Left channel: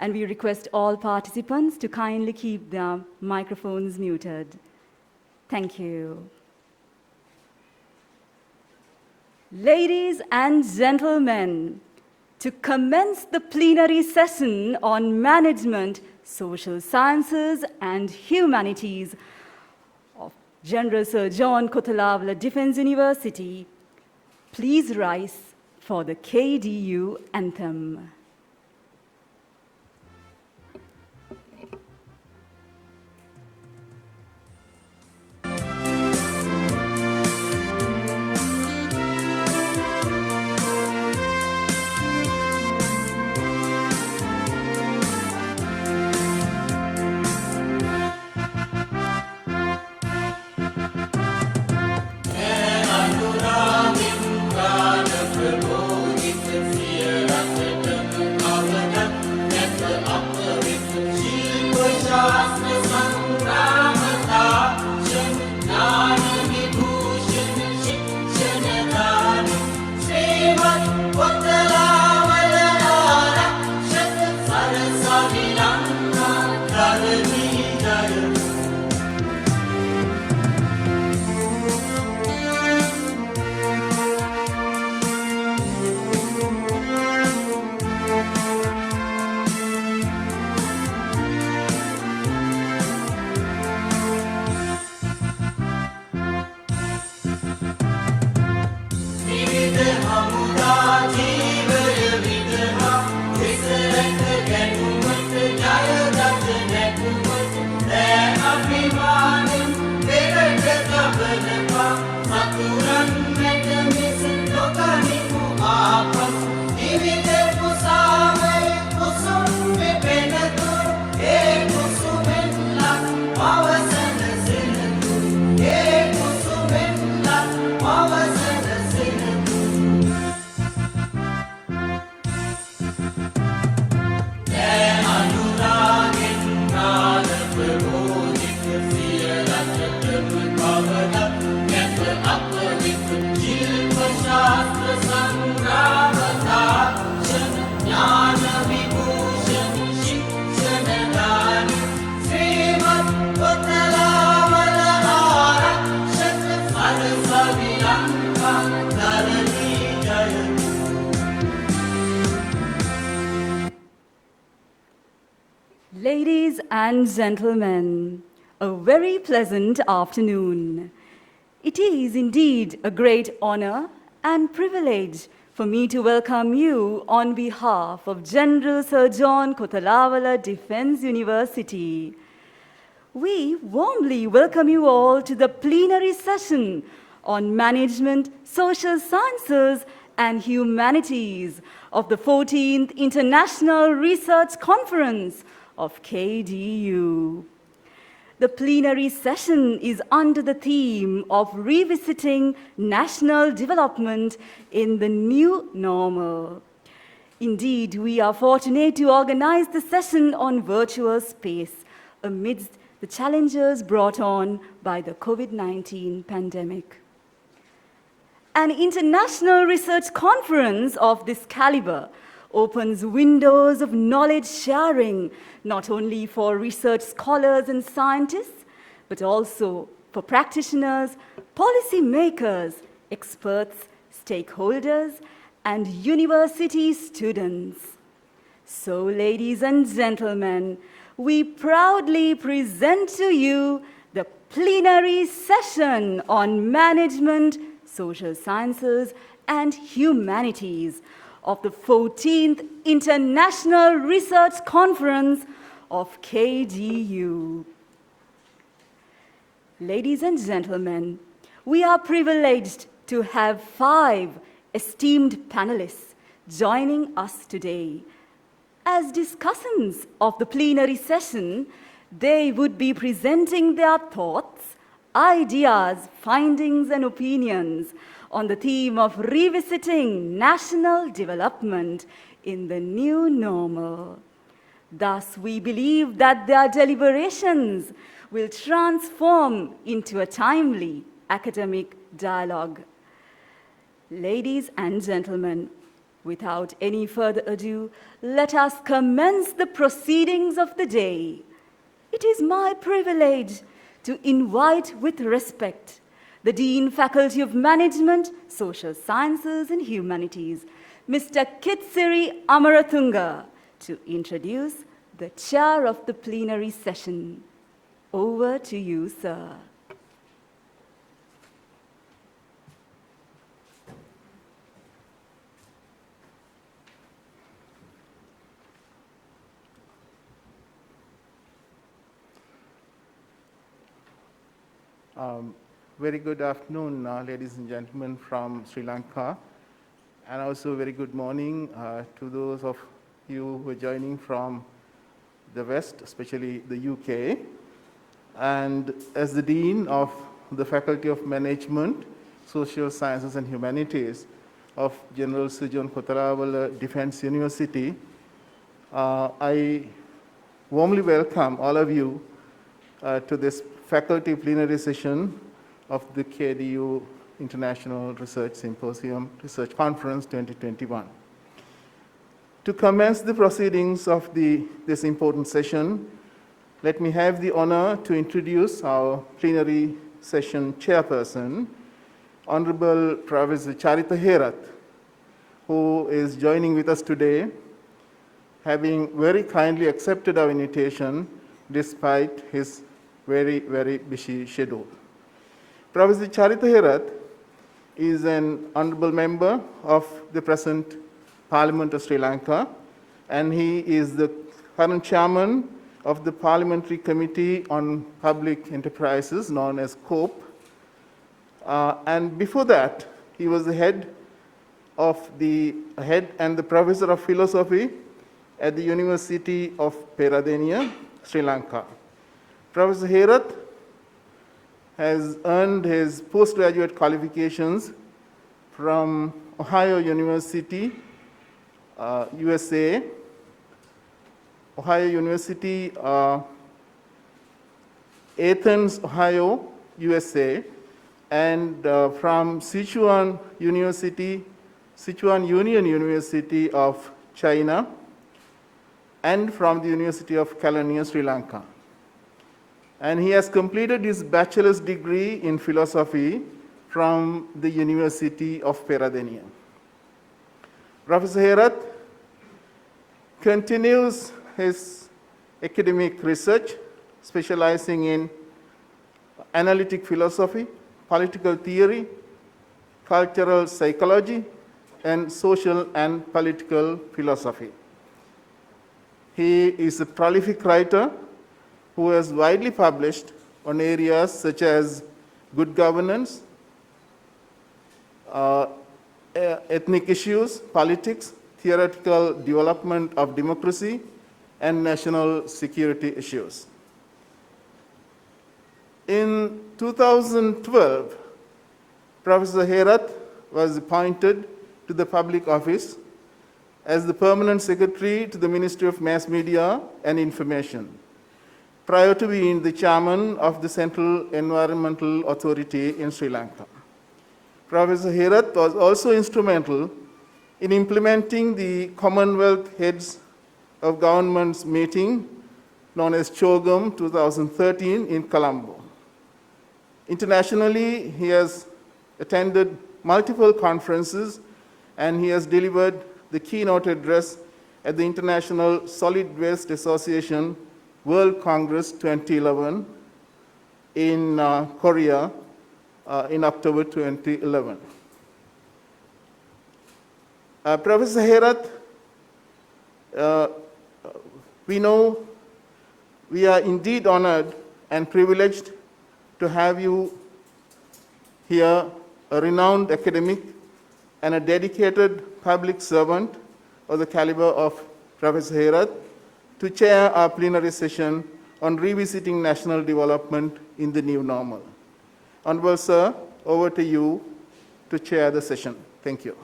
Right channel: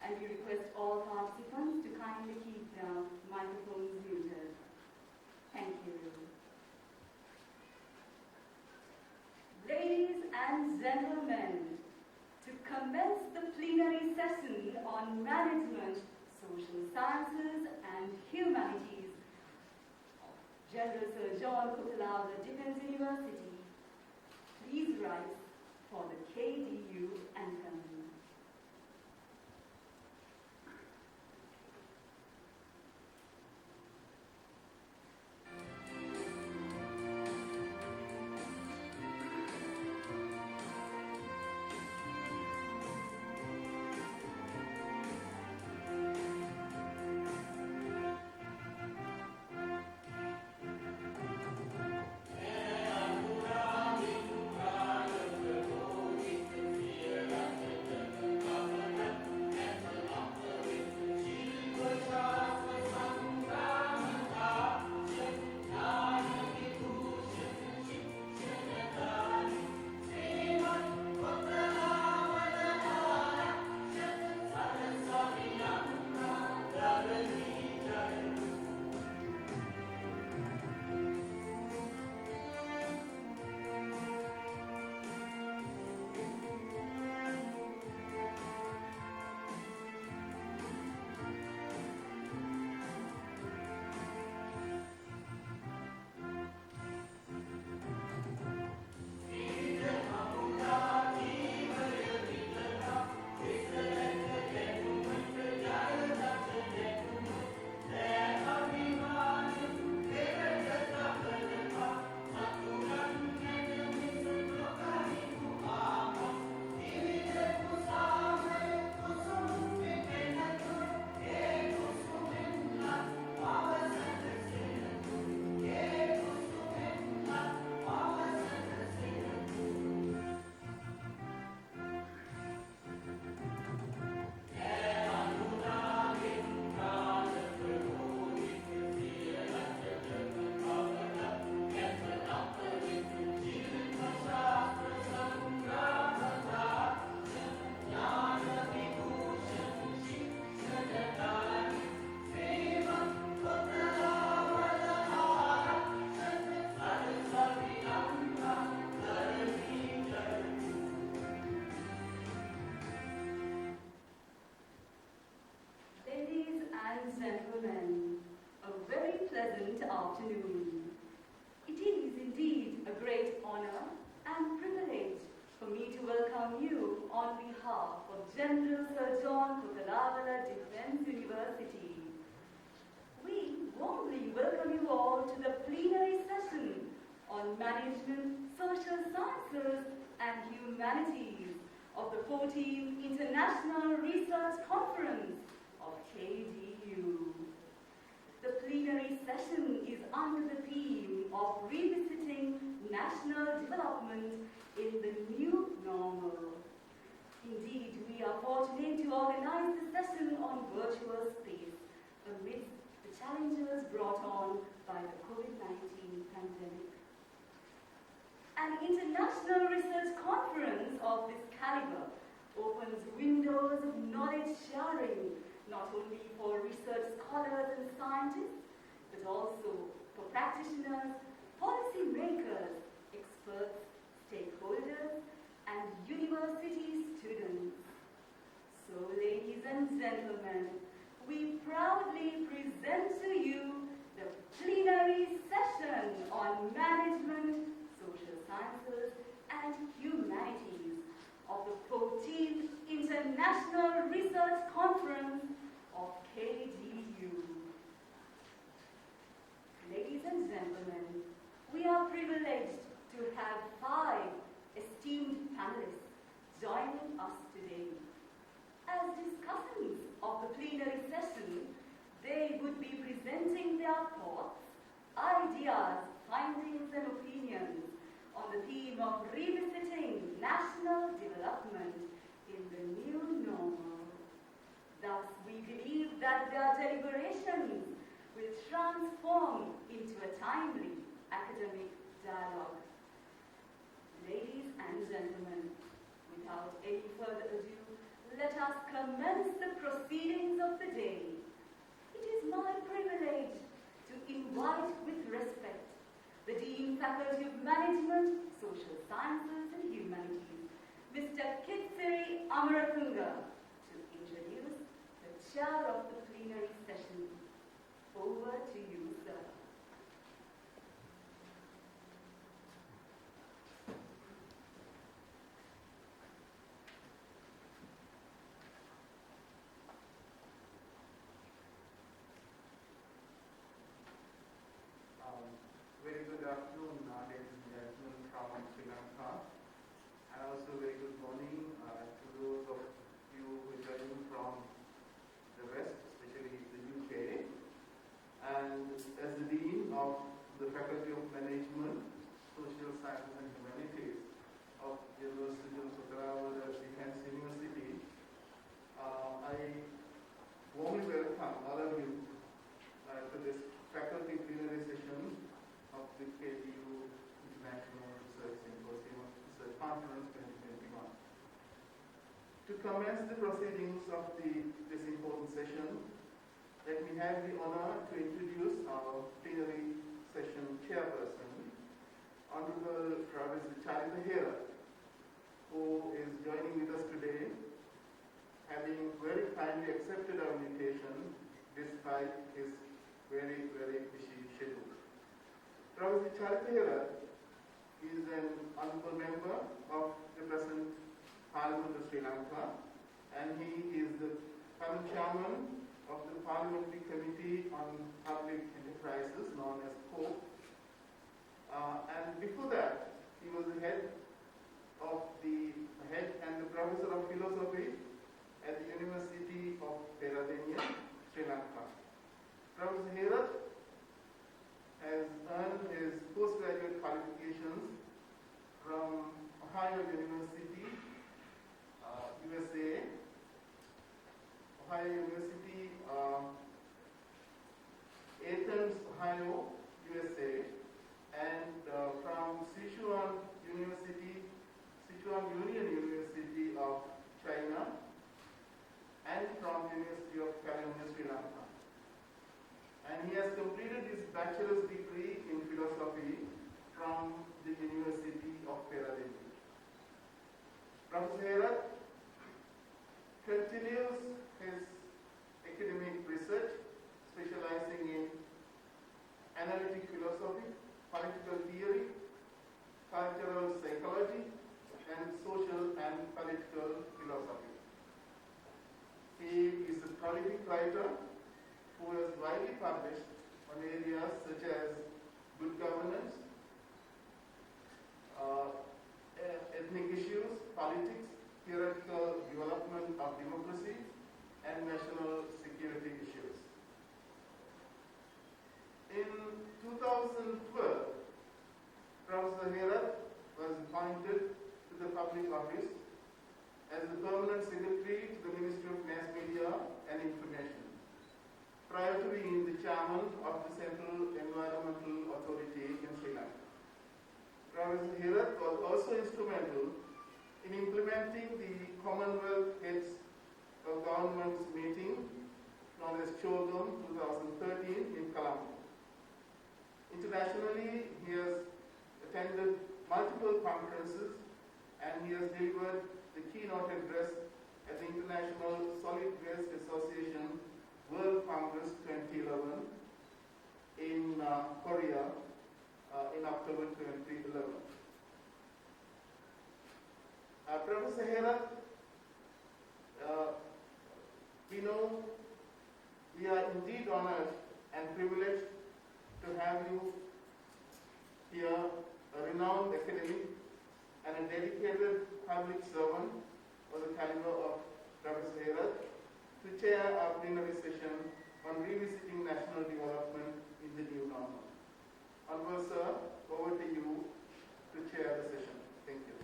And we request all participants to kindly keep their microphones muted. Thank you. Ladies and gentlemen, to commence the plenary session on management, social sciences, and humanities of General Sir John Kothalavala Defence University, please rise for the KDU anthem. Ladies and gentlemen, a very pleasant afternoon. It is indeed a great honor and privilege for me to welcome you on behalf of General Sir John Kothalavala Defence University. We warmly welcome you all to the plenary session on management, social sciences, and humanities of the 14th International Research Conference of KDU. The plenary session is under the theme of revisiting national development in the new normal. Indeed, we are fortunate to organize the session on virtual space amidst the challenges brought on by the COVID-19 pandemic. An international research conference of this caliber opens windows of knowledge sharing, not only for research scholars and scientists, but also for practitioners, policy makers, experts, stakeholders, and university students. So, ladies and gentlemen, we proudly present to you the plenary session on management, social sciences, and humanities of the 14th International Research Conference of KDU. Ladies and gentlemen, we are privileged to have 5 esteemed panelists joining us today. As discussants of the plenary session, they would be presenting their thoughts, ideas, findings, and opinions on the theme of revisiting national development in the new normal. Thus, we believe that their deliberations will transform into a timely academic dialogue. Ladies and gentlemen, Without any further ado, let us commence the proceedings of the day. It is my privilege to invite with respect the Dean, Faculty of Management, Social Sciences and Humanities, Mr. Kitsiri Amarathunga, to introduce the chair of the plenary session. Over to you, sir. Very good afternoon, ladies and gentlemen from Sri Lanka, and also very good morning to those of you who are joining from the West, especially the UK. And as the Dean of the Faculty of Management, Social Sciences and Humanities of General Suren Raghavan Defence University, I warmly welcome all of you to this faculty plenary session of the KDU International Research Symposium Research Conference 2021. To commence the proceedings of this important session, let me have the honor to introduce our plenary session chairperson, Honorable Professor Charitha Herath, who is joining with us today, having very kindly accepted our invitation despite his very, very busy schedule. Professor Charitha Herath is an honorable member of the present Parliament of Sri Lanka, and he is the current chairman of the Parliamentary Committee on Public Enterprises, known as COPE. And before that, he was the head and the professor of philosophy at the University of Peradeniya, Sri Lanka. Professor Herath has earned his postgraduate qualifications from Ohio University, USA, Ohio University, Athens, Ohio, USA, and from Sichuan Union University of China, and from the University of Kelaniya, Sri Lanka. And he has completed his bachelor's degree in philosophy from the University of Peradeniya. Professor Herath continues his academic research, specializing in analytic philosophy, political theory, cultural psychology, and social and political philosophy. He is a prolific writer who has widely published on areas such as good governance, ethnic issues, politics, theoretical development of democracy, and national security issues. In 2012, Professor Herath was appointed to the public office as the Permanent Secretary to the Ministry of Mass Media and Information, prior to being the chairman of the Central Environmental Authority in Sri Lanka. Professor Herath was also instrumental in implementing the Commonwealth Heads of Governments meeting, known as CHOGM 2013 in Colombo. Internationally, he has attended multiple conferences, and he has delivered the keynote address at the International Solid Waste Association World Congress 2011 in Korea in October 2011. Professor Herath, we know we are indeed honored and privileged to have you here, a renowned academic and a dedicated public servant of the caliber of Professor Herath, to chair our plenary session on revisiting national development in the new normal. Honorable Sir, over to you to chair the session. Thank you.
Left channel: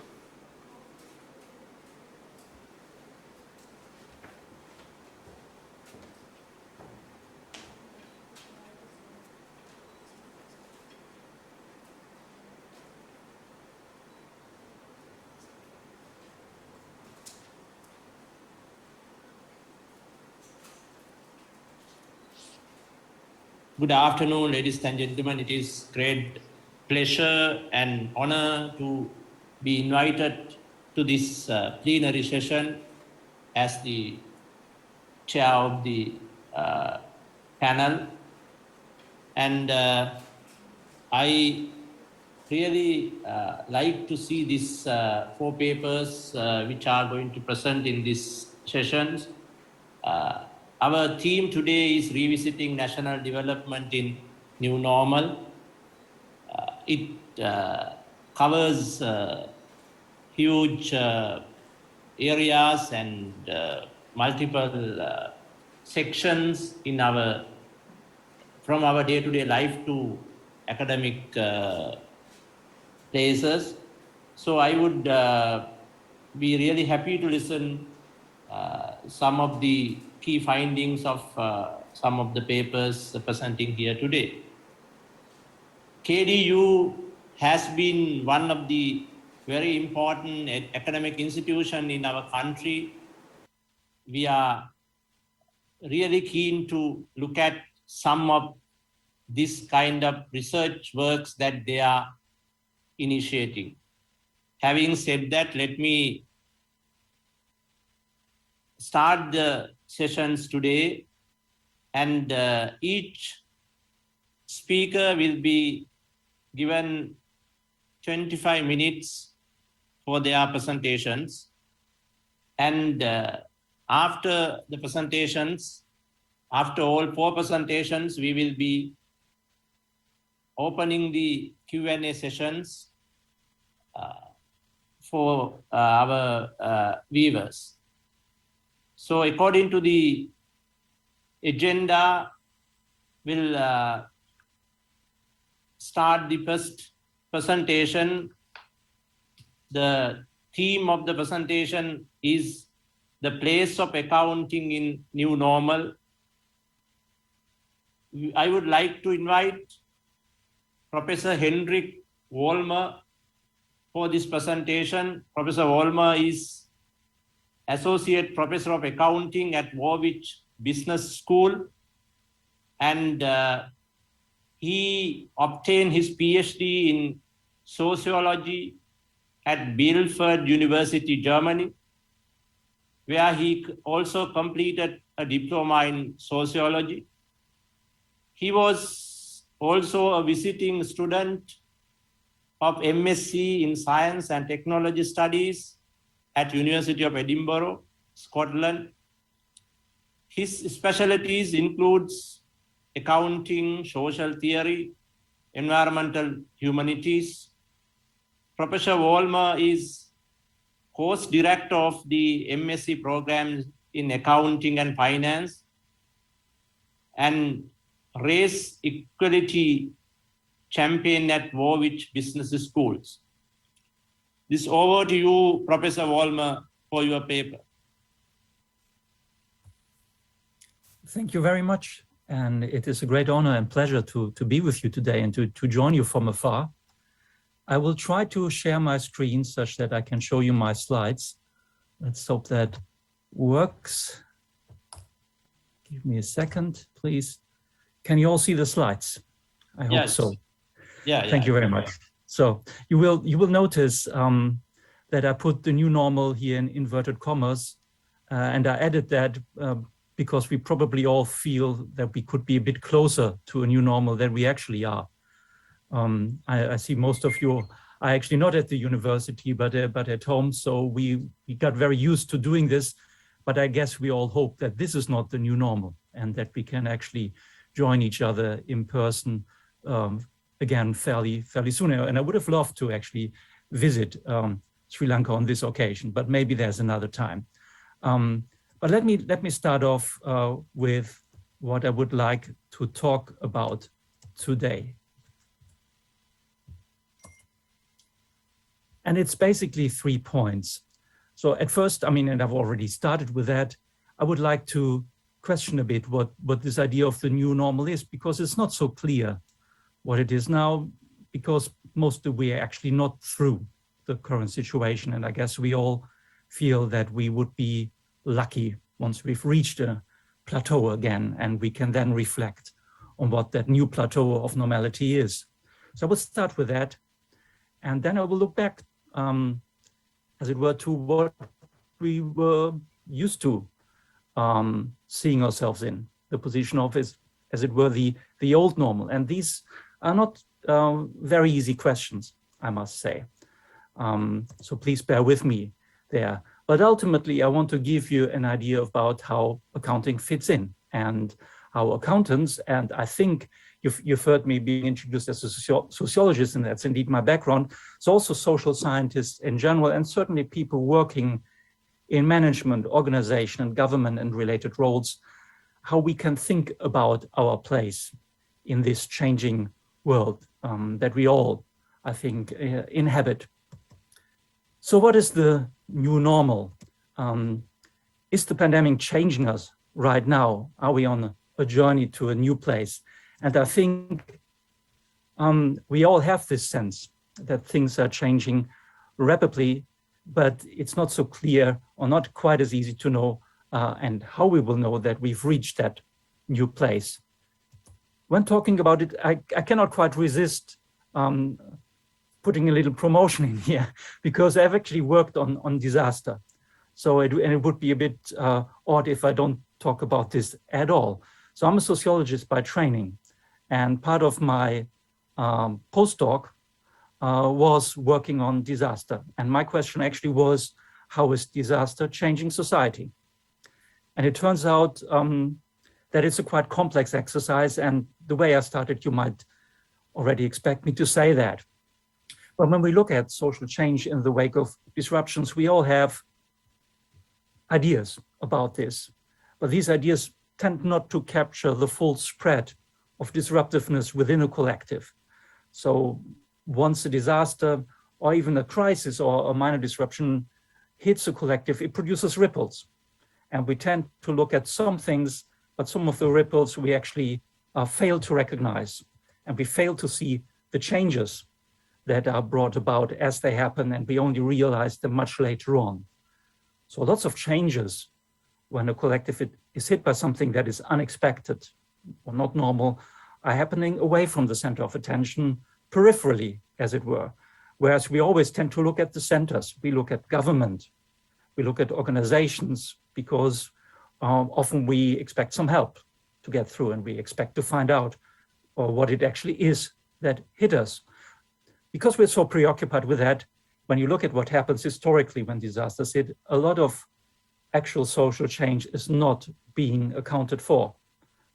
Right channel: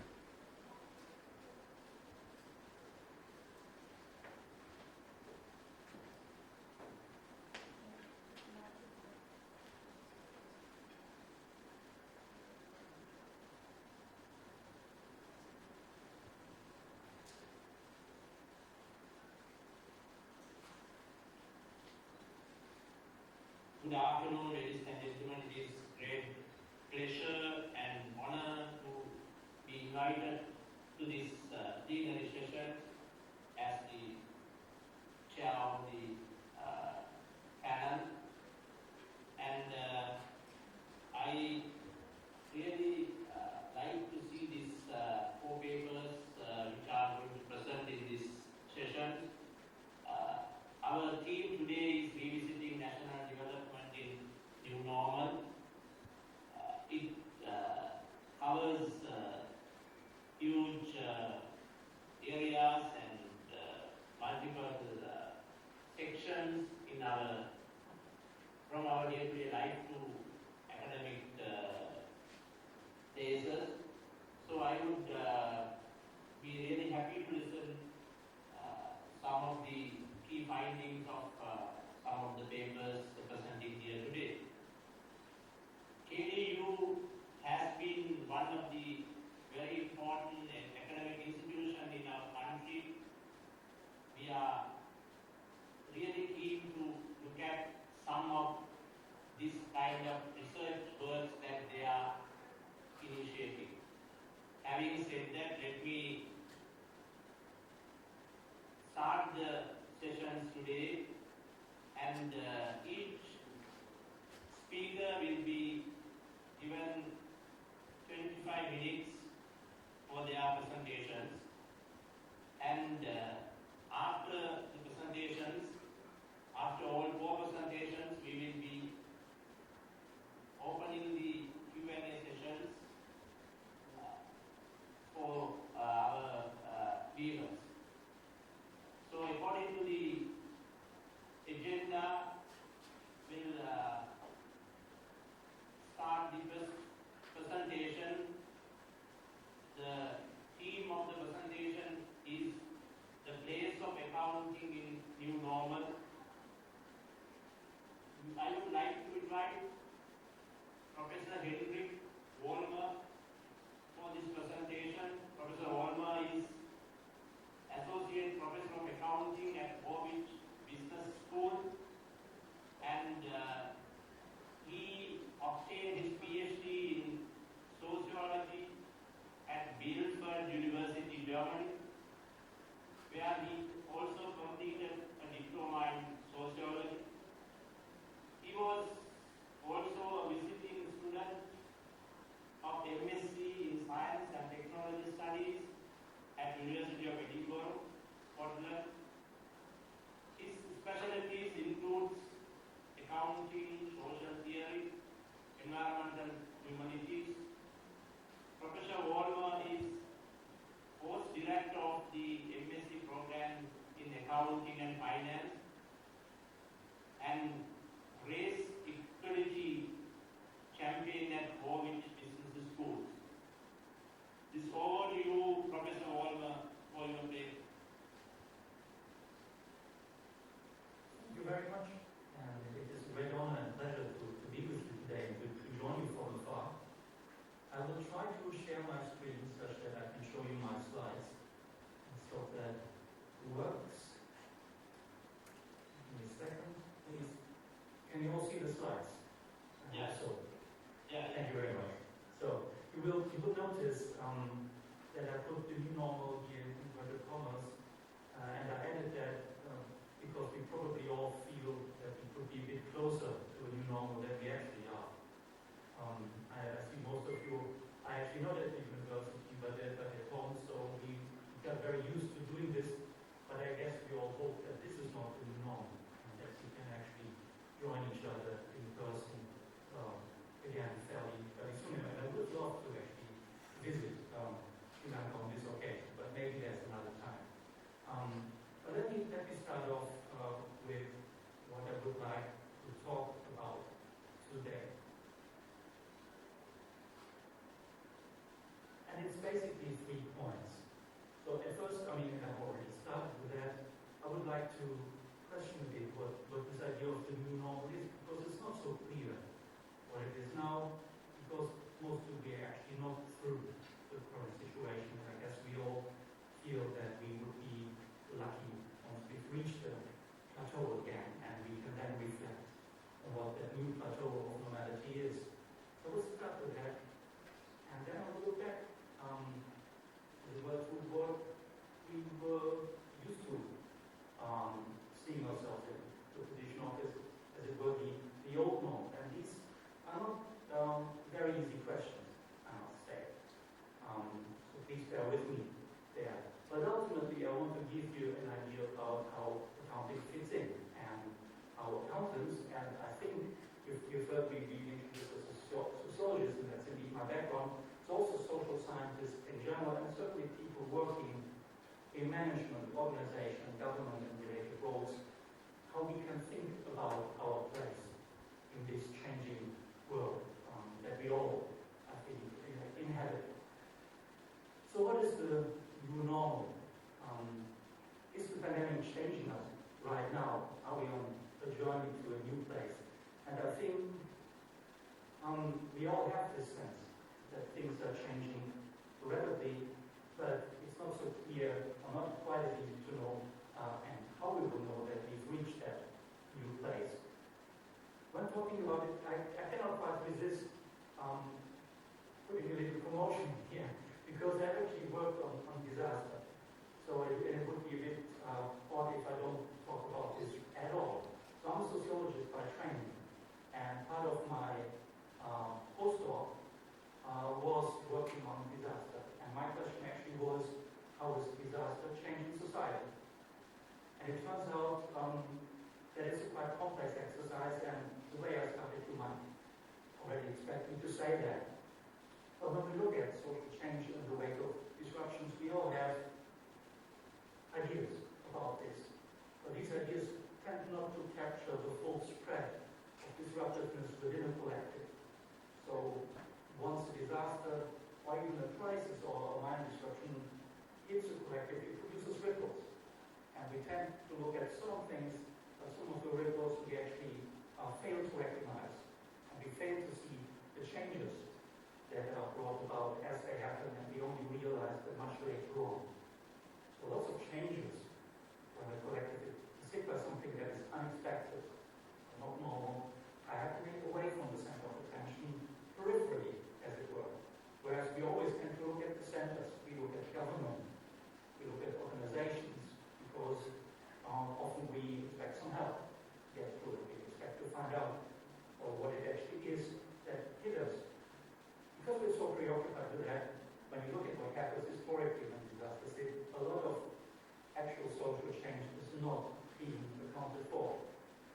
Good afternoon, ladies and gentlemen. It is great pleasure and honor to be invited to this plenary session as the chair of the panel. And I really like to see these 4 papers which are going to present in this sessions. Our theme today is revisiting national development in new normal. It covers huge areas and multiple sections in from our day-to-day life to academic places. So I would be really happy to listen some of the key findings of some of the papers presenting here today. KDU has been one of the very important academic institutions in our country. We are really keen to look at some of this kind of research works that they are initiating. Having said that, let me start the sessions today, and each speaker will be given 25 minutes for their presentations, and after the presentations, after all 4 presentations, we will be opening the Q&A sessions for our viewers. So according to the agenda, we'll start the first presentation. The theme of the presentation is the place of accounting in new normal. I would like to invite Professor Hendrik Vollmer for this presentation. Professor Vollmer is Associate Professor of Accounting at Warwick Business School, and he obtained his PhD in sociology at Bielefeld University, Germany, where he also completed a diploma in sociology. He was also a visiting student of MSc in Science and Technology Studies at University of Edinburgh, Scotland. His specialties includes accounting, social theory, environmental humanities. Professor Vollmer is course director of the MSc program in accounting and finance and race equality champion at Warwick Business Schools. This over to you, Professor Vollmer, for your paper. Thank you very much. And it is a great honor and pleasure to be with you today and to join you from afar. I will try to share my screen such that I can show you my slides. Let's hope that works. Give me a second, please. Can you all see the slides? I hope so. Yeah. Thank you very much. So you will notice that I put the new normal here in inverted commas, and I added that because we probably all feel that we could be a bit closer to a new normal than we actually are. I see most of you are actually not at the university, but at home, so we got very used to doing this, but I guess we all hope that this is not the new normal and that we can actually join each other in person again fairly soon. And I would have loved to actually visit Sri Lanka on this occasion, but maybe there's another time. But let me start off with what I would like to talk about today. And it's basically 3 points. So at first, and I've already started with that, I would like to question a bit what this idea of the new normal is, because it's not so clear what it is now, because most of we are actually not through the current situation. And I guess we all feel that we would be lucky once we've reached a plateau again, and we can then reflect on what that new plateau of normality is. So I will start with that, and then I will look back, as it were, to what we were used to seeing ourselves in, the position of, as it were, the old normal. And these are not very easy questions, I must say. So please bear with me there. But ultimately, I want to give you an idea about how accounting fits in and how accountants, and I think you've heard me being introduced as a sociologist, and that's indeed my background. So also social scientists in general, and certainly people working in management, organization, and government and related roles, how we can think about our place in this changing world that we all, I think, inhabit. So what is the new normal? Is the pandemic changing us right now? Are we on a journey to a new place? And I think we all have this sense that things are changing rapidly, but it's not so clear or not quite as easy to know and how we will know that we've reached that new place. When talking about it, I cannot quite resist putting a little promotion in here, because I've actually worked on disaster. So it would be a bit odd if I don't talk about this at all. So I'm a sociologist by training, and part of my postdoc was working on disaster. And my question actually was, how is disaster changing society? And it turns out that it's a quite complex exercise, and the way I started, you might already expect me to say that. But when we look at social change in the wake of disruptions, we all have ideas about this, but these ideas tend not to capture the full spread of disruptiveness within a collective. So once a disaster or even a crisis or a minor disruption hits a collective, it produces ripples. And we tend to look at some things, but some of the ripples we actually fail to recognize. And we fail to see the changes that are brought about as they happen, and we only realize them much later on. So lots of changes when a collective is hit by something that is unexpected or not normal are happening away from the center of attention, peripherally, as it were. Whereas we always tend to look at the centers. We look at government, we look at organizations, because often we expect some help to get through, and we expect to find out what it actually is that hit us. Because we're so preoccupied with that, when you look at what happens historically when disasters hit, a lot of actual social change is not being accounted for,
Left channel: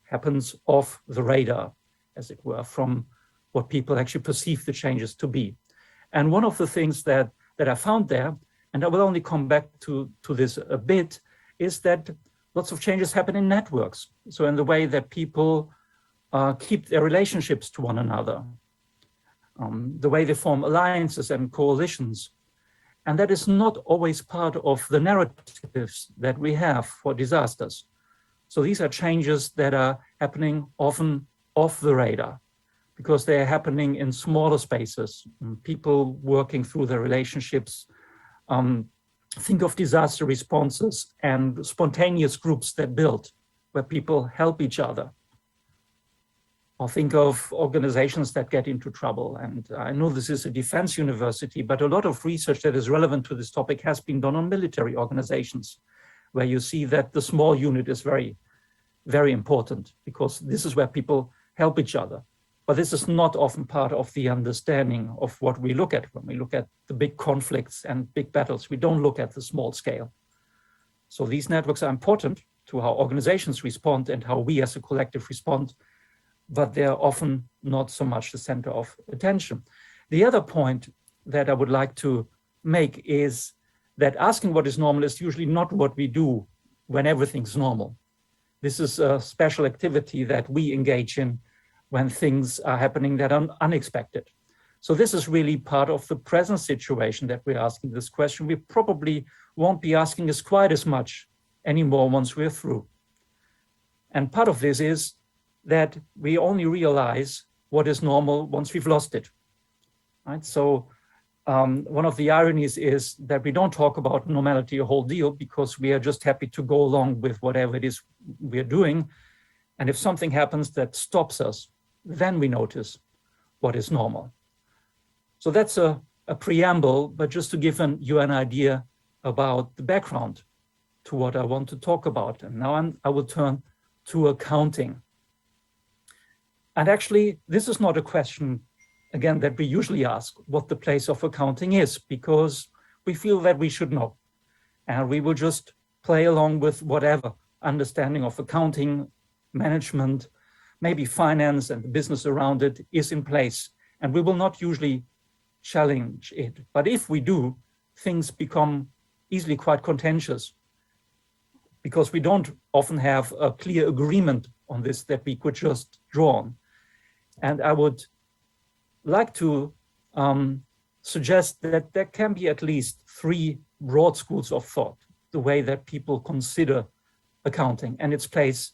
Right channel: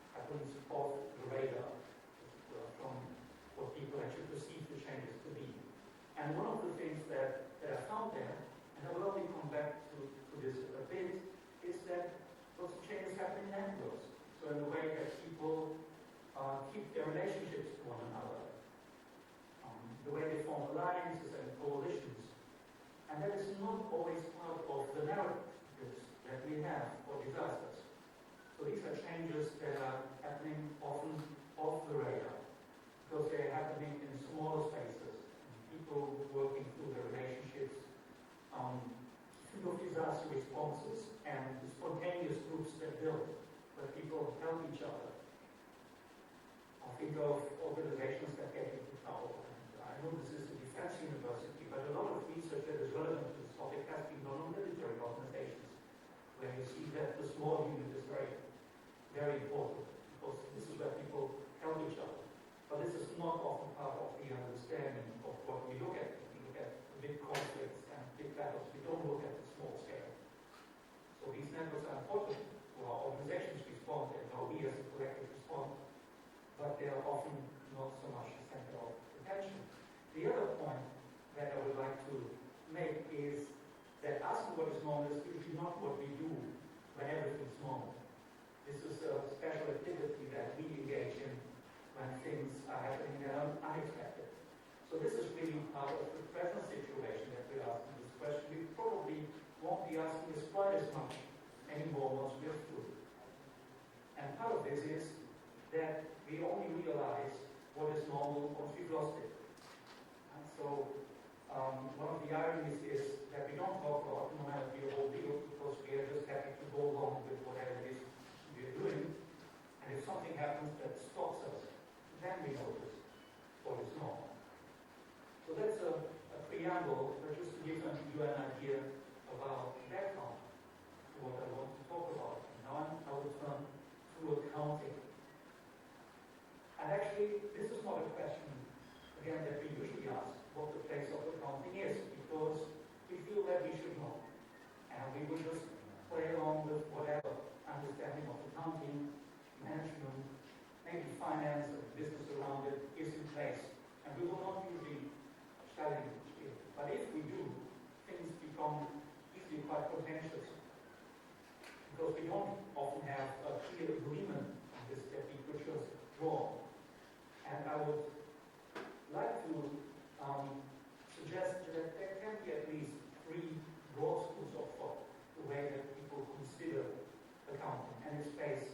happens off the radar, as it were, from what people actually perceive the changes to be. And one of the things that I found there, and I will only come back to this a bit, is that lots of changes happen in networks. So in the way that people keep their relationships to one another, the way they form alliances and coalitions. And that is not always part of the narratives that we have for disasters. So these are changes that are happening often off the radar, because they are happening in smaller spaces, people working through their relationships. Think of disaster responses and spontaneous groups that build, where people help each other. Or think of organizations that get into trouble. And I know this is a defense university, but a lot of research that is relevant to this topic has been done on military organizations, where you see that the small unit is very, very important, because this is where people help each other. But this is not often part of the understanding of what we look at when we look at the big conflicts and big battles. We don't look at the small scale. So these networks are important to how organizations respond and how we as a collective respond, but they're often not so much the center of attention. The other point that I would like to make is that asking what is normal is usually not what we do when everything's normal. This is a special activity that we engage in when things are happening that are unexpected. So this is really part of the present situation that we're asking this question. We probably won't be asking this quite as much anymore once we're through. And part of this is that we only realize what is normal once we've lost it, right? So one of the ironies is that we don't talk about normality a whole deal, because we are just happy to go along with whatever it is we're doing. And if something happens that stops us, then we notice what is normal. So that's a preamble, but just to give you an idea about the background to what I want to talk about. And now I will turn to accounting. And actually, this is not a question, again, that we usually ask, what the place of accounting is, because we feel that we should know. And we will just play along with whatever understanding of accounting, management, maybe finance and business around it is in place. And we will not usually challenge it. But if we do, things become easily quite contentious, because we don't often have a clear agreement on this that we could just draw on. And I would like to suggest that there can be at least 3 broad schools of thought, the way that people consider accounting and its place,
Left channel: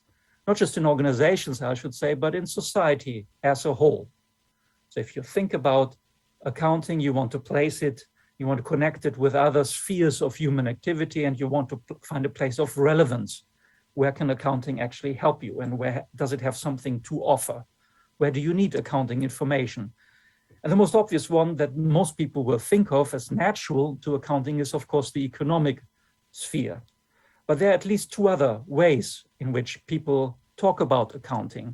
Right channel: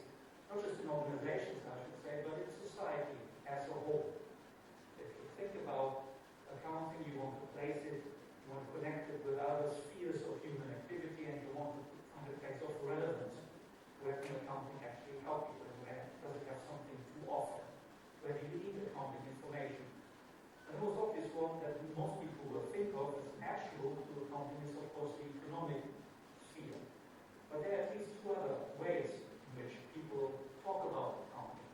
not just in organizations, I should say, but in society as a whole. So if you think about accounting, you want to place it, you want to connect it with other spheres of human activity, and you want to find a place of relevance. Where can accounting actually help you, and where does it have something to offer? Where do you need accounting information? And the most obvious one that most people will think of as natural to accounting is, of course, the economic sphere. But there are at least 2 other ways in which people talk about accounting.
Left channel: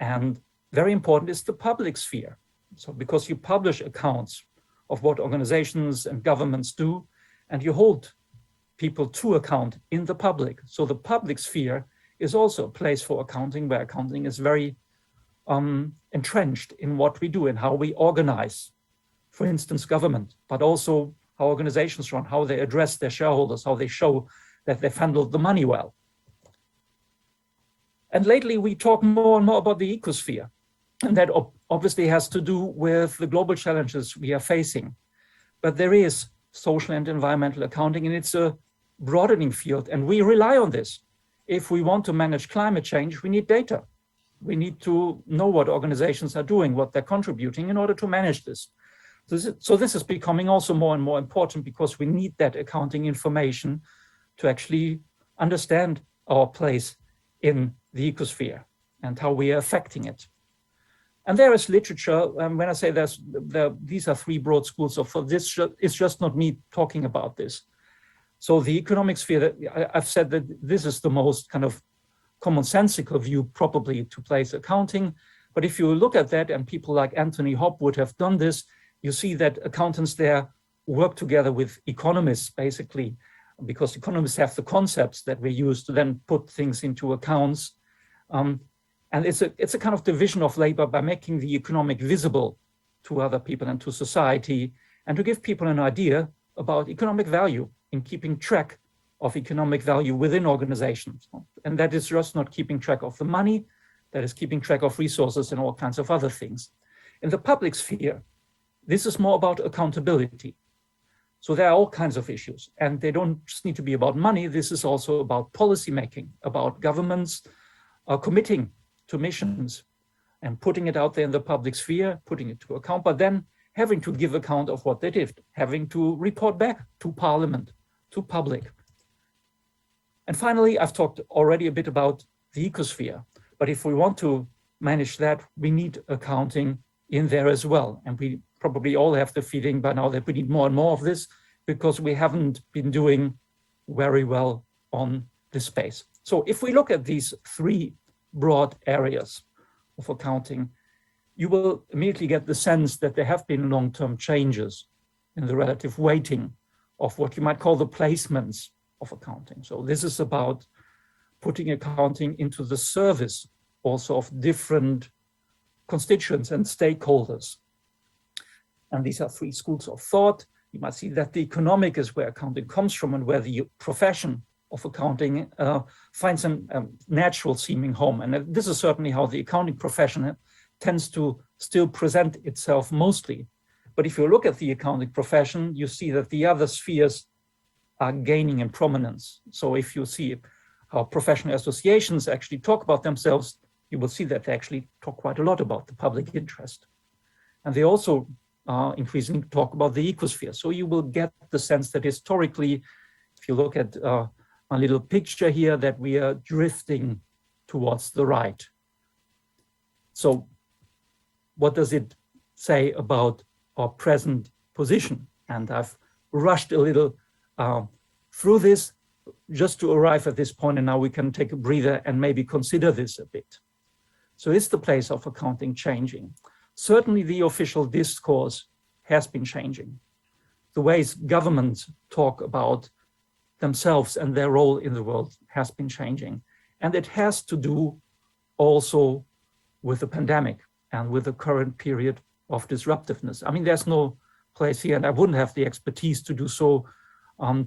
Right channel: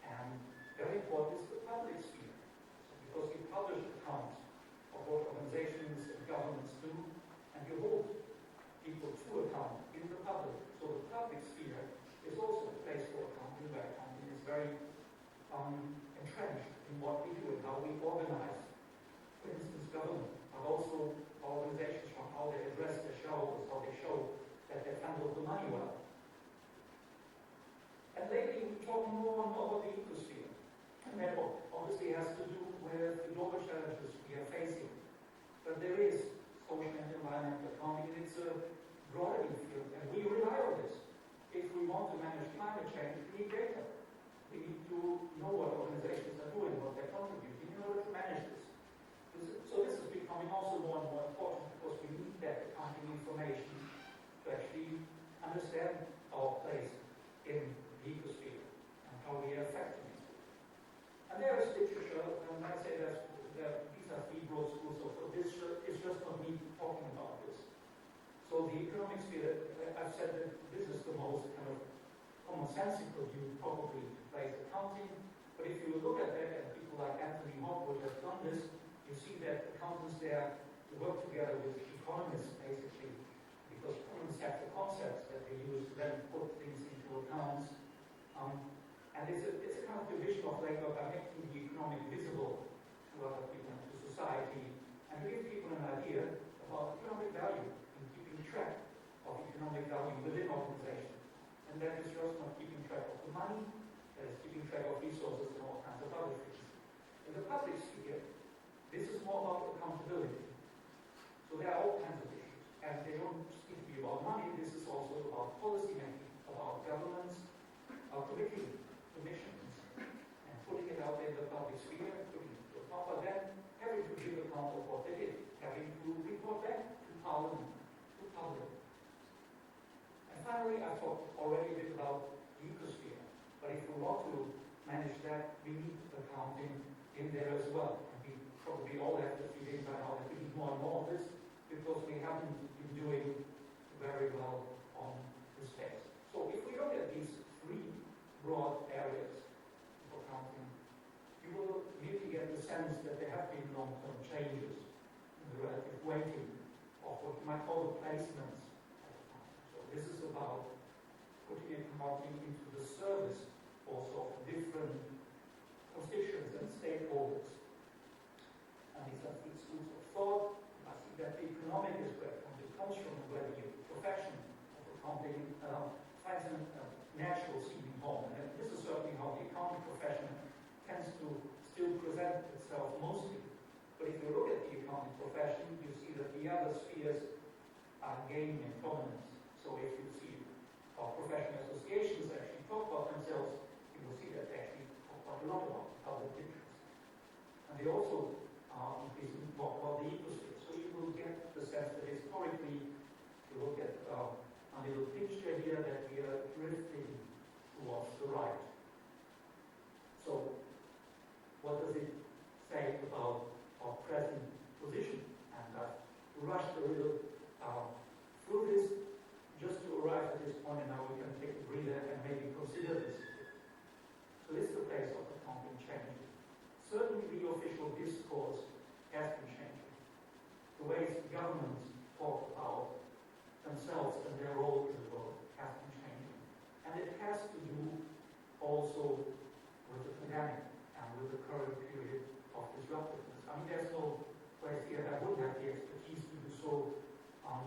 And very important is the public sphere. So because you publish accounts of what organizations and governments do, and you hold people to account in the public. So the public sphere is also a place for accounting, where accounting is very entrenched in what we do and how we organize, for instance, government, but also how organizations run, how they address their shareholders, how they show that they've handled the money well. And lately we talk more and more about the ecosphere. And that obviously has to do with the global challenges we are facing. But there is social and environmental accounting, and it's a broadening field, and we rely on this. If we want to manage climate change, we need data. We need to know what organizations are doing, what they're contributing in order to manage this. So this is becoming also more and more important, because we need that accounting information to actually understand our place in the ecosphere and how we are affecting it. And there is literature, when I say these are 3 broad schools of thought, this is just not me talking about this. So the economic sphere, I've said that this is the most kind of commonsensical view probably to place accounting. But if you look at that, and people like Anthony Hobb would have done this, you see that accountants there work together with economists, basically, because economists have the concepts that we use to then put things into accounts. And it's a kind of division of labor by making the economic visible to other people and to society, and to give people an idea about economic value in keeping track of economic value within organizations. And that is just not keeping track of the money, that is keeping track of resources and all kinds of other things. In the public sphere, this is more about accountability. So there are all kinds of issues, and they don't just need to be about money. This is also about policy making, about governments committing to missions and putting it out there in the public sphere, putting it to account, but then having to give account of what they did, having to report back to Parliament, to public. And finally, I've talked already a bit about the ecosphere, but if we want to manage that, we need accounting in there as well. And we probably all have the feeling by now that we need more and more of this, because we haven't been doing very well on this space. So if we look at these 3 broad areas of accounting, you will immediately get the sense that there have been long-term changes in the relative weighting of what you might call the placements of accounting. So this is about putting accounting into the service also of different constituents and stakeholders. And these are 3 schools of thought. You might see that the economic is where accounting comes from, and where the profession of accounting finds a natural seeming home. And this is certainly how the accounting profession tends to still present itself mostly. But if you look at the accounting profession, you see that the other spheres are gaining in prominence. So if you see how professional associations actually talk about themselves, you will see that they actually talk quite a lot about the public interest. And they also increasingly talk about the ecosphere. So you will get the sense that historically, if you look at a little picture here, that we are drifting towards the right. So what does it say about our present position? And I've rushed a little through this just to arrive at this point, and now we can take a breather and maybe consider this a bit. So is the place of accounting changing? Certainly the official discourse has been changing. The ways governments talk about themselves and their role in the world has been changing. And it has to do also with the pandemic and with the current period of disruptiveness. I mean, there's no place here, and I wouldn't have the expertise to do so,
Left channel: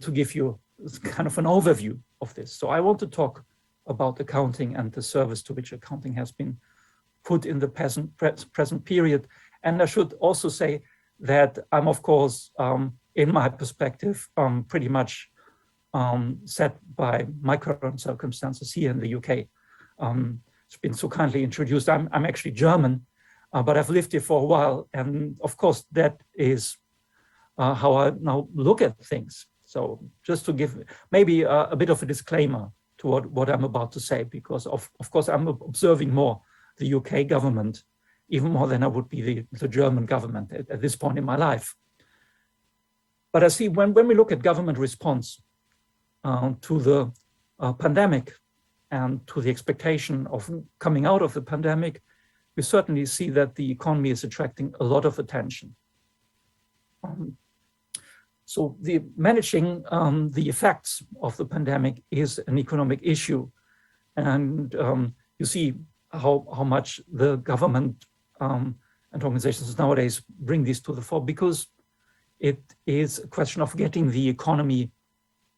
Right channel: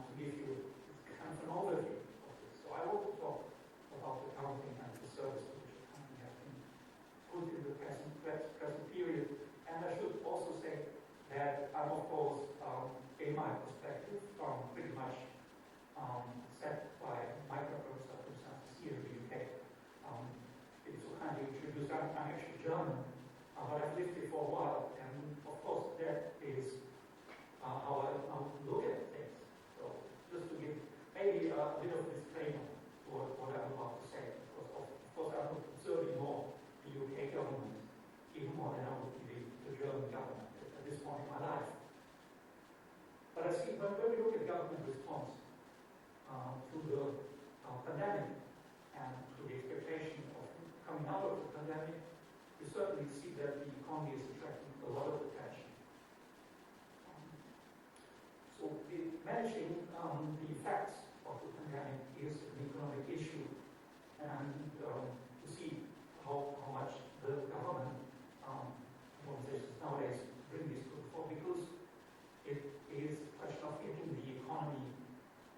to give you kind of an overview of this. So I want to talk about accounting and the service to which accounting has been put in the present period. And I should also say that I'm, of course, in my perspective, pretty much set by my current circumstances here in the UK. It's been so kindly introduced. I'm actually German, but I've lived here for a while. And of course, that is how I now look at things. So just to give maybe a bit of a disclaimer to what I'm about to say, because of course I'm observing more the UK government, even more than I would be the German government at this point in my life. But I see when we look at government response to the pandemic and to the expectation of coming out of the pandemic, we certainly see that the economy is attracting a lot of attention. So managing the effects of the pandemic is an economic issue. And you see how much the government and organizations nowadays bring this to the fore, because it is a question of getting the economy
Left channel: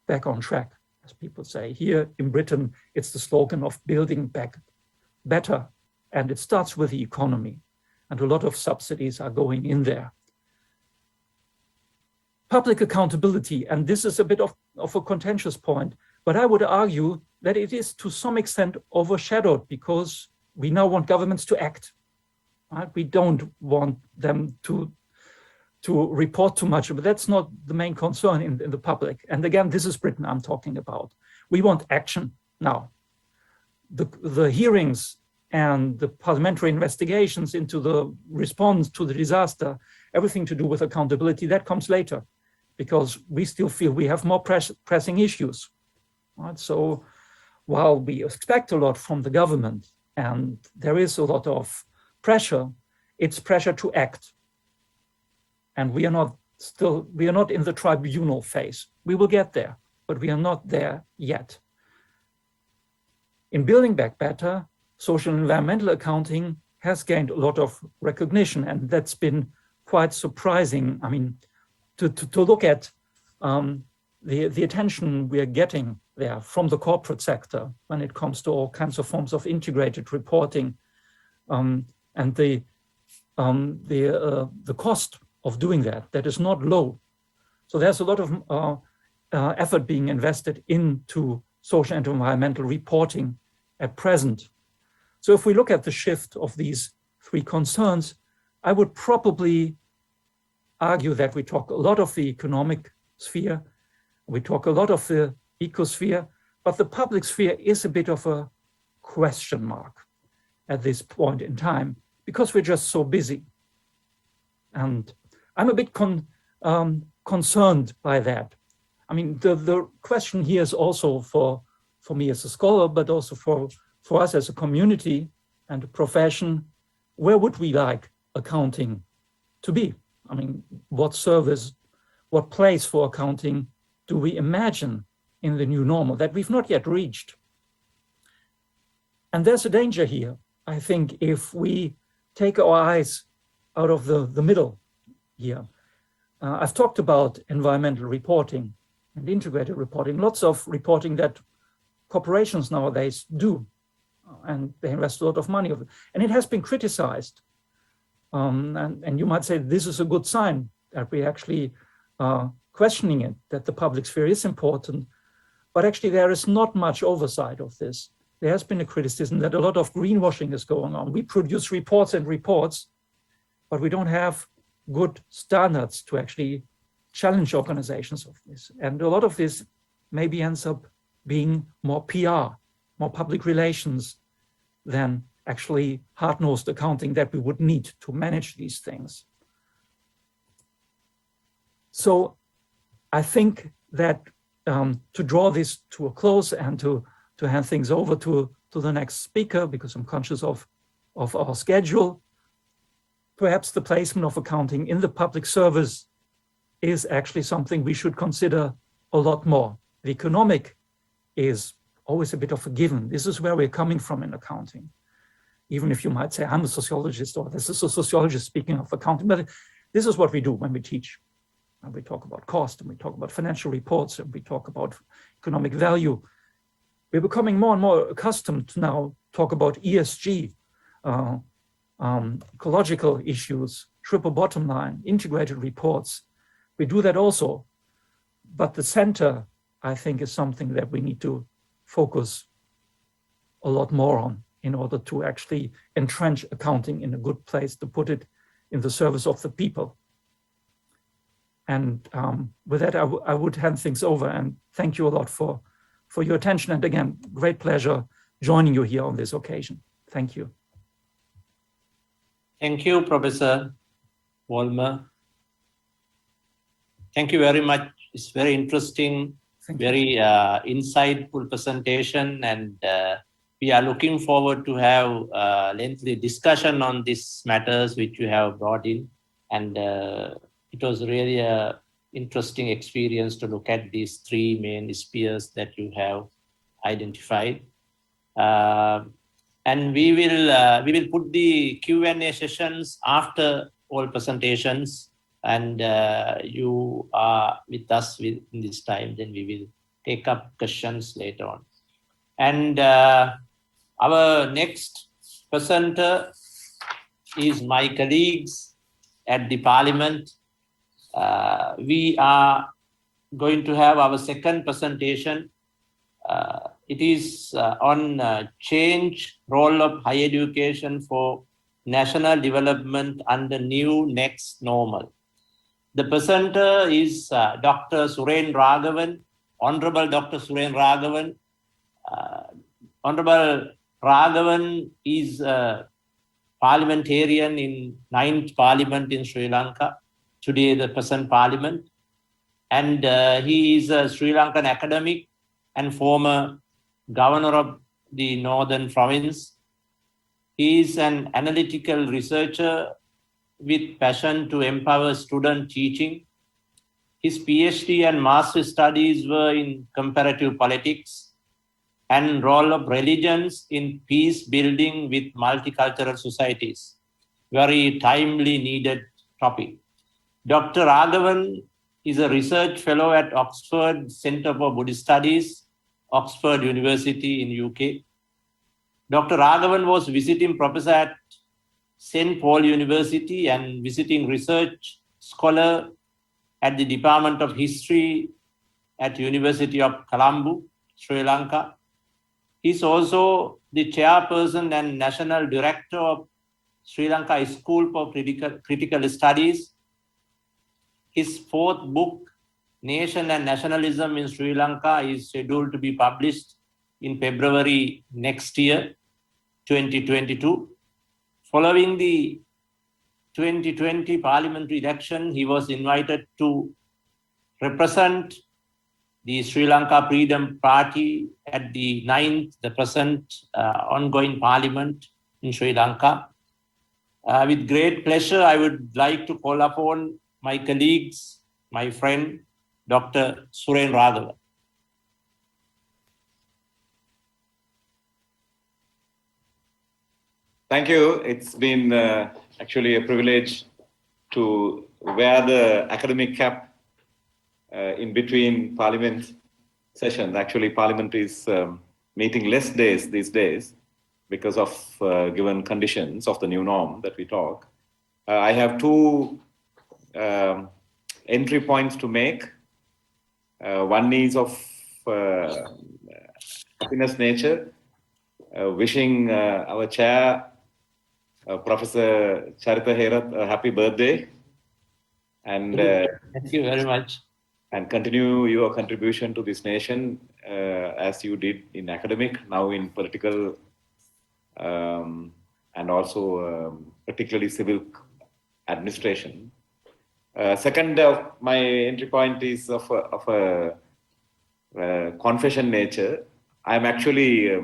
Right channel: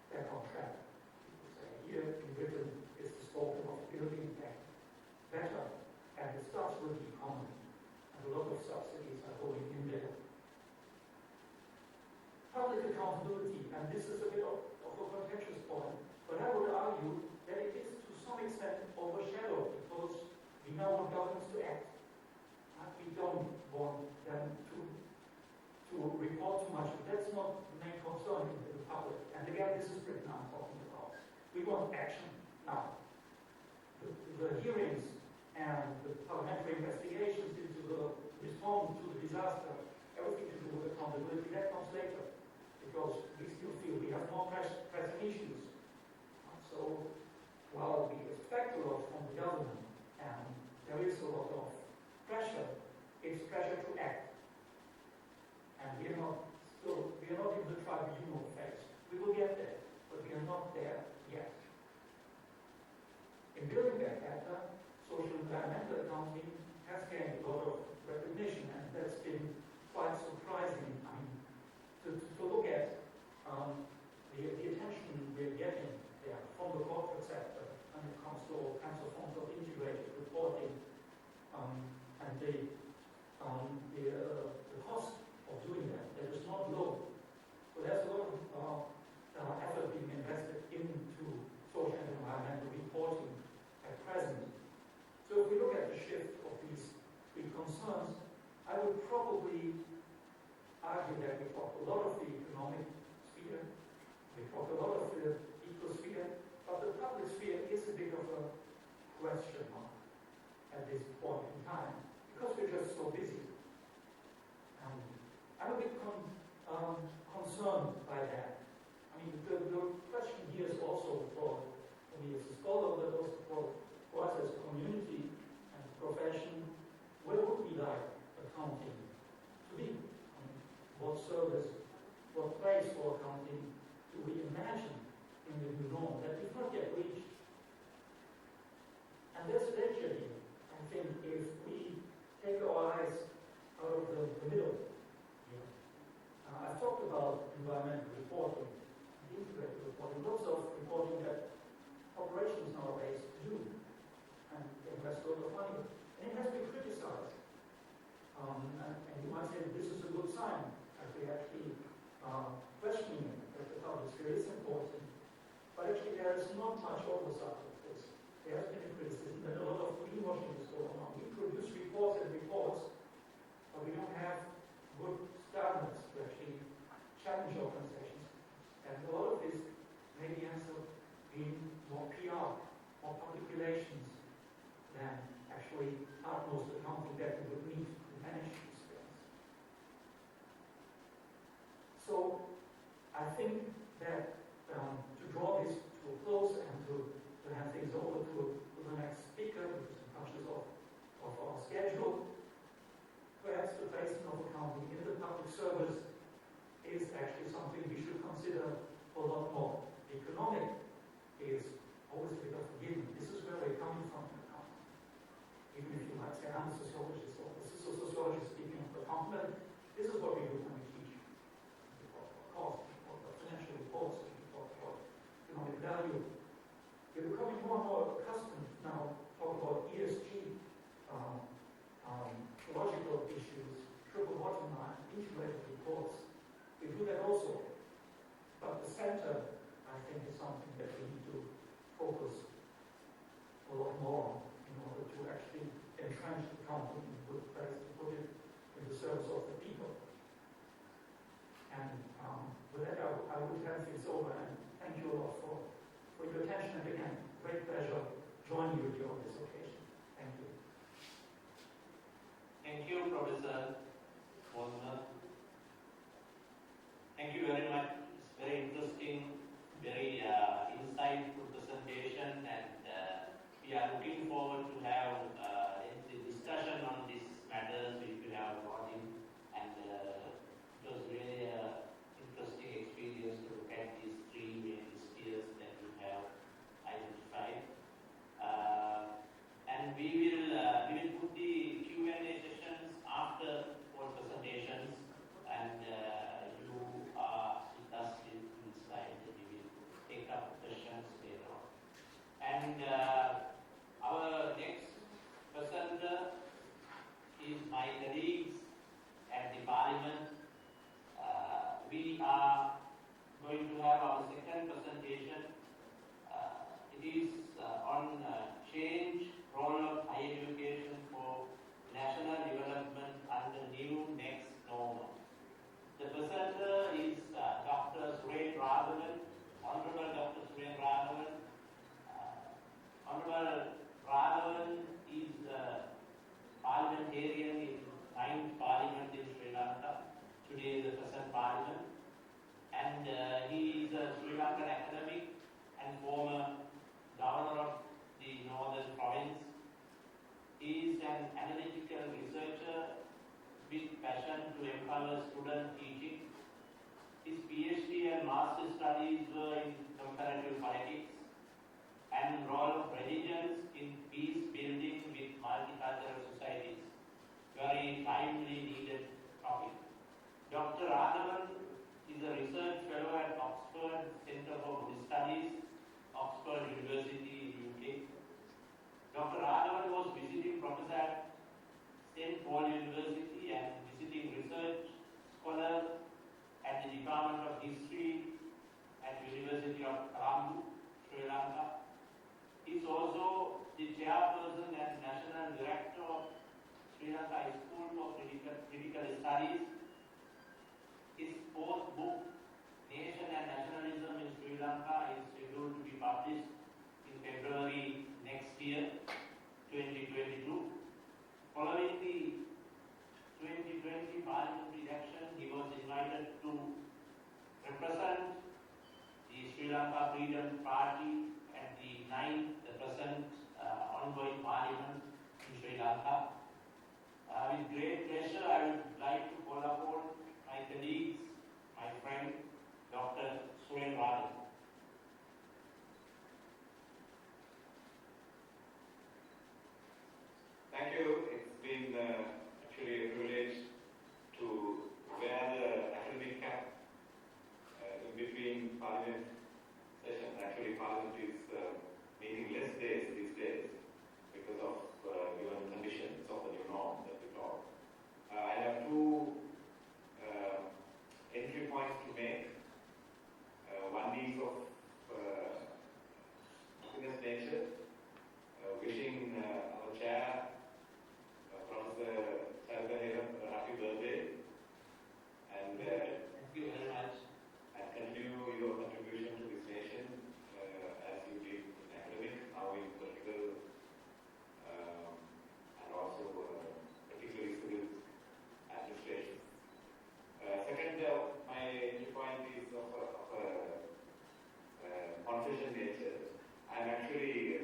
back on track, as people say. Here in Britain, it's the slogan of building back better. And it starts with the economy. And a lot of subsidies are going in there. Public accountability, and this is a bit of a contentious point, but I would argue that it is to some extent overshadowed because we now want governments to act. Right? We don't want them to report too much, but that's not the main concern in the public. And again, this is Britain I'm talking about. We want action now. The hearings and the parliamentary investigations into the response to the disaster, everything to do with accountability, that comes later, because we still feel we have more pressing issues. Right? So while we expect a lot from the government and there is a lot of pressure, it's pressure to act. And we are not in the tribunal phase. We will get there, but we are not there yet. In building back better, social and environmental accounting has gained a lot of recognition, and that's been quite surprising. I mean, to look at the attention we are getting there from the corporate sector when it comes to all kinds of forms of integrated reporting, and the cost of doing that is not low. So there's a lot of effort being invested into social and environmental reporting at present. So if we look at the shift of these three concerns, I would probably argue that we talk a lot of the economic sphere, we talk a lot of the ecosphere, but the public sphere is a bit of a question mark at this point in time because we're just so busy. And I'm a bit concerned by that. I mean, the question here is also for me as a scholar, but also for us as a community and a profession, where would we like accounting to be? I mean, what service, what place for accounting do we imagine in the new normal that we've not yet reached? And there's a danger here, I think, if we take our eyes out of the middle here. I've talked about environmental reporting and integrated reporting, lots of reporting that corporations nowadays do, and they invest a lot of money. And it has been criticized. And you might say this is a good sign that we actually questioning it, that the public sphere is important. But actually there is not much oversight of this. There has been a criticism that a lot of greenwashing is going on. We produce reports and reports, but we don't have good standards to actually challenge organizations of this. And a lot of this maybe ends up being more PR, more public relations than actually hard-nosed accounting that we would need to manage these things. So I think that to draw this to a close and to hand things over to the next speaker, because I'm conscious of our schedule, perhaps the placement of accounting in the public service is actually something we should consider a lot more. The economic is always a bit of a given. This is where we're coming from in accounting. Even if you might say, I'm a sociologist, or this is a sociologist speaking of accounting, but this is what we do when we teach. And we talk about cost, and we talk about financial reports, and we talk about economic value. We're becoming more and more accustomed to now talk about ESG, ecological issues, triple bottom line, integrated reports. We do that also, but the center, I think, is something that we need to focus a lot more on in order to actually entrench accounting in a good place, to put it in the service of the people. And with that, I would hand things over, and thank you a lot for your attention. And again, great pleasure joining you here on this occasion. Thank you. Thank you, Professor Vollmer. Thank you very much. It's very interesting, very insightful presentation, and we are looking forward to have a lengthy discussion on these matters which you have brought in. And it was really an interesting experience to look at these three main spheres that you have identified. And we will put the Q&A sessions after all presentations, and you are with us in this time, then we will take up questions later on. And our next presenter is my colleagues at the Parliament. We are going to have our second presentation. It is on change role of higher education for national development under new next normal. The presenter is Dr. Suren Raghavan, Honorable Dr. Suren Raghavan. Honorable Raghavan is a parliamentarian in 9th Parliament in Sri Lanka, today the present Parliament. And he is a Sri Lankan academic and former governor of the Northern Province. He is an analytical researcher with passion to empower student teaching. His PhD and master's studies were in comparative politics and role of religions in peace building with multicultural societies. Very timely needed topic. Dr. Raghavan is a research fellow at Oxford Centre for Buddhist Studies, Oxford University in UK. Dr. Raghavan was visiting professor at St. Paul University and visiting research scholar at the Department of History at University of Colombo, Sri Lanka. He's also the chairperson and national director of Sri Lanka School for Critical Studies. His fourth book, Nation and Nationalism in Sri Lanka, is scheduled to be published in February next year, 2022. Following the 2020 parliamentary election, he was invited to represent the Sri Lanka Freedom Party at the present ongoing parliament in Sri Lanka. With great pleasure, I would like to call upon my colleagues, my friend, Dr. Suren Raghavan. Thank you. It's been actually a privilege to wear the academic cap in between Parliament sessions. Actually, Parliament is meeting less days these days because of given conditions of the new norm that we talk. I have two entry points to make. One is of happiness nature, wishing our chair, Professor Charitha Herath, a happy birthday. And thank you very much. And continue your contribution to this nation as you did in academic, now in political and also particularly civil administration. Second, my entry point is of a confession nature. I'm actually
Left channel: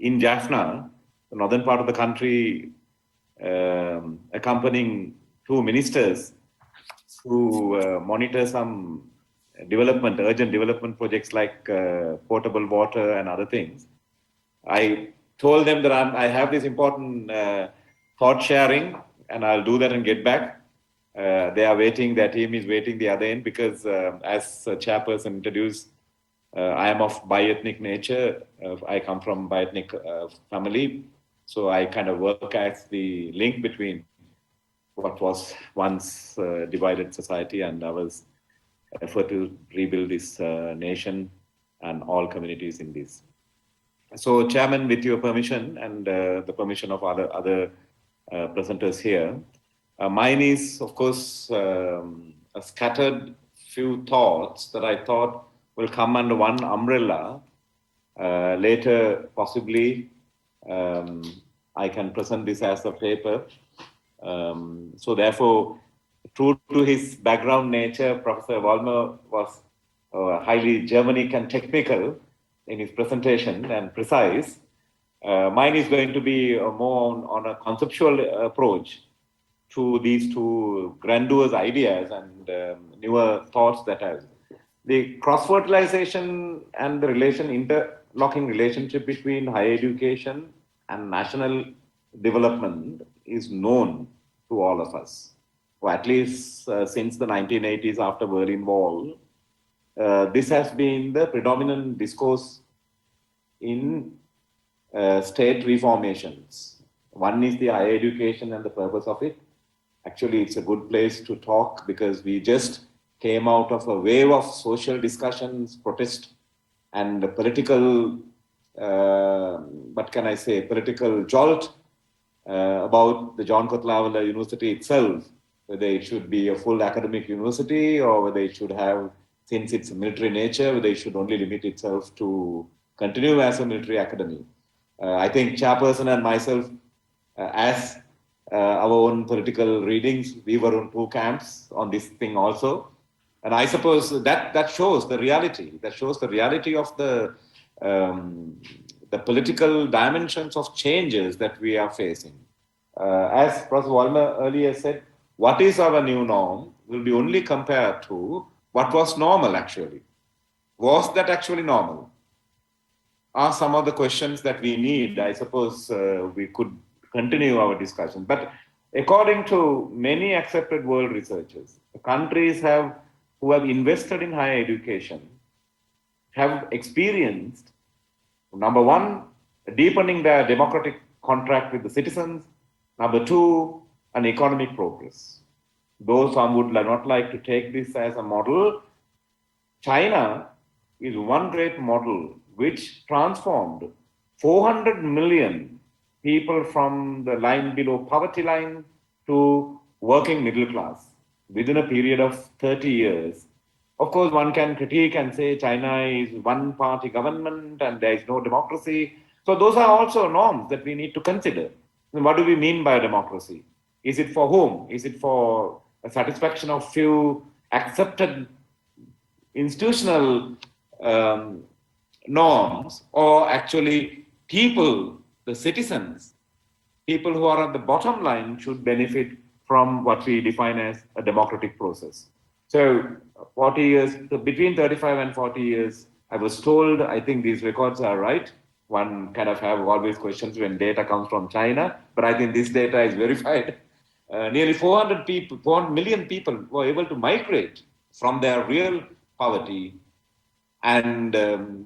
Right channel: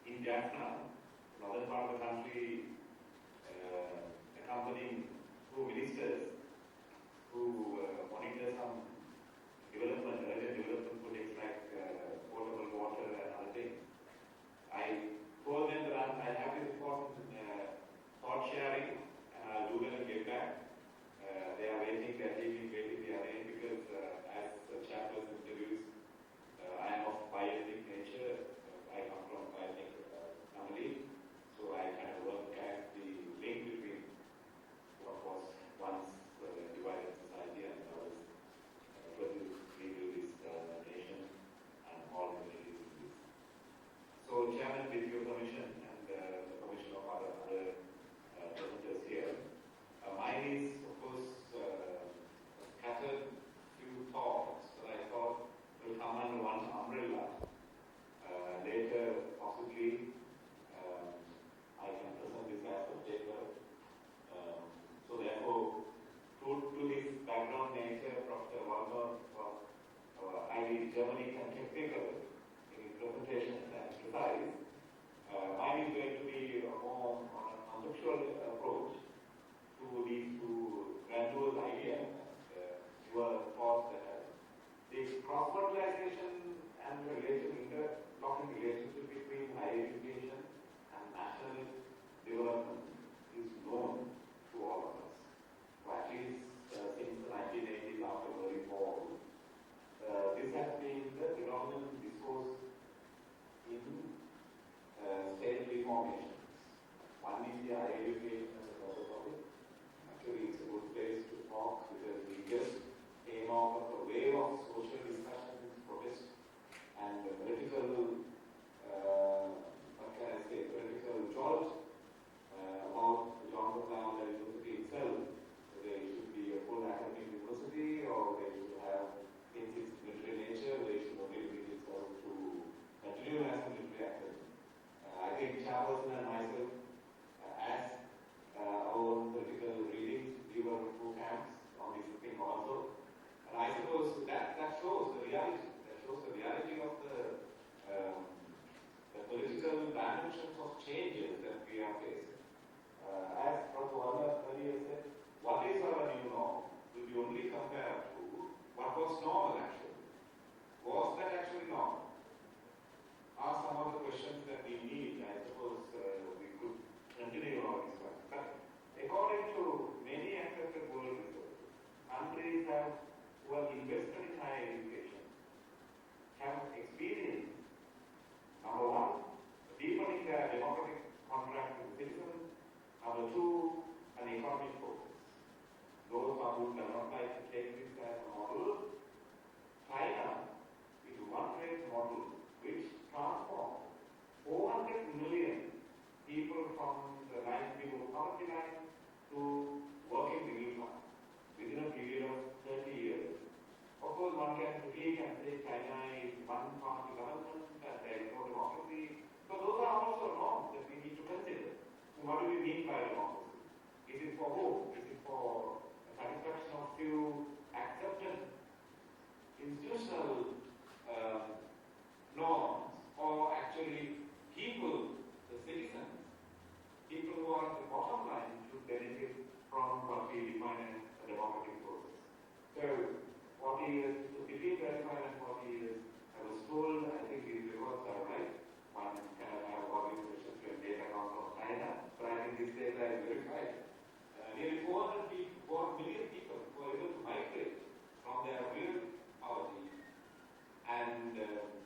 in Jaffna, the northern part of the country, accompanying two ministers who monitor some urgent development projects like potable water and other things. I told them that I have this important thought sharing, and I'll do that and get back. They are waiting, their team is waiting the other end, because as chairperson introduced, I am of bi-ethnic nature. I come from bi-ethnic family, so I kind of work as the link between what was once divided society and our effort to rebuild this nation and all communities in this. So, Chairman, with your permission and the permission of other presenters here, mine is, of course, a scattered few thoughts that I thought will come under one umbrella. Later, possibly, I can present this as a paper. So therefore, true to his background nature, Professor Vollmer was highly Germanic and technical in his presentation and precise. Mine is going to be more on a conceptual approach to these two grandiose ideas and newer thoughts that have. The cross-fertilization and the interlocking relationship between higher education and national development is known to all of us, or at least since the 1980s after Berlin Wall. This has been the predominant discourse in state reformations. One is the higher education and the purpose of it. Actually, it's a good place to talk because we just came out of a wave of social discussions, protest, and political, political jolt about the John Kotlavala University itself, whether it should be a full academic university or whether it should have, since it's a military nature, whether it should only limit itself to continue as a military academy. I think Chairperson and myself, as our own political readings, we were on two camps on this thing also. And I suppose that shows the reality. That shows the reality of the political dimensions of changes that we are facing. As Prof. Vollmer earlier said, what is our new norm will be only compared to what was normal actually. Was that actually normal? Are some of the questions that we need. I suppose we could continue our discussion. But according to many accepted world researchers, the countries who have invested in higher education have experienced, number one, deepening their democratic contract with the citizens. Number two, an economic progress. Though some would not like to take this as a model, China is one great model which transformed 400 million people from the line below poverty line to working middle class within a period of 30 years. Of course, one can critique and say China is one-party government and there is no democracy. So those are also norms that we need to consider. What do we mean by democracy? Is it for whom? Is it for a satisfaction of few accepted institutional norms, or actually people, the citizens, people who are at the bottom line should benefit from what we define as a democratic process? So 40 years, so between 35 and 40 years, I was told, I think these records are right. One kind of have always questions when data comes from China, but I think this data is verified. Nearly 400 million people were able to migrate from their real poverty and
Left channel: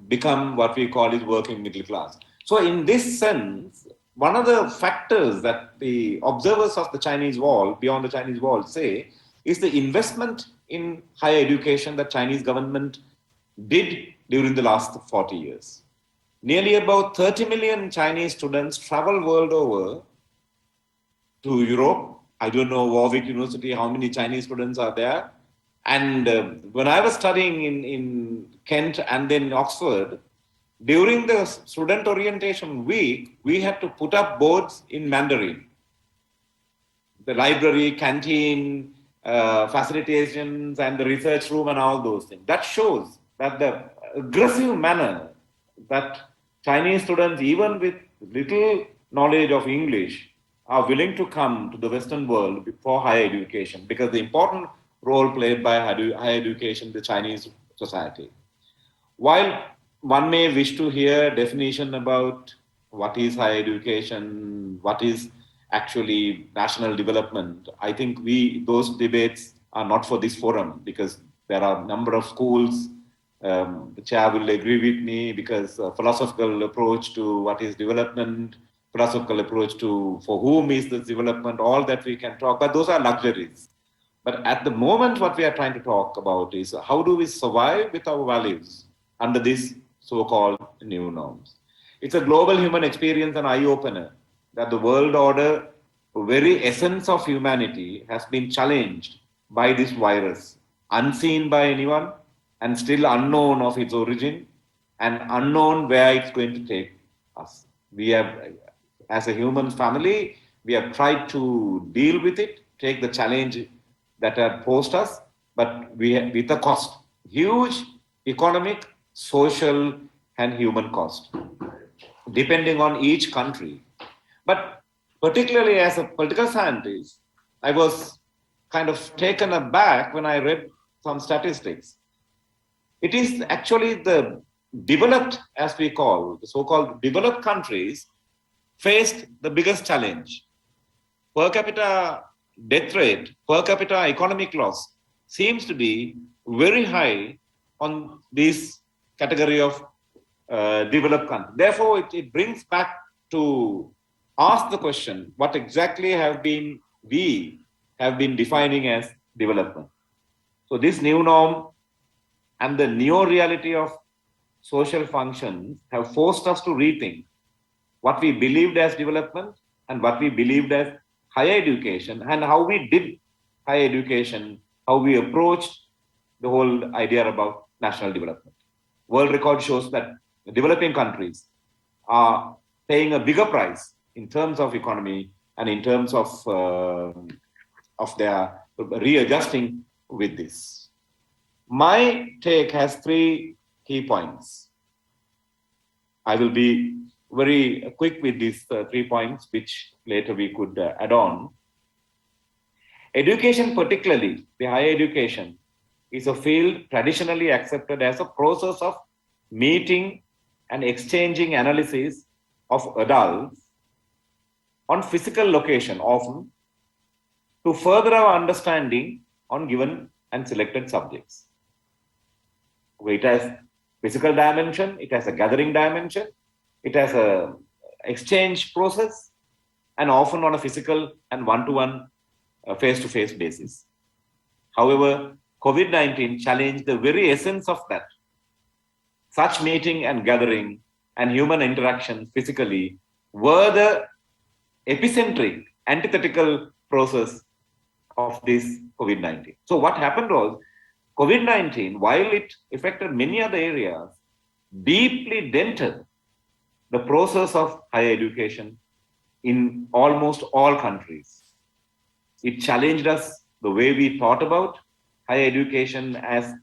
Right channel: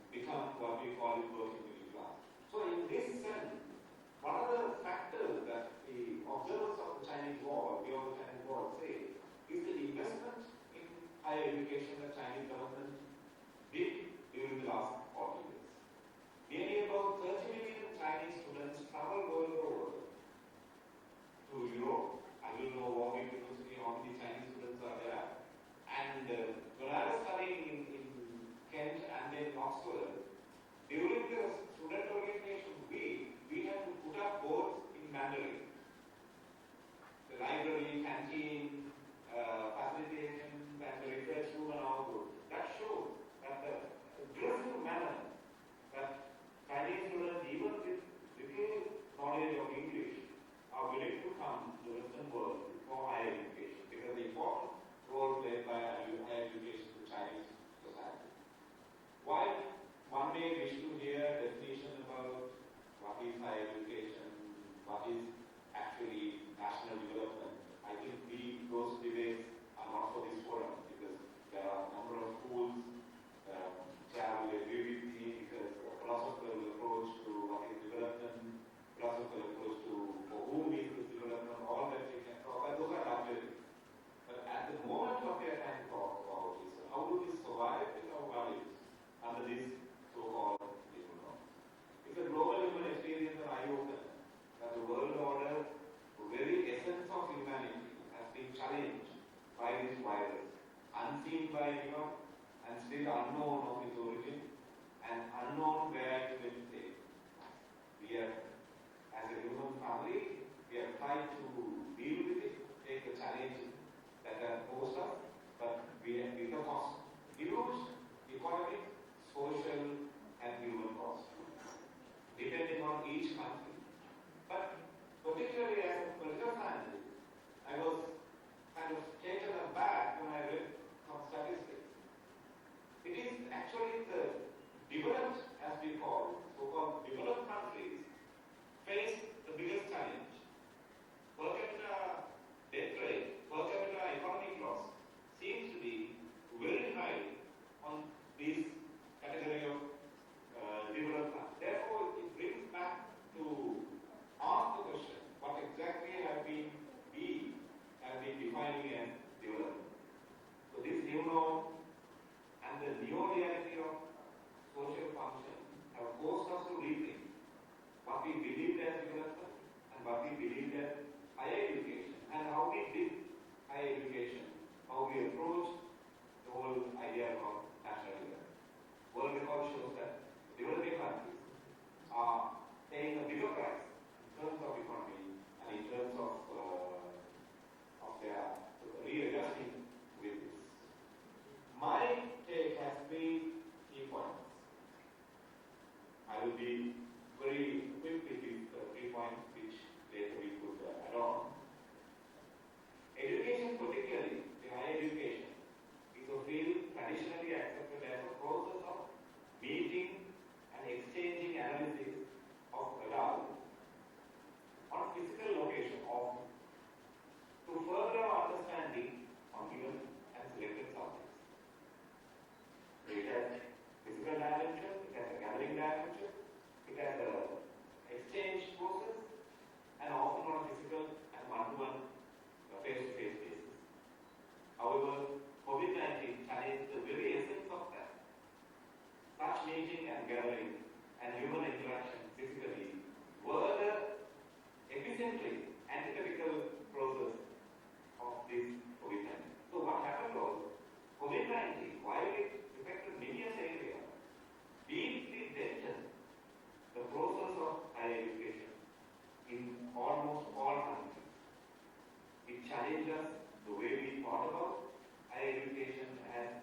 become what we call is working middle class. So in this sense, one of the factors that the observers of the Chinese Wall, beyond the Chinese Wall, say is the investment in higher education that Chinese government did during the last 40 years. Nearly about 30 million Chinese students travel world over to Europe. I don't know Warwick University, how many Chinese students are there. And when I was studying in Kent and then Oxford, during the student orientation week, we had to put up boards in Mandarin. The library, canteen, facilitations, and the research room, and all those things. That shows that the aggressive manner that Chinese students, even with little knowledge of English, are willing to come to the Western world for higher education, because the important role played by higher education in the Chinese society. While one may wish to hear definition about what is higher education, what is actually national development, I think those debates are not for this forum, because there are a number of schools. The chair will agree with me, because philosophical approach to what is development, philosophical approach to for whom is this development, all that we can talk, but those are luxuries. But at the moment, what we are trying to talk about is how do we survive with our values under these so-called new norms. It's a global human experience, an eye-opener, that the world order, the very essence of humanity, has been challenged by this virus, unseen by anyone, and still unknown of its origin, and unknown where it's going to take us. We have, as a human family, we have tried to deal with it, take the challenge that have posed us, but with a cost, huge economic, social, and human cost, depending on each country. But particularly as a political scientist, I was kind of taken aback when I read some statistics. It is actually the developed, as we call, the so-called developed countries faced the biggest challenge. Per capita death rate, per capita economic loss seems to be very high on this category of developed countries. Therefore, it brings back to ask the question, what exactly we have been defining as development? So this new norm and the neo-reality of social functions have forced us to rethink what we believed as development and what we believed as higher education, and how we did higher education, how we approached the whole idea about national development. World record shows that developing countries are paying a bigger price in terms of economy and in terms of their readjusting with this. My take has 3 key points. I will be very quick with these 3 points, which later we could add on. Education, particularly the higher education, is a field traditionally accepted as a process of meeting and exchanging analysis of adults on physical location, often to further our understanding on given and selected subjects. It has physical dimension, it has a gathering dimension, it has a exchange process, and often on a physical and one-to-one, face-to-face basis. However, COVID-19 challenged the very essence of that. Such meeting and gathering and human interaction physically were the epicentric, antithetical process of this COVID-19. So what happened was, COVID-19, while it affected many other areas, deeply dented the process of higher education in almost all countries. It challenged us the way we thought about higher education as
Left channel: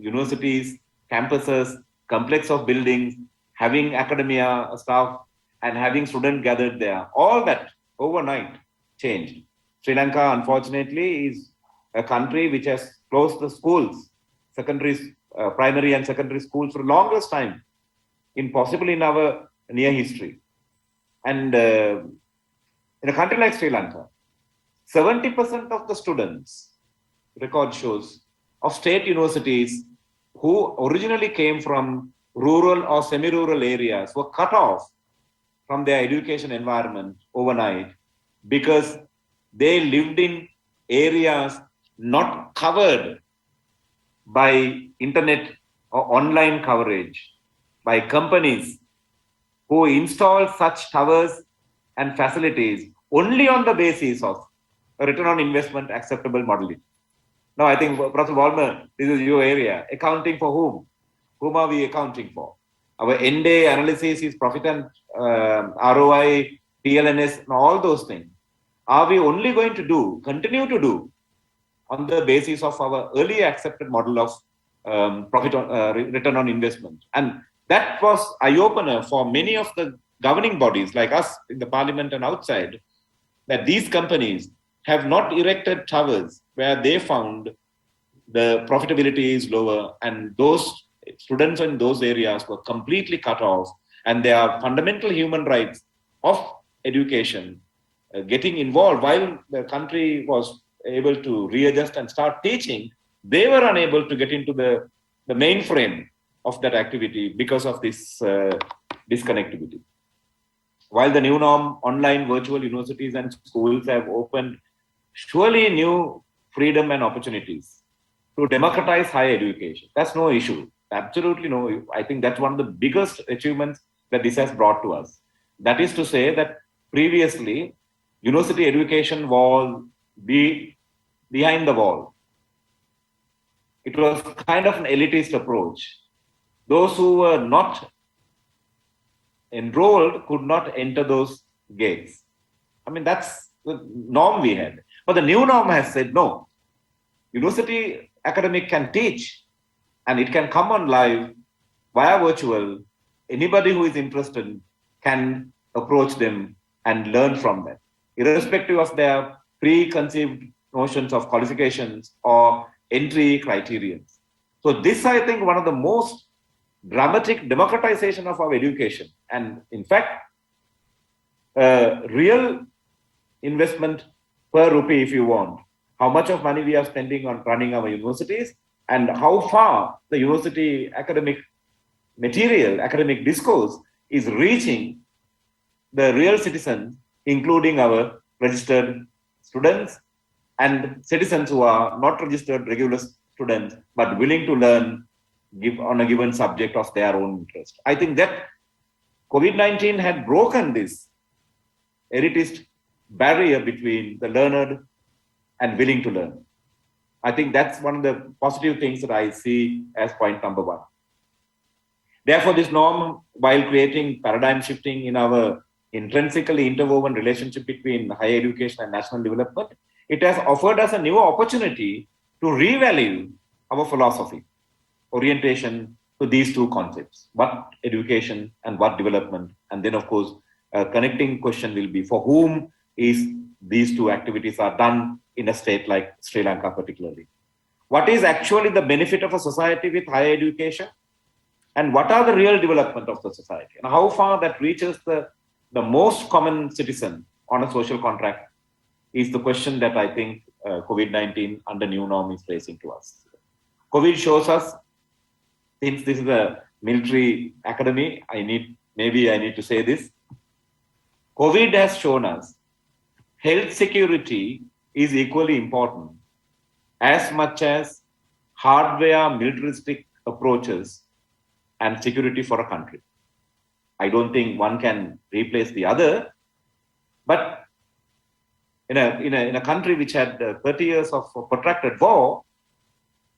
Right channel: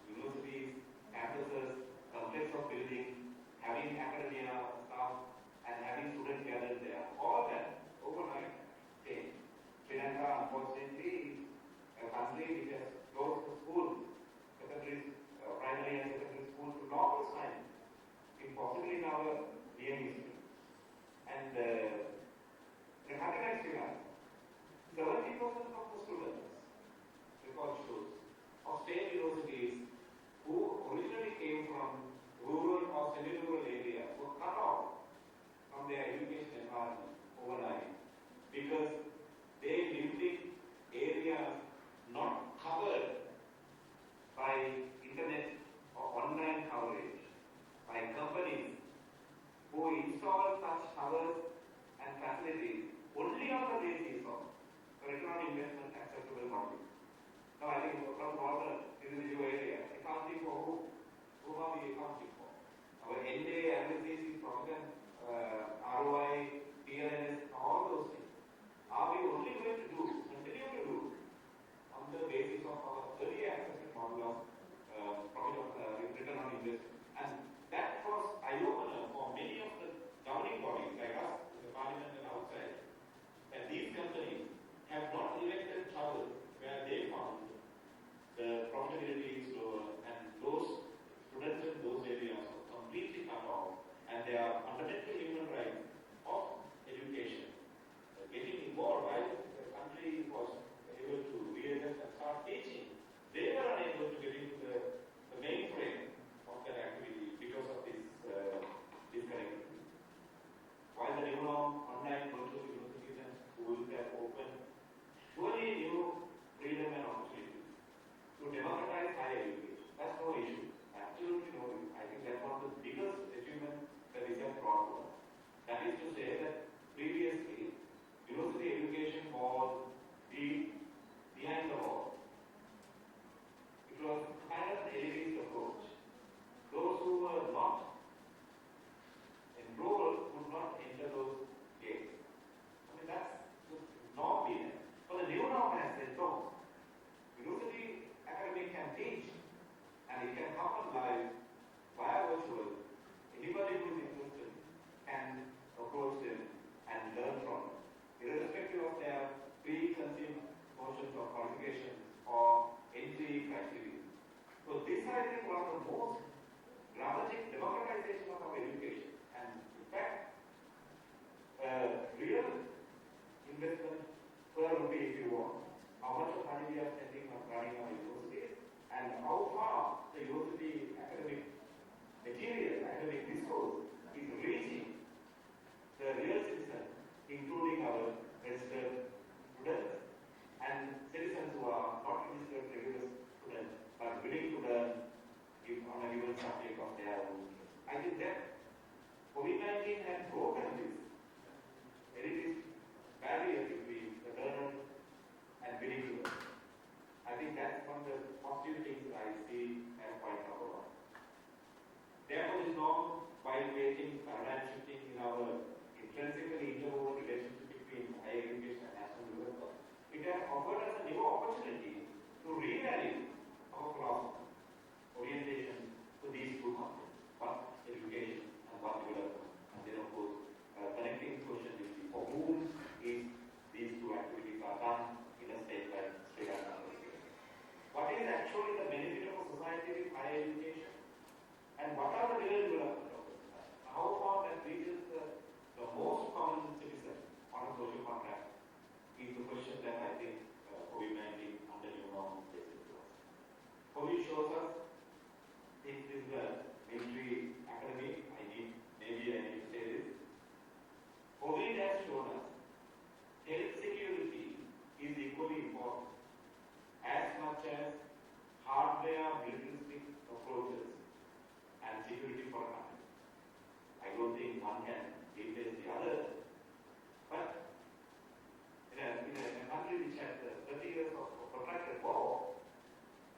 universities, campuses, complex of buildings, having academia staff, and having students gathered there. All that overnight changed. Sri Lanka, unfortunately, is a country which has closed the schools, primary and secondary schools for the longest time, possibly in our near history. And in a country like Sri Lanka, 70% of the students, record shows, of state universities who originally came from rural or semi-rural areas were cut off from their education environment overnight because they lived in areas not covered by internet or online coverage, by companies who install such towers and facilities only on the basis of a return on investment acceptable modeling. Now, I think, Prof. Vollmer, this is your area. Accounting for whom? Whom are we accounting for? Our end-day analysis is profit and ROI, TLNS, and all those things. Are we only going to continue to do on the basis of our early accepted model of profit on, return on investment? And that was eye-opener for many of the governing bodies like us in the parliament and outside, that these companies have not erected towers where they found the profitability is lower, and those students in those areas were completely cut off, and there are fundamental human rights of education getting involved. While the country was able to readjust and start teaching, they were unable to get into the mainframe of that activity because of this disconnectivity. While the new norm, online virtual universities and schools have opened surely new freedom and opportunities to democratize higher education. That's no issue. Absolutely no. I think that's one of the biggest achievements that this has brought to us. That is to say that previously, university education was behind the wall. It was kind of an elitist approach. Those who were not enrolled could not enter those gates. I mean, that's the norm we had. But the new norm has said, no, university academic can teach and it can come on live via virtual. Anybody who is interested can approach them and learn from them, irrespective of their preconceived notions of qualifications or entry criterions. So this, I think, one of the most dramatic democratization of our education. And in fact, real investment per rupee, if you want, how much of money we are spending on running our universities, and how far the university academic material, academic discourse is reaching the real citizens, including our registered students and citizens who are not registered regular students, but willing to learn on a given subject of their own interest. I think that COVID-19 had broken this elitist barrier between the learned and willing to learn. I think that's one of the positive things that I see as point number one. Therefore, this norm, while creating paradigm shifting in our intrinsically interwoven relationship between higher education and national development, it has offered us a new opportunity to revalue our philosophy, orientation to these two concepts, what education and what development. And then, of course, a connecting question will be, for whom is these two activities are done in a state like Sri Lanka particularly? What is actually the benefit of a society with higher education? And what are the real development of the society? And how far that reaches the most common citizen on a social contract is the question that I think COVID-19 under new norm is raising to us. COVID shows us, since this is a military academy, maybe I need to say this. COVID has shown us health security is equally important as much as hardware militaristic approaches and security for a country. I don't think one can replace the other, but in a country which had 30 years of protracted war,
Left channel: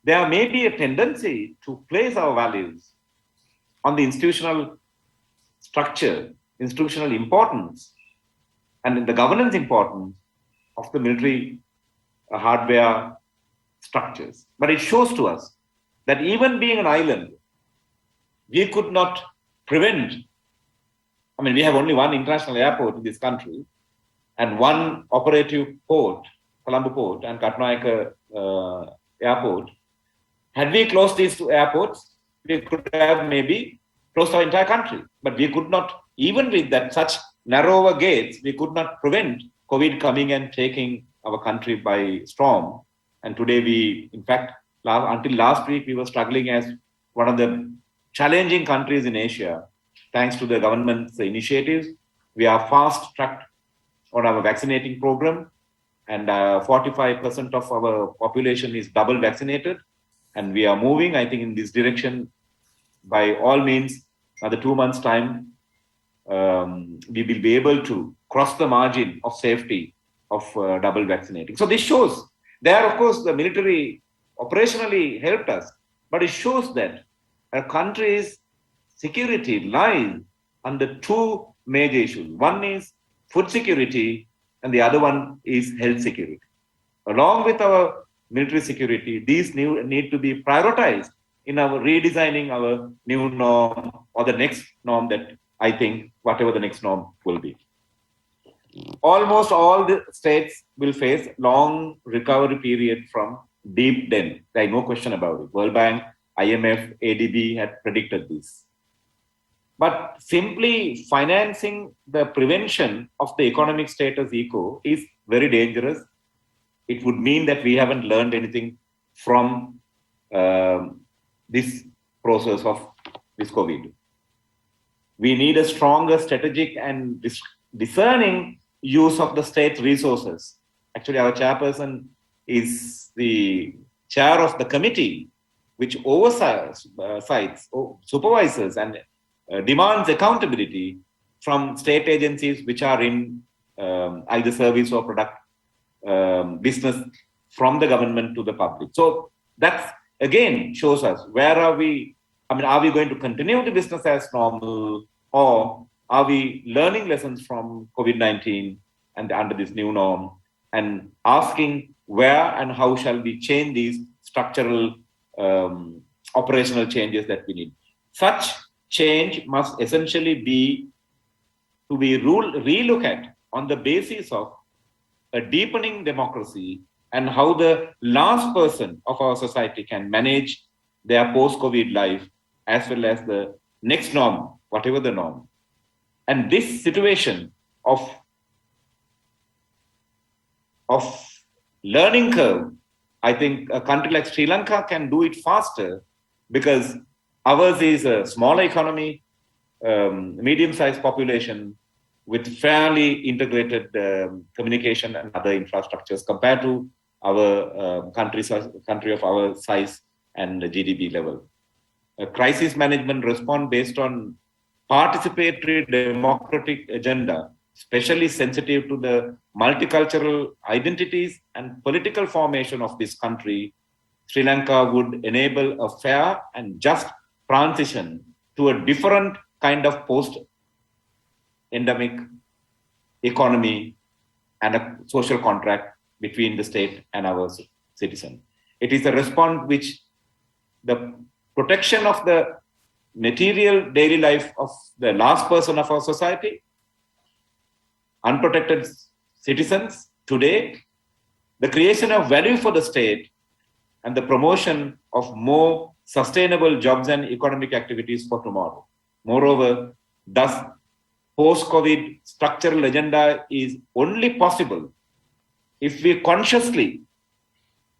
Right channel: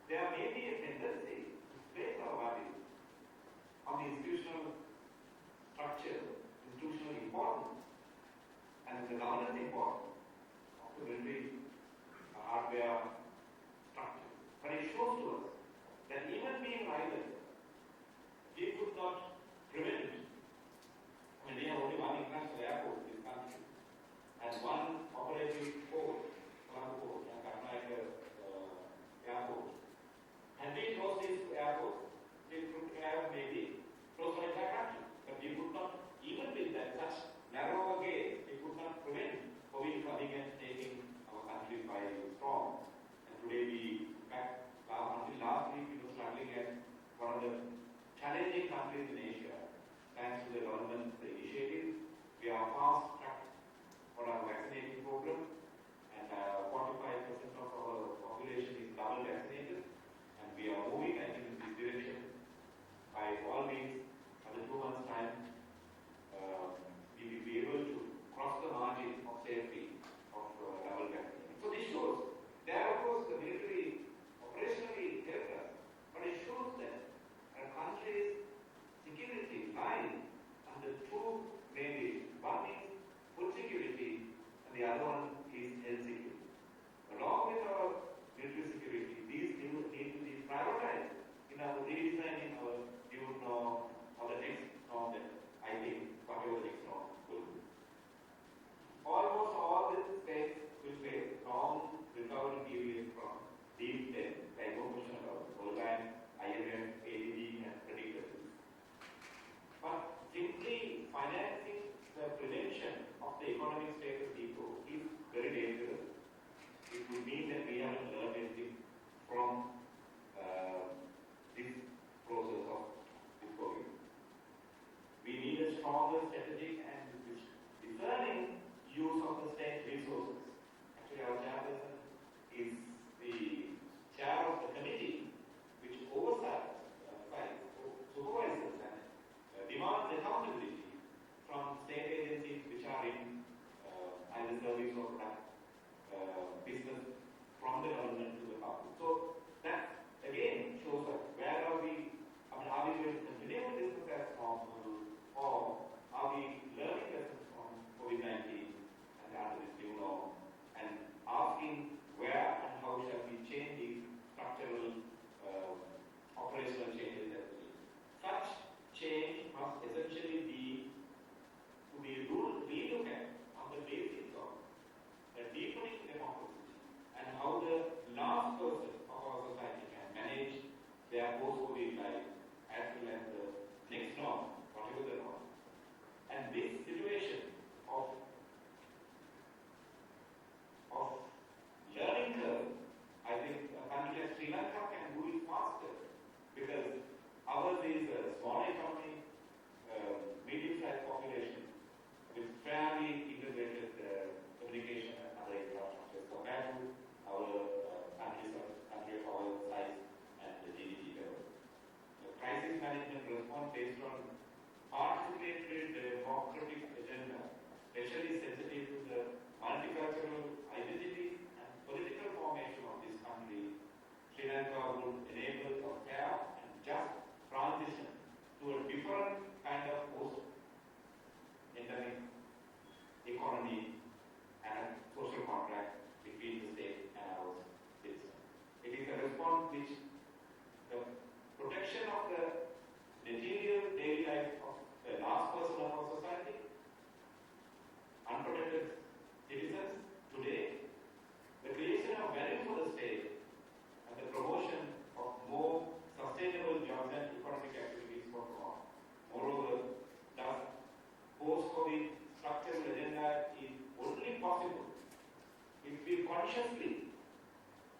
there may be a tendency to place our values on the institutional structure, institutional importance, and the governance importance of the military hardware structures. But it shows to us that even being an island, we could not prevent. I mean, we have only one international airport in this country and one operative port, Colombo Port and Katnayaka Airport. Had we closed these two airports, we could have maybe closed our entire country. But we could not, even with that such narrower gates, we could not prevent COVID coming and taking our country by storm. And today we, in fact, until last week, we were struggling as one of the challenging countries in Asia. Thanks to the government's initiatives, we are fast-tracked on our vaccinating program, and 45% of our population is double vaccinated. And we are moving, I think, in this direction. By all means, another 2 months' time, we will be able to cross the margin of safety of double vaccinating. So this shows, there, of course, the military operationally helped us, but it shows that a country's security lies under two major issues. One is food security and the other one is health security. Along with our military security, these need to be prioritized in our redesigning our new norm or the next norm that I think whatever the next norm will be. Almost all the states will face long recovery period from deep debt. There is no question about it. World Bank, IMF, ADB had predicted this. But simply financing the prevention of the economic status quo is very dangerous. It would mean that we haven't learned anything from this process of this COVID. We need a stronger strategic and discerning use of the state resources. Actually, our chairperson is the chair of the committee which oversees, supervises and demands accountability from state agencies which are in either service or product business from the government to the public. So that again shows us where are we, are we going to continue the business as normal, or are we learning lessons from COVID-19 and under this new norm and asking where and how shall we change these structural operational changes that we need. Such change must essentially be to be relooked at on the basis of a deepening democracy and how the last person of our society can manage their post-COVID life as well as the next norm, whatever the norm. And this situation of learning curve, I think a country like Sri Lanka can do it faster because ours is a smaller economy, medium-sized population with fairly integrated communication and other infrastructures compared to our country of our size and the GDP level. A crisis management response based on participatory democratic agenda, especially sensitive to the multicultural identities and political formation of this country, Sri Lanka would enable a fair and just transition to a different kind of post-endemic economy and a social contract between the state and our citizen. It is a response which the protection of the material daily life of the last person of our society, unprotected citizens today, the creation of value for the state, and the promotion of more sustainable jobs and economic activities for tomorrow. Moreover, thus, post-COVID structural agenda is only possible if we consciously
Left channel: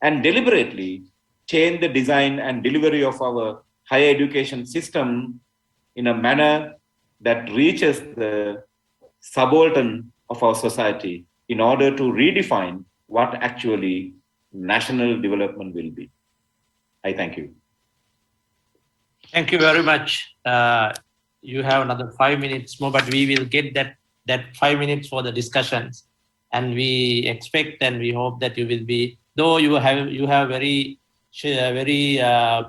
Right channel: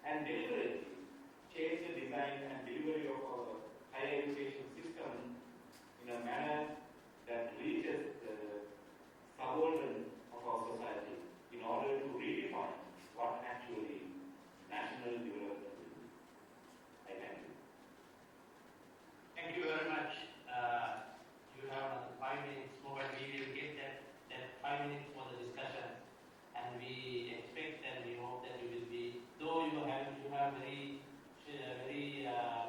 and deliberately change the design and delivery of our higher education system in a manner that reaches the subaltern of our society in order to redefine what actually national development will be. I thank you. Thank you very much. You have another 5 minutes more, but we will get that 5 minutes for the discussions. And we expect and we hope that you will be, though you have very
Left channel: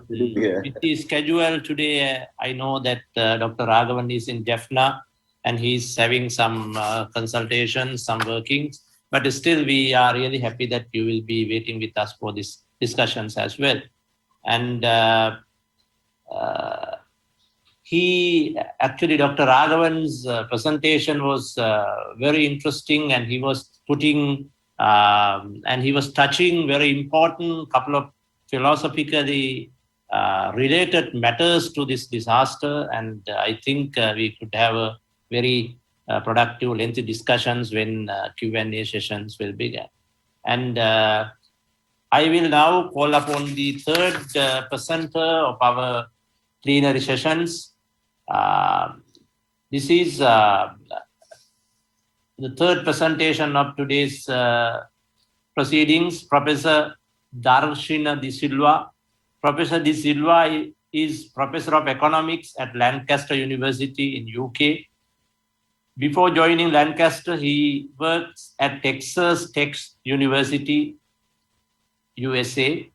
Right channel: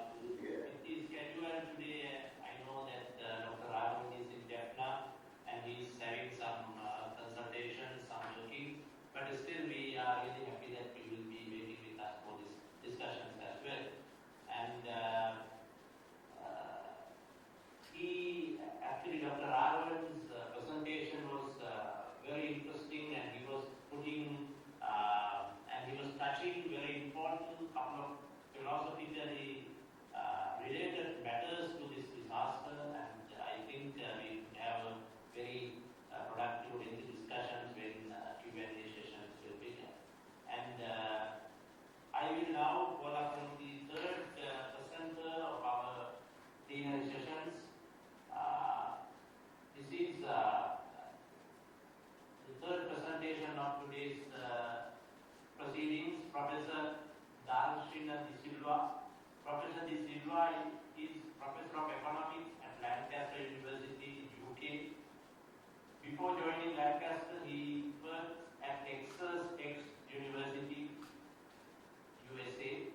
busy schedule today. I know that Dr. Raghavan is in Jaffna and he's having some consultations, some workings, but still we are really happy that you will be waiting with us for these discussions as well. And Dr. Raghavan's presentation was very interesting, and he was touching very important couple of philosophically related matters to this disaster. And I think we could have a very productive, lengthy discussions when Q&A sessions will begin. And I will now call upon the third presenter of our plenary sessions. This is the third presentation of today's proceedings, Professor Dakshina de Silva. Professor de Silva is Professor of Economics at Lancaster University in UK. Before joining Lancaster, he worked at Texas Tech University, USA,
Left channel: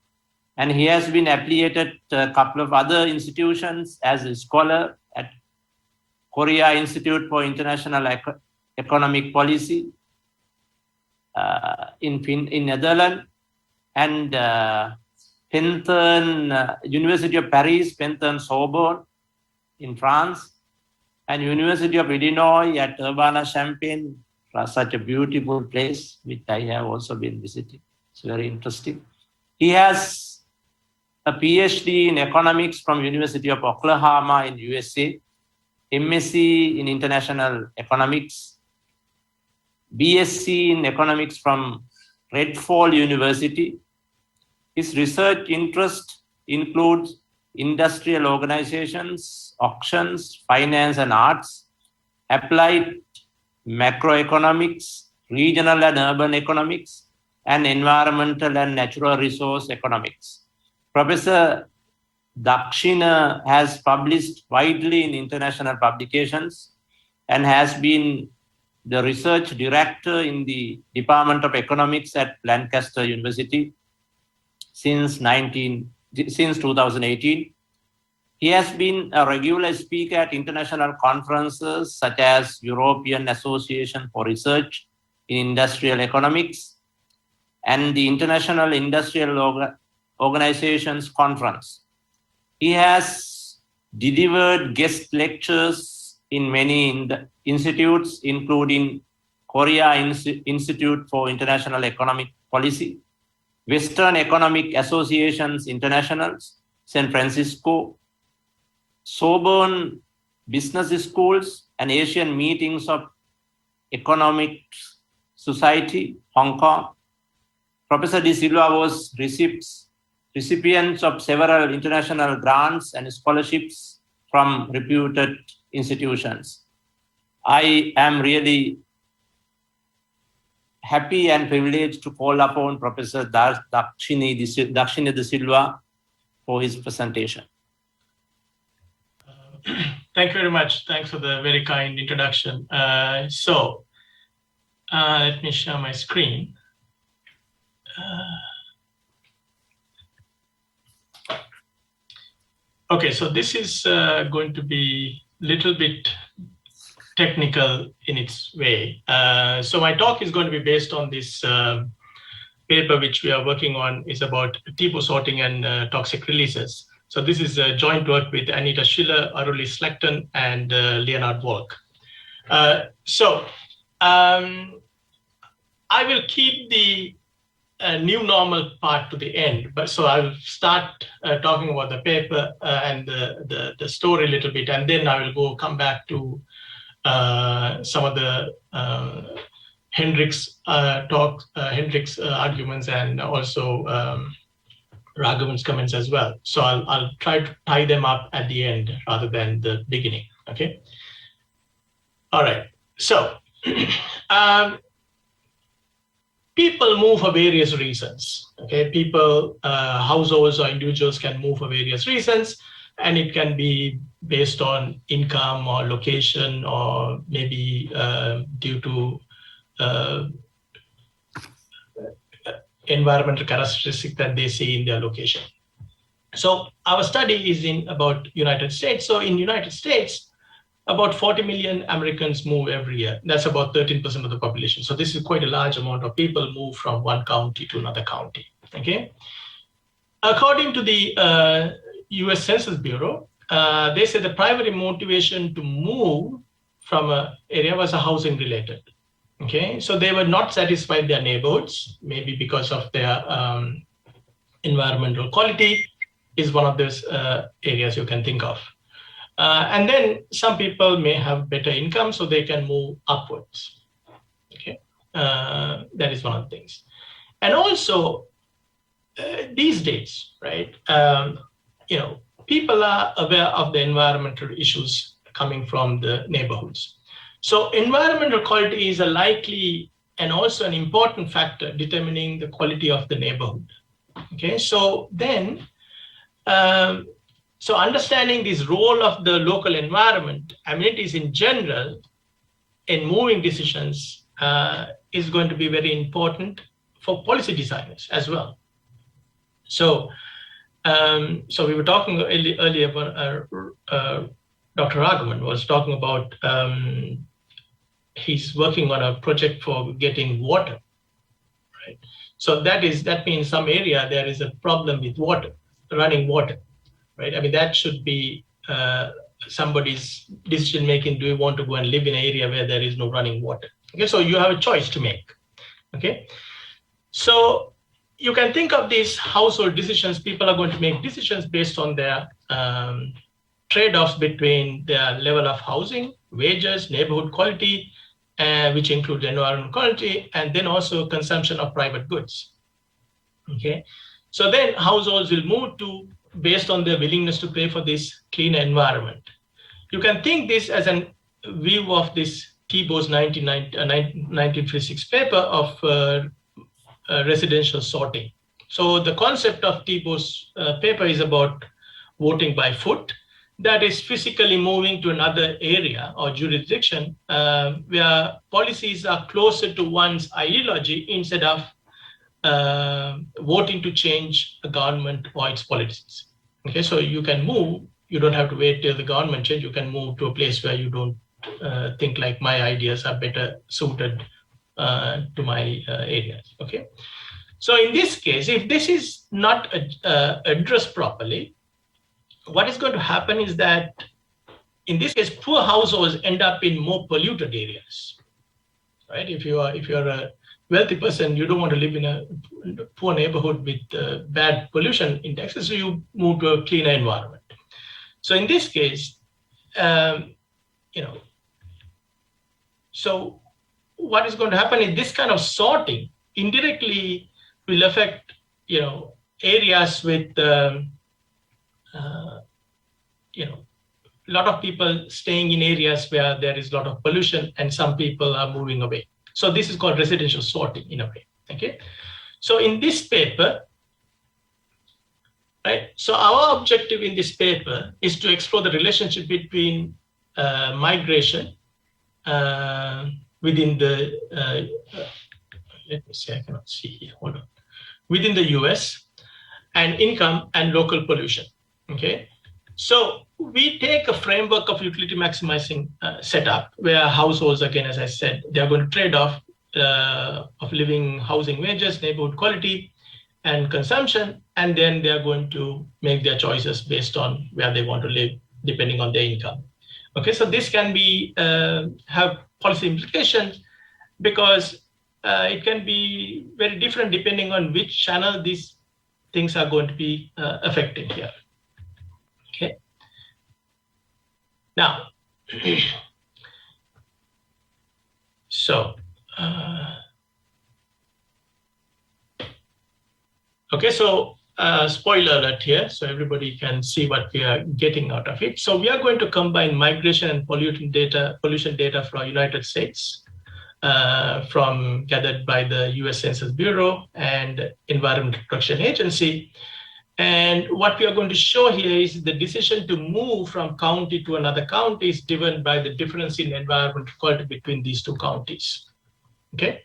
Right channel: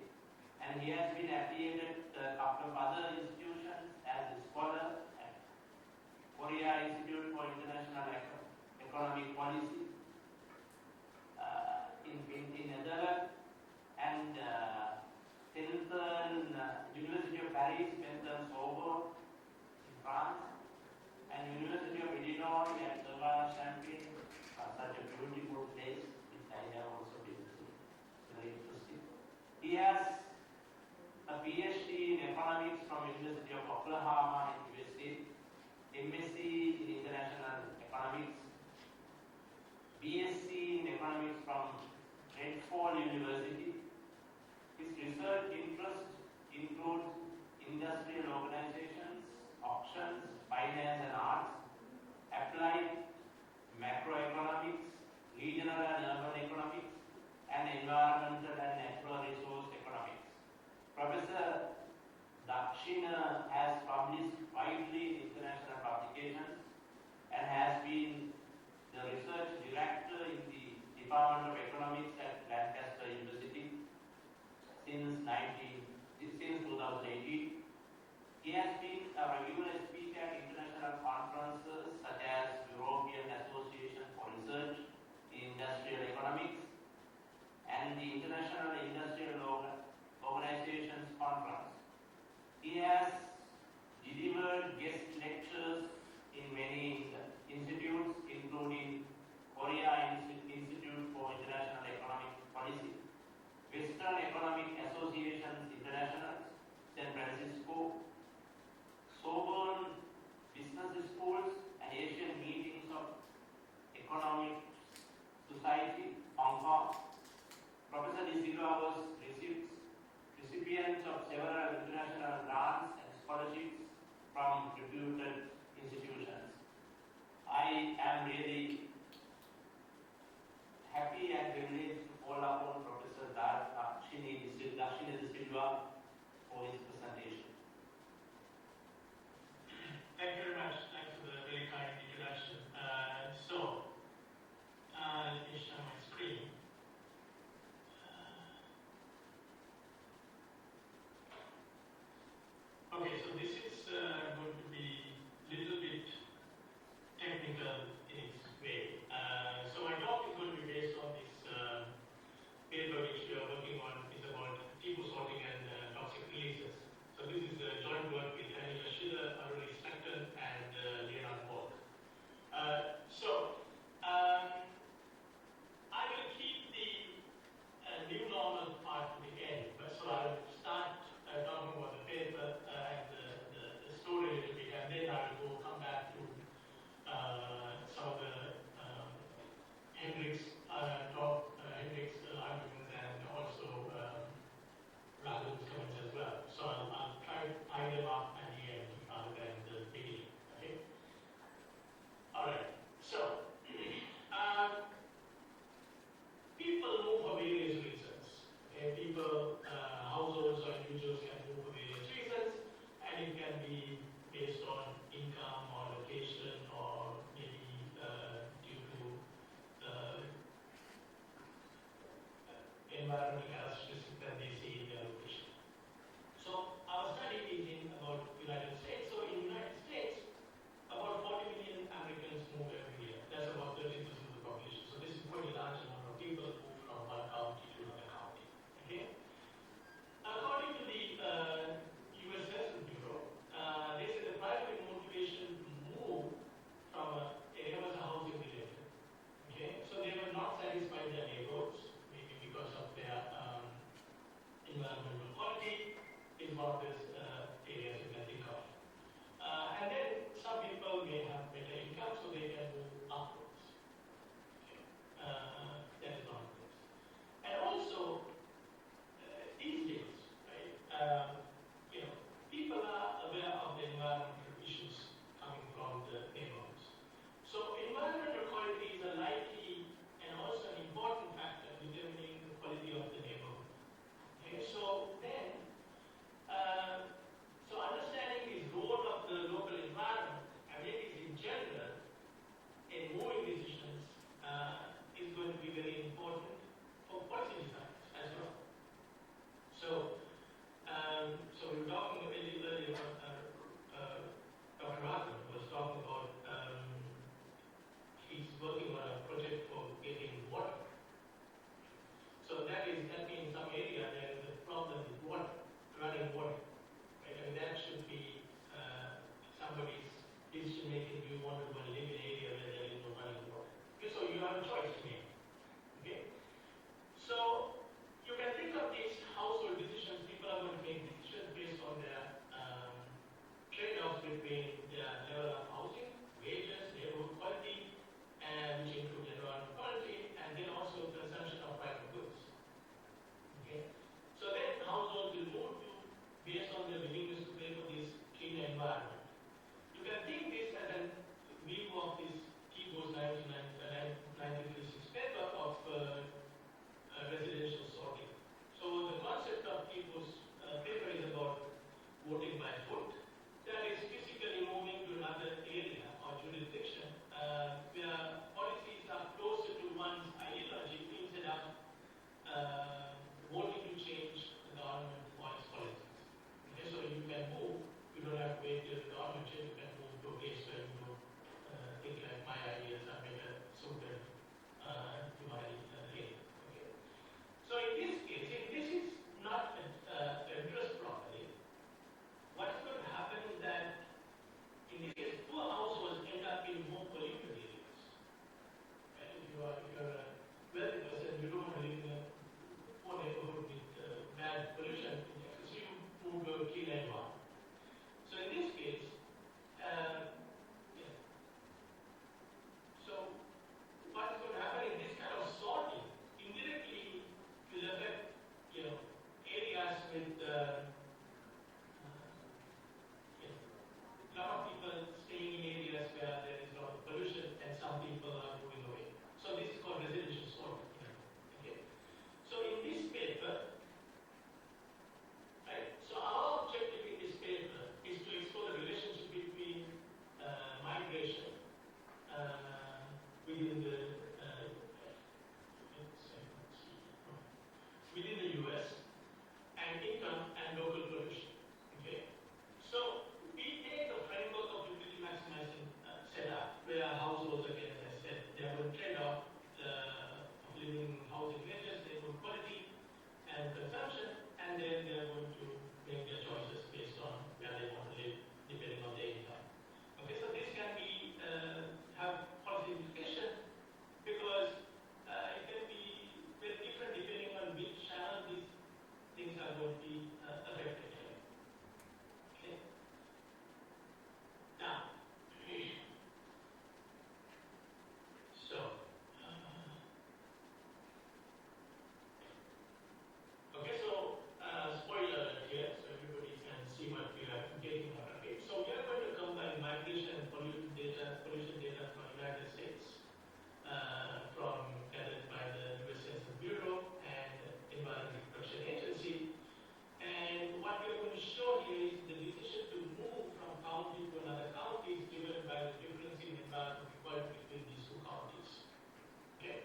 and he has been affiliated to a couple of other institutions as a scholar at Korea Institute for International Economic Policy in Netherlands, and University of Paris, Penton Sorbonne in France, and University of Illinois at Urbana-Champaign, such a beautiful place, which I have also been visiting. It's very interesting. He has a PhD in economics from University of Oklahoma in USA, MSc in international economics, BSc in economics from Redfall University. His research interest includes industrial organizations, auctions, finance and arts, applied macroeconomics, regional and urban economics, and environmental and natural resource economics. Professor Dakshina has published widely in international publications and has been the research director in the Department of Economics at Lancaster University since 2018. He has been a regular speaker at international conferences such as European Association for Research in Industrial Economics and the International Industrial Organizations Conference. He has delivered guest lectures in many institutes, including Korea Institute for International Economic Policy, Western Economic Associations International, San Francisco, Sorbonne Business Schools, and Asian Meetings of Economic Society, Hong Kong. Professor De Silva was recipients of several international grants and scholarships from reputed institutions. I am really happy and privileged to call upon Professor Dakshina De Silva for his presentation. Thank you very much. Thanks for the very kind introduction. Let me share my screen. Okay, so this is going to be a little bit technical in its way. So my talk is going to be based on this paper which we are working on, is about Tiebout sorting and toxic releases. So this is a joint work with Anita Schiller, Aruli Slechton, and Leonard Volk. I will keep the new normal part to the end, but so I will start talking about the paper and the story a little bit, and then I will come back to some of the Hendrik's arguments, and also Raghavan's comments as well. So I'll try to tie them up at the end rather than the beginning, okay? All right, so people move for various reasons, okay? People, households or individuals can move for various reasons, and it can be based on income or location, or maybe due to environmental characteristics that they see in their location. So our study is in about United States. So in United States, about 40 million Americans move every year. That's about 13% of the population. So this is quite a large amount of people move from one county to another county, okay? According to the US Census Bureau, they say the primary motivation to move from an area was a housing related. Okay, so they were not satisfied with their neighborhoods, maybe because of their environmental quality is one of those areas you can think of. And then some people may have better income, so they can move upwards. Okay, that is one of the things. And also these days, right, people are aware of the environmental issues coming from the neighborhoods. So environmental quality is a likely and also an important factor determining the quality of the neighborhood. Okay, so then, so understanding this role of the local environment, amenities in general, in moving decisions is going to be very important for policy designers as well. So So we were talking earlier about Dr. Raghavan was talking about he's working on a project for getting water, right? So that means some area there is a problem with water, running water, right? I mean, that should be somebody's decision making. Do you want to go and live in an area where there is no running water? Okay, so you have a choice to make. Okay, so you can think of these household decisions. People are going to make decisions based on their trade-offs between their level of housing, wages, neighborhood quality, which includes environmental quality, and then also consumption of private goods. Okay, so then households will move to based on their willingness to pay for this cleaner environment. You can think this as a view of this Tiebout's 1956 paper of residential sorting. So the concept of Tiebout's paper is about voting by foot, that is physically moving to another area or jurisdiction where policies are closer to one's ideology instead of voting to change a government or its policies. Okay, so you can move, you don't have to wait till the government change, you can move to a place where you don't think like my ideas are better suited to my areas, okay? So in this case, if this is not addressed properly, what is going to happen is that in this case, poor households end up in more polluted areas, right? If you're a wealthy person, you don't want to live in a poor neighborhood with bad pollution indexes, so you move to a cleaner environment. So in this case, so what is going to happen is this kind of sorting indirectly will affect, areas with, a lot of people staying in areas where there is a lot of pollution and some people are moving away. So this is called residential sorting in a way, okay? So in this paper, right, so our objective in this paper is to explore the relationship between migration within the, let me see, I cannot see here, hold on. Within the US and income and local pollution, okay? So we take a framework of utility maximizing setup where households, again, as I said, they're going to trade off of living, housing, wages, neighborhood quality, and consumption, and then they're going to make their choices based on where they want to live, depending on their income. Okay, so this can be have policy implications because it can be very different depending on which channel these things are going to be affecting here. Okay. Now, so, okay, so spoiler alert here, so everybody can see what we are getting out of it. So we are going to combine migration and pollution data from United States, gathered by the US Census Bureau and Environmental Protection Agency. And what we are going to show here is the decision to move from county to another county is driven by the difference in environmental quality between these two counties, okay?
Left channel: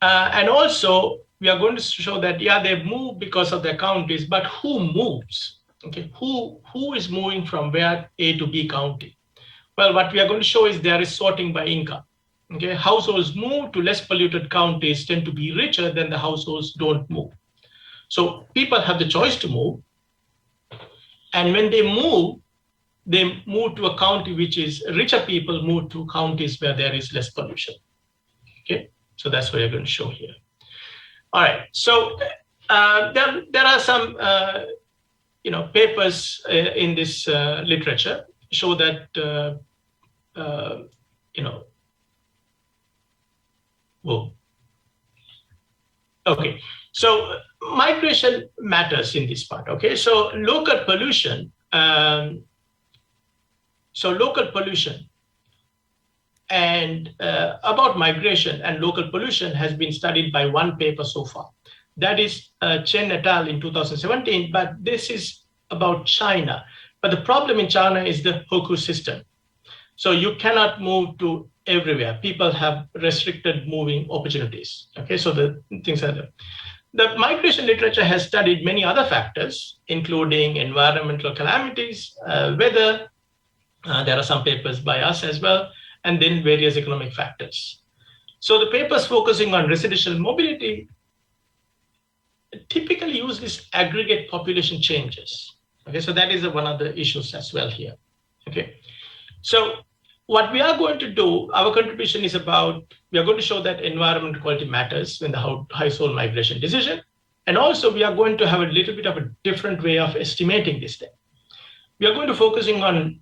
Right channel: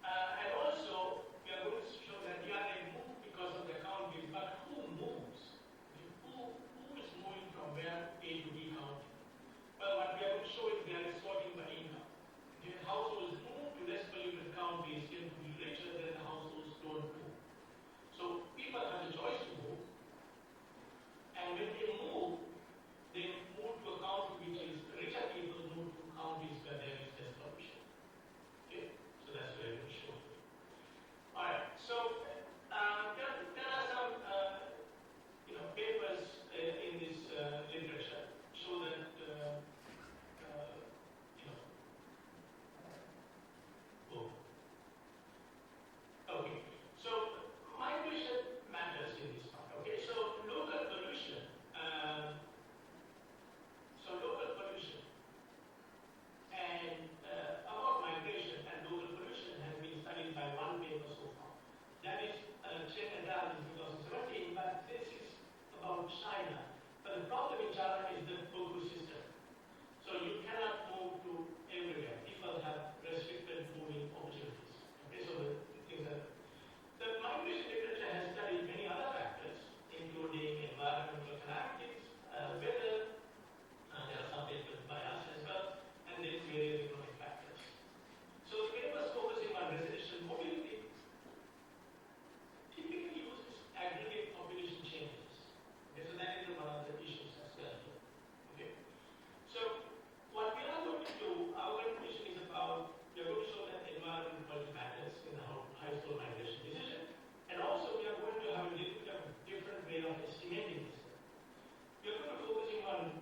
And also, we are going to show that, yeah, they move because of their counties, but who moves, okay? Who is moving from where A to B county? Well, what we are going to show is there is sorting by income, okay? Households move to less polluted counties tend to be richer than the households don't move. So people have the choice to move. And when they move to a county which is richer people move to counties where there is less pollution. Okay, so that's what we're going to show here. All right, so there are some papers in this literature show that whoa. Okay, so migration matters in this part, okay? So local pollution, and about migration and local pollution has been studied by one paper so far. That is Chen et al. In 2017, but this is about China. But the problem in China is the Hoku system. So you cannot move to everywhere. People have restricted moving opportunities, okay? So the things are there. The migration literature has studied many other factors, including environmental calamities, weather. There are some papers by us as well, and then various economic factors. So the papers focusing on residential mobility typically use this aggregate population changes. Okay, so that is one of the issues as well here. Okay, so what we are going to do, our contribution is about, we are going to show that environmental quality matters in the household migration decision. And also we are going to have a little bit of a different way of estimating this thing. We are going to focusing on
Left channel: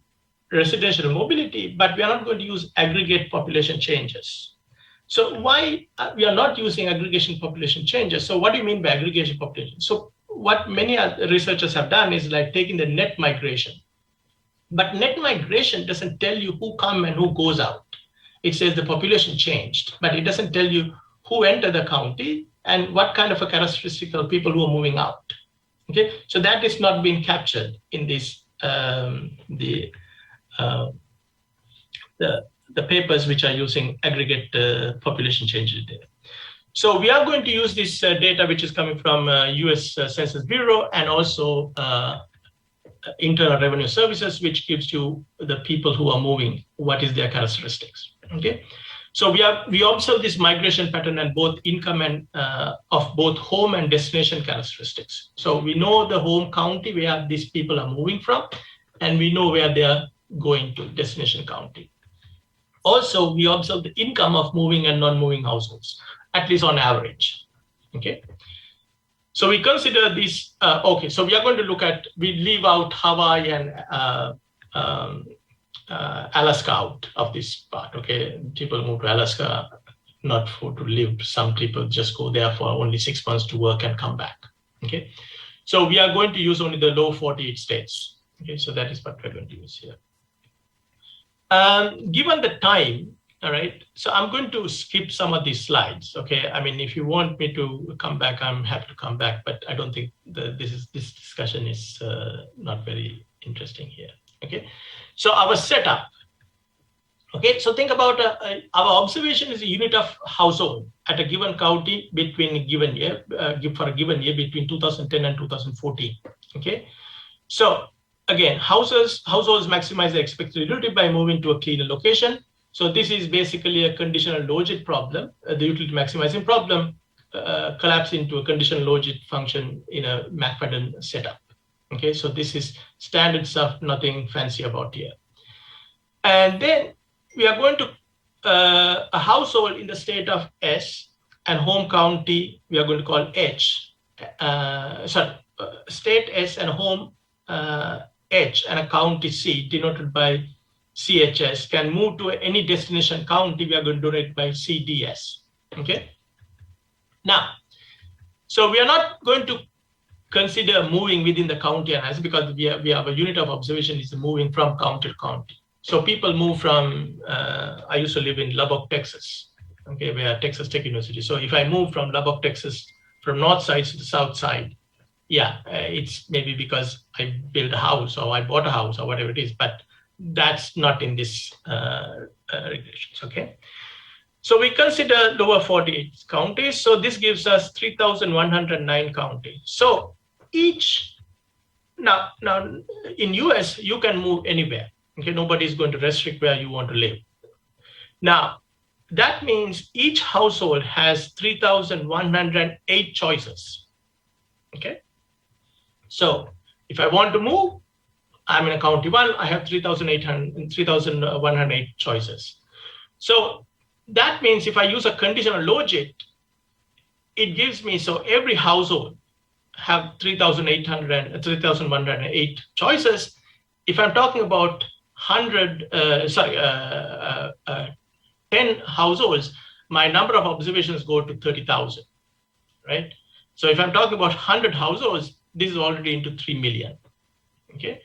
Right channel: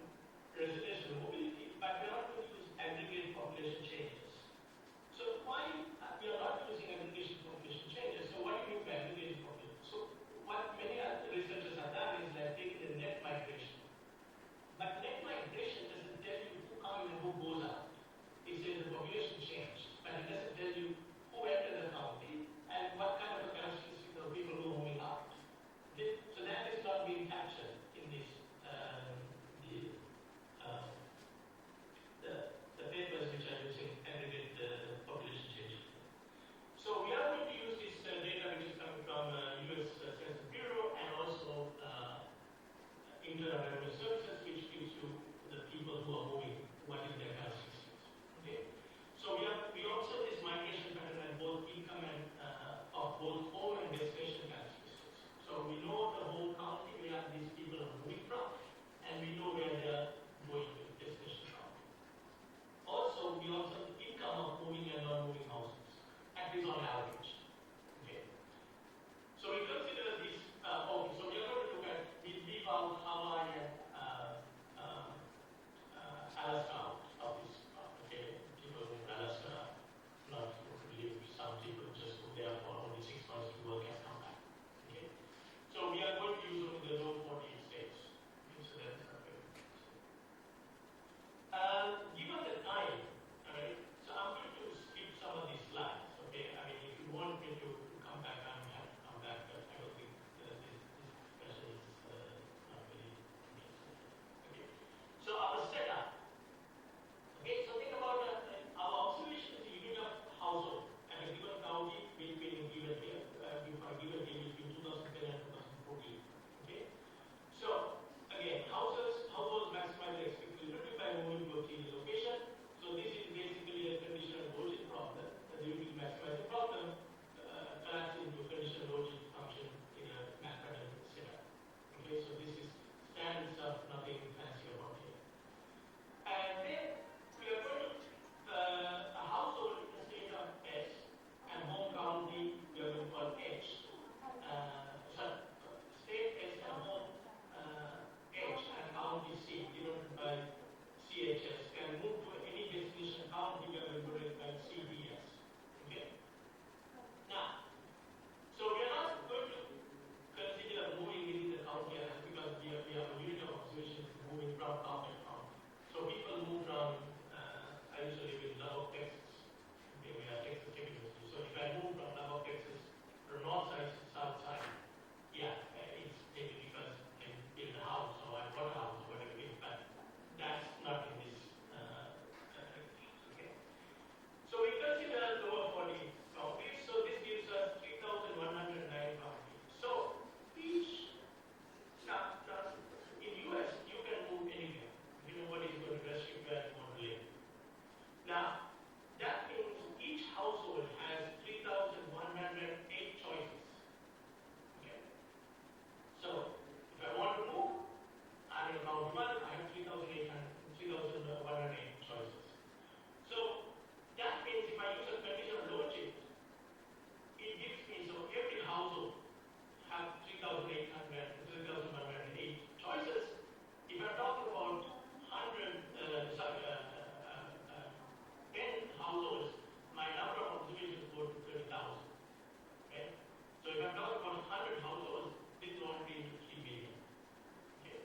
residential mobility, but we are not going to use aggregate population changes. So why we are not using aggregation population changes? So what do you mean by aggregation population? So what many researchers have done is like taking the net migration. But net migration doesn't tell you who come and who goes out. It says the population changed, but it doesn't tell you who entered the county and what kind of a characteristic of people who are moving out. Okay, so that is not being captured in this the papers which are using aggregate population changes data. So we are going to use this data which is coming from US Census Bureau and also Internal Revenue Services, which gives you the people who are moving, what is their characteristics. Okay, so we observe this migration pattern and both income and of both home and destination characteristics. So we know the home county where these people are moving from, and we know where they are going to, destination county. Also, we observe the income of moving and non-moving households, at least on average. Okay. So we consider this, okay, so we are going to look at, we leave out Hawaii and Alaska out of this part, okay? People move to Alaska, not to live. Some people just go there for only 6 months to work and come back, okay? So we are going to use only the low 48 states, okay? So that is what we're going to use here. Given the time, all right, so I'm going to skip some of these slides, okay? I mean, if you want me to come back, I'm happy to come back, but I don't think this discussion is not very interesting here, okay? So our setup, okay? So think about our observation is a unit of household at a given county between a given year, for a given year between 2010 and 2014, okay? So again, households maximize the expected utility by moving to a cleaner location. So this is basically a conditional logit problem. The utility maximizing problem collapsed into a conditional logit function in a McFadden setup. Okay, so this is standard stuff, nothing fancy about here. And then we are going to a household in the state of S and home county we are going to call H. State S and home H and a county C denoted by CHS can move to any destination county. We are going to do it by CDS. Okay. Now, so we are not going to consider moving within the county analysis because we have a unit of observation is moving from county to county. So people move from, I used to live in Lubbock, Texas, okay, where Texas Tech University. So if I move from Lubbock, Texas, from north side to the south side, yeah, it's maybe because I built a house or I bought a house or whatever it is, but that's not in this regulations, okay? So we consider lower 48 counties. So this gives us 3,109 counties. So each, now in US, you can move anywhere, okay? Nobody is going to restrict where you want to live. Now, that means each household has 3,108 choices, okay? So if I want to move, I'm in a county one, I have 3,108 choices. So that means if I use a conditional logit, it gives me, so every household have 3,108 choices. If I'm talking about 10 households, my number of observations go to 30,000, right? So if I'm talking about 100 households, this is already into 3 million, okay?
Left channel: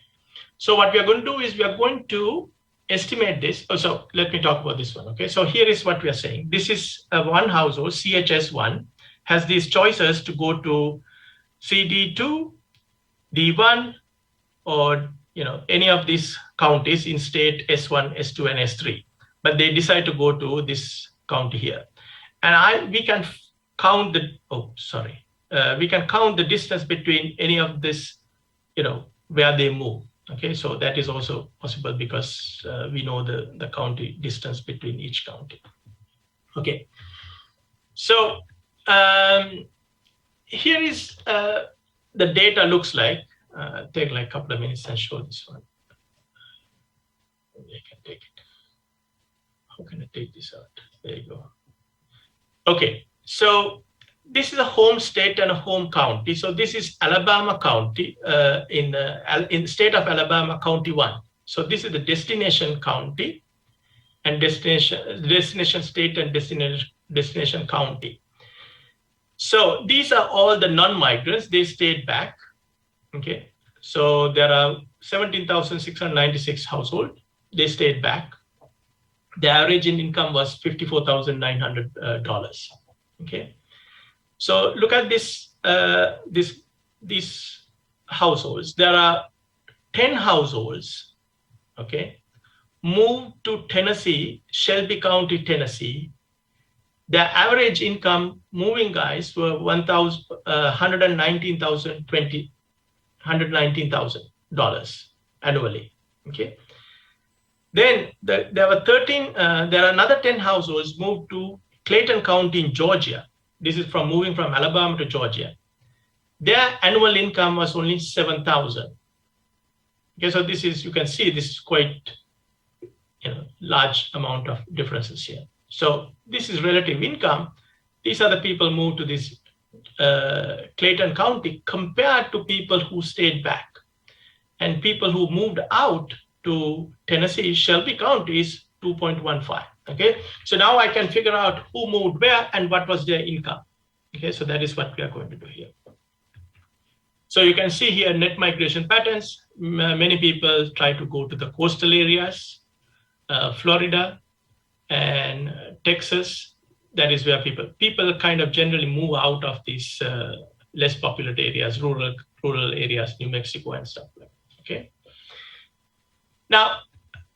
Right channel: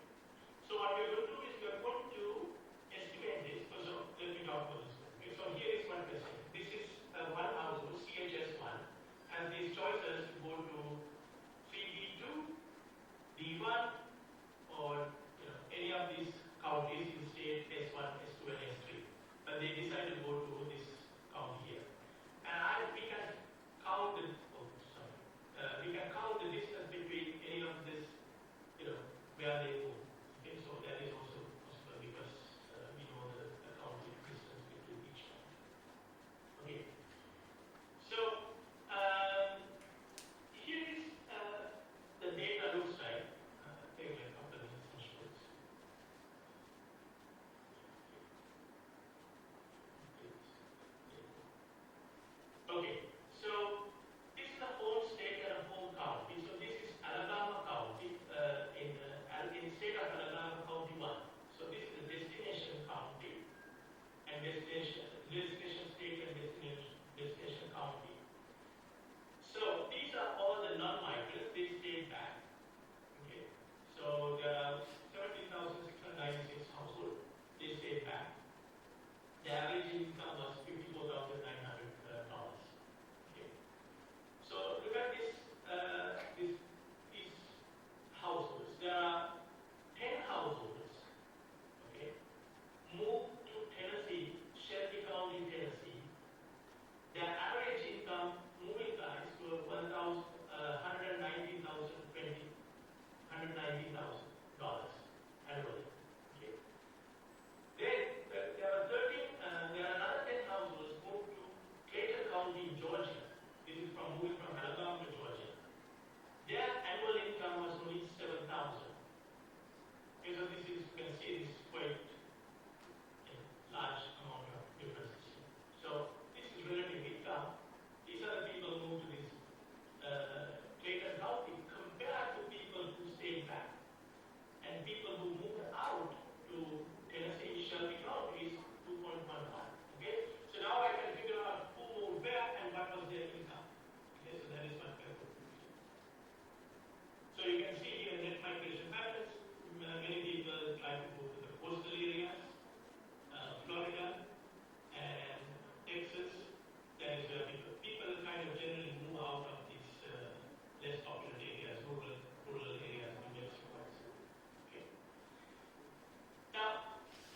So what we are going to do is we are going to estimate this. Oh, so let me talk about this one, okay? So here is what we are saying. This is one household, CHS1, has these choices to go to CD2, D1, or any of these counties in state S1, S2, and S3. But they decide to go to this county here. And we can count the, oh, sorry. we can count the distance between any of this, where they move. Okay, so that is also possible because we know the county distance between each county. Okay, so here is the data looks like. Take like a couple of minutes and show this one. I can take it. How can I take this out? There you go. Okay, so this is a home state and a home county. So this is Alabama County in the state of Alabama, County 1. So this is the destination county and destination state and destination county. So these are all the non-migrants. They stayed back. Okay, so there are 17,696 households. They stayed back. The average income was $54,900. Okay, so look at this. These households. There are 10 households. Okay, moved to Tennessee, Shelby County, Tennessee. Their average income, moving guys, were $119,000 annually. Okay. Then there were 13. There are another 10 households moved to Clayton County in Georgia. This is from moving from Alabama to Georgia. Their annual income was only $7,000. Okay, so this is, you can see this is quite, large amount of differences here. So this is relative income. These are the people moved to this Clayton County compared to people who stayed back, and people who moved out to Tennessee, Shelby County is 2.15. Okay, so now I can figure out who moved where and what was their income. Okay, so that is what we are going to do here. So you can see here net migration patterns. Many people try to go to the coastal areas, Florida and Texas. That is where people kind of generally move out of these less populated areas, rural areas, New Mexico and stuff like that. Okay. Now,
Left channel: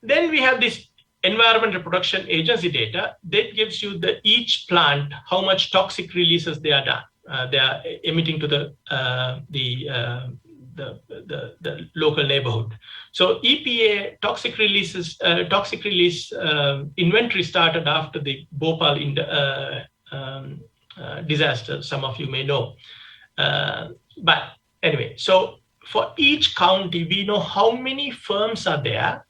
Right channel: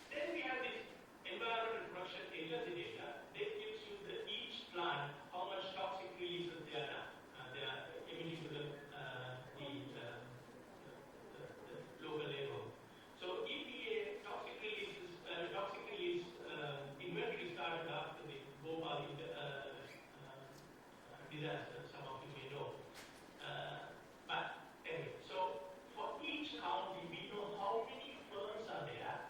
then we have this Environmental Protection Agency data that gives you each plant how much toxic releases they are done. They are emitting to the local neighborhood. So EPA toxic release inventory started after the Bhopal disaster. Some of you may know, but anyway. So for each county, we know how many firms are there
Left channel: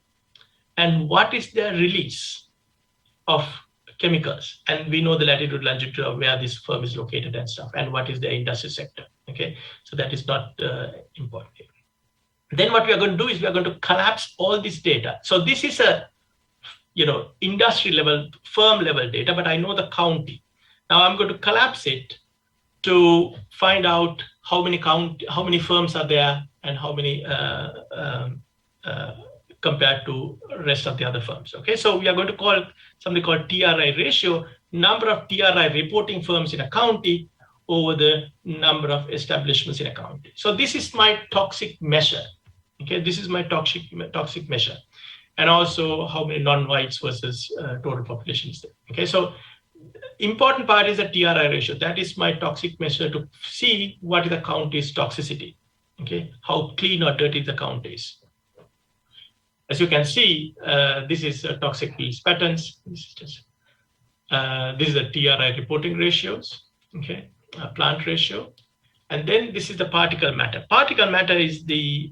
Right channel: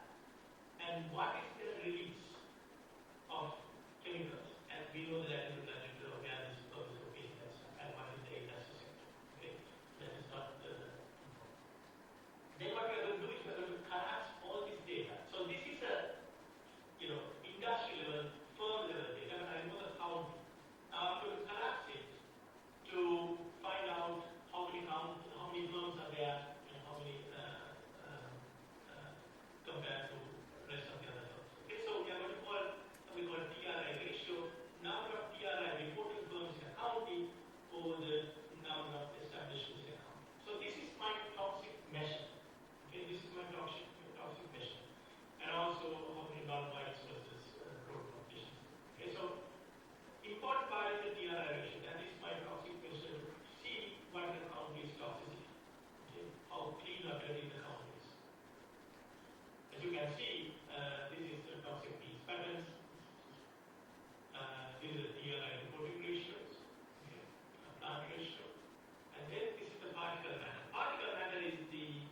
and what is their release of chemicals, and we know the latitude, longitude of where this firm is located and stuff, and what is the industry sector. Okay, so that is not important here. Then what we are going to do is we are going to collapse all this data. So this is a industry level, firm level data, but I know the county. Now I'm going to collapse it to find out how many firms are there and how many compared to rest of the other firms. Okay, so we are going to call something called TRI ratio, number of TRI reporting firms in a county over the number of establishments in a county. So this is my toxic measure. Okay, this is my toxic measure, and also how many non-whites versus total population is there. Okay, so important part is the TRI ratio. That is my toxic measure to see what is the county's toxicity. Okay, how clean or dirty the county is. As you can see, this is toxic release patterns. This is the TRI reporting ratios. Okay, plant ratio. And then this is the particle matter. Particle matter is the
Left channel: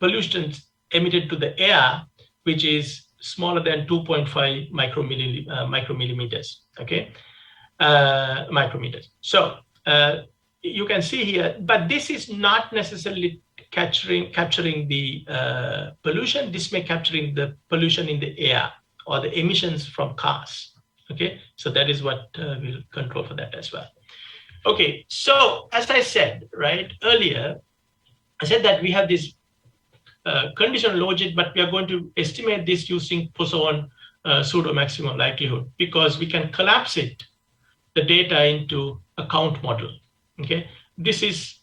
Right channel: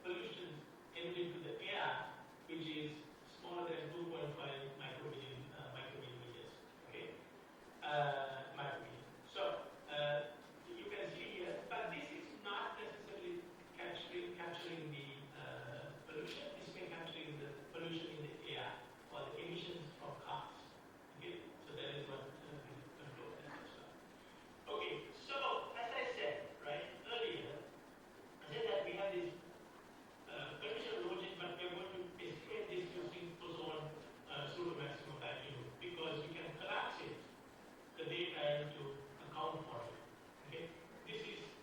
pollutants emitted to the air, which is smaller than 2.5 micrometers. Okay, micrometers. So you can see here, but this is not necessarily capturing the pollution. This may capturing the pollution in the air or the emissions from cars. Okay, so that is what we'll control for that as well. Okay, so as I said right earlier, I said that we have this conditional logic, but we are going to estimate this using Poisson pseudo maximum likelihood, because we can collapse the data into a count model. Okay, this is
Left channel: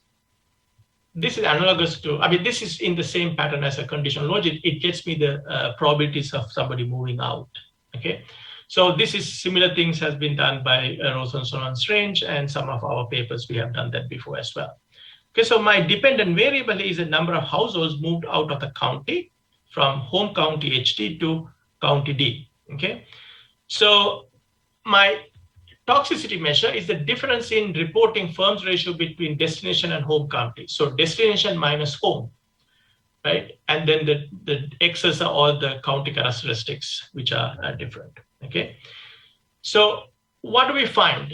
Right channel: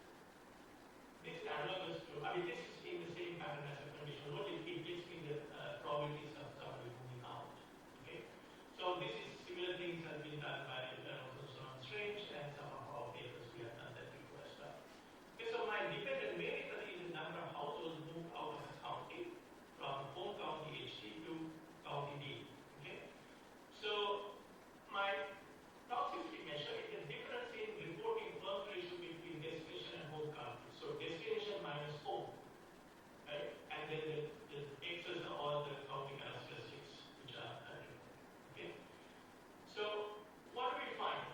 analogous to, this is in the same pattern as a conditional logic. It gets me the probabilities of somebody moving out. Okay, So this is similar things has been done by Rosenson range, and some of our papers, we have done that before as well. Okay, so my dependent variable is the number of households moved out of the county from home county HT to county D, okay? So my toxicity measure is the difference in reporting firms ratio between destination and home county. So destination minus home, right? And then the X's are all the county characteristics, which are different, okay? So what do we find?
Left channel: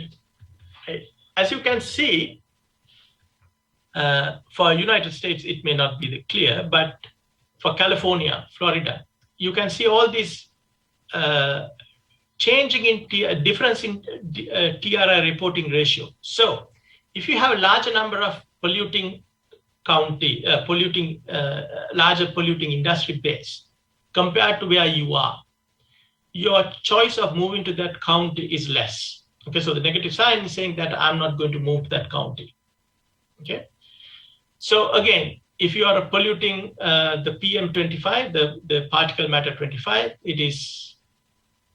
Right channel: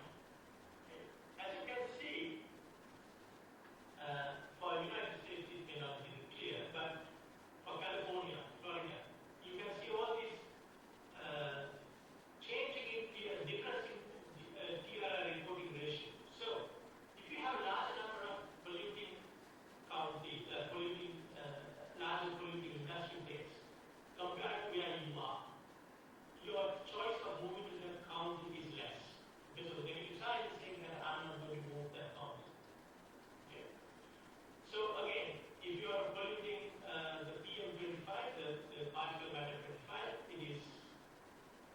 As you can see, for United States, it may not be clear, but for California, Florida, you can see all these changing in difference in TRI reporting ratio. So if you have a larger number of polluting county, larger polluting industry base compared to where you are, your choice of moving to that county is less. Okay, so the negative sign is saying that I'm not going to move to that county. Okay, so again, if you are polluting the PM25, the particle matter 25, it is,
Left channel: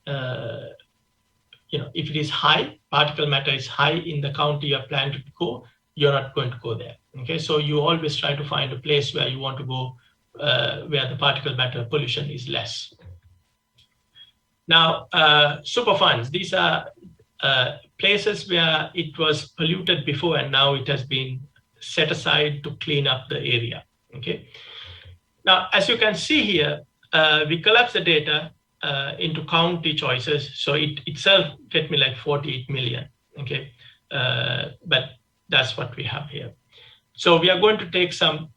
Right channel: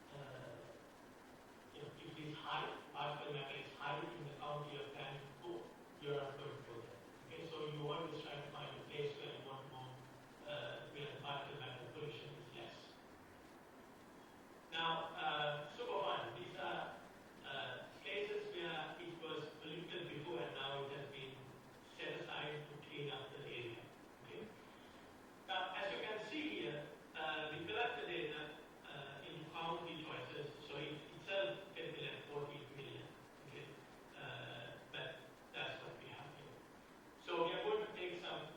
if it is high, particle matter is high in the county you are planning to go, you're not going to go there. Okay, so you always try to find a place where you want to go, where the particle matter pollution is less. Now, superfunds, these are places where it was polluted before and now it has been set aside to clean up the area, okay? Now, as you can see here, we collapse the data into county choices. So it itself get me like 48 million, okay? But that's what we have here. So we are going to take some,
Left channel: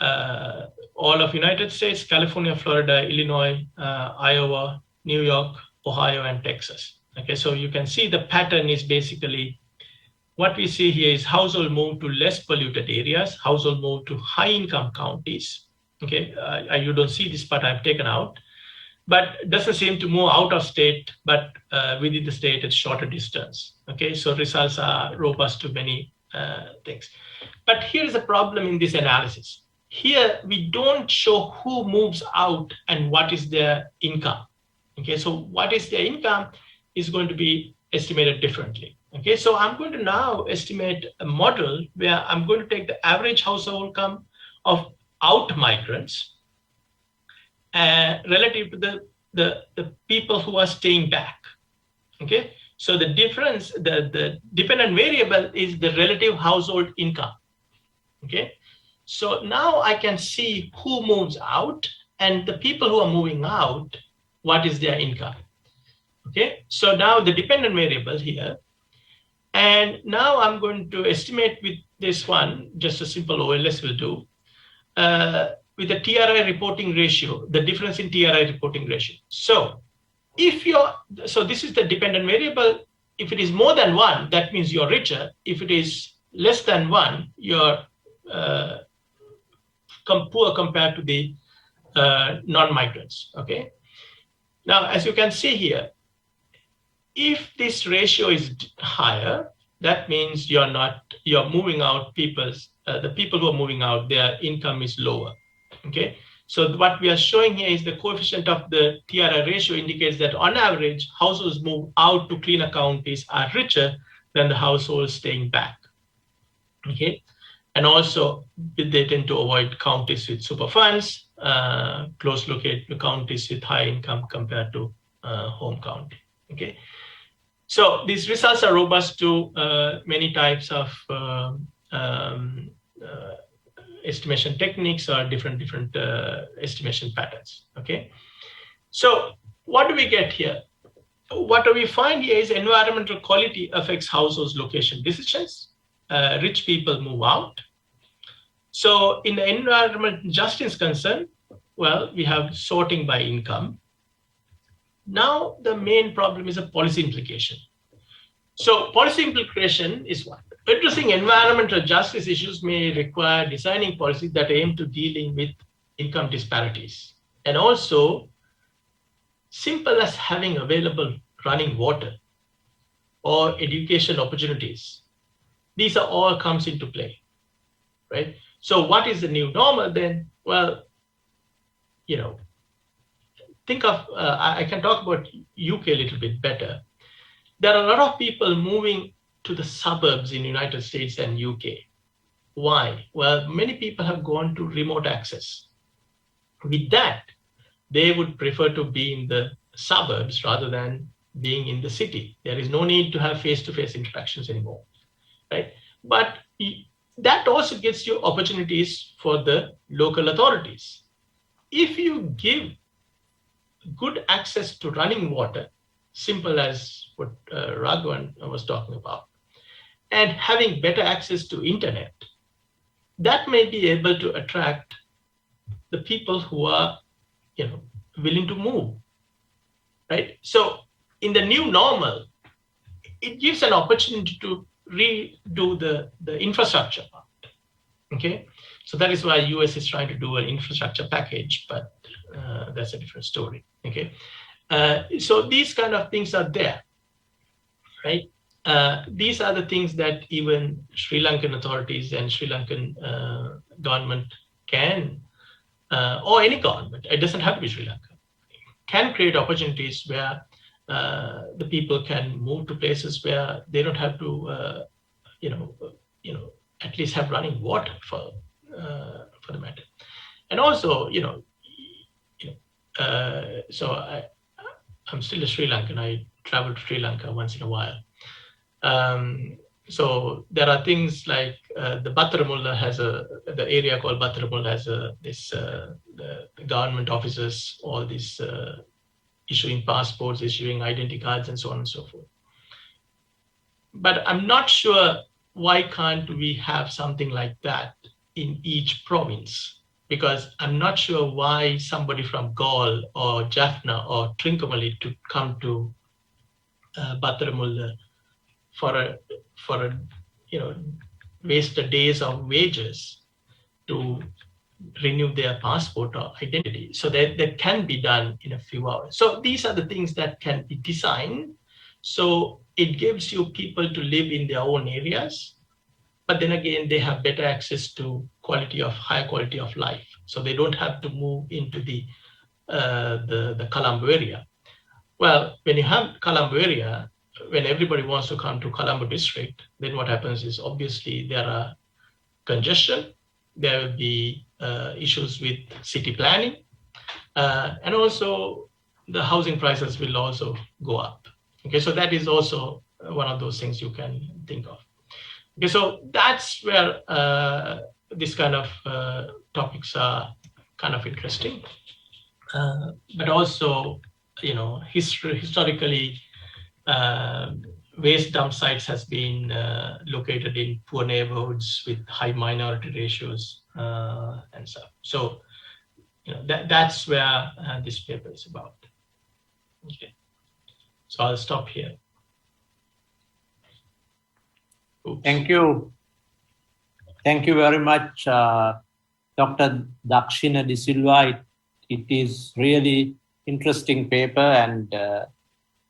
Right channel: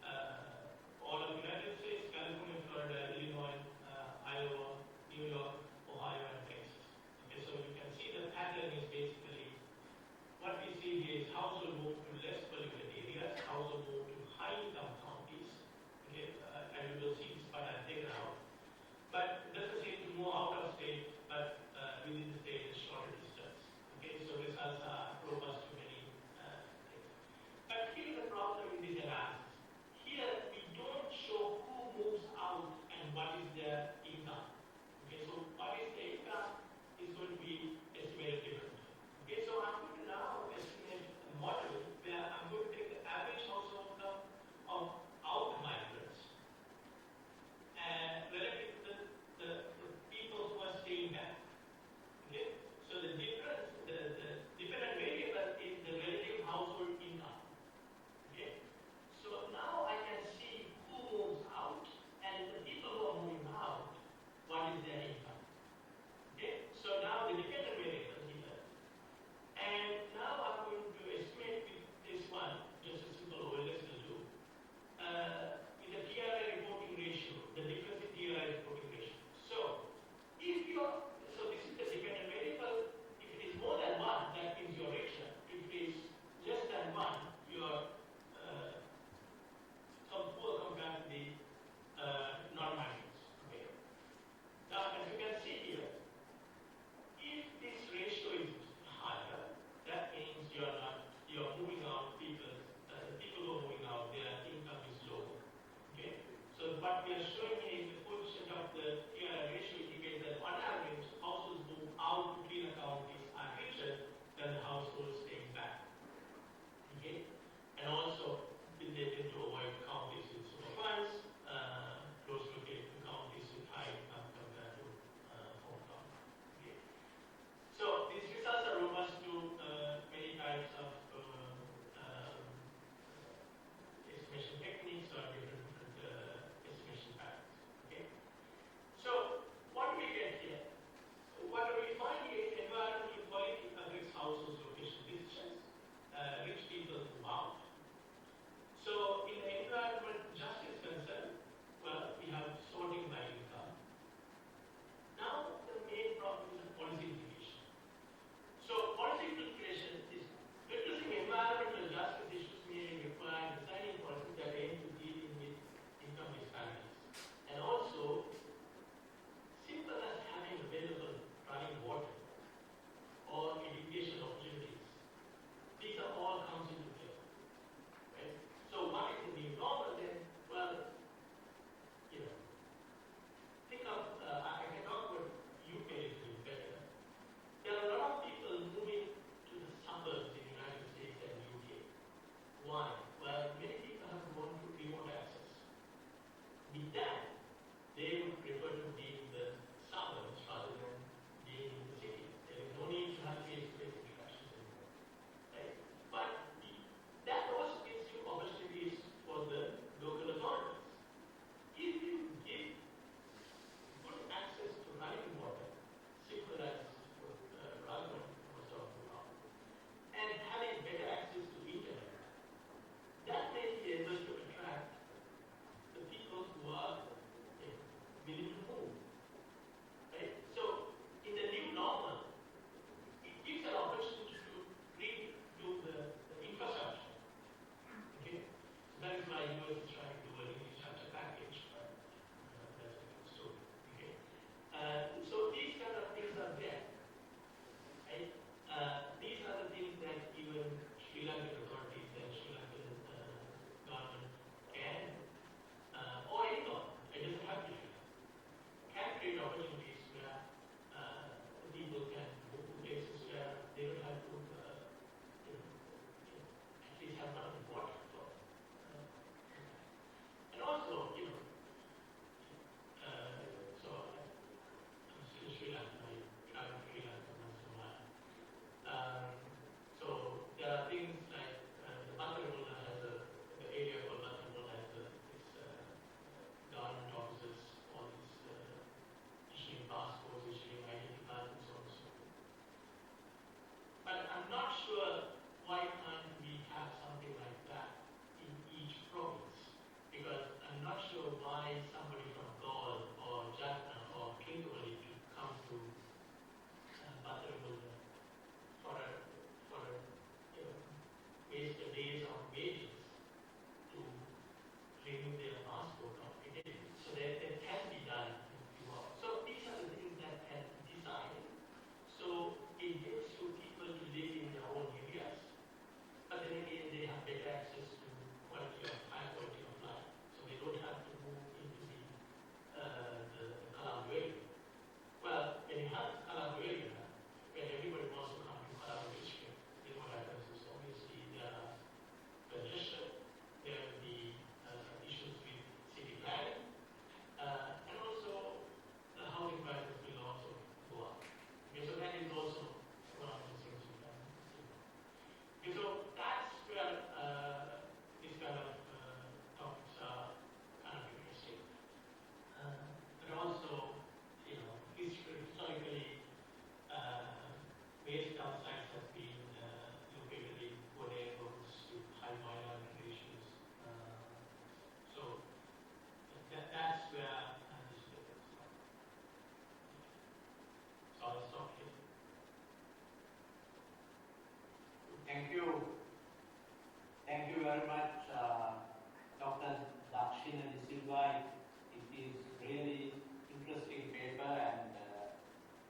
all of United States, California, Florida, Illinois, Iowa, New York, Ohio, and Texas. Okay, so you can see the pattern is basically, what we see here is household move to less polluted areas, household move to high income counties. Okay, you don't see this part I've taken out, but it doesn't seem to move out of state, but within the state it's shorter distance. Okay, so results are robust to many things. But here's a problem in this analysis. Here we don't show who moves out and what is their income. Okay, so what is their income is going to be estimated differently. Okay, so I'm going to now estimate a model where I'm going to take the average household income of out migrants relative to the people who are staying back. Okay, so the difference, the dependent variable is the relative household income. Okay, so now I can see who moves out and the people who are moving out, what is their income. Okay, so now the dependent variable here, and now I'm going to estimate with this one, just a simple OLS will do, with the TRI reporting ratio, the difference in TRI reporting ratio. So if so this is the dependent variable. If it is more than 1, that means you're richer. If it is less than 1, you're poor compared to the non-migrants, okay? Now, as you can see here, if this ratio is higher, that means you're moving out the people who are moving out, their income is lower, okay? So what we are showing here is the coefficient of the TRI ratio indicates that on average, households move out to cleaner counties are richer than the households staying back, okay? And also they tend to avoid counties with superfunds, close located counties with high income compared to home county, okay? So these results are robust to many types of estimation techniques or different estimation patterns, okay? So what do we get here? What do we find here is environmental quality affects households' location decisions. Rich people move out. So in the environment justice concern, well, we have sorting by income. Now the main problem is a policy implication. So policy implication is what? Addressing environmental justice issues may require designing policies that aim to dealing with income disparities. And also, simple as having available running water or education opportunities. These are all comes into play, right? So what is the new normal then? Well, think of, I can talk about UK a little bit better. There are a lot of people moving to the suburbs in United States and UK. Why? Well, many people have gone to remote access. With that, they would prefer to be in the suburbs rather than being in the city. There is no need to have face-to-face interactions anymore, right? But that also gets you opportunities for the local authorities. If you give good access to running water, simple as what Raghavan was talking about, and having better access to internet, that may be able to attract the people who are, willing to move, right? So in the new normal, it gives an opportunity to redo the infrastructure part, okay? So that is why US is trying to do an infrastructure package, but that's a different story, okay? So these kind of things are there, right? These are the things that even Sri Lankan authorities and Sri Lankan government can, or any government, it doesn't have to be Sri Lanka, can create opportunities where the people can move to places where they don't have to, at least have running water for the matter. And also, so I'm still a Sri Lankan. I travel to Sri Lanka once in a while. So there are things like the Battaramulla has the area called Battaramulla has the government offices, all these issuing passports, issuing identity cards, and so on and so forth. But I'm not sure why can't we have something like that in each province, because I'm not sure why somebody from Gaul or Jaffna or Trincomalee to come to Battaramulla for a waste the days of wages to renew their passport or identity. So that can be done in a few hours. So these are the things that can be designed. So it gives you people to live in their own areas, but then again, they have better access to higher quality of life. So they don't have to move into the Colombo area. Well, when you have Colombo area, when everybody wants to come to Colombo district, then what happens is obviously there are congestion, there will be issues with city planning, and also the housing prices will also go up. Okay, so that is also one of those things you can think of. Okay, so that's where this kind of topics are kind of interesting, but also, historically, waste dump sites has been located in poor neighborhoods with high minority ratios and stuff. So, that's where this paper is about. Okay, so I'll stop here. Oops. Thank you. Thank you very much, Dr. Dakshina de Silva. It is really interesting paper, and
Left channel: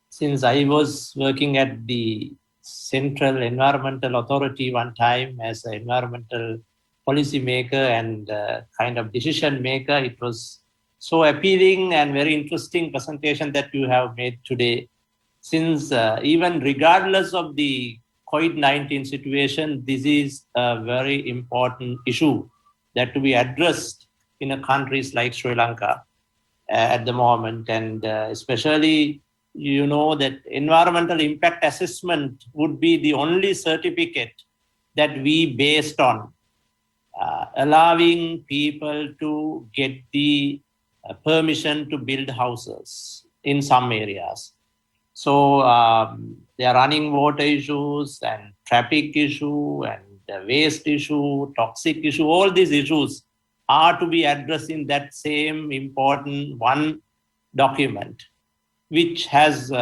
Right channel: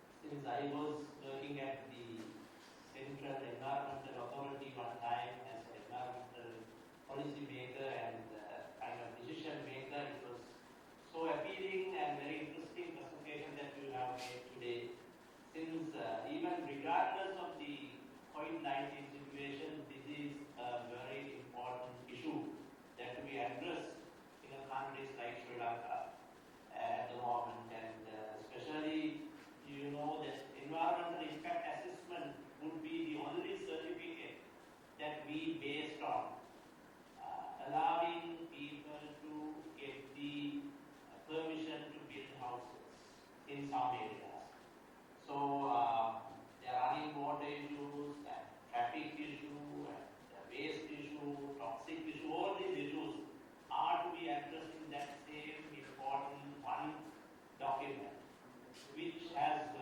since I was working at the Central Environmental Authority one time as an environmental policy maker and kind of decision maker, it was so appealing and very interesting presentation that you have made today. Since even regardless of the COVID-19 situation, this is a very important issue that to be addressed in a countries like Sri Lanka at the moment, and especially, that environmental impact assessment would be the only certificate that we based on allowing people to get the permission to build houses in some areas. So there are running water issues and traffic issue and waste issue, toxic issue, all these issues are to be addressed in that same important one document, which has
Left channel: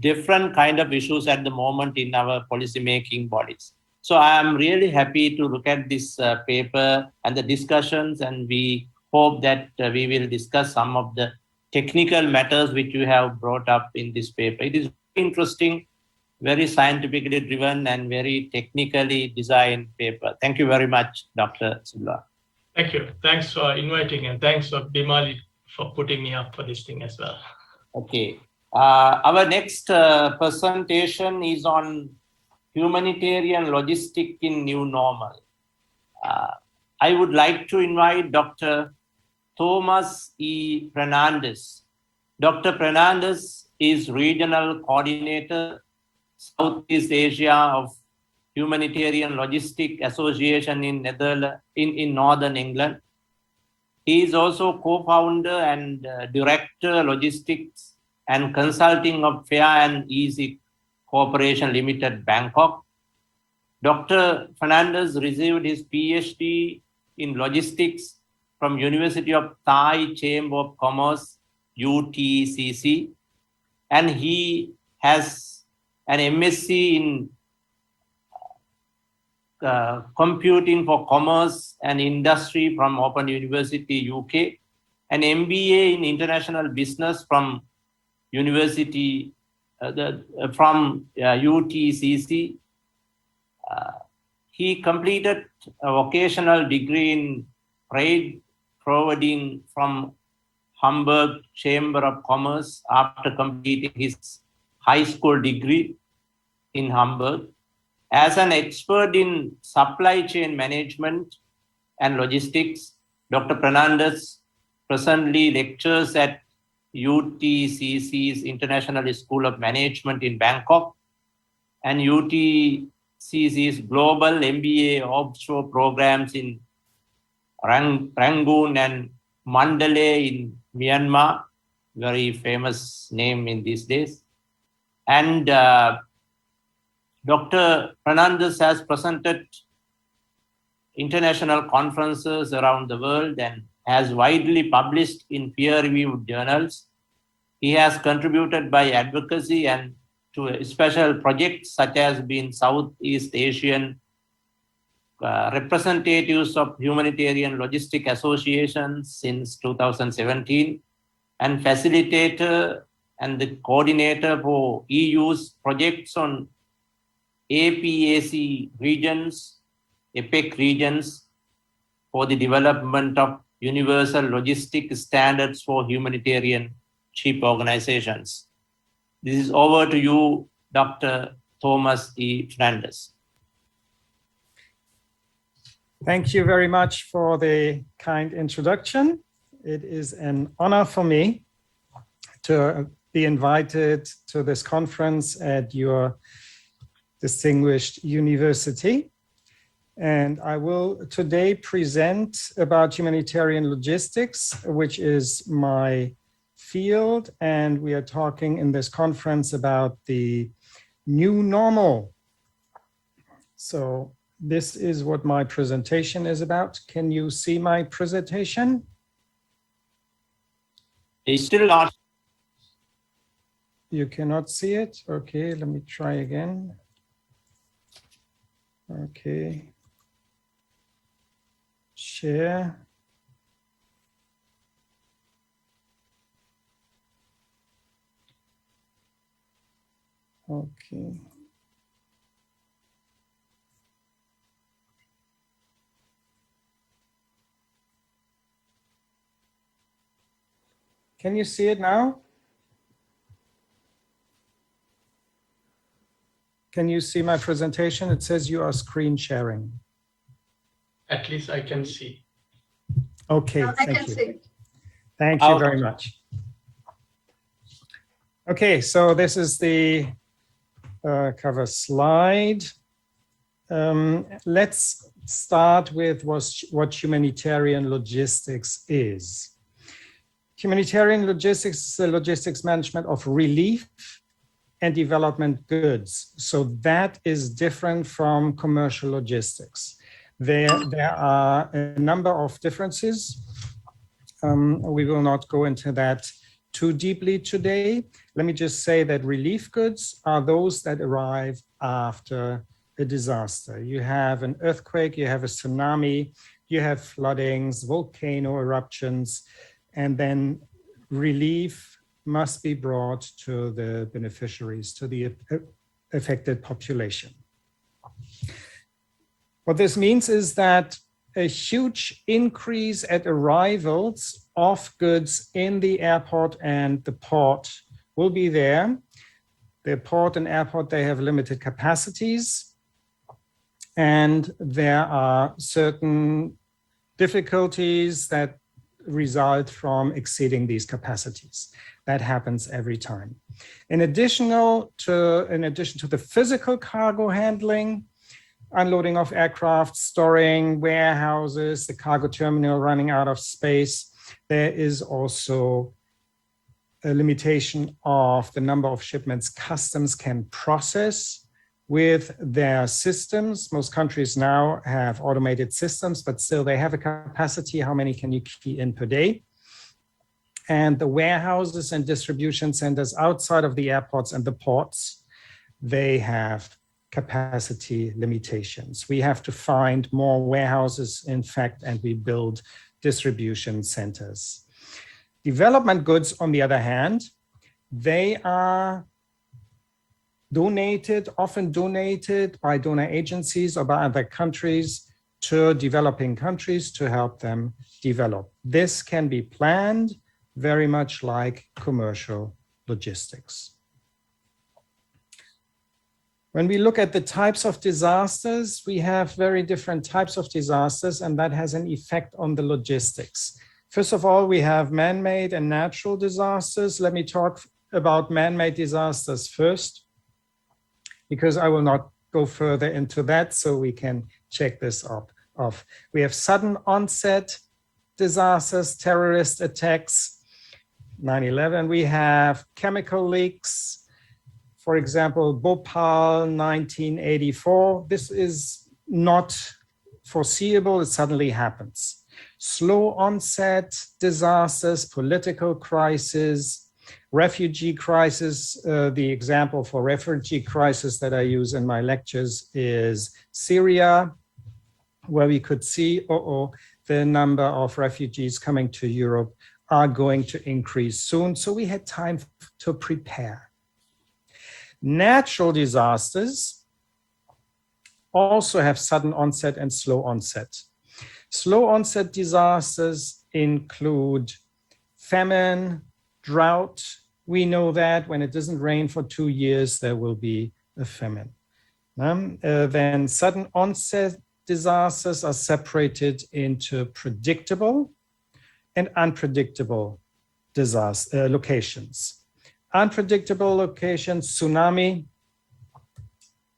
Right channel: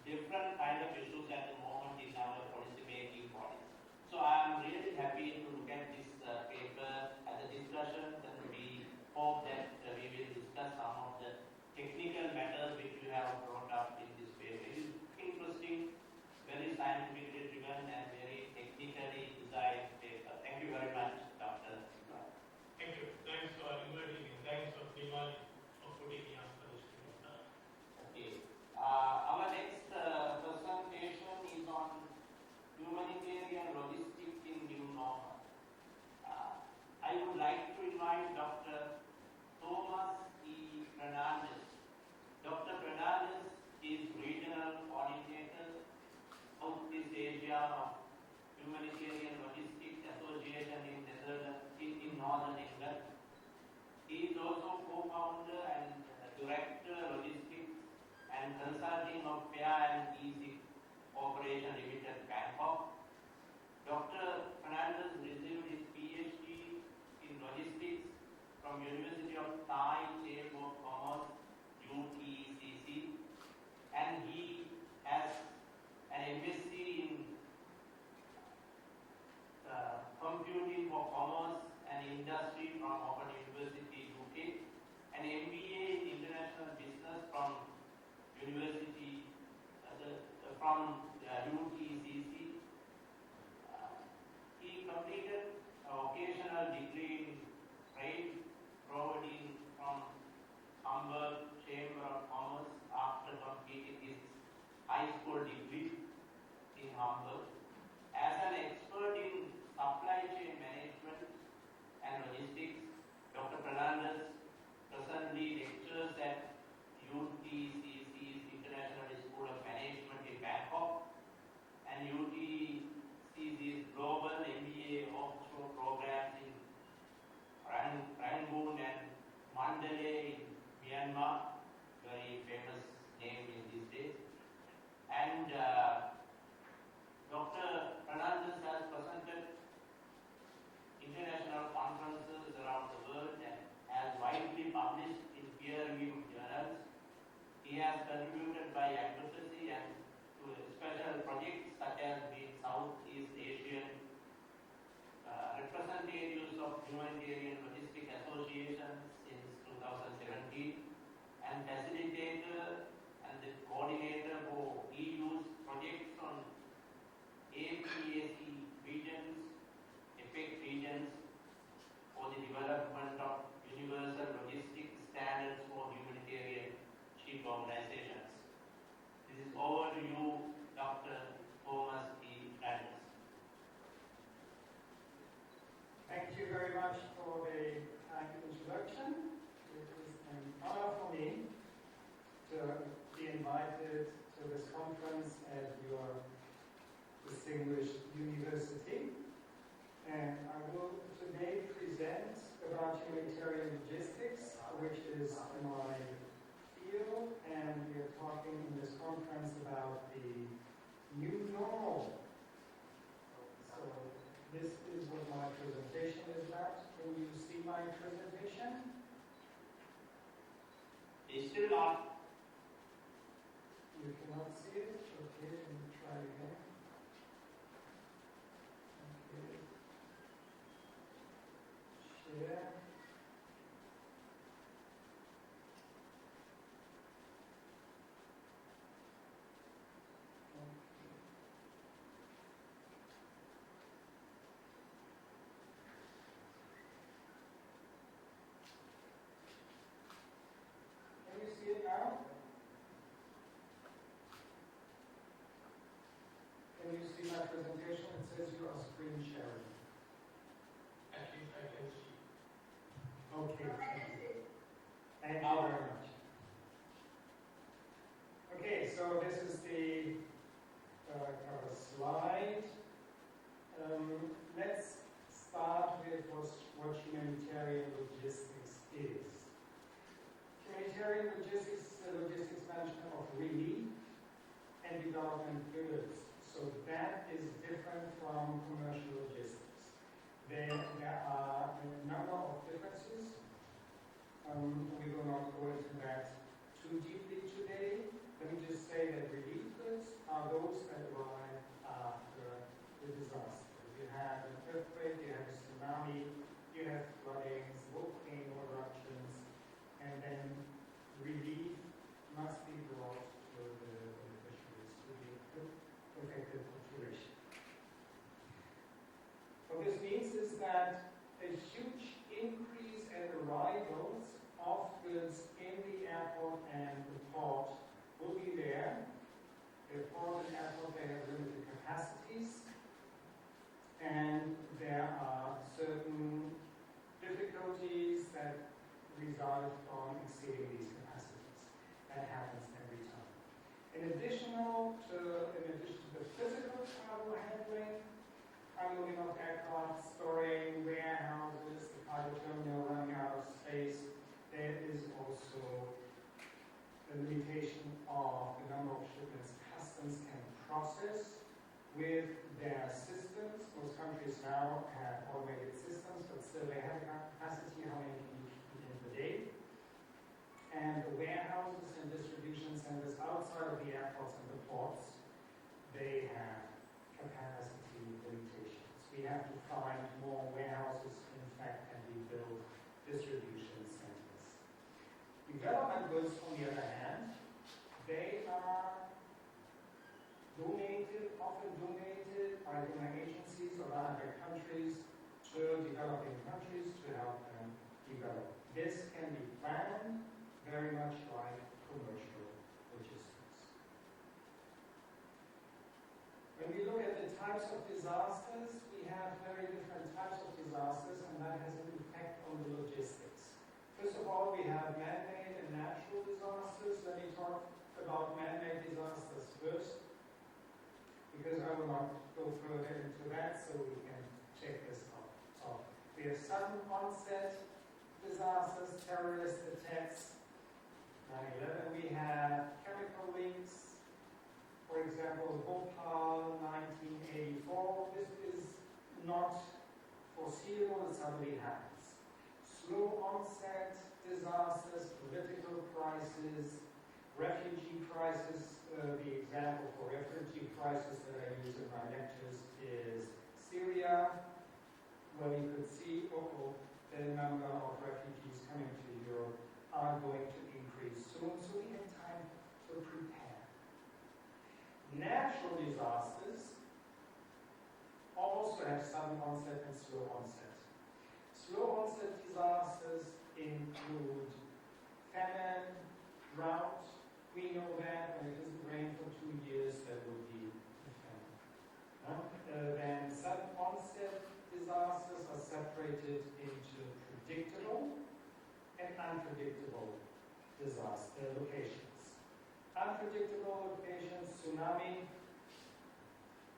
different kind of issues at the moment in our policy making bodies. So I am really happy to look at this paper and the discussions, and we hope that we will discuss some of the technical matters which you have brought up in this paper. It is very interesting, very scientifically driven and very technically designed paper. Thank you very much, Dr. Silva. Thank you. Thanks for inviting, and thanks for Bimali for putting me up for this thing as well. Okay. Our next presentation is on humanitarian logistic in new normal. I would like to invite Dr. Thomas E. Fernandez. Dr. Fernandez is Regional Coordinator, Southeast Asia of Humanitarian Logistic Association in Northern England. He is also co-founder and director logistics and consulting of Fair and Easy Corporation Limited, Bangkok. Dr. Fernandez received his PhD in logistics from University of Thai Chamber of Commerce, UTCC, and he has an MSc in Computing for Commerce and Industry from Open University, UK, an MBA in International Business from University UTCC. He completed a vocational degree in trade forwarding from Hamburg Chamber of Commerce after completing his high school degree in Hamburg. As an expert in supply chain management and logistics, Dr. Fernandez presently lectures at UTCC's International School of Management in Bangkok and UTCC's Global MBA offshore programs in Rangoon and Mandalay in Myanmar, very famous name in these days. And Dr. Fernandez has presented international conferences around the world and has widely published in peer-reviewed journals. He has contributed by advocacy and to special projects such as being Southeast Asian representatives of Humanitarian Logistic Associations since 2017 and facilitator and the coordinator for EU's projects on APAC regions, EPEC regions for the development of universal logistic standards for humanitarian chief organizations. This is over to you, Dr. Thomas E. Fernandez. Thank you very much for the kind introduction. It is an honor for me to be invited to this conference at your distinguished university. And I will today present about humanitarian logistics, which is my field. And we are talking in this conference about the new normal. So this is what my presentation is about. Can you see my presentation? It's still not. You cannot see it? Okay, let me try again. Okay. Share. Okay. Can you see it now? Can you see my presentation? It says you are screen sharing. At least I can see. Okay, I thank can you. see it. Thank you very much. Okay, so this is the cover slide. Let's start with what humanitarian logistics is. Humanitarian logistics is the logistics management of relief and development goods. So that is different from commercial logistics. There are a number of differences. We will not go into that too deeply today. Let me just say that relief goods are those that arrive after a disaster. You have an earthquake, you have a tsunami, you have floodings, volcano eruptions, and then relief must be brought to the beneficiaries, to the affected population. What this means is that a huge increase at arrivals of goods in the airport and the port will be there. The port and airport, they have limited capacities, and there are certain difficulties that result from exceeding these capacities. That happens every time. In addition to the physical cargo handling, unloading of aircraft, storing, warehouses, the cargo terminal running out of space, there is also a limitation of the number of shipments customs can process with their systems. Most countries now have automated systems, but still they have a capacity. How many can you key in per day? And the warehouses and distribution centers outside of the airports and the ports, they have capacity limitations. We have to find more warehouses, in fact, and we build distribution centers. Development goods, on the other hand, they are often donated by donor agencies or by other countries to developing countries to help them develop. This can be planned very much like commercial logistics. When we look at the types of disasters, we have very different types of disasters, and that has an effect on the logistics. First of all, we have man-made and natural disasters. Let me talk about man-made disasters first, because I will not go further into that, so we can check this off. We have sudden onset disasters, terrorist attacks, 9/11. We have chemical leaks, for example, Bhopal, 1984. This is not foreseeable, it suddenly happens. Slow onset disasters, political crisis, refugee crisis. The example for refugee crisis that I use in my lectures is Syria, where we could see, the number of refugees coming to Europe are going to increase soon. So we had time to prepare. Natural disasters also have sudden onset and slow onset. Slow onset disasters include famine, drought. We know that when it doesn't rain for 2 years, there will be a famine. Then sudden onset disasters are separated into predictable and unpredictable disaster locations. Unpredictable locations, tsunami.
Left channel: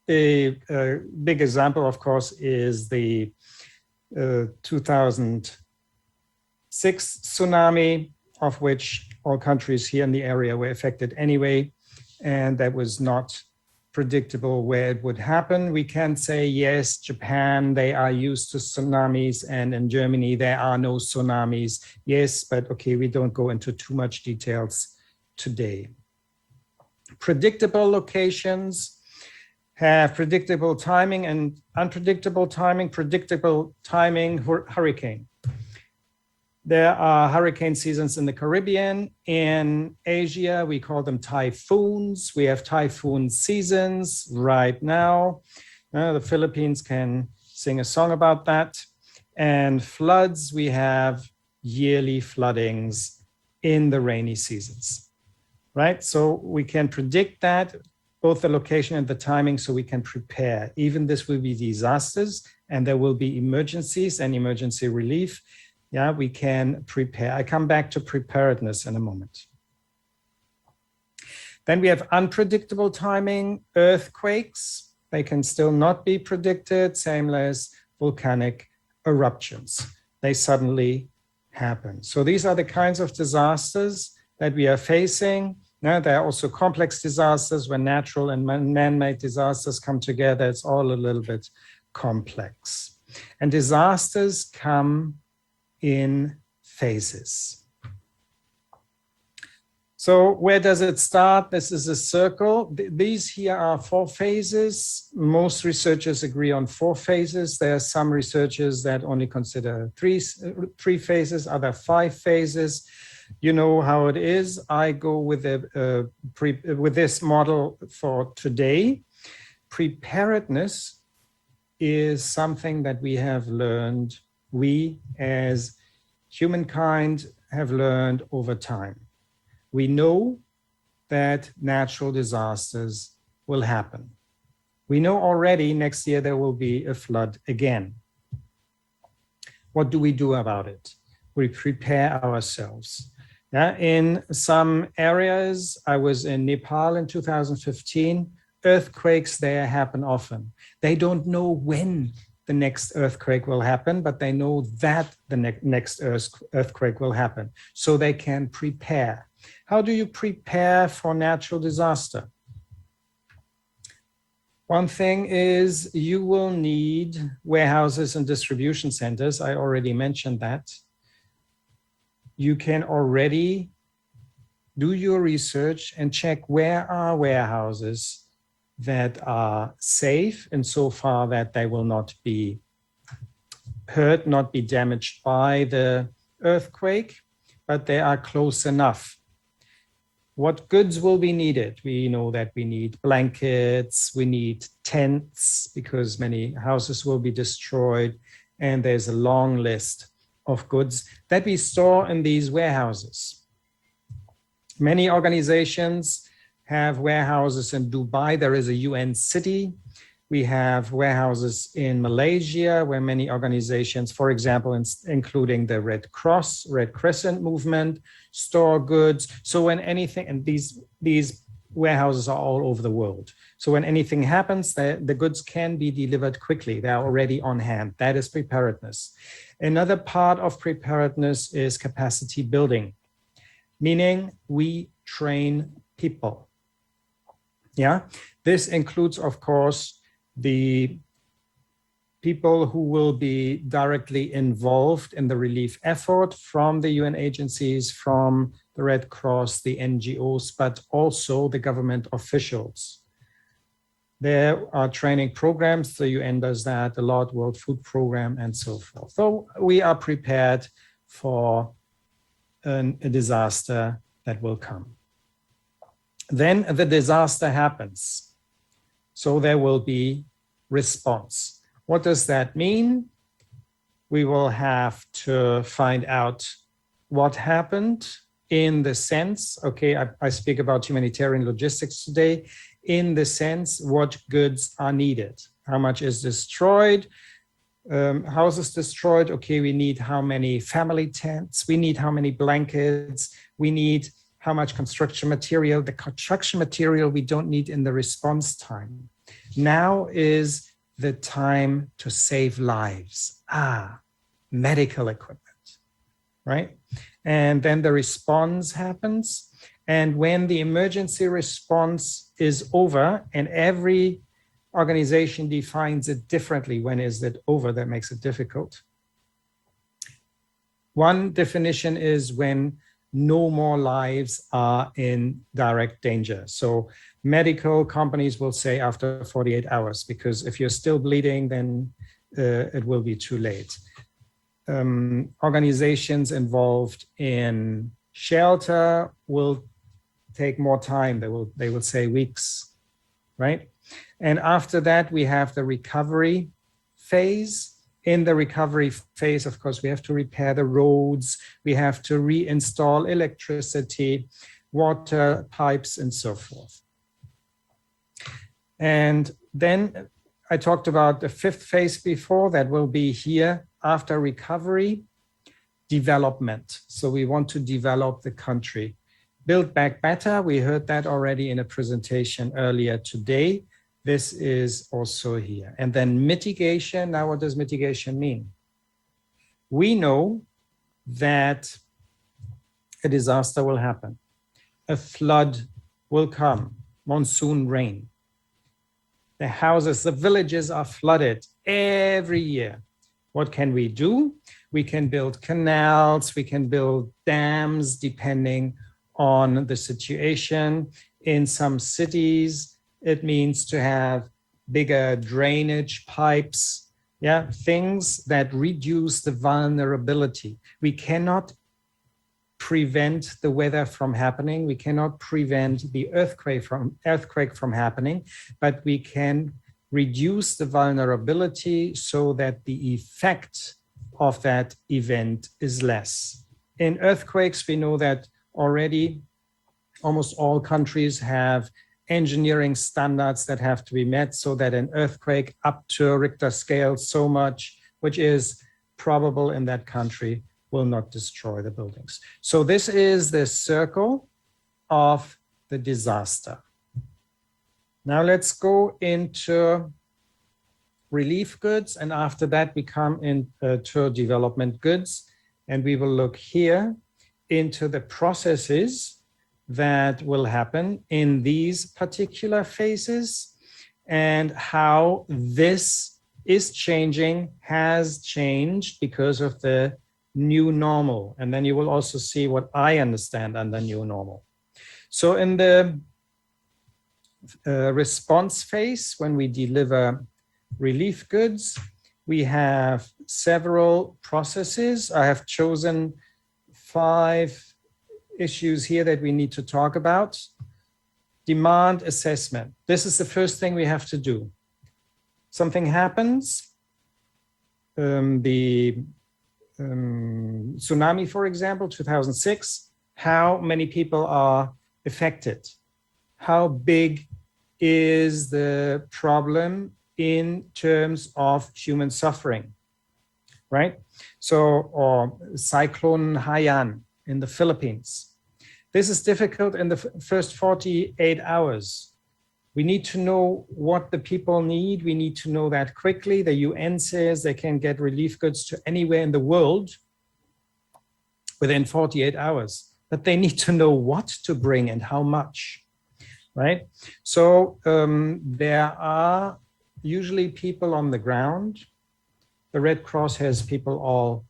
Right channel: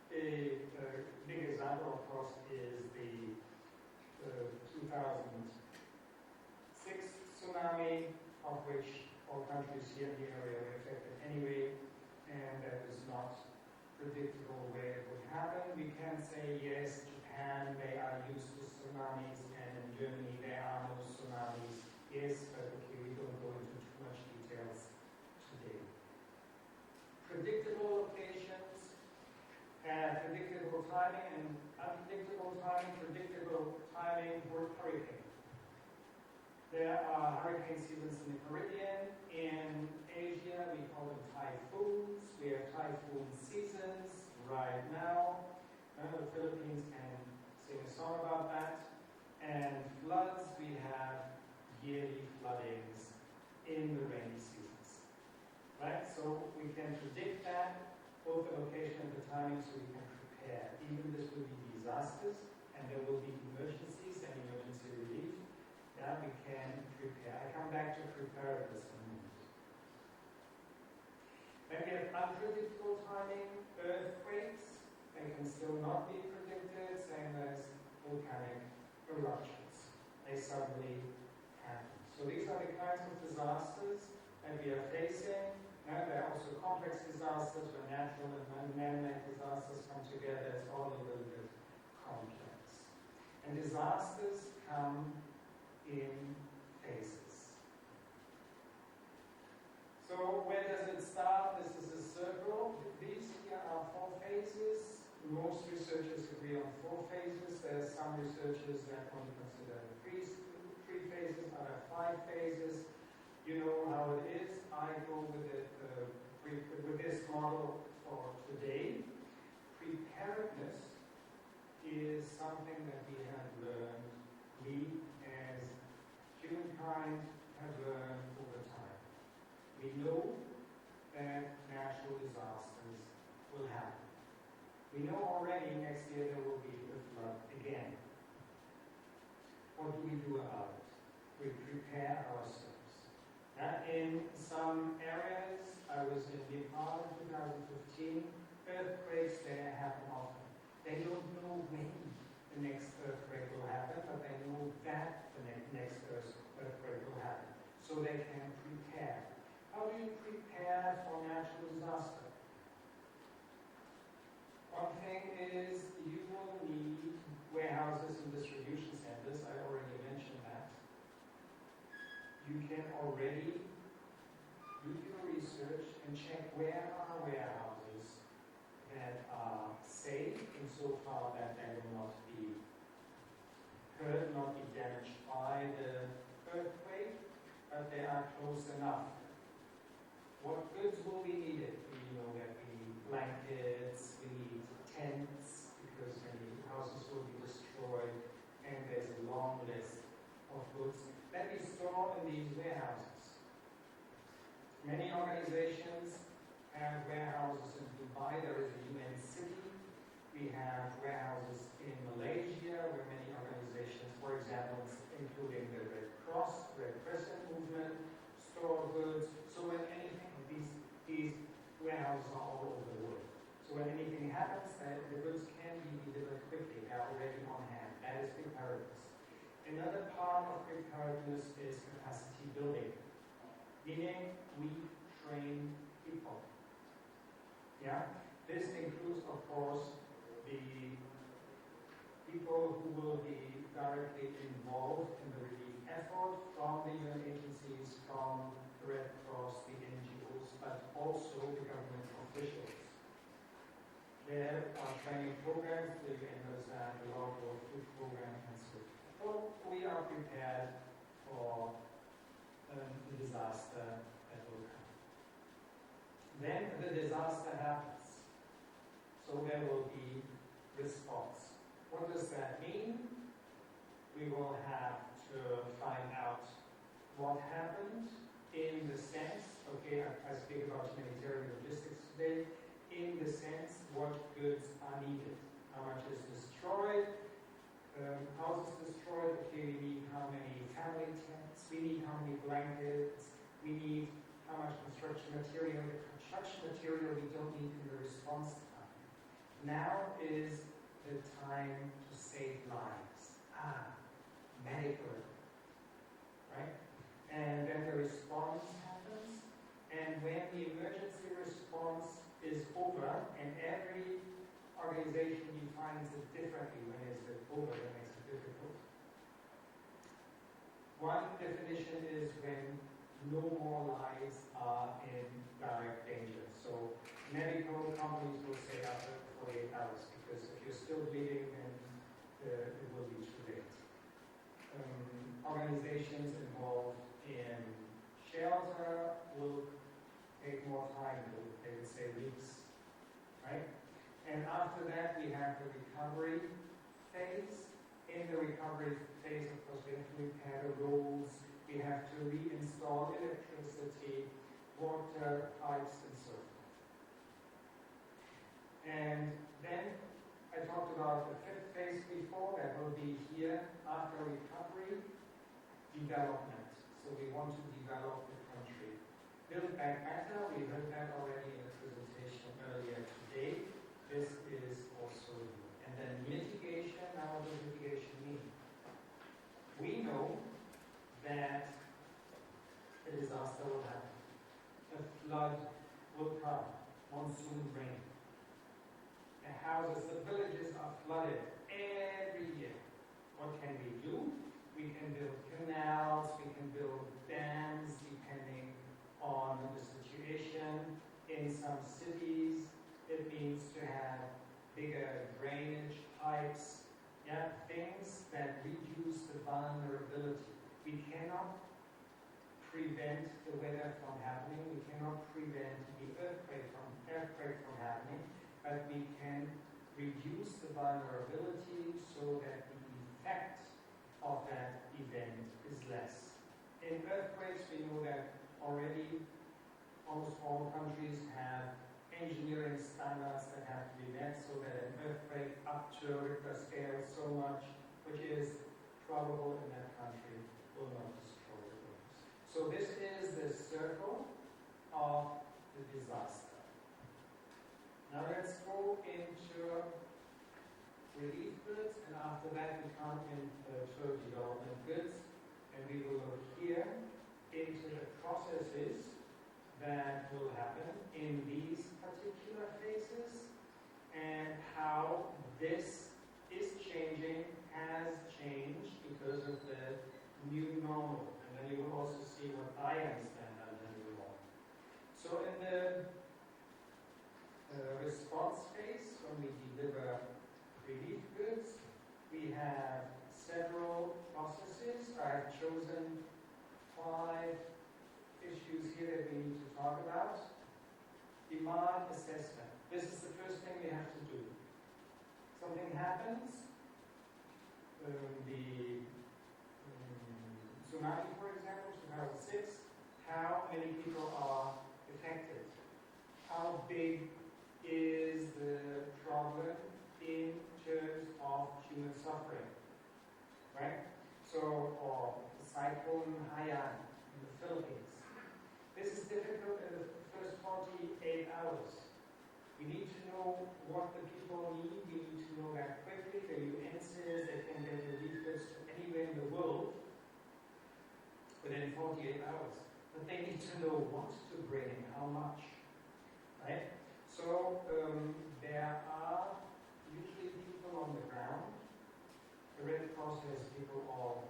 A big example, of course, is the 2006 tsunami, of which all countries here in the area were affected anyway, and that was not predictable where it would happen. We can say, yes, Japan, they are used to tsunamis, and in Germany, there are no tsunamis. Yes, but okay, we don't go into too much details today. Predictable locations have predictable timing and unpredictable timing. Predictable timing, hurricane. There are hurricane seasons in the Caribbean. In Asia, we call them typhoons. We have typhoon seasons right now. The Philippines can sing a song about that. And floods, we have yearly floodings in the rainy seasons, right? So we can predict that, both the location and the timing, so we can prepare. Even this will be disasters, and there will be emergencies and emergency relief. Yeah, we can prepare. I come back to preparedness in a moment. Then we have unpredictable timing, earthquakes. They can still not be predicted, same as volcanic eruptions. They suddenly happen. So these are the kinds of disasters that we are facing. Now, there are also complex disasters when natural and man-made disasters come together. It's all a little bit complex. And disasters come in phases. So where does it start? This is a circle. These here are 4 phases. Most researchers agree on 4 phases. There are some researchers that only consider 3 phases, other 5 phases. You know how it is. I go with this model for today. Preparedness is something that we have learned, we as humankind have learned over time. We know that natural disasters will happen. We know already next year there will be a flood again. What do we do about it? We prepare ourselves. Yeah, in some areas, I was in Nepal in 2015, earthquakes there happen often. They don't know when the next earthquake will happen, but they know that the next earthquake will happen, so they can prepare. How do you prepare for natural disaster? One thing is you will need warehouses and distribution centers. I already mentioned that. You can already do your research and check where are warehouses that are safe insofar that they will not be hurt, not be damaged by the earthquake, but they are close enough. What goods will be needed? We know that we need blankets, we need tents because many houses will be destroyed, and there's a long list of goods that we store in these warehouses. Many organizations have warehouses in Dubai. There is a UN city. We have warehouses in Malaysia where many organizations, for example, including the Red Cross, Red Crescent movement, store goods. So when anything, and these warehouses are all over the world. So when anything happens, the goods can be delivered quickly. They are already on hand. That is preparedness. Another part of preparedness is capacity building, meaning we train people. Yeah, this includes, of course, the people who will be directly involved in the relief effort from the UN agencies, from the Red Cross, the NGOs, but also the government officials. There are training programs, the UN does that a lot, World Food Program and so forth. So we are prepared for a disaster that will come. Then the disaster happens. So there will be response. What does that mean? We will have to find out what happened in the sense, okay, I speak about humanitarian logistics today, in the sense what goods are needed. How much is destroyed? Houses destroyed, okay, we need how many family tents, we need how many blankets, we need how much construction material. The construction material we don't need in the response time. Now is the time to save lives. Medical equipment, right? And then the response happens. And when the emergency response is over, and every organization defines it differently, when is it over, that makes it difficult. One definition is when no more lives are in direct danger. So medical companies will say after 48 hours, because if you're still bleeding, then it will be too late. Organizations involved in shelter will take more time. They will say weeks, right? And after that, we have the recovery phase. In the recovery phase, of course, we have to repair the roads, we have to reinstall electricity, water pipes, and so forth. And then I talked about the fifth phase before, that will be here after recovery, development. So we want to develop the country. Build back better, we heard that already in a presentation earlier today. This is also here. And then mitigation. Now, what does mitigation mean? We know that a disaster will happen. A flood will come, monsoon rain. The houses, the villages are flooded every year. What can we do? We can build canals, we can build dams, depending on the situation. In some cities, it means to have bigger drainage pipes, yeah, things that reduce the vulnerability. We cannot prevent the weather from happening. We cannot prevent the earthquake from happening, but we can reduce the vulnerability so that the effect of that event is less. In earthquakes, we know that already almost all countries have engineering standards that have to be met so that an earthquake up to a Richter scale so much, which is probable in that country, will not destroy the buildings. So this is the circle of the disaster. Now let's go into relief goods, and after that we come into development goods, and we will look here into the processes that will happen in these particular phases and how this is changing, has changed because of the new normal. And then you will also see what I understand under new normal. So in the response phase, when we deliver relief goods, we have several processes. I have chosen 5 issues here that we need to talk about. Demand assessment. This is the first thing we have to do. Something happens, the tsunami, for example, 2006, how many people are affected? How big is the problem in terms of human suffering, right? So, or Cyclone Haiyan in the Philippines. This is difficult in the first 48 hours. We need to know what the people need. We need to know that quickly. The UN says they can get relief goods to anywhere in the world within 48 hours, but they need to know what to bring and how much, right? So there are usually people on the ground. The Red Cross has people all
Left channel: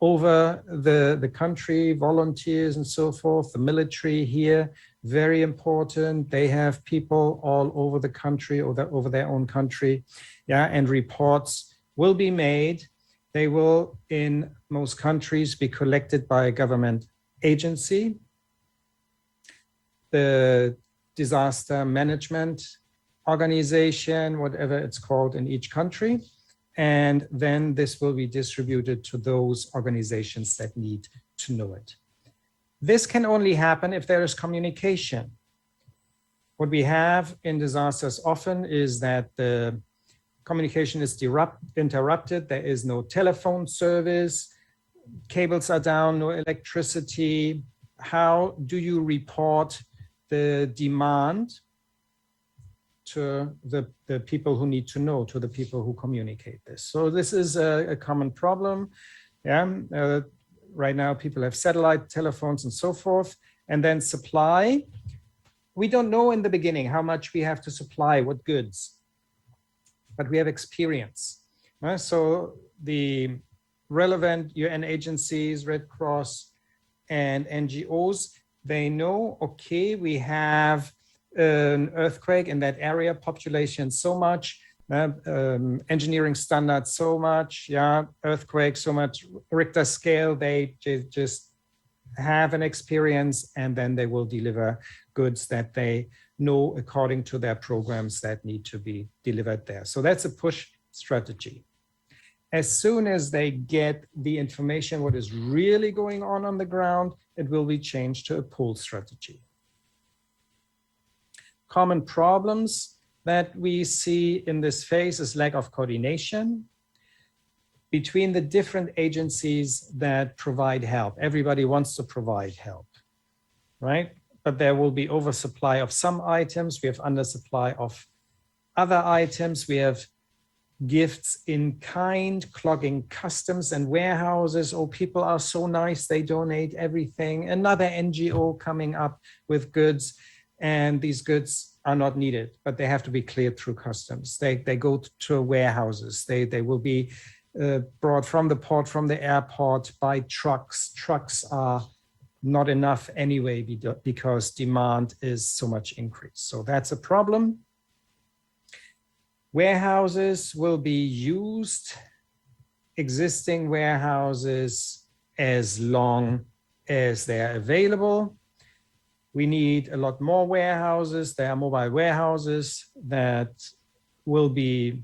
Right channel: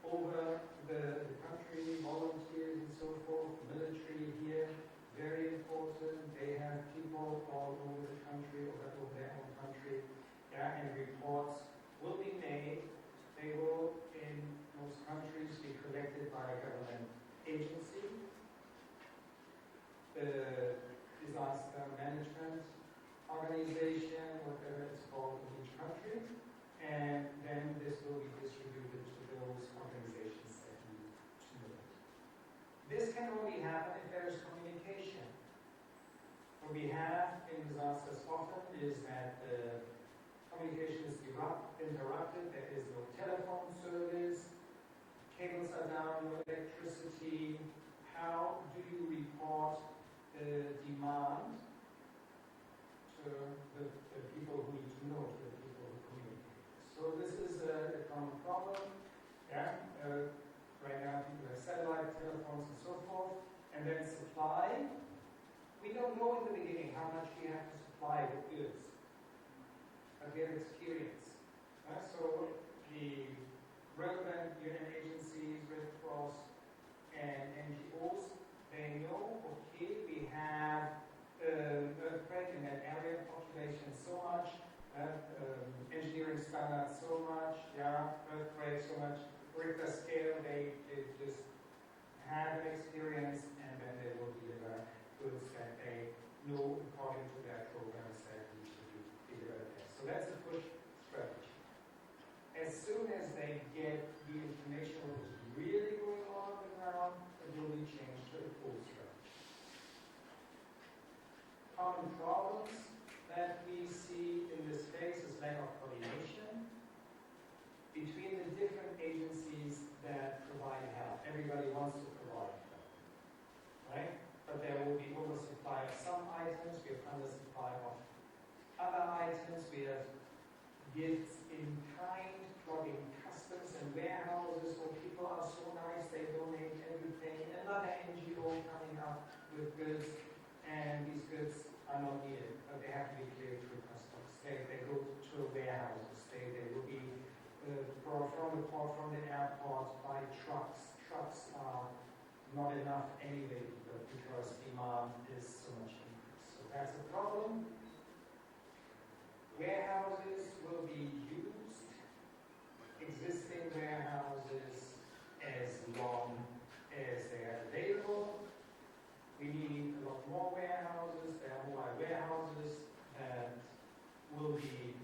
over the country, volunteers and so forth, the military here, very important. They have people all over the country or over their own country, yeah, and reports will be made. They will, in most countries, be collected by a government agency. The disaster management organization, whatever it's called in each country. And then this will be distributed to those organizations that need to know it. This can only happen if there is communication. What we have in disasters often is that the communication is interrupted. There is no telephone service, cables are down, no electricity. How do you report the demand to the people who need to know, to the people who communicate this? So this is a common problem. Yeah. Right now, people have satellite telephones and so forth. And then supply. We don't know in the beginning how much we have to supply, what goods, but we have experience. So the relevant UN agencies, Red Cross and NGOs, they know, okay, we have an earthquake in that area, population so much, engineering standards so much, yeah, earthquake so much, Richter scale, they just have an experience, and then they will deliver goods that they know according to their programs that need to be delivered there. So that's a push strategy. As soon as they get the information, what is really going on the ground, it will be changed to a pull strategy. Common problems that we see in this phase is lack of coordination between the different agencies that provide help. Everybody wants to provide help, right? But there will be oversupply of some items. We have undersupply of other items. We have gifts in kind clogging customs and warehouses. Oh, people are so nice, they donate everything. Another NGO coming up with goods, and these goods are not needed, but they have to be cleared through customs. They go to warehouses. They will be brought from the port, from the airport by trucks. Trucks are not enough anyway because demand is so much increased. So that's a problem. Warehouses will be used, existing warehouses, as long as they're available. We need a lot more warehouses. There are mobile warehouses that will be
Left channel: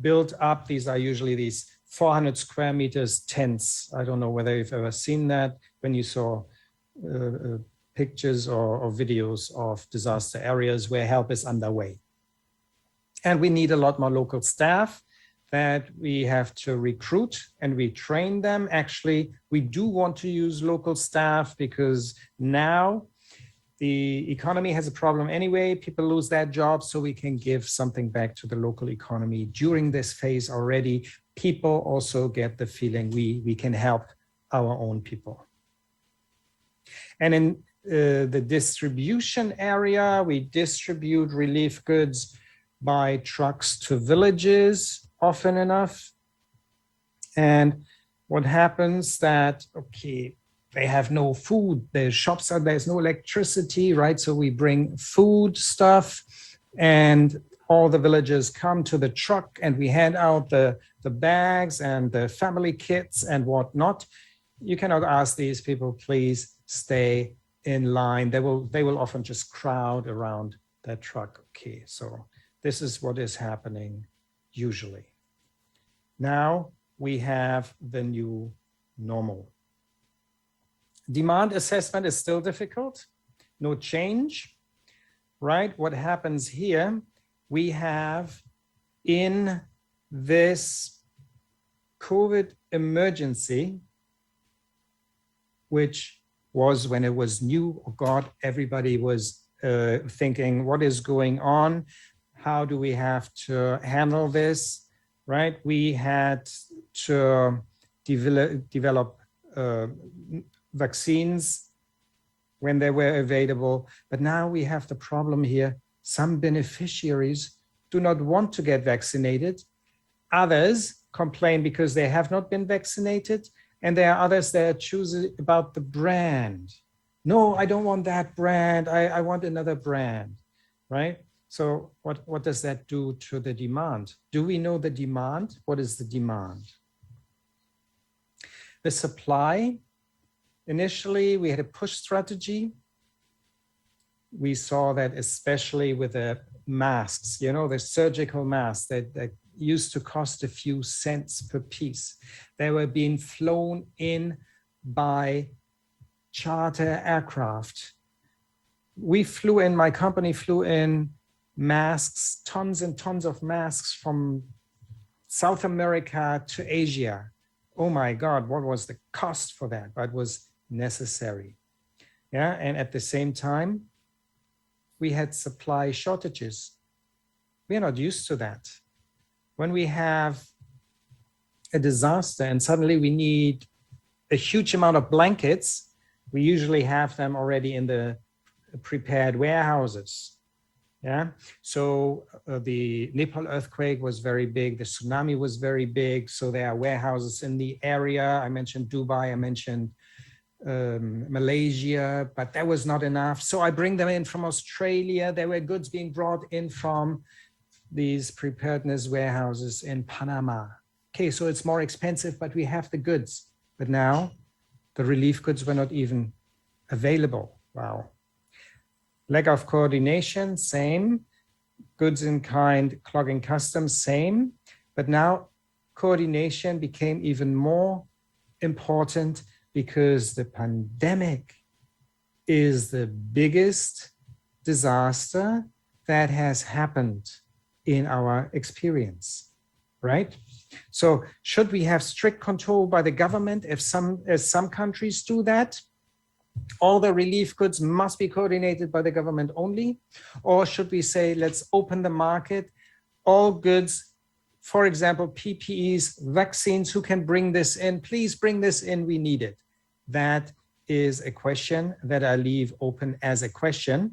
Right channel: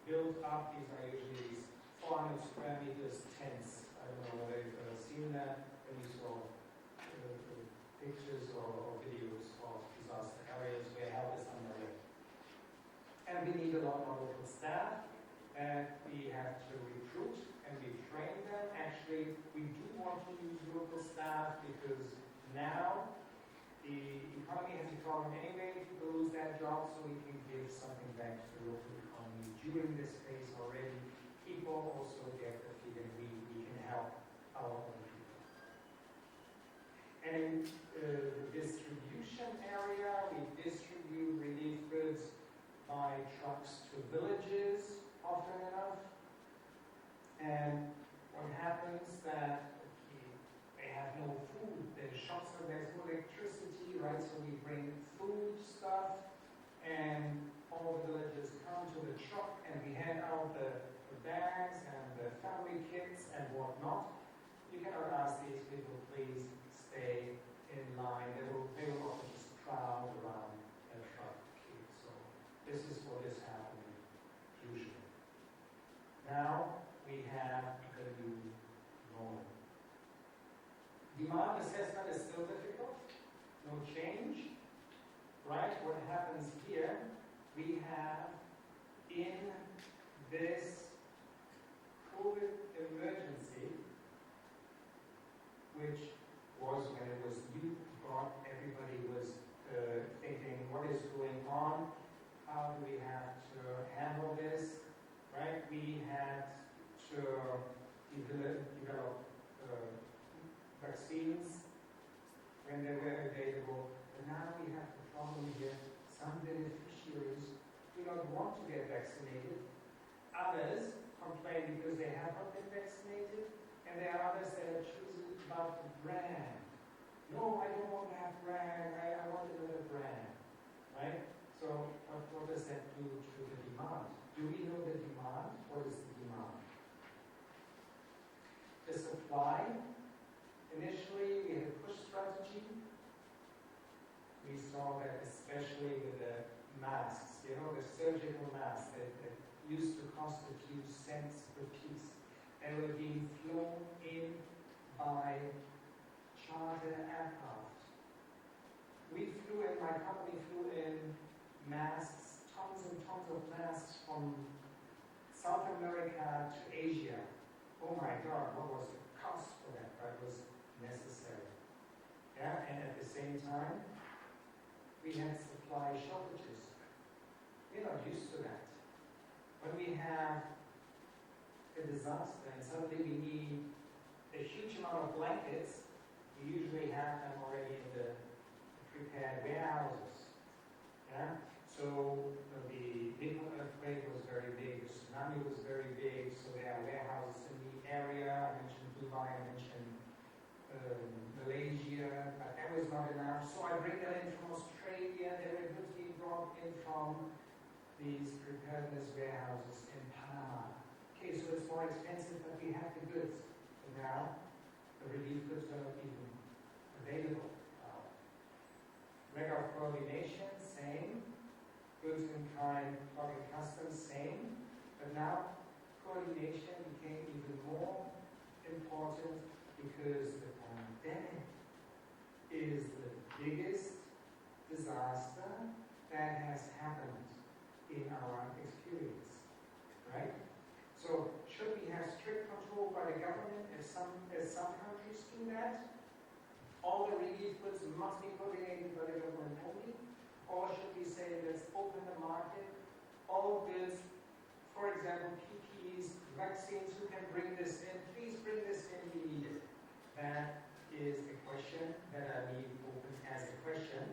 built up. These are usually these 400 square meters tents. I don't know whether you've ever seen that. when you saw pictures or videos of disaster areas where help is underway. And we need a lot more local staff that we have to recruit and we train them. Actually, we do want to use local staff because now the economy has a problem anyway. People lose their jobs, so we can give something back to the local economy. During this phase already, people also get the feeling we can help our own people. And in the distribution area, we distribute relief goods by trucks to villages often enough. And what happens that, okay, they have no food, the shops are, there's no electricity, right? So we bring food stuff and all the villagers come to the truck and we hand out the bags and the family kits and whatnot. You cannot ask these people, please stay in line. They will often just crowd around that truck. Okay, so this is what is happening usually. Now we have the new normal. Demand assessment is still difficult, no change, right? What happens here, we have in this COVID emergency, which was when it was new, oh God, everybody was thinking, what is going on? How do we have to handle this, right? We had to develop vaccines when they were available. But now we have the problem here. Some beneficiaries do not want to get vaccinated. Others complain because they have not been vaccinated. And there are others that choose about the brand. No, I don't want that brand. I want another brand, right? So what does that do to the demand? Do we know the demand? What is the demand? The supply, initially we had a push strategy. We saw that especially with the masks, you know, the surgical masks that used to cost a few cents per piece. They were being flown in by charter aircraft. We flew in, my company flew in masks, tons and tons of masks from South America to Asia. Oh my God, what was the cost for that? But it was necessary. Yeah, and at the same time, we had supply shortages. We are not used to that. When we have a disaster and suddenly we need a huge amount of blankets, we usually have them already in the prepared warehouses. Yeah, so the Nepal earthquake was very big, the tsunami was very big, so there are warehouses in the area. I mentioned Dubai, I mentioned Malaysia, but that was not enough. So I bring them in from Australia. There were goods being brought in from these preparedness warehouses in Panama. Okay, so it's more expensive, but we have the goods. But now the relief goods were not even available. Wow. Lack of coordination, same. Goods in kind, clogging customs, same. But now coordination became even more important because the pandemic is the biggest disaster that has happened in our experience, right? So should we have strict control by the government as some countries do that? All the relief goods must be coordinated by the government only? Or should we say, let's open the market, all goods, for example, PPEs, vaccines, who can bring this in? Please bring this in, we need it. That is a question that I leave open as a question.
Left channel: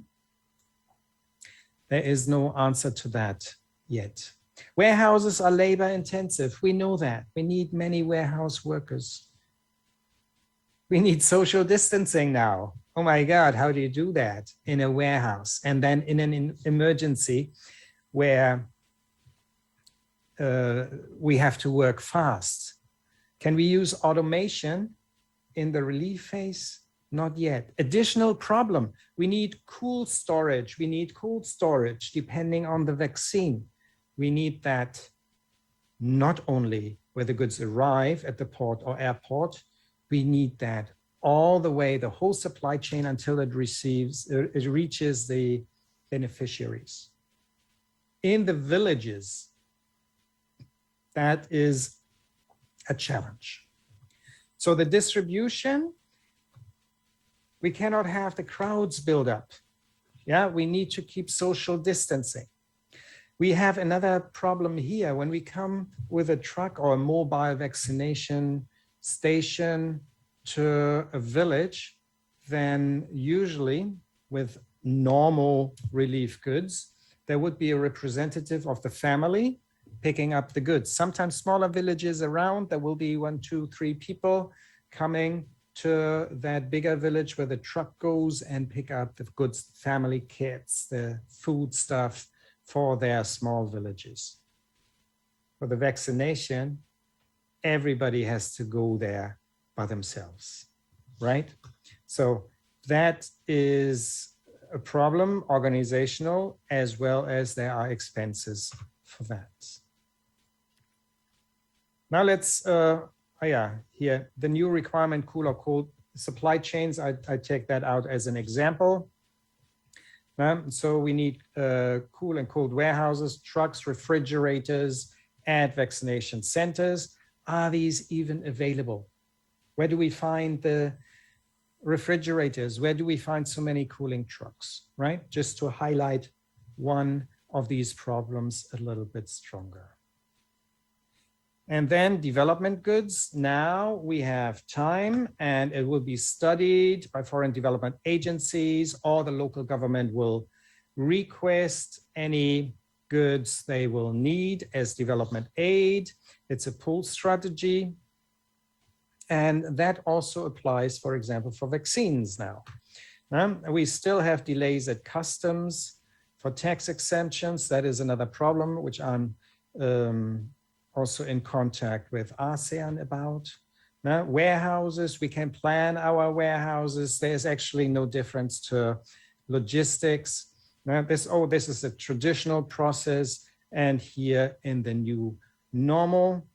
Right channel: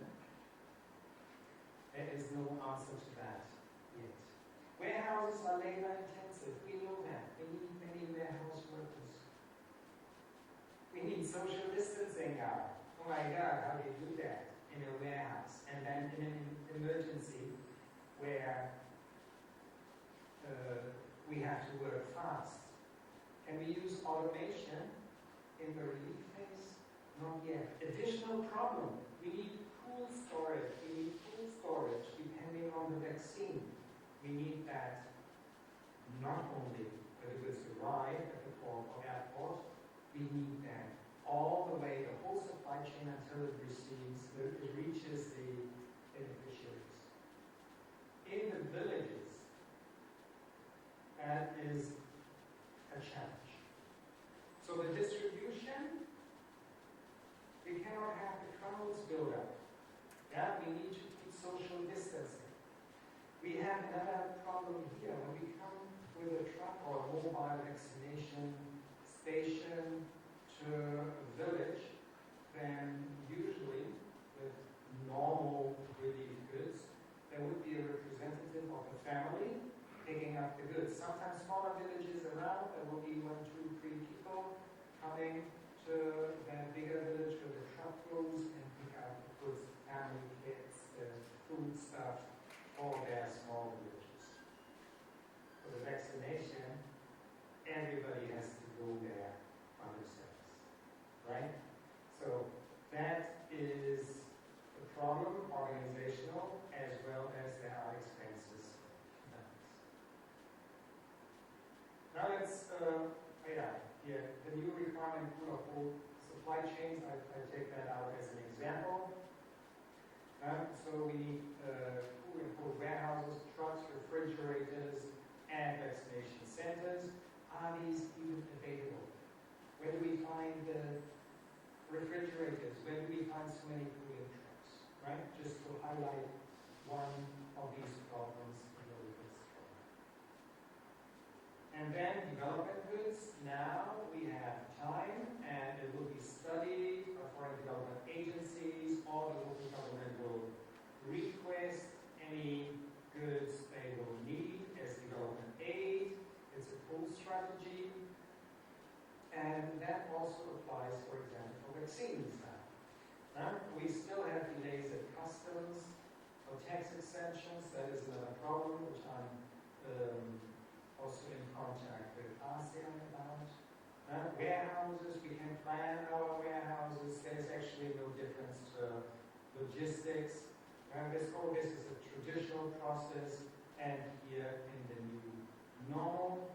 There is no answer to that yet. Warehouses are labor intensive. We know that. We need many warehouse workers. We need social distancing now. Oh my God, how do you do that in a warehouse? And then in an emergency where we have to work fast. Can we use automation in the relief phase? Not yet. Additional problem, we need cool storage. We need cold storage depending on the vaccine. We need that not only where the goods arrive at the port or airport, we need that all the way, the whole supply chain until it reaches the beneficiaries. In the villages, that is a challenge. So the distribution, we cannot have the crowds build up. Yeah, we need to keep social distancing. We have another problem here. When we come with a truck or a mobile vaccination station to a village, then usually with normal relief goods, there would be a representative of the family picking up the goods. Sometimes smaller villages around, there will be 1, 2, 3 people coming to that bigger village where the truck goes and pick up the goods, family kits, the food stuff for their small villages. For the vaccination, everybody has to go there by themselves, right? So that is a problem, organizational, as well as there are expenses for that. Now let's, here, the new requirement, cool or cold supply chains, I take that out as an example. So we need cool and cold warehouses, trucks, refrigerators, at vaccination centers. Are these even available? Where do we find the refrigerators? Where do we find so many cooling trucks, right? Just to highlight one of these problems a little bit stronger. And then development goods. Now we have time and it will be studied by foreign development agencies, or the local government will request any goods they will need as development aid. It's a pull strategy. And that also applies, for example, for vaccines now. We still have delays at customs for tax exemptions. That is another problem, which I'm also in contact with ASEAN about. Warehouses, we can plan our warehouses. There's actually no difference to logistics. This is a traditional process, and here in the new normal,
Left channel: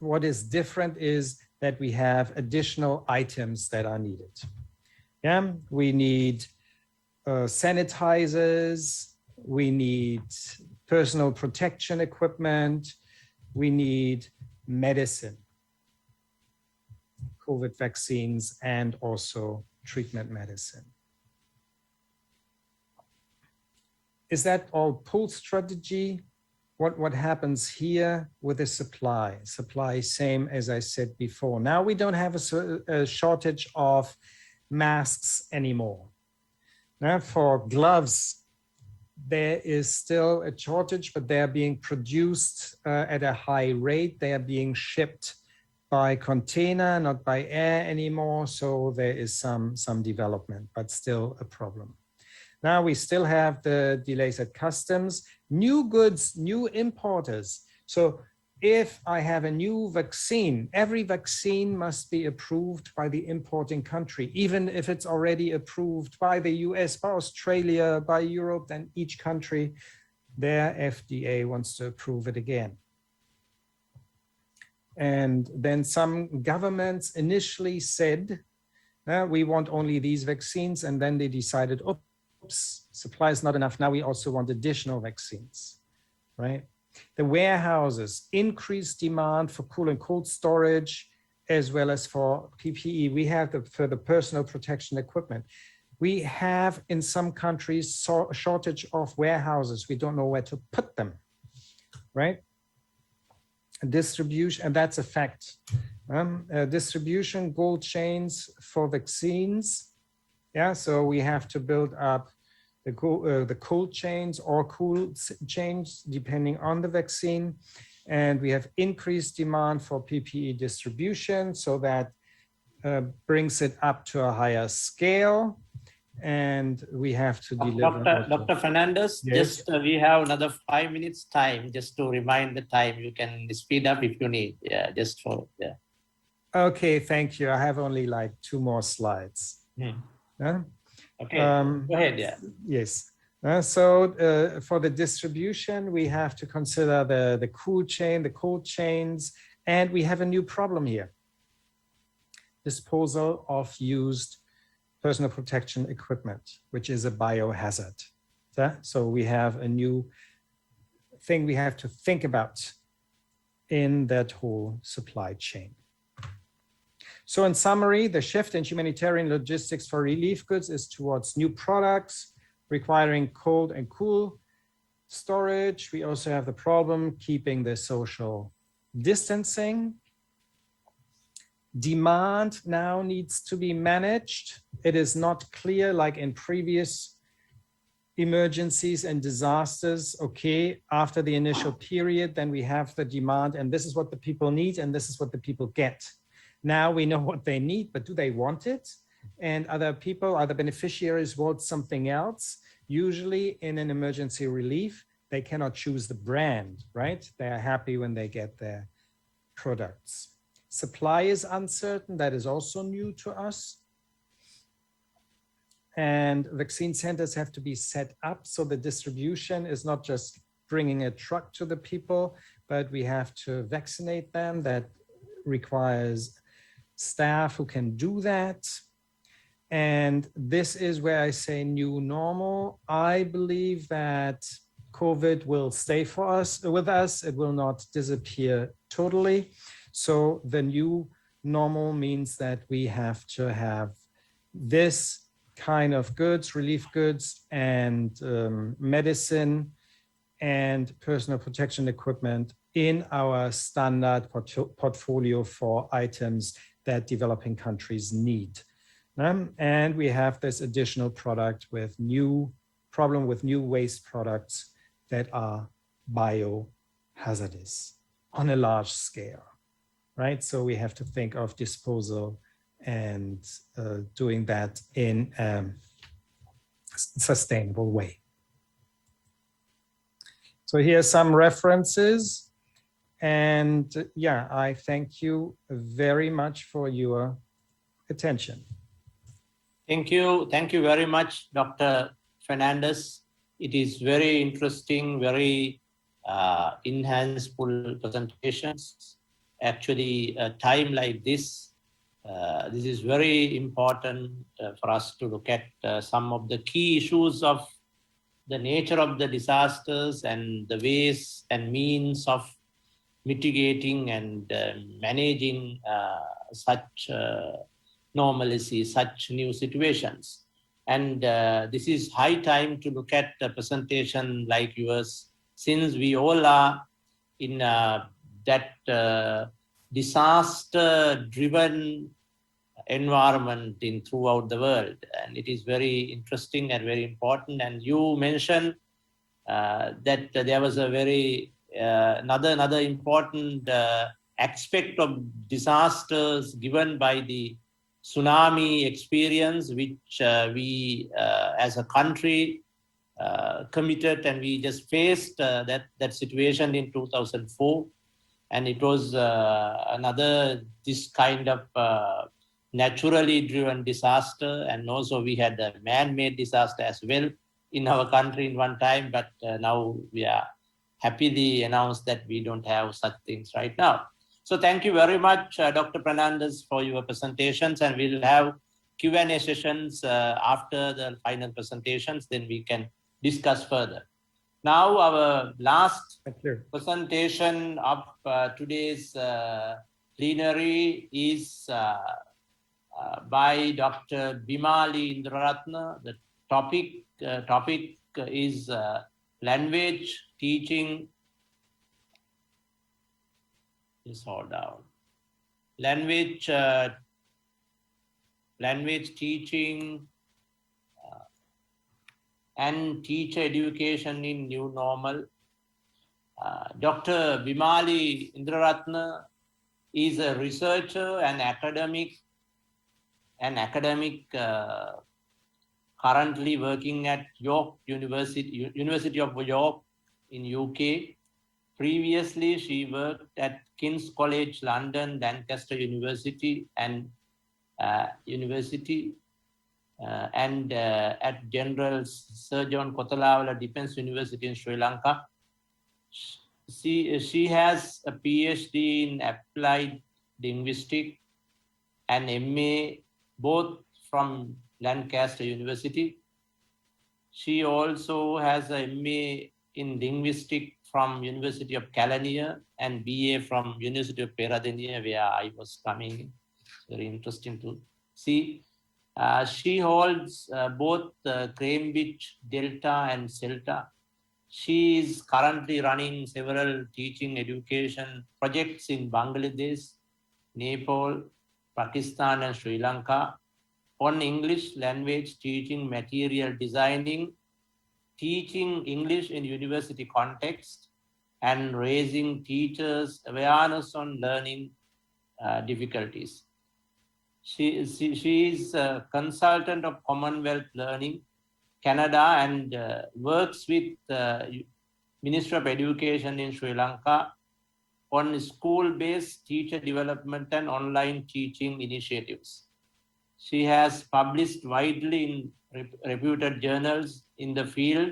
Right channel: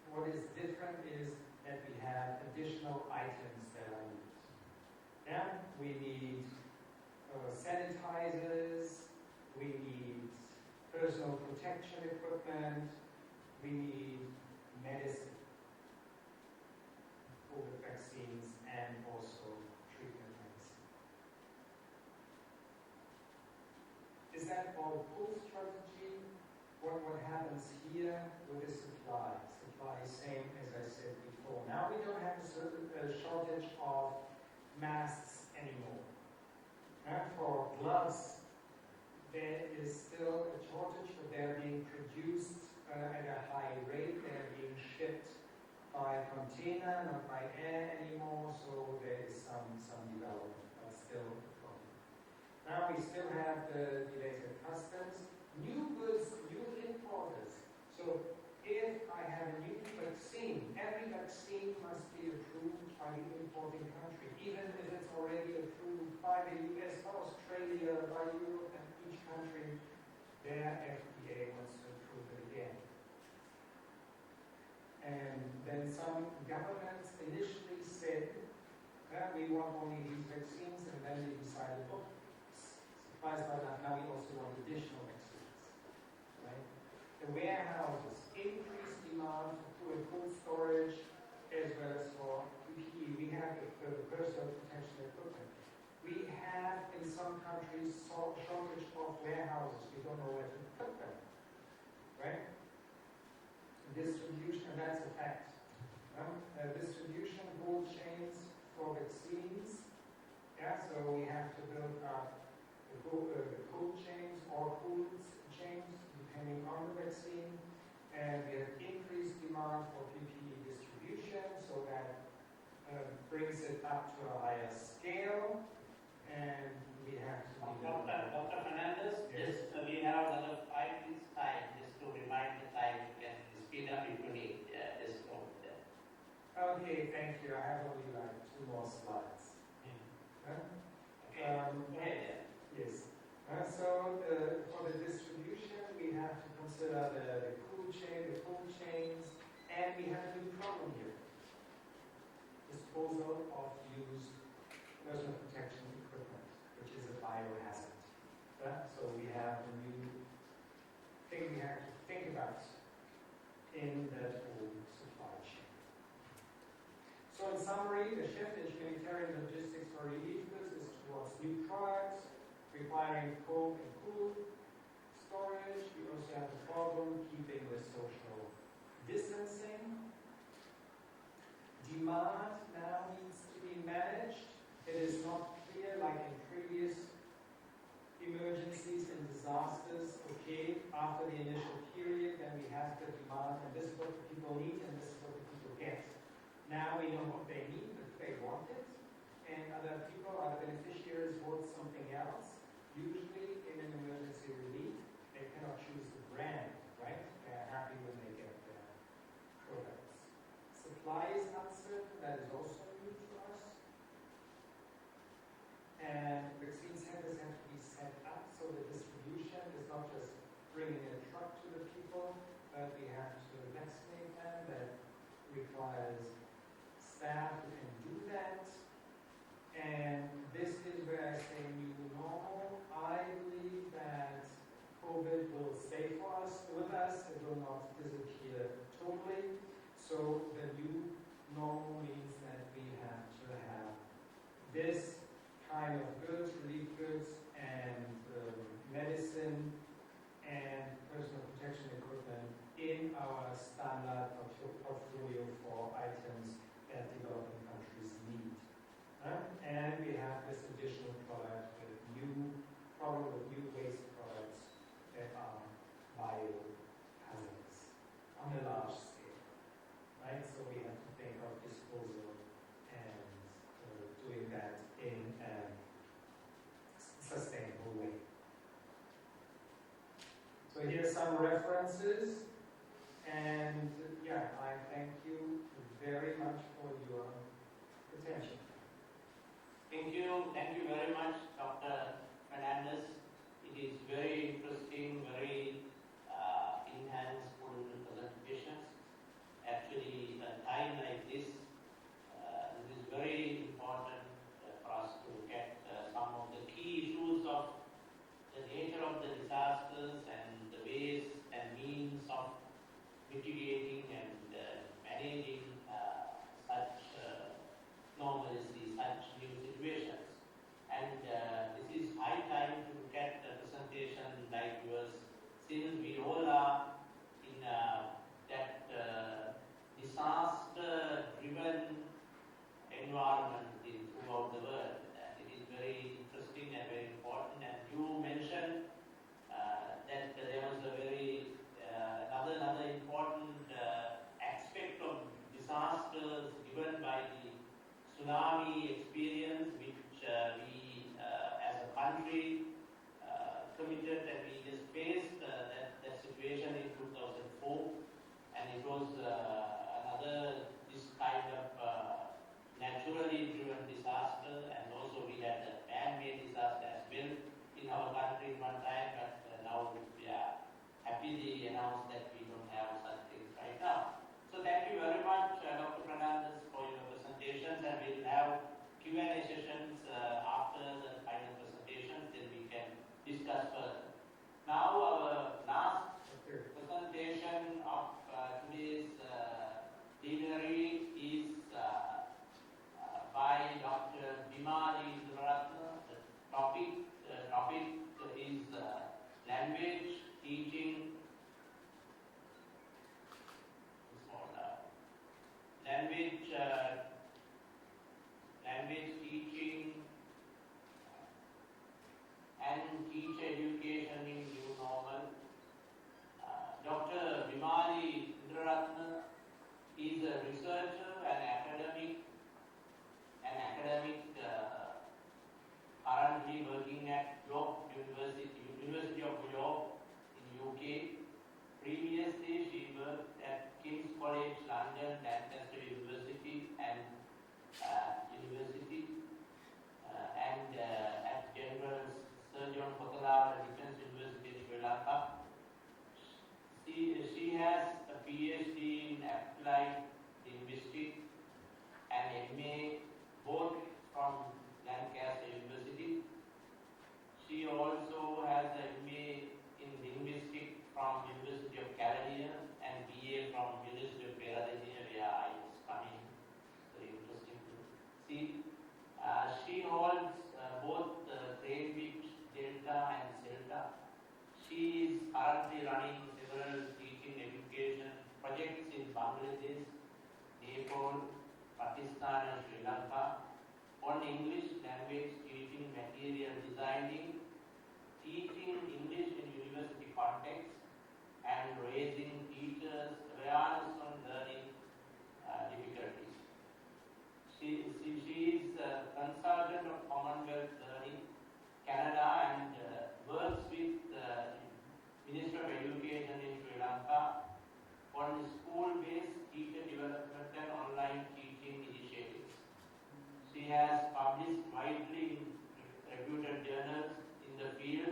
what is different is that we have additional items that are needed. Yeah, we need sanitizers, we need personal protection equipment, we need medicine, COVID vaccines, and also treatment medicine. Is that all pull strategy? What happens here with the supply? Supply, same as I said before. Now we don't have a shortage of masks anymore. Now for gloves, there is still a shortage, but they are being produced at a high rate. They are being shipped by container, not by air anymore. So there is some development, but still a problem. Now we still have the delays at customs, new goods, new importers. So if I have a new vaccine, every vaccine must be approved by the importing country, even if it's already approved by the US, by Australia, by Europe, then each country, their FDA wants to approve it again. And then some governments initially said, we want only these vaccines, and then they decided, oops, supply is not enough. Now we also want additional vaccines, right? The warehouses, increased demand for cool and cold storage, as well as for PPE. We have for the personal protection equipment. We have in some countries a shortage of warehouses. We don't know where to put them, right? Distribution, and that's a fact. Distribution, cold chains for vaccines. Yeah, so we have to build up the cold chains or cool chains depending on the vaccine. And we have increased demand for PPE distribution, so that brings it up to a higher scale. And we have to deliver. Dr. Fernandez, yes? just we have another 5 minutes time, just to remind the time. You can speed up if you need. Yeah, just for, yeah. Okay, thank you. I have only like 2 more slides. Okay, go ahead, yeah. Yes. So for the distribution, we have to consider the cool chain, the cold chains, and we have a new problem here. disposal of used personal protection equipment, which is a biohazard. So we have a new thing we have to think about in that whole supply chain. So in summary, the shift in humanitarian logistics for relief goods is towards new products requiring cold and cool storage. We also have the problem keeping the social distancing. Demand now needs to be managed. It is not clear, like in previous emergencies and disasters, okay, after the initial period, then we have the demand and this is what the people need and this is what the people get. Now we know what they need, but do they want it? And other people, other beneficiaries want something else. Usually in an emergency relief, they cannot choose the brand, right? They are happy when they get their products. Supply is uncertain, that is also new to us. And vaccine centers have to be set up so the distribution is not just bringing a truck to the people, but we have to vaccinate them. That requires staff who can do that. And this is where I say new normal. I believe that COVID will stay with us. It will not disappear totally. So the new normal means that we have to have this kind of goods, relief goods and medicine and personal protection equipment in our standard portfolio for items that developing countries need. And we have this additional product with new waste products that are biohazardous on a large scale, right? So we have to think of disposal and doing that in a sustainable way. So here are some references. And yeah, I thank you very much for your attention. Thank you. Thank you very much, Dr. Fernandez. It is very interesting, very enhanceful presentations. Actually, a time like this, this is very important for us to look at some of the key issues of the nature of the disasters and the ways and means of mitigating and managing such normalcy, such new situations. And this is high time to look at a presentation like yours, since we all are in that disaster-driven environment throughout the world. And it is very interesting and very important. And you mentioned that there was a very another important aspect of disasters given by the tsunami experience, which we as a country committed, and we just faced that situation in 2004. And it was another this kind of naturally driven disaster, and also we had a man-made disaster as well in our country in one time, but now we are happily announced that we don't have such things right now. So thank you very much, Dr. Fernandez, for your presentations, and we'll have Q&A sessions after the final presentations, then we can discuss further. Now our last presentation of today's plenary is by Dr. Bimali Indraratna. The topic is language teaching disorder. Language teaching and teacher education in new normal. Dr. Bimali Indraratna is a researcher and academic currently working at York University of York in UK. Previously, she worked at King's College London, Lancaster University, and at General Sir John Kotalawala Defence University in Sri Lanka. She has a PhD in applied linguistics and MA, both from Lancaster University. She also has a MA in Linguistics from University of Kelaniya and BA from University of Peradeniya, where I was coming. Very interesting to see. She holds both Cambridge Delta and CELTA. She is currently running several teaching education projects in Bangladesh, Nepal, Pakistan, and Sri Lanka on English language teaching, material designing, teaching English in university context, and raising teachers' awareness on learning difficulties. She is a consultant of Commonwealth Learning Canada and works with Ministry of Education in Sri Lanka on school-based teacher development and online teaching initiatives. She has published widely in reputed journals in the field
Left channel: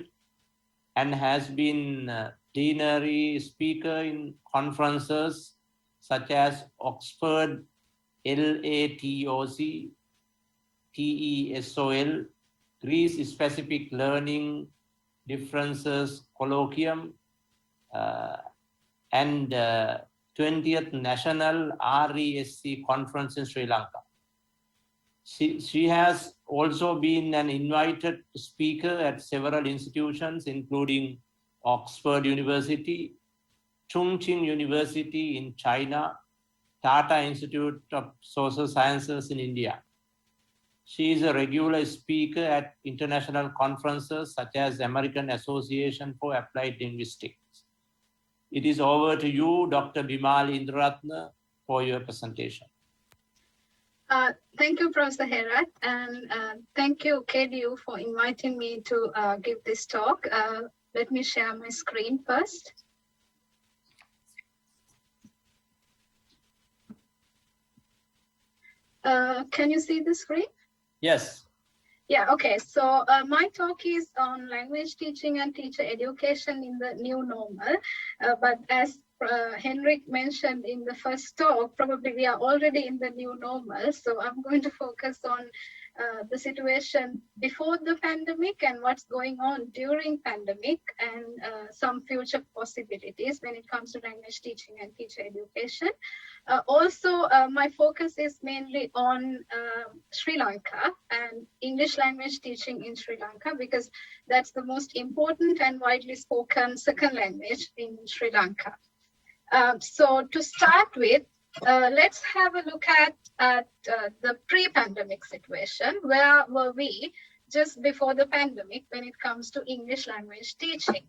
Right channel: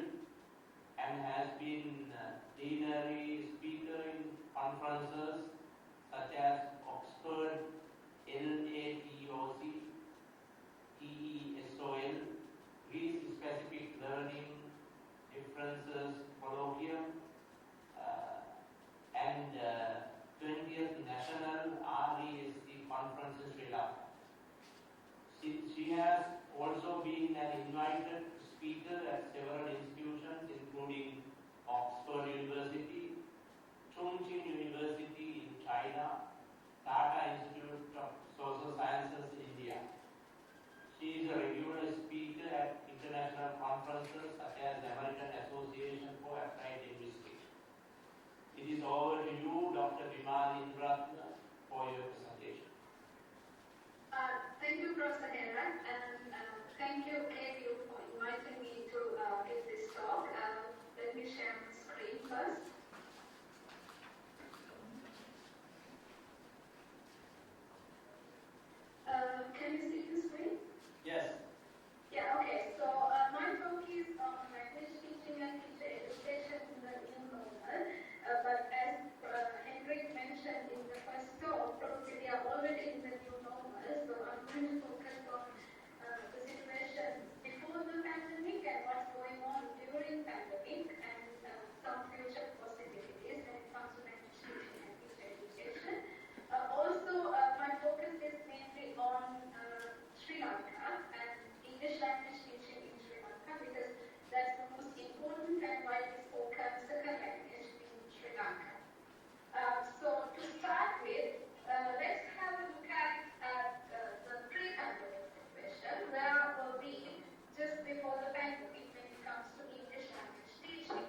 and has been plenary speaker in conferences such as Oxford LATOC, TESOL, Greece-specific learning differences colloquium, and 20th National RESC conference in Sri Lanka. She has also been an invited speaker at several institutions, including Oxford University, Chongqing University in China, Tata Institute of Social Sciences in India. She is a regular speaker at international conferences such as American Association for Applied Linguistics. It is over to you, Dr. Bimali Indraratna, for your presentation. Thank you, Professor Herath, and thank you, KDU, for inviting me to give this talk. Let me share my screen first. Can you see the screen? Yes. Yeah, okay. So my talk is on language teaching and teacher education in the new normal. But as Hendrik mentioned in the first talk, probably we are already in the new normal. So I'm going to focus on the situation before the pandemic and what's going on during pandemic and some future possibilities when it comes to language teaching and teacher education. Also, my focus is mainly on Sri Lanka and English language teaching in Sri Lanka because that's the most important and widely spoken second language in Sri Lanka. So to start with, let's have a look at the pre-pandemic situation. Where were we just before the pandemic when it comes to English language teaching?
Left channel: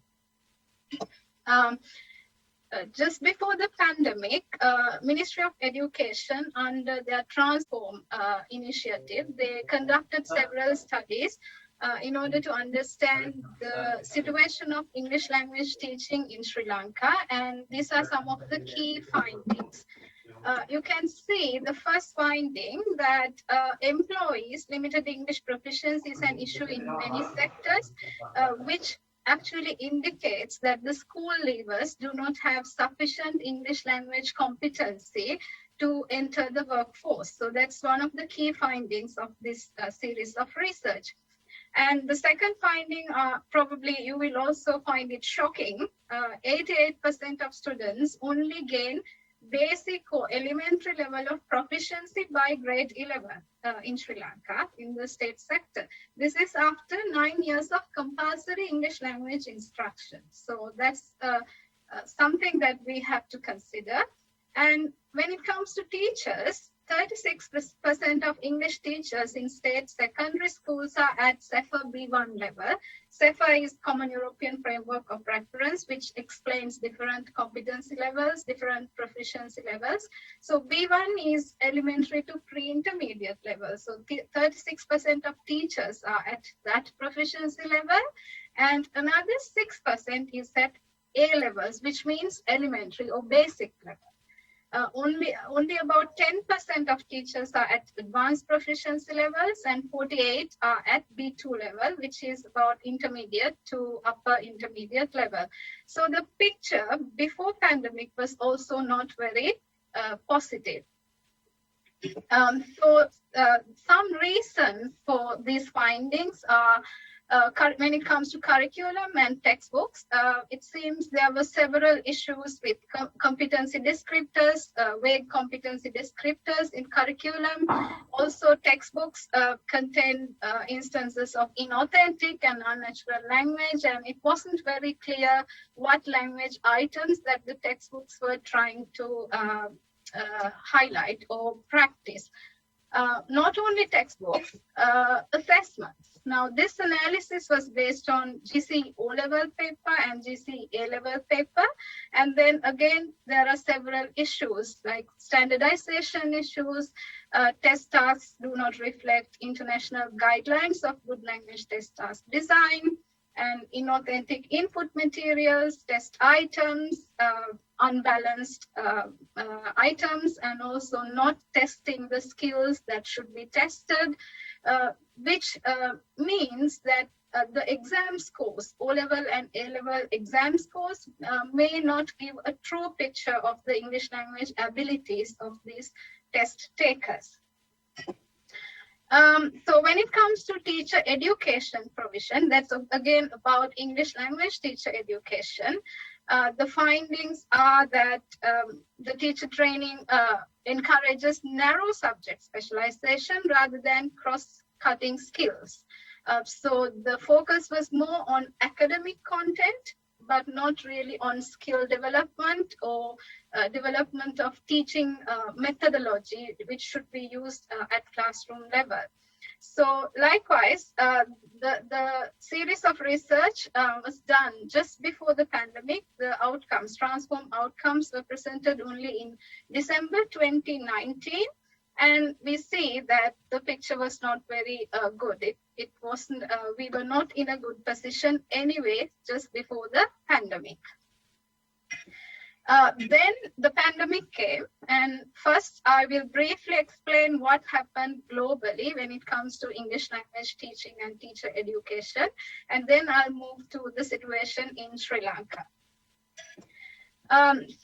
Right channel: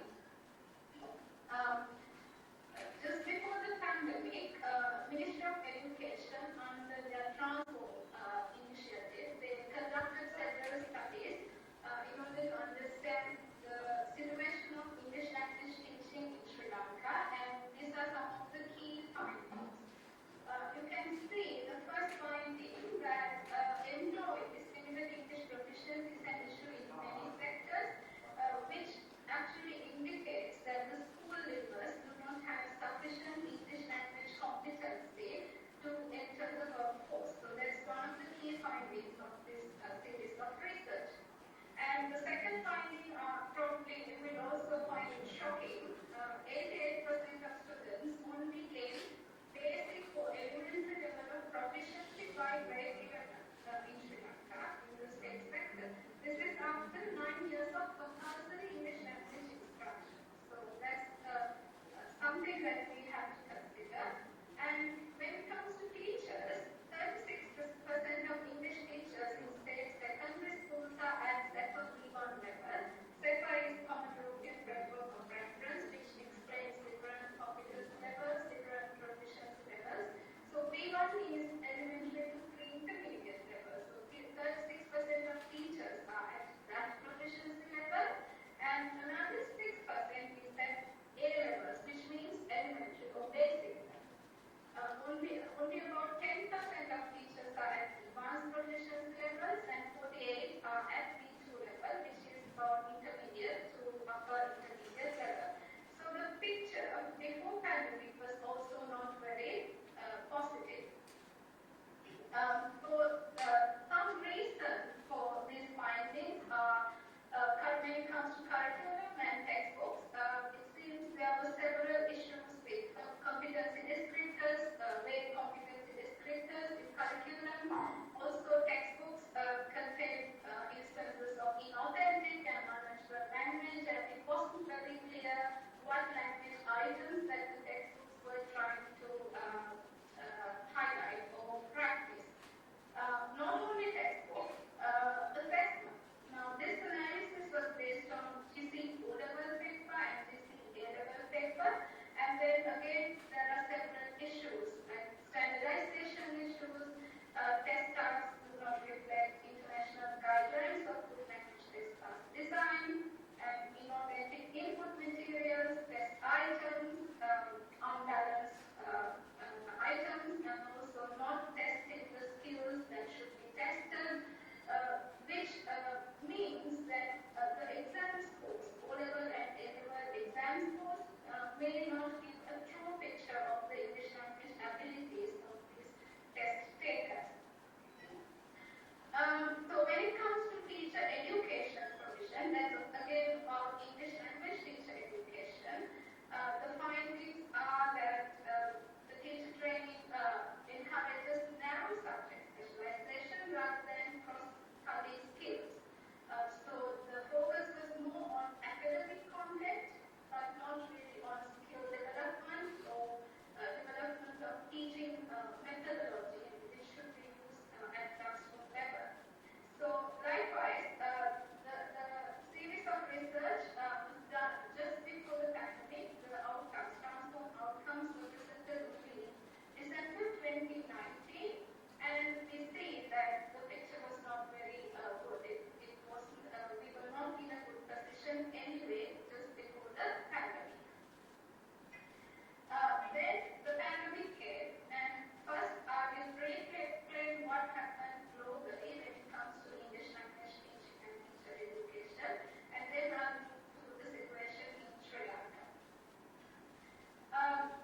Just before the pandemic, Ministry of Education, under their Transform initiative, they conducted several studies in order to understand the situation of English language teaching in Sri Lanka, and these are some of the key findings. You can see the first finding that employees' limited English proficiency is an issue in many sectors, which actually indicates that the school leavers do not have sufficient English language competency to enter the workforce. So that's one of the key findings of this series of research. And the second finding, probably you will also find it shocking, 88% of students only gain basic or elementary level of proficiency by grade 11 in Sri Lanka in the state sector. This is after 9 years of compulsory English language instruction. So that's something that we have to consider. And when it comes to teachers, 36% of English teachers in state secondary schools are at CEFA B1 level. CEFA is Common European Framework of Reference, which explains different competency levels, different proficiency levels. So B1 is elementary to pre-intermediate level. So 36% of teachers are at that proficiency level, and another 6% is at A levels, which means elementary or basic level. Only about 10% of teachers are at advanced proficiency levels and 48 are at B2 level, which is about intermediate to upper intermediate level. So the picture before pandemic was also not very positive. Some reasons for these findings are when it comes to curriculum and textbooks, it seems there were several issues with competency descriptors, vague competency descriptors in curriculum. Also, textbooks contain instances of inauthentic and unnatural language, and it wasn't very clear what language items that the textbooks were trying to highlight or practice. Not only textbooks, assessments. Now, this analysis was based on GC O-level paper and GC A-level paper. And then again, there are several issues like standardization issues. Test tasks do not reflect international guidelines of good language test task design, and inauthentic input materials, test items, unbalanced items, and also not testing the skills that should be tested, which means that the exam scores, O-level and A-level exam scores, may not give a true picture of the English language abilities of these test takers. So when it comes to teacher education provision, that's again about English language teacher education. The findings are that the teacher training encourages narrow subject specialization rather than cross-cutting skills. So the focus was more on academic content, but not really on skill development or development of teaching methodology, which should be used at classroom level. So likewise, the series of research was done just before the pandemic. The outcomes, transform outcomes, were presented only in December 2019. And we see that the picture was not very good. It wasn't, we were not in a good position anyway, just before the pandemic. Then the pandemic came, and first I will briefly explain what happened globally when it comes to English language teaching and teacher education, and then I'll move to the situation in Sri Lanka.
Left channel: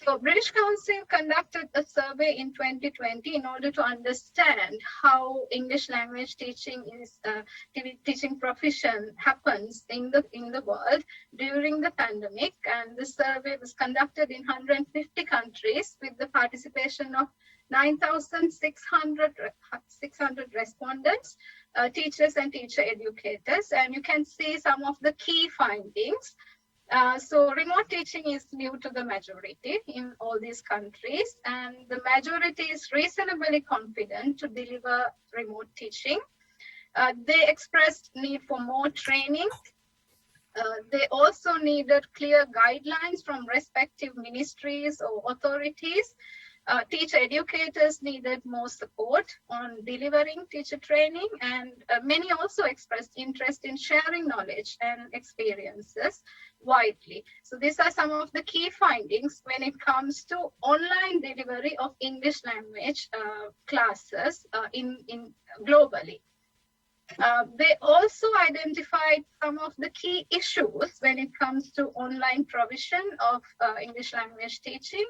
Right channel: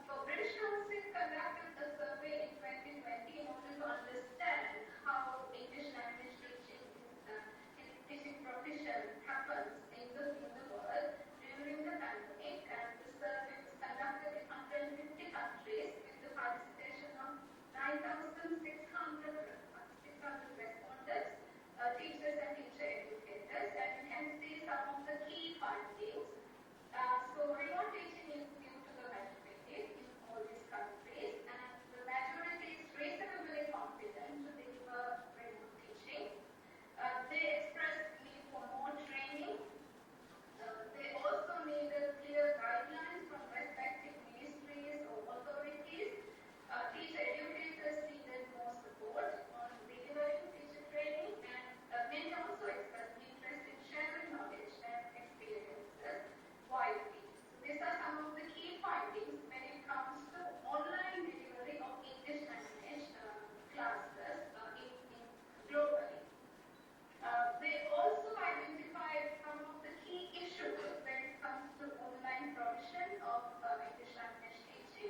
So British Council conducted a survey in 2020 in order to understand how English language teaching is teaching profession happens in the world during the pandemic, and the survey was conducted in 150 countries with the participation of 9,600 respondents, teachers and teacher educators, and you can see some of the key findings. So remote teaching is new to the majority in all these countries, and the majority is reasonably confident to deliver remote teaching. They expressed need for more training. They also needed clear guidelines from respective ministries or authorities. Teacher educators needed more support on delivering teacher training, and many also expressed interest in sharing knowledge and experiences widely. So these are some of the key findings when it comes to online delivery of English language classes globally. They also identified some of the key issues when it comes to online provision of English language teaching,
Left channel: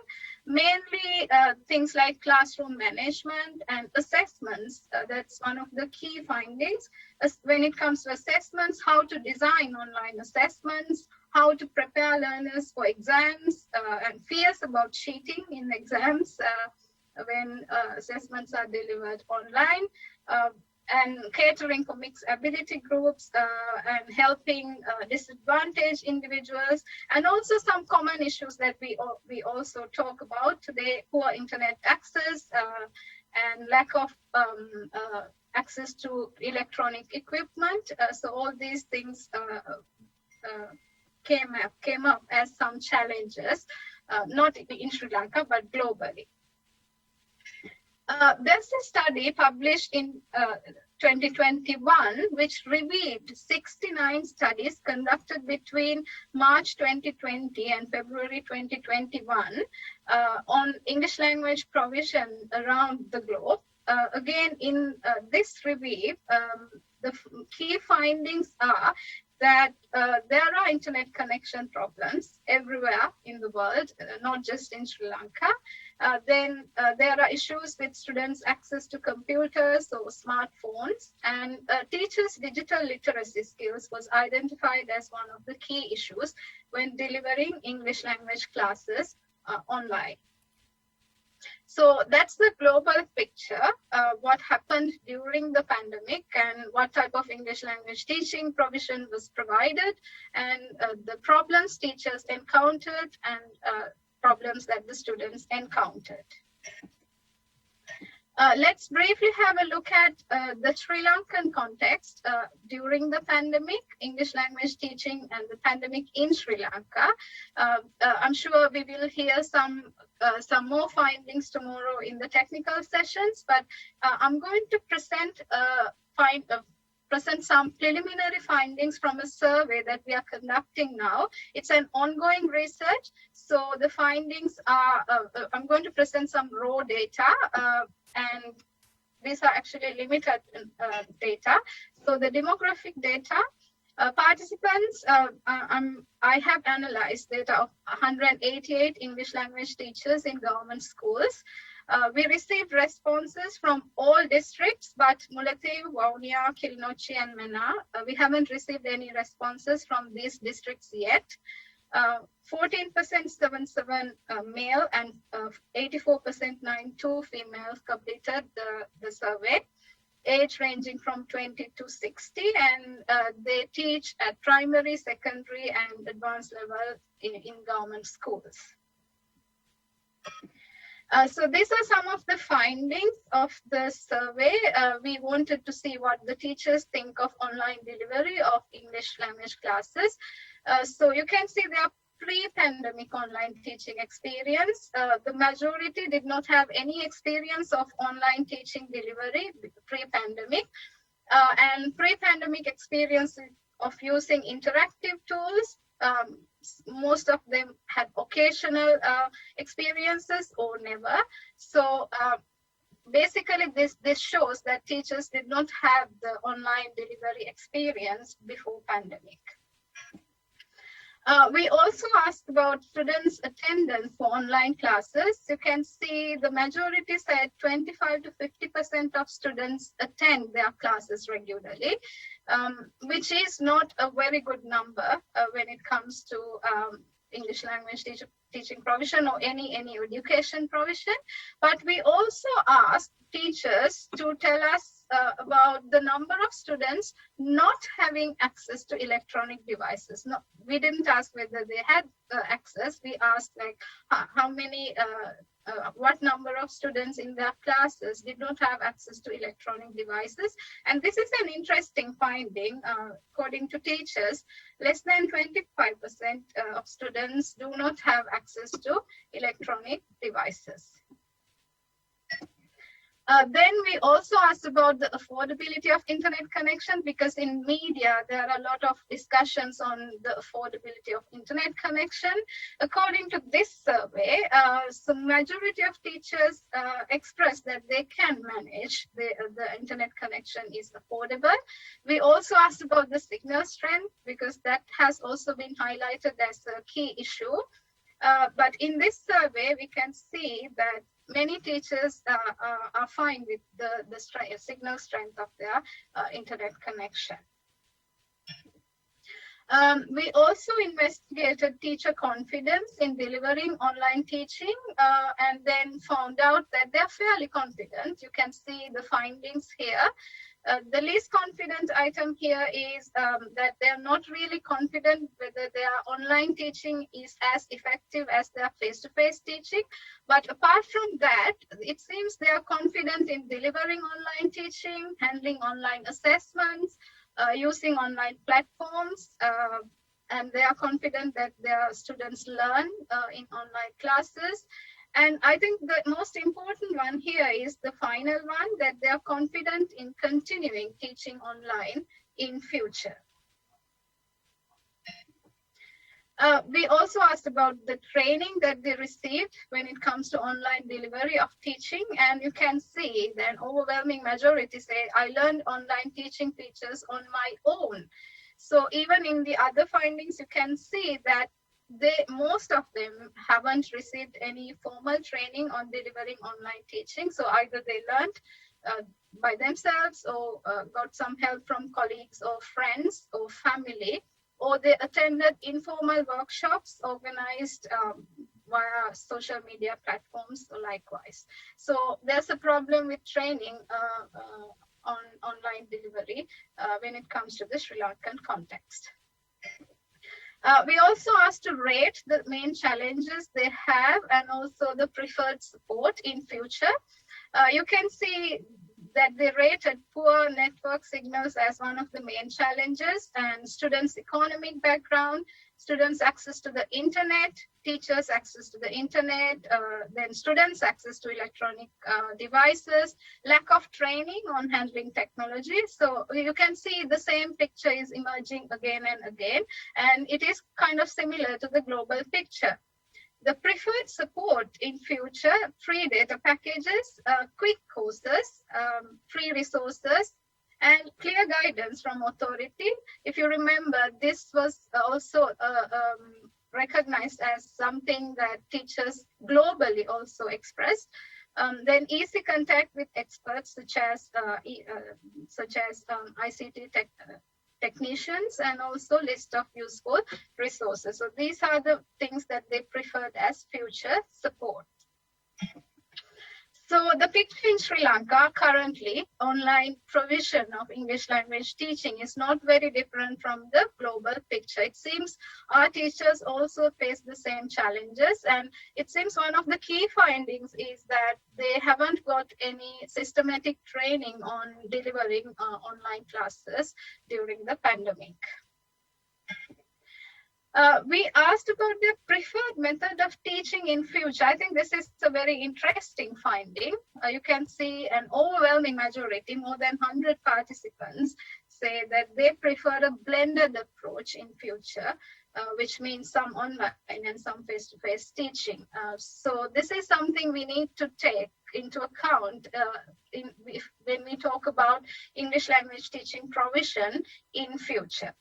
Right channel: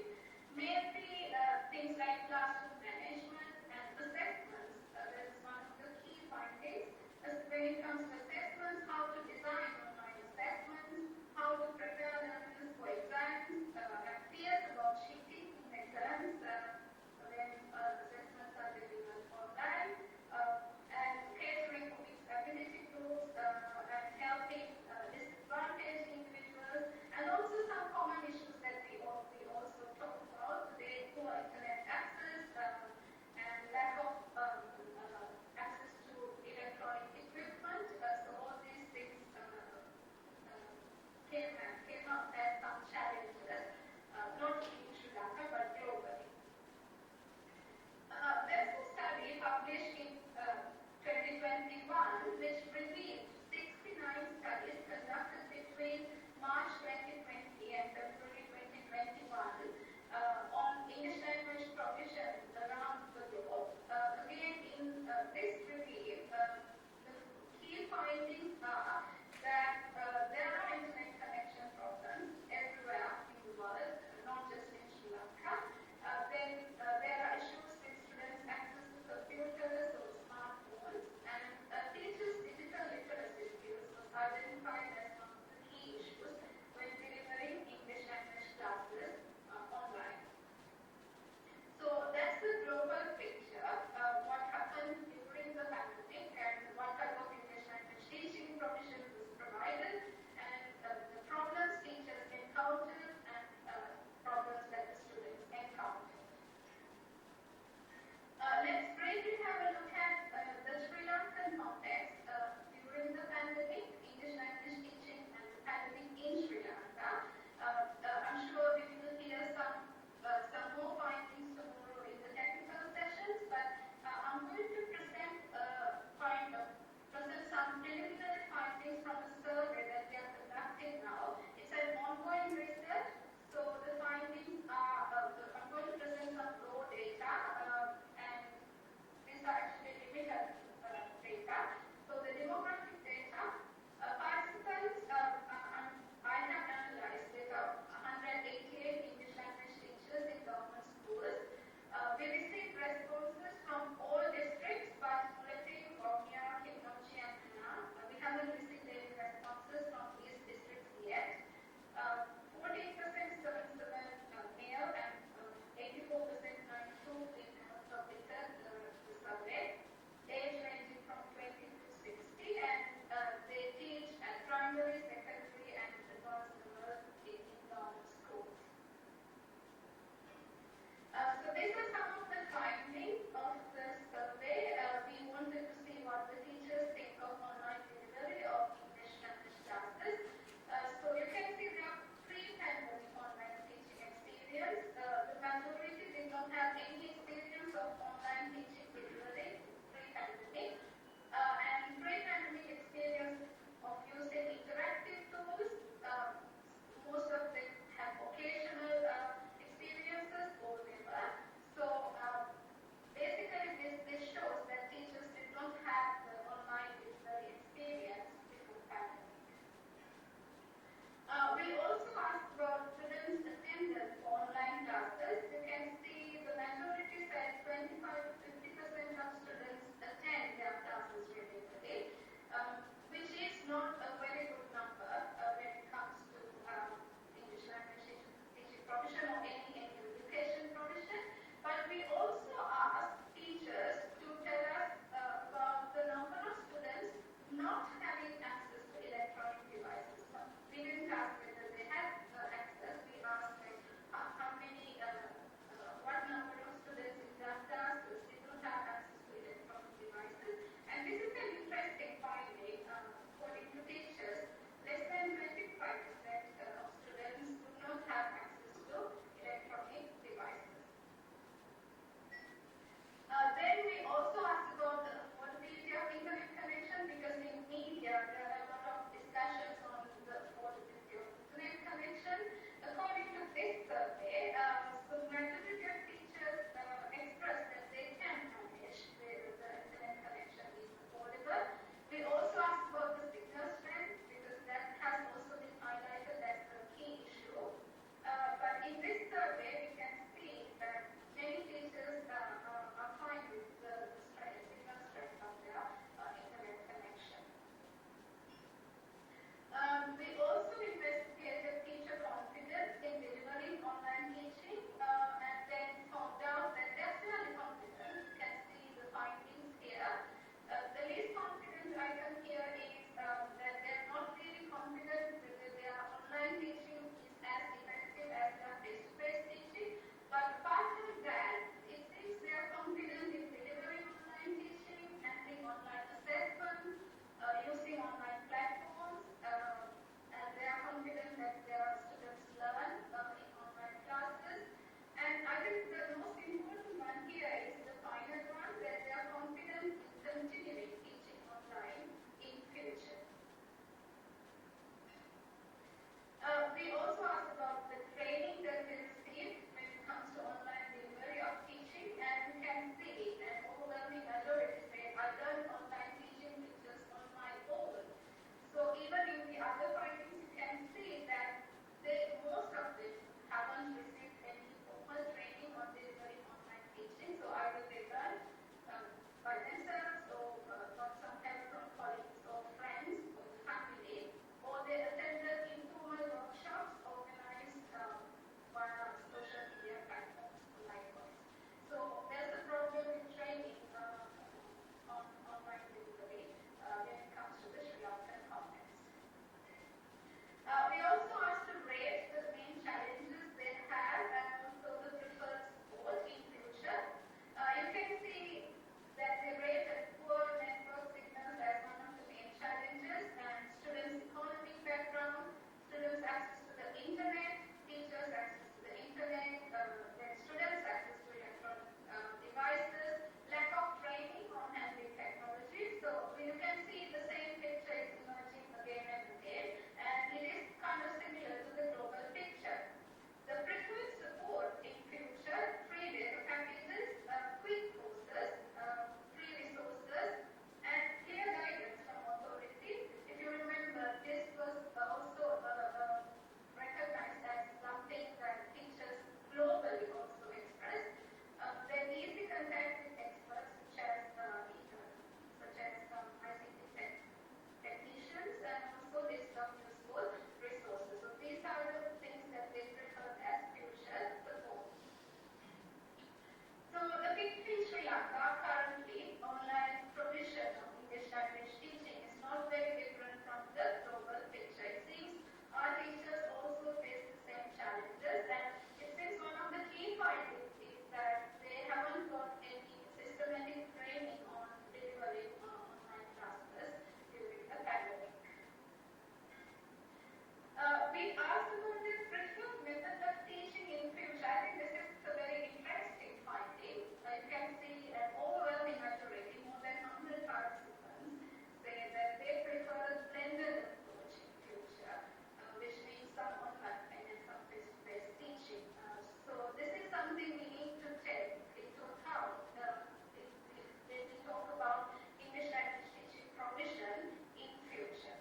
mainly things like classroom management and assessments. That's one of the key findings. When it comes to assessments, how to design online assessments, how to prepare learners for exams, and fears about cheating in exams when assessments are delivered online, and catering for mixed ability groups, and helping disadvantaged individuals, and also some common issues that we also talk about today: poor internet access and lack of access to electronic equipment. So all these things came up as some challenges, not in Sri Lanka, but globally. There's a study published in 2021, which reviewed 69 studies conducted between March 2020 and February 2021 on English language provision around the globe. Again, in this review, the key findings are that there are internet connection problems everywhere in the world, not just in Sri Lanka. Then there are issues with students' access to computers or smartphones, and teachers' digital literacy skills was identified as one of the key issues when delivering English language classes online. So that's the global picture, what happened during the pandemic and what type of English language teaching provision was provided, and the problems teachers encountered and problems that the students encountered. Let's briefly have a look at the Sri Lankan context during the pandemic, English language teaching and the pandemic in Sri Lanka. I'm sure we will hear some more findings tomorrow in the technical sessions, but I'm going to present some preliminary findings from a survey that we are conducting now. It's an ongoing research, so the findings are, I'm going to present some raw data, and these are actually limited data. So the demographic data, participants, I have analyzed data of 188 English language teachers in government schools. We received responses from all districts, but Mullaitivu, Vaunia, Kilinochchi, and Mena. We haven't received any responses from these districts yet. 14% 77 male and 84% 92 females completed the survey, age ranging from 20 to 60, and they teach at primary, secondary, and advanced level in government schools. So these are some of the findings of the survey. We wanted to see what the teachers think of online delivery of English language classes. So you can see their pre-pandemic online teaching experience. The majority did not have any experience of online teaching delivery pre-pandemic, and pre-pandemic experience of using interactive tools. Most of them had occasional experiences or never. So basically this shows that teachers did not have the online delivery experience before pandemic. We also asked about students' attendance for online classes. You can see the majority said 25 to 50% of students attend their classes regularly, which is not a very good number when it comes to English language teaching provision or any education provision. But we also asked teachers to tell us about the number of students not having access to electronic devices. No, we didn't ask whether they had access. We asked like how many, what number of students in their classes did not have access to electronic devices. And this is an interesting finding. According to teachers, less than 25% of students do not have access to electronic devices. Then we also asked about the affordability of internet connection, because in media there are a lot of discussions on the affordability of internet connection. According to this survey, the majority of teachers expressed that they can manage the internet connection is affordable. We also asked about the signal strength, because that has also been highlighted as a key issue. But in this survey, we can see that many teachers are fine with the signal strength of their internet connection. We also investigated teacher confidence in delivering online teaching and then found out that they're fairly confident. You can see the findings here. The least confident item here is that they're not really confident whether their online teaching is as effective as their face-to-face teaching. But apart from that, it seems they are confident in delivering online teaching, handling online assessments, using online platforms, and they are confident that their students learn in online classes. And I think the most important one here is the final one, that they are confident in continuing teaching online in future. We also asked about the training that they received when it comes to online delivery of teaching, and you can see that an overwhelming majority say, I learned online teaching features on my own. So even in the other findings, you can see that most of them haven't received any formal training on delivering online teaching. So either they learned by themselves or got some help from colleagues or friends or family, or they attended informal workshops organized via social media platforms or likewise. So there's a problem with training on online delivery when it comes to the Sri Lankan context. We also asked to rate the main challenges they have and also the preferred support in future. You can see that they rated poor network signals as one of the main challenges, and students' economic background, students' access to the internet, teachers' access to the internet, then students' access to electronic devices, lack of training on handling technology. So you can see the same picture is emerging again and again, and it is kind of similar to the global picture. The preferred support in future, free data packages, quick courses, free resources, and clear guidance from authority. If you remember, this was also recognized as something that teachers globally also expressed. Then easy contact with experts such as ICT technicians, and also list of useful resources. So these are the things that they preferred as future support. So the picture in Sri Lanka currently, online provision of English language teaching is not very different from the global picture. It seems our teachers also face the same challenges, and it seems one of the key findings is that they haven't got any systematic training on delivering online classes during the pandemic. We asked about the preferred method of teaching in future. I think this is a very interesting finding. You can see an overwhelming majority, more than 100 participants, say that they prefer a blended approach in future, which means some online and some face-to-face teaching. So this is something we need to take into account when we talk about English language teaching provision in future.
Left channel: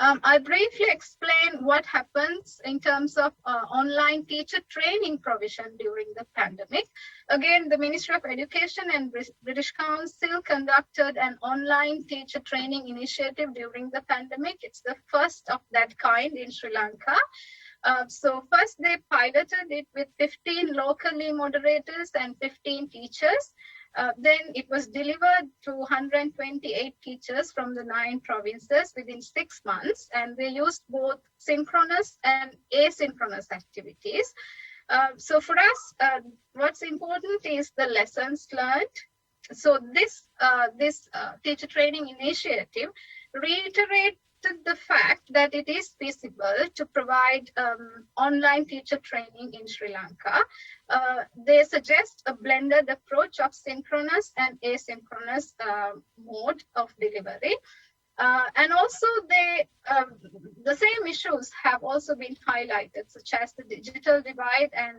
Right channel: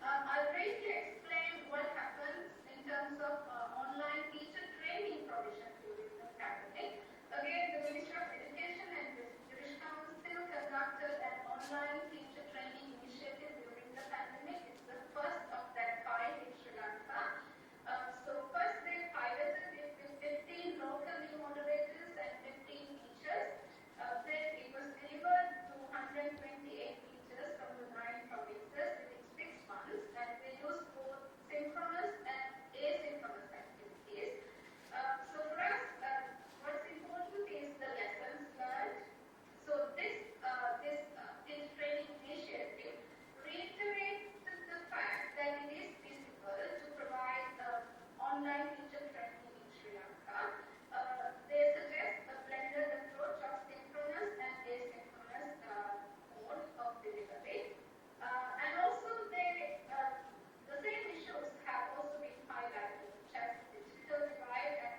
I briefly explain what happens in terms of online teacher training provision during the pandemic. Again, the Ministry of Education and British Council conducted an online teacher training initiative during the pandemic. It's the first of that kind in Sri Lanka. So first they piloted it with 15 locally moderators and 15 teachers. Then it was delivered to 128 teachers from the 9 provinces within 6 months, and they used both synchronous and asynchronous activities. So for us, what's important is the lessons learned. So this teacher training initiative reiterated the fact that it is feasible to provide online teacher training in Sri Lanka. They suggest a blended approach of synchronous and asynchronous mode of delivery. And also the same issues have also been highlighted, such as the digital divide and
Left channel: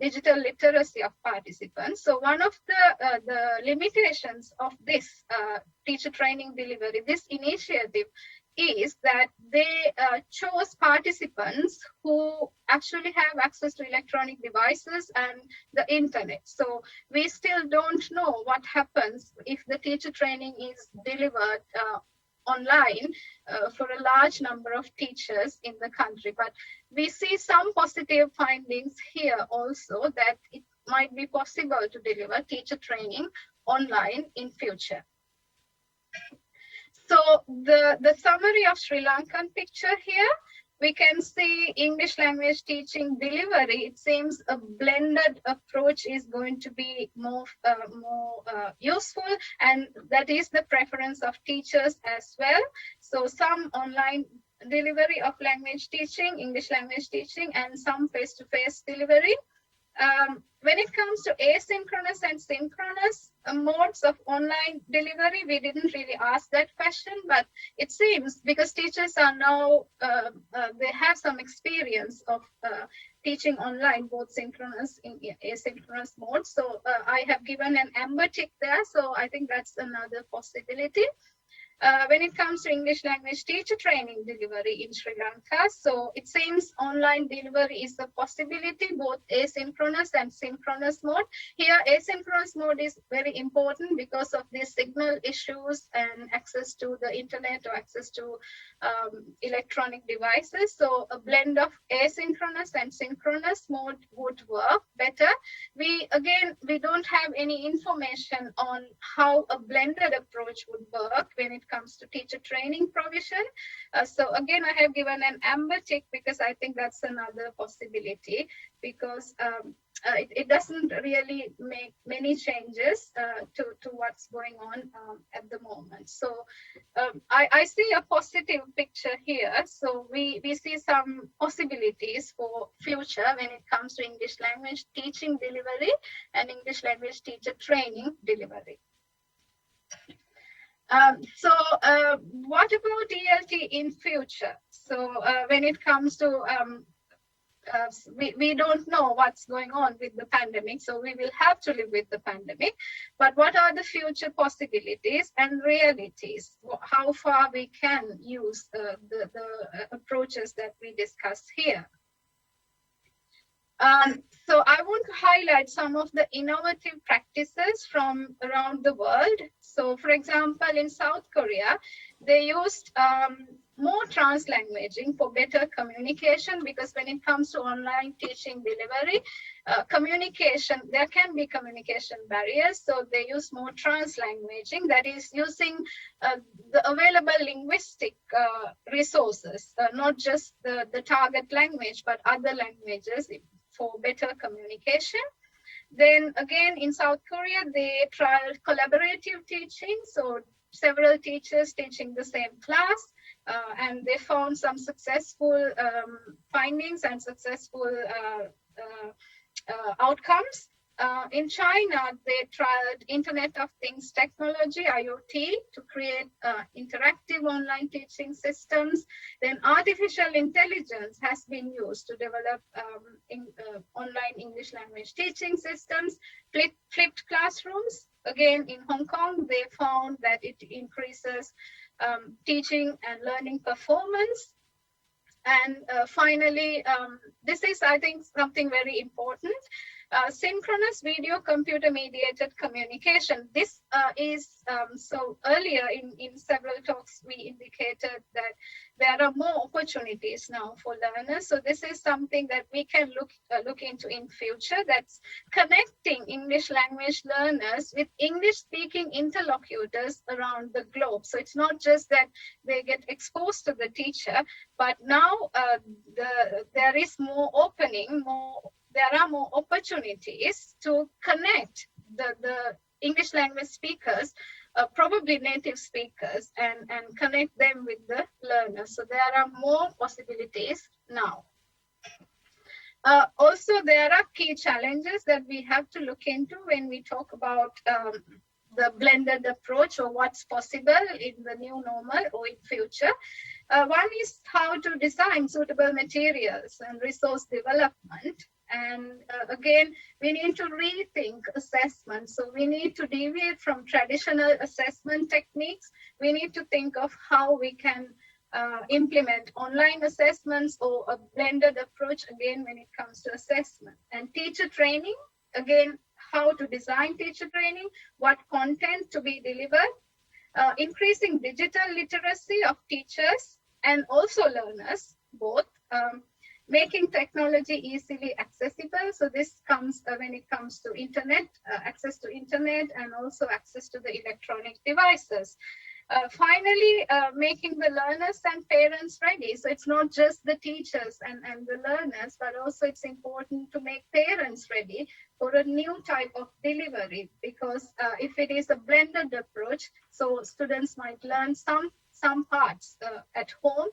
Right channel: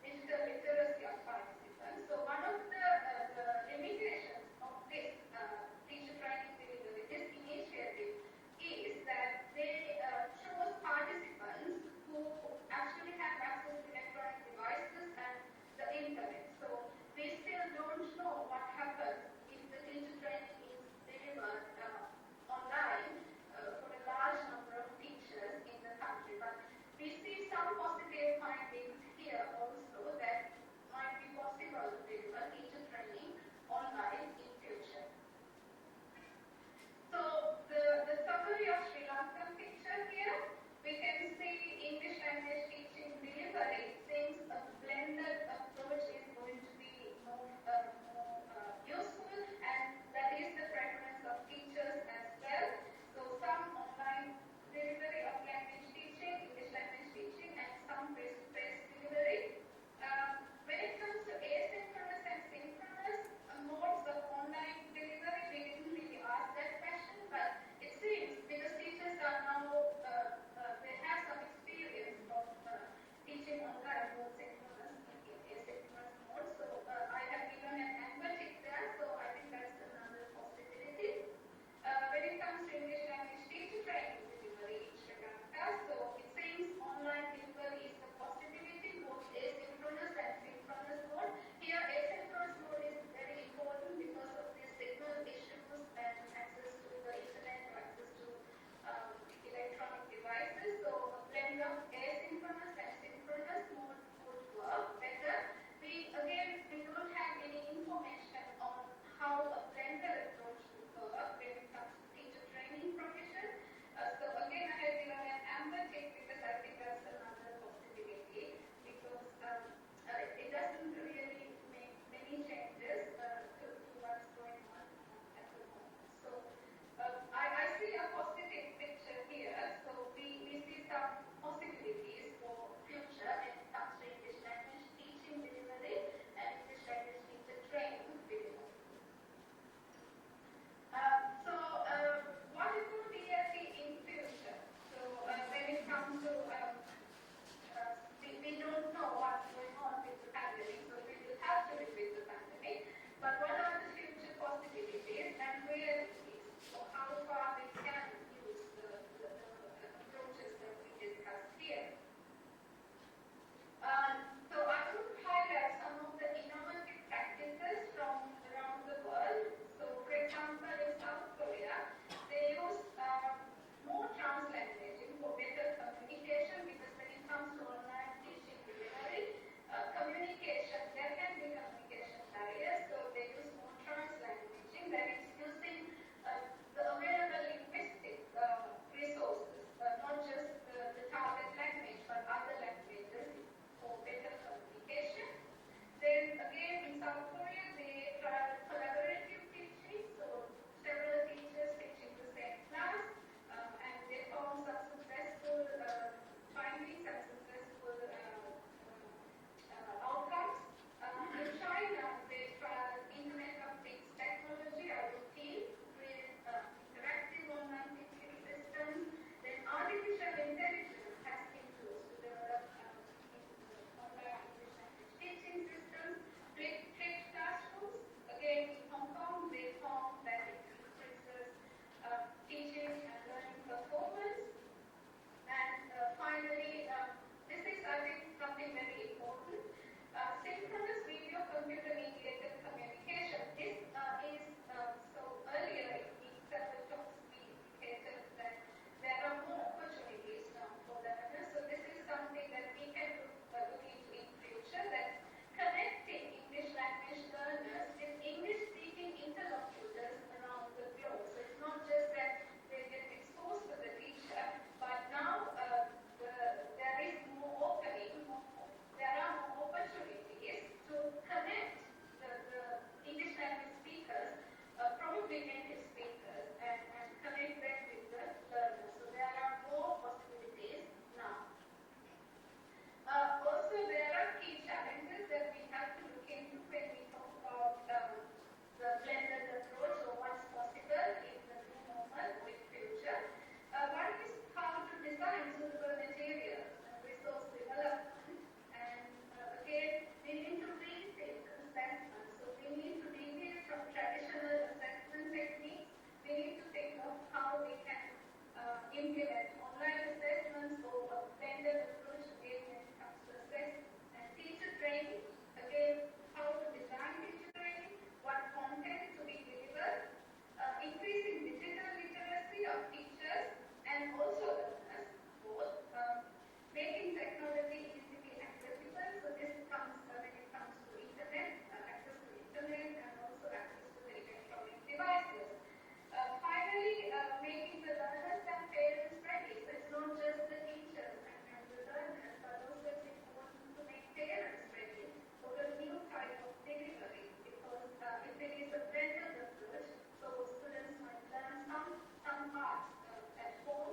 digital literacy of participants. So one of the limitations of this teacher training delivery, this initiative, is that they chose participants who actually have access to electronic devices and the internet. So we still don't know what happens if the teacher training is delivered online for a large number of teachers in the country. But we see some positive findings here also, that it might be possible to deliver teacher training online in future. So the summary of Sri Lankan picture here, we can see English language teaching delivery. It seems a blended approach is going to be more useful, and that is the preference of teachers as well. So some online delivery of language teaching, English language teaching, and some face-to-face delivery. When it comes to asynchronous and synchronous modes of online delivery, we didn't really ask that question, but it seems because teachers are now, they have some experience of teaching online, both synchronous and asynchronous modes. So I have given an amber tick there, so I think that's another possibility. when it comes to English language teacher training delivery in Sri Lanka. So it seems online delivery is a possibility, both asynchronous and synchronous mode. Here, asynchronous mode is very important because of the signal issues and access to the internet or access to electronic devices. So a blend of asynchronous and synchronous mode would work better. We don't have any information on how a blended approach would work when it comes to teacher training provision. So again, I have given an amber tick because I think that's another possibility, because it doesn't really make many changes to what's going on at the moment. So I see a positive picture here. So we see some possibilities for future when it comes to English language teaching delivery and English language teacher training delivery. What about ELT in future? So when it comes to we don't know what's going on with the pandemic, so we will have to live with the pandemic. But what are the future possibilities and realities? How far we can use the approaches that we discuss here? So I want to highlight some of the innovative practices from around the world. So for example, in South Korea, they used more translanguaging for better communication, because when it comes to online teaching delivery, communication, there can be communication barriers. So they use more translanguaging, that is using the available linguistic resources, not just the target language, but other languages for better communication. Then again, in South Korea, they tried collaborative teaching. So several teachers teaching the same class, and they found some successful findings and successful outcomes. In China, they tried Internet of Things technology, IoT, to create interactive online teaching systems. Then artificial intelligence has been used to develop online English language teaching systems. Flipped classrooms, again in Hong Kong, they found that it increases teaching and learning performance. And finally, this is, I think, something very important. Synchronous video computer mediated communication. This is, so earlier in several talks, we indicated that there are more opportunities now for learners. So this is something that we can look into in future, that's connecting English language learners with English speaking interlocutors around the globe. So it's not just that they get exposed to the teacher, but now there is more opening, there are more opportunities to connect the English language speakers, probably native speakers, and connect them with the learners. So there are more possibilities now. Also, there are key challenges that we have to look into when we talk about the blended approach, or what's possible in the new normal or in future. One is how to design suitable materials and resource development. And again, we need to rethink assessment. So we need to deviate from traditional assessment techniques. We need to think of how we can implement online assessments or a blended approach, again, when it comes to assessment. And teacher training, again, how to design teacher training, what content to be delivered, increasing digital literacy of teachers and also learners, both. Making technology easily accessible. So this comes when it comes to internet, access to internet, and also access to the electronic devices. Finally, making the learners and parents ready. So it's not just the teachers and the learners, but also it's important to make parents ready for a new type of delivery, because if it is a blended approach, so students might learn some parts at home,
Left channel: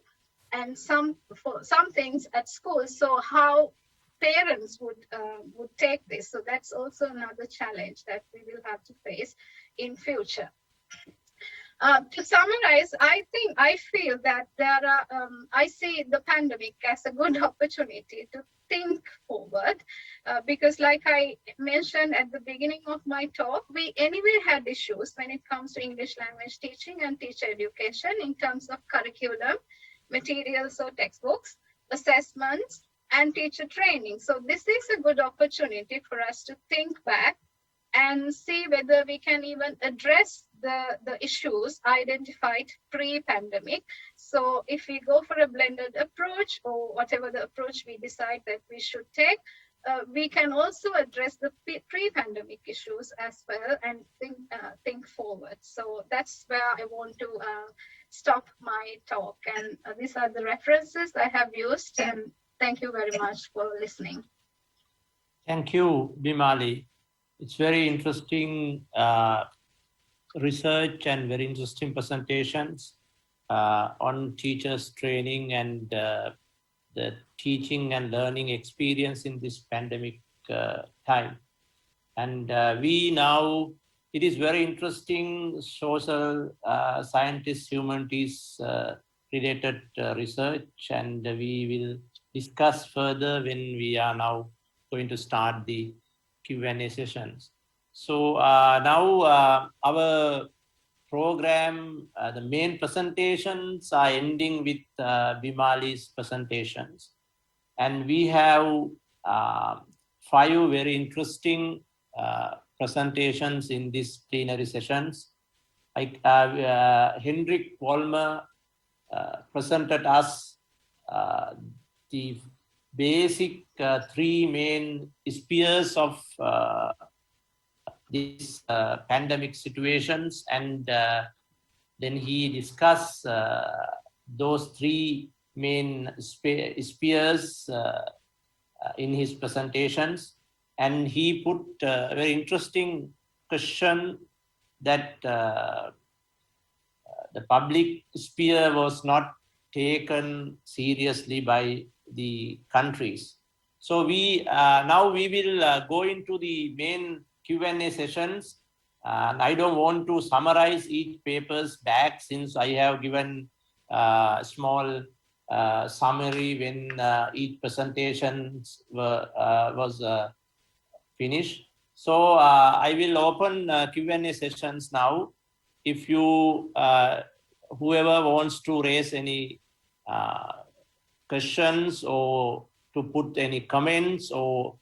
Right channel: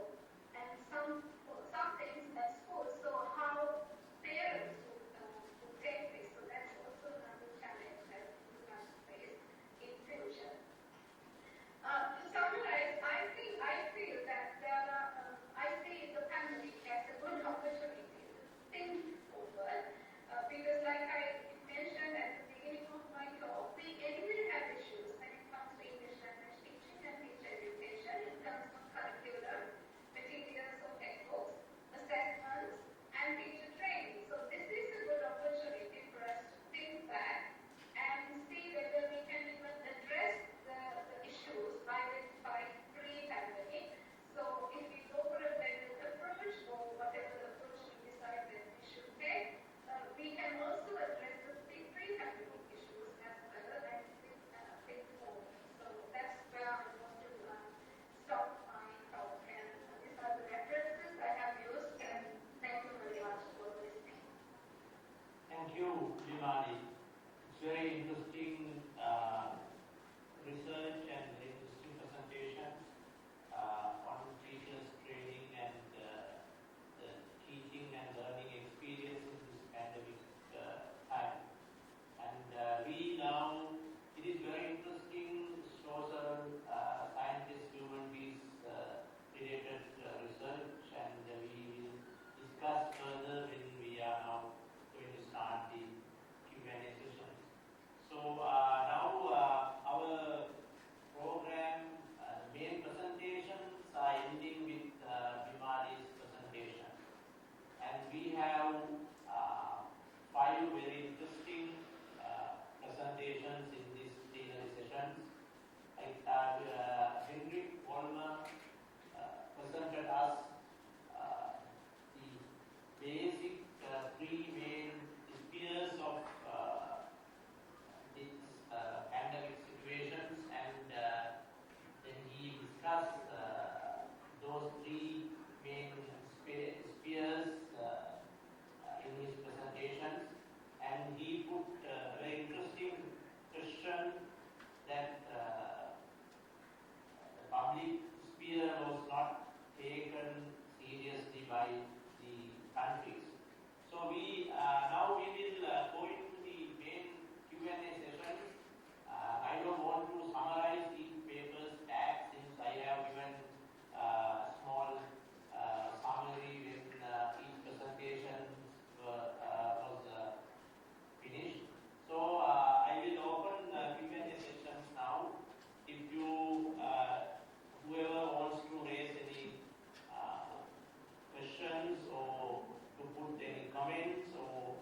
and some things at school. So how parents would take this. So that's also another challenge that we will have to face in future. To summarize, I feel that there are, I see the pandemic as a good opportunity to think forward. because like I mentioned at the beginning of my talk, we anyway had issues when it comes to English language teaching and teacher education in terms of curriculum, materials or textbooks, assessments, and teacher training. So this is a good opportunity for us to think back and see whether we can even address the issues identified pre-pandemic. So if we go for a blended approach or whatever the approach we decide that we should take, we can also address the pre-pandemic issues as well and think forward. So that's where I want to stop my talk. And these are the references I have used. And thank you very much for listening. Thank you, Bimali. It's very interesting research and very interesting presentations on teachers training and the teaching and learning experience in this pandemic time. And it is very interesting social scientists, humanities related research, and we will discuss further when we are now going to start the Q&A sessions. So now our program, the main presentations are ending with Bimali's presentations. And we have 5 very interesting presentations in these plenary sessions. Hendrik Vollmer presented us the basic 3 main spheres of these pandemic situations, and then he discussed those 3 main spheres in his presentations, and he put a very interesting question that the public sphere was not taken seriously by the countries. So now we will go into the main Q&A sessions. I don't want to summarize each paper's back, since I have given a small summary when each presentation was finished. So I will open Q&A sessions now. If you, whoever wants to raise any questions or to put any comments or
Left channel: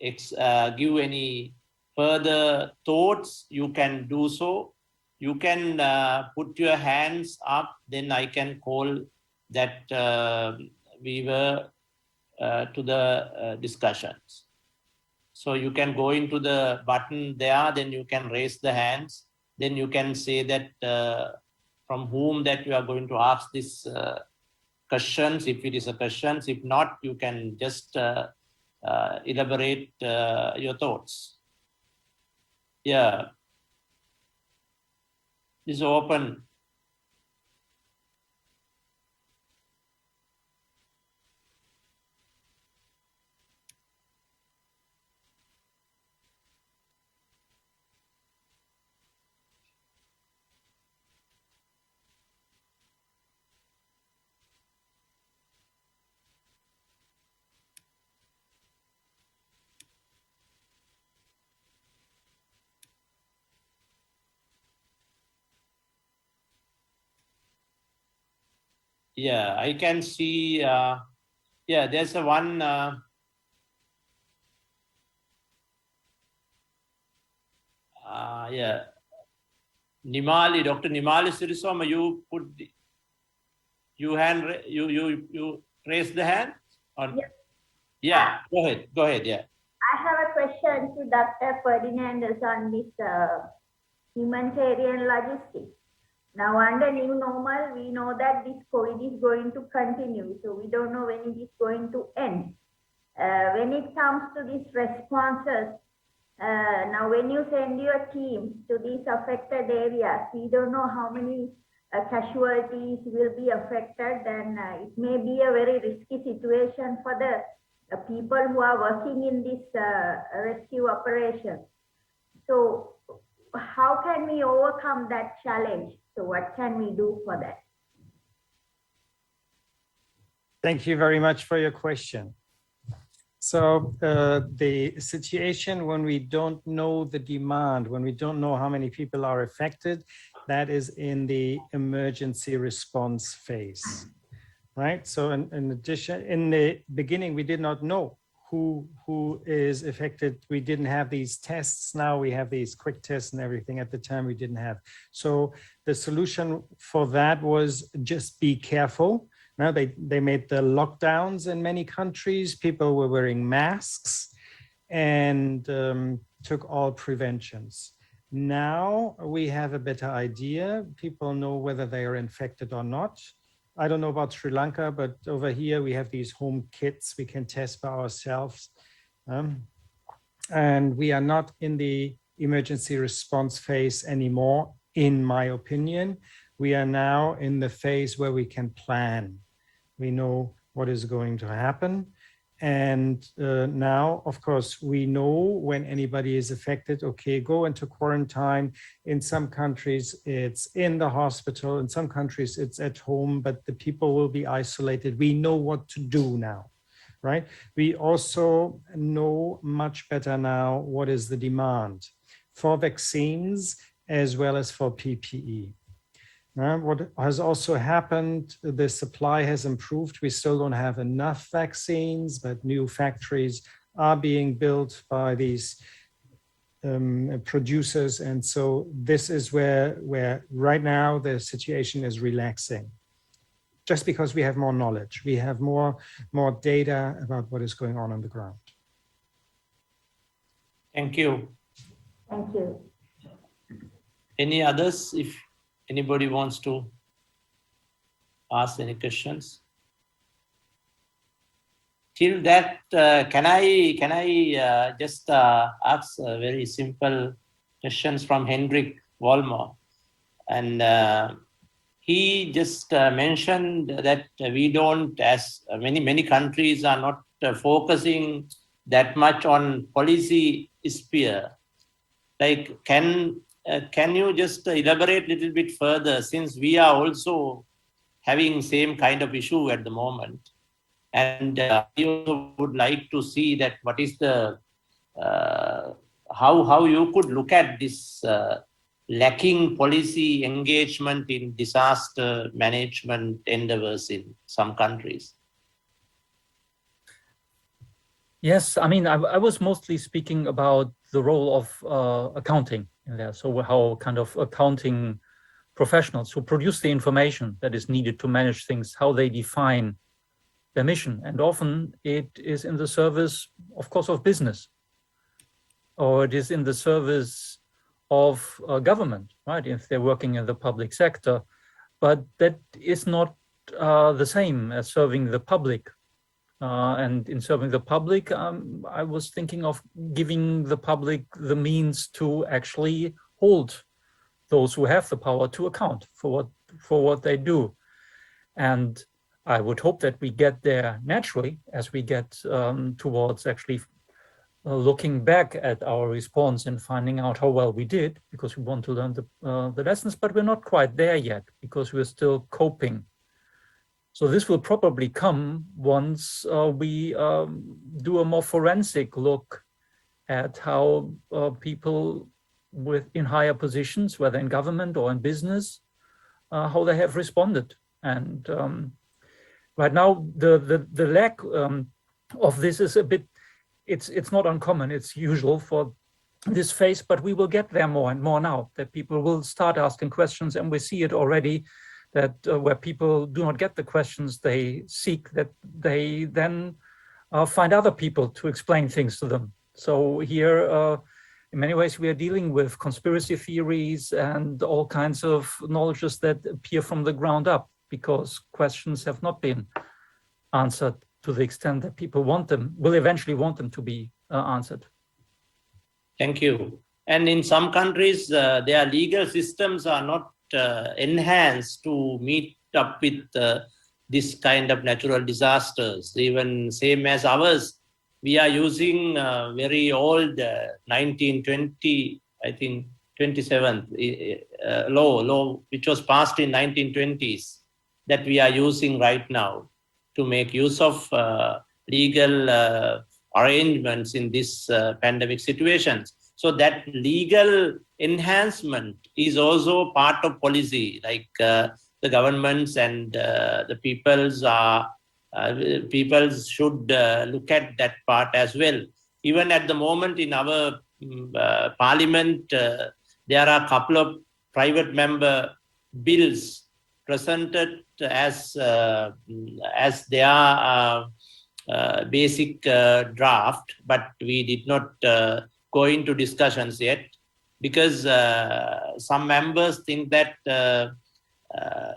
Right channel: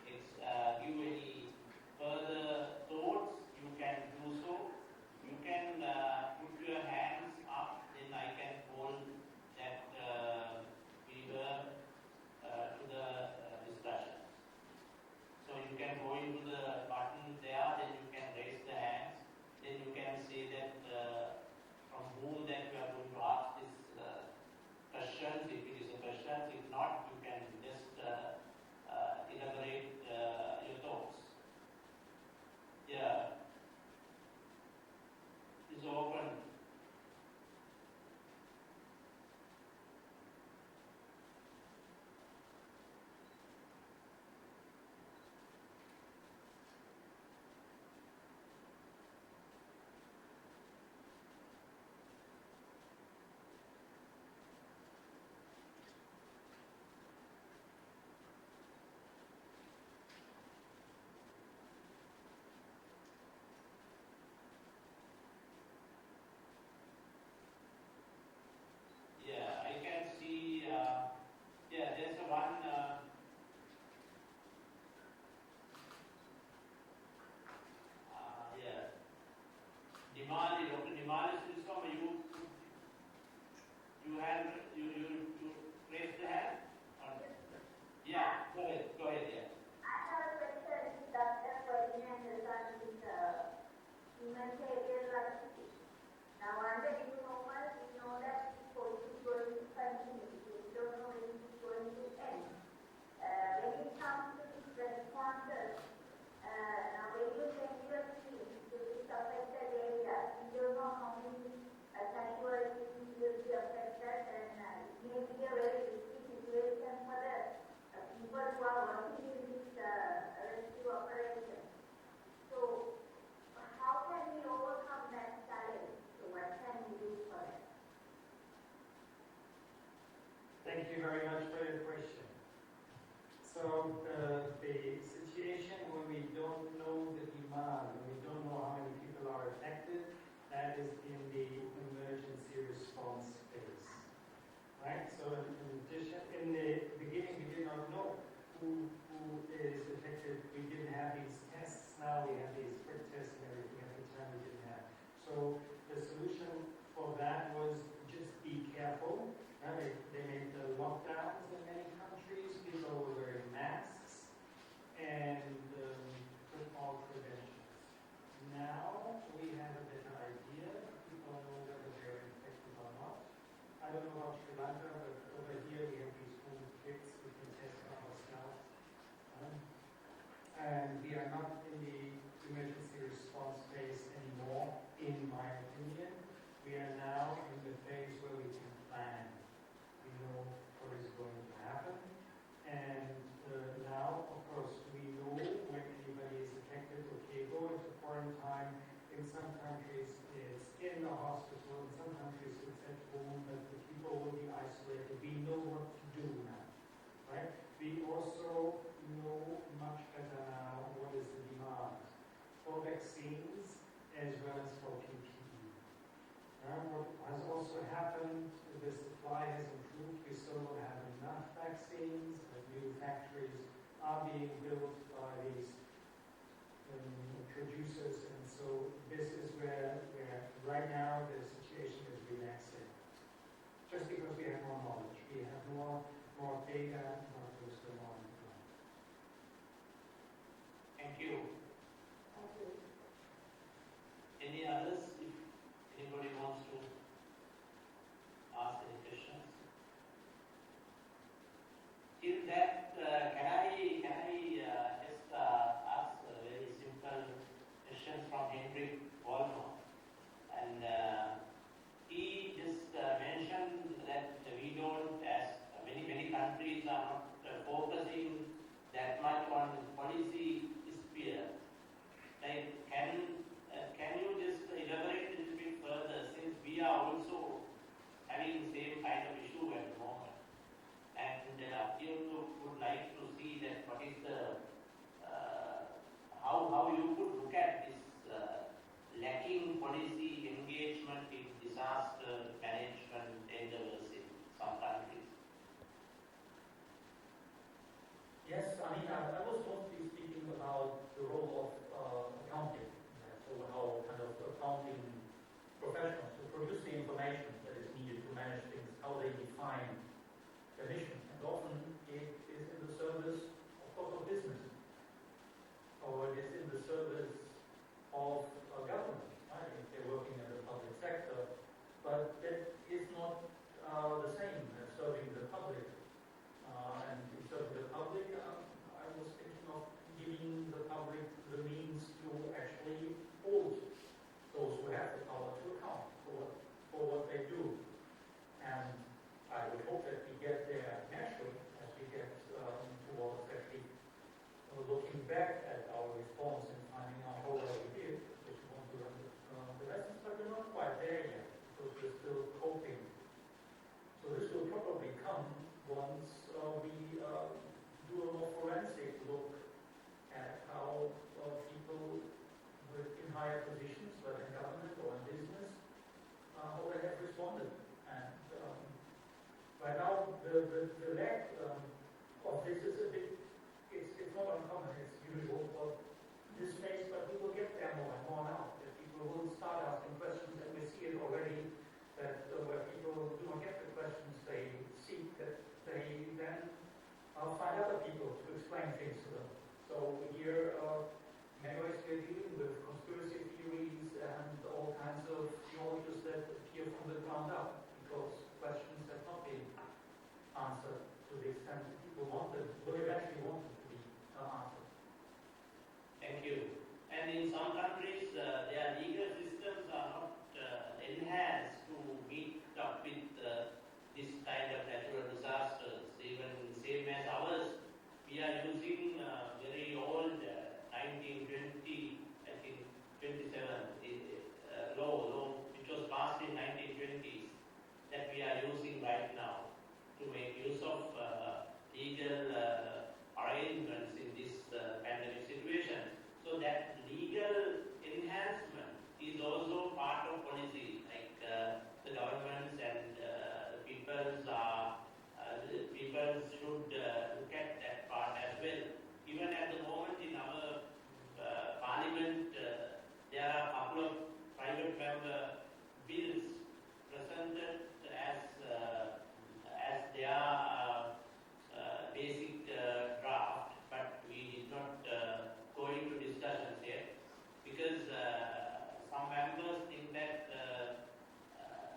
give any further thoughts, you can do so. You can put your hands up, then I can call that we were to the discussions. So you can go into the button there, then you can raise the hands, then you can say that from whom that you are going to ask this questions, if it is a questions. If not, you can just elaborate your thoughts. Yeah, this is open. Yeah, I can see, yeah, there's a one, yeah, Nimali, Dr. Nimali Sirisoma, you put you raise the hand? Or, yes. Yeah, go ahead, yeah. I have a question to Dr. Fernandez on this humanitarian logistics. Now, under new normal, we know that this COVID is going to continue, so we don't know when it is going to end. When it comes to these responses, now when you send your teams to these affected areas, we don't know how many casualties will be affected, and it may be a very risky situation for the people who are working in this rescue operation. So how can we overcome that challenge? So what can we do for that? Thank you very much for your question. So the situation when we don't know the demand, when we don't know how many people are affected, that is in the emergency response phase, right? So in addition, in the beginning, we did not know who is affected. We didn't have these tests. Now we have these quick tests and everything. At the time we didn't have. So the solution for that was just be careful. Now they made the lockdowns in many countries. People were wearing masks and took all preventions. Now we have a better idea. People know whether they are infected or not. I don't know about Sri Lanka, but over here we have these home kits we can test by ourselves. And we are not in the emergency response phase anymore, in my opinion. We are now in the phase where we can plan. We know what is going to happen. And now, of course, we know when anybody is affected, okay, go into quarantine. In some countries, it's in the hospital. In some countries, it's at home, but the people will be isolated. We know what to do now, right? We also know much better now what is the demand for vaccines as well as for PPE. What has also happened, the supply has improved. We still don't have enough vaccines, but new factories are being built by these producers. And so this is where right now the situation is relaxing. Just because we have more knowledge, we have more data about what is going on the ground. Thank you. Thank you. Any others? If anybody wants to ask any questions? Till that, can I just ask very simple questions from Hendrik Vollmer? And he just mentioned that we don't, as many countries are not focusing that much on policy sphere. Like, can you just elaborate a little bit further, since we are also having same kind of issue at the moment, and we also would like to see that what is the how you could look at this lacking policy engagement in disaster management endeavors in some countries. Yes, I mean, I was mostly speaking about the role of accounting in there. So how kind of accounting professionals who produce the information that is needed to manage things, how they define their mission. And often it is in the service, of course, of business, or it is in the service of government, right? If they're working in the public sector, but that is not the same as serving the public. And in serving the public, I was thinking of giving the public the means to actually hold those who have the power to account for what they do. And I would hope that we get there naturally as we get towards actually looking back at our response and finding out how well we did, because we want to learn the lessons, but we're not quite there yet because we're still coping. So this will probably come once we do a more forensic look at how people in higher positions, whether in government or in business, how they have responded. And right now, the lack of this is a bit, it's not uncommon, it's usual for this phase, but we will get there more and more now, that people will start asking questions, and we see it already, that where people do not get the questions they seek, that they then find other people to explain things to them. So here, in many ways, we are dealing with conspiracy theories and all kinds of knowledges that appear from the ground up, because questions have not been answered to the extent that people want them, will eventually want them to be answered. Thank you. And in some countries, their legal systems are not enhanced to meet up with this kind of natural disasters. Even same as ours, we are using very old 1920, I think 27th law, which was passed in 1920s, that we are using right now to make use of legal arrangements in this pandemic situations. So that legal enhancement is also part of policy, like the governments and the peoples should look at that part as well. Even at the moment in our parliament, there are a couple of private member bills presented as their basic draft, but we did not go into discussions yet because some members think that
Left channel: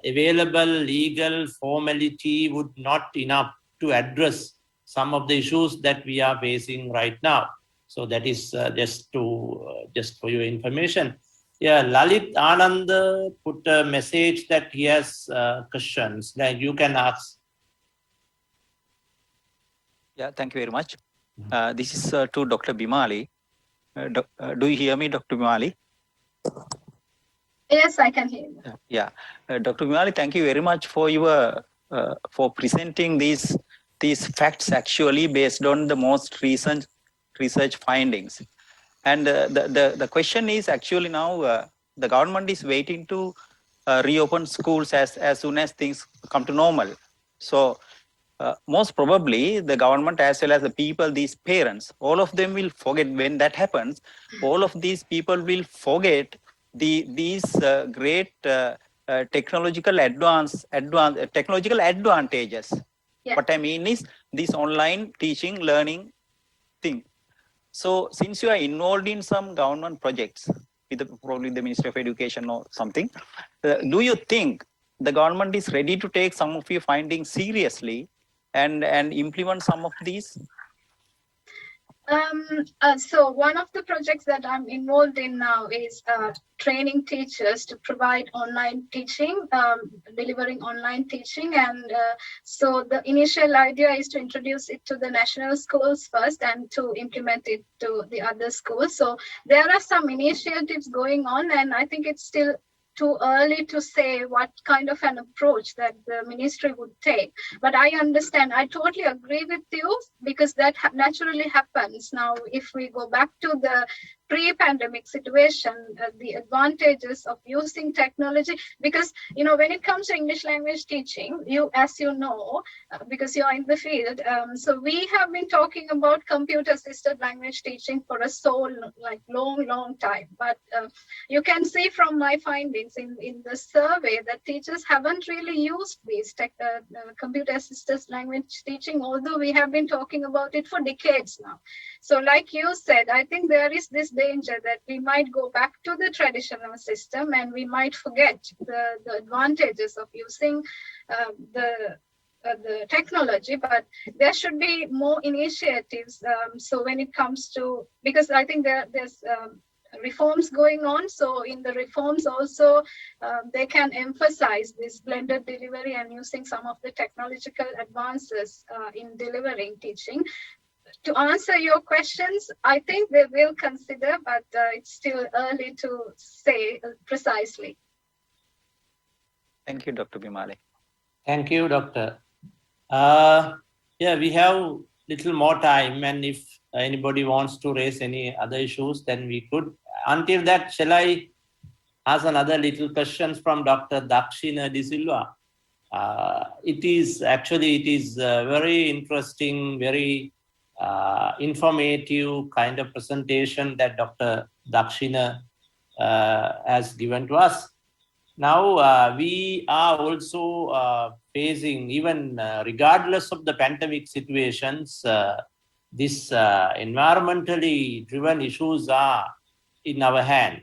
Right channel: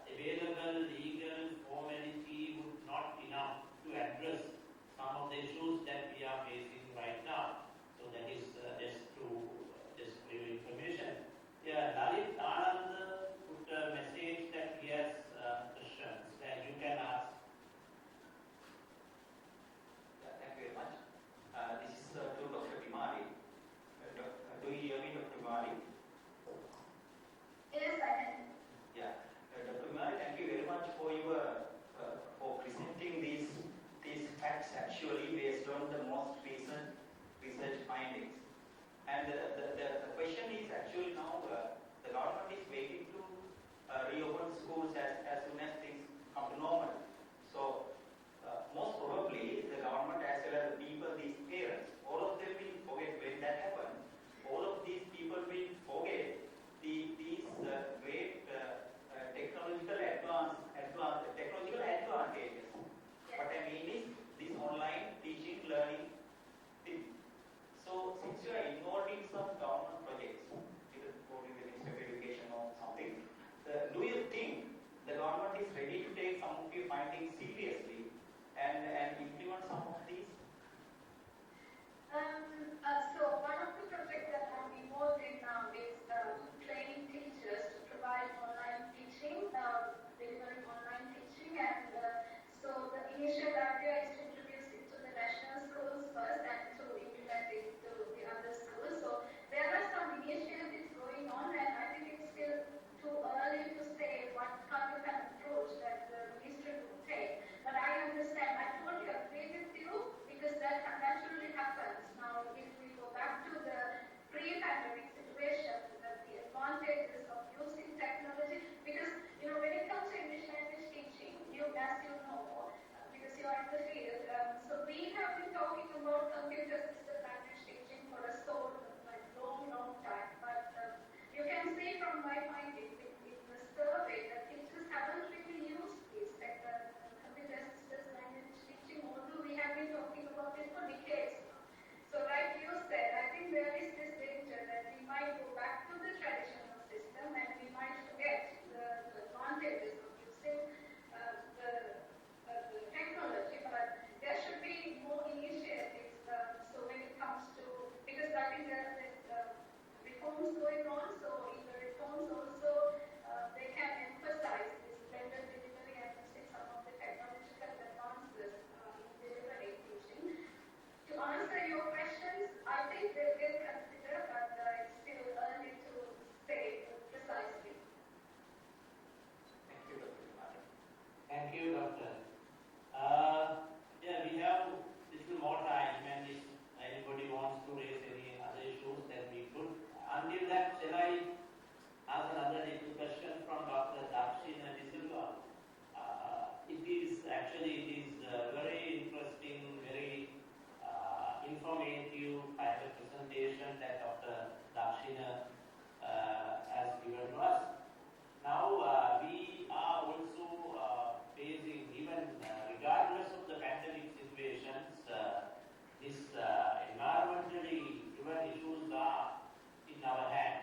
available legal formality would not enough to address some of the issues that we are facing right now. So that is just for your information. Yeah, Lalit Anand put a message that he has questions that you can ask. Yeah, thank you very much. This is to Dr. Bimali. Do you hear me, Dr. Bimali? Yes, I can hear you. Yeah, Dr. Bimali, thank you very much for your for presenting these facts actually based on the most recent research findings. And the question is actually now the government is waiting to reopen schools as soon as things come to normal. So most probably the government as well as the people, these parents, all of them will forget when that happens. All of these people will forget these great technological technological advantages. Yeah. What I mean is this online teaching, learning thing. So since you are involved in some government projects, with probably the Ministry of Education or something, do you think the government is ready to take some of your findings seriously and implement some of these? So one of the projects that I'm involved in now is training teachers to provide online teaching, delivering online teaching. And so the initial idea is to introduce it to the national schools first and to implement it to the other schools. So there are some initiatives going on, and I think it's still too early to say what kind of an approach that the ministry would take. But I understand, I totally agree with you, because that naturally happens. Now, if we go back to the pre-pandemic situation, the advantages of using technology, because, you know, when it comes to English language teaching, as you know, because you're in the field, so we have been talking about computer-assisted language teaching for a long time. But you can see from my findings in the survey that teachers haven't really used these computer-assisted language teaching, although we have been talking about it for decades now. So like you said, I think there is this danger that we might go back to the traditional system and we might forget the advantages of using the technology, but there should be more initiatives. So when it comes to, because I think there's reforms going on. So in the reforms also, they can emphasize this blended delivery and using some of the technological advances in delivering teaching. To answer your questions, I think they will consider, but it's still early to say precisely. Thank you, Dr. Bimali. Thank you, Doctor. Yeah, we have little more time, and if anybody wants to raise any other issues, then we could. Until that, shall I ask another little questions from Dr. Dakshina de Silva? It is very interesting, very informative kind of presentation that Dr. Dakshina has given to us. Now, we are also facing, even regardless of the pandemic situations, these environmentally driven issues are in our hands.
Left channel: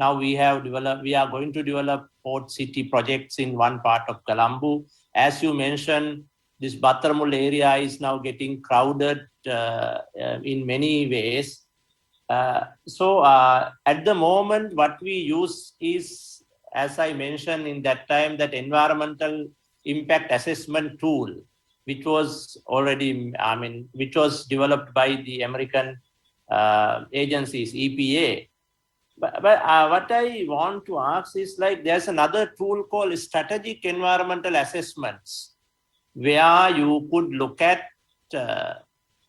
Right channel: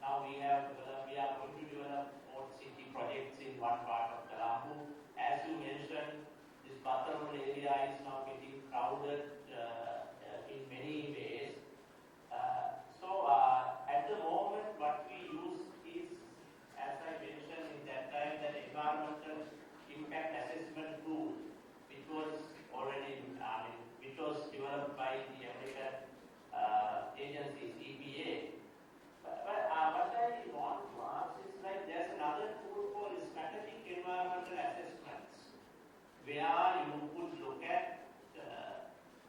Now we are going to develop port city projects in one part of Colombo. As you mentioned, this Battaramul area is now getting crowded in many ways. So at the moment, what we use is, as I mentioned in that time, that environmental impact assessment tool, which was already, which was developed by the American agencies, EPA. But what I want to ask is, like, there's another tool called strategic environmental assessments, where you could look at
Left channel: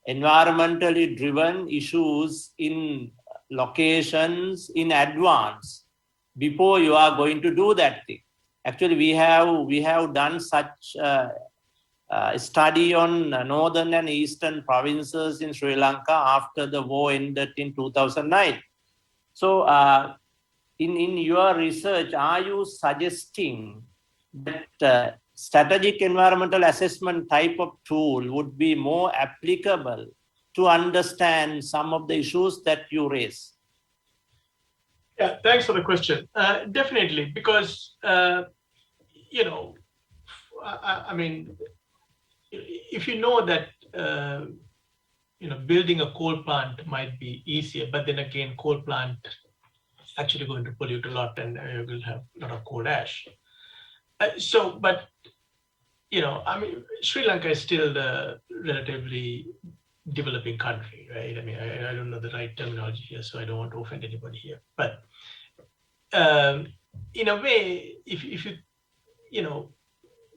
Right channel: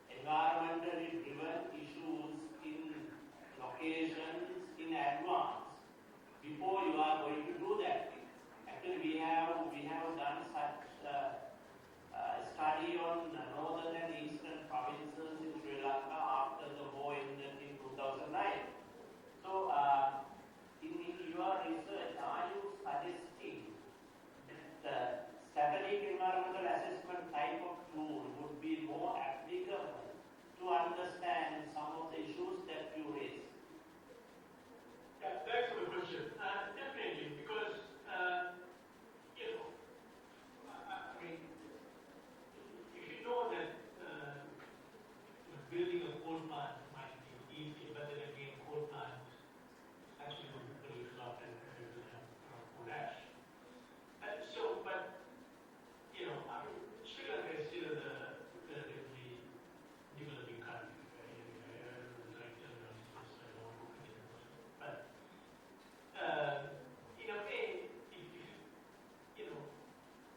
environmentally driven issues in locations in advance before you are going to do that thing. Actually, we have done such study on northern and eastern provinces in Sri Lanka after the war ended in 2009. So in your research, are you suggesting that strategic environmental assessment type of tool would be more applicable to understand some of the issues that you raise? Yeah, thanks for the question. Definitely, because, you know, I mean, if you know that, you know, building a coal plant might be easier, but then again, coal plant is actually going to pollute a lot and you will have a lot of coal ash. But, you know, I mean, Sri Lanka is still the relatively developing country, right? I mean, I don't know the right terminology here, so I don't want to offend anybody here. But in a way, if you, you know,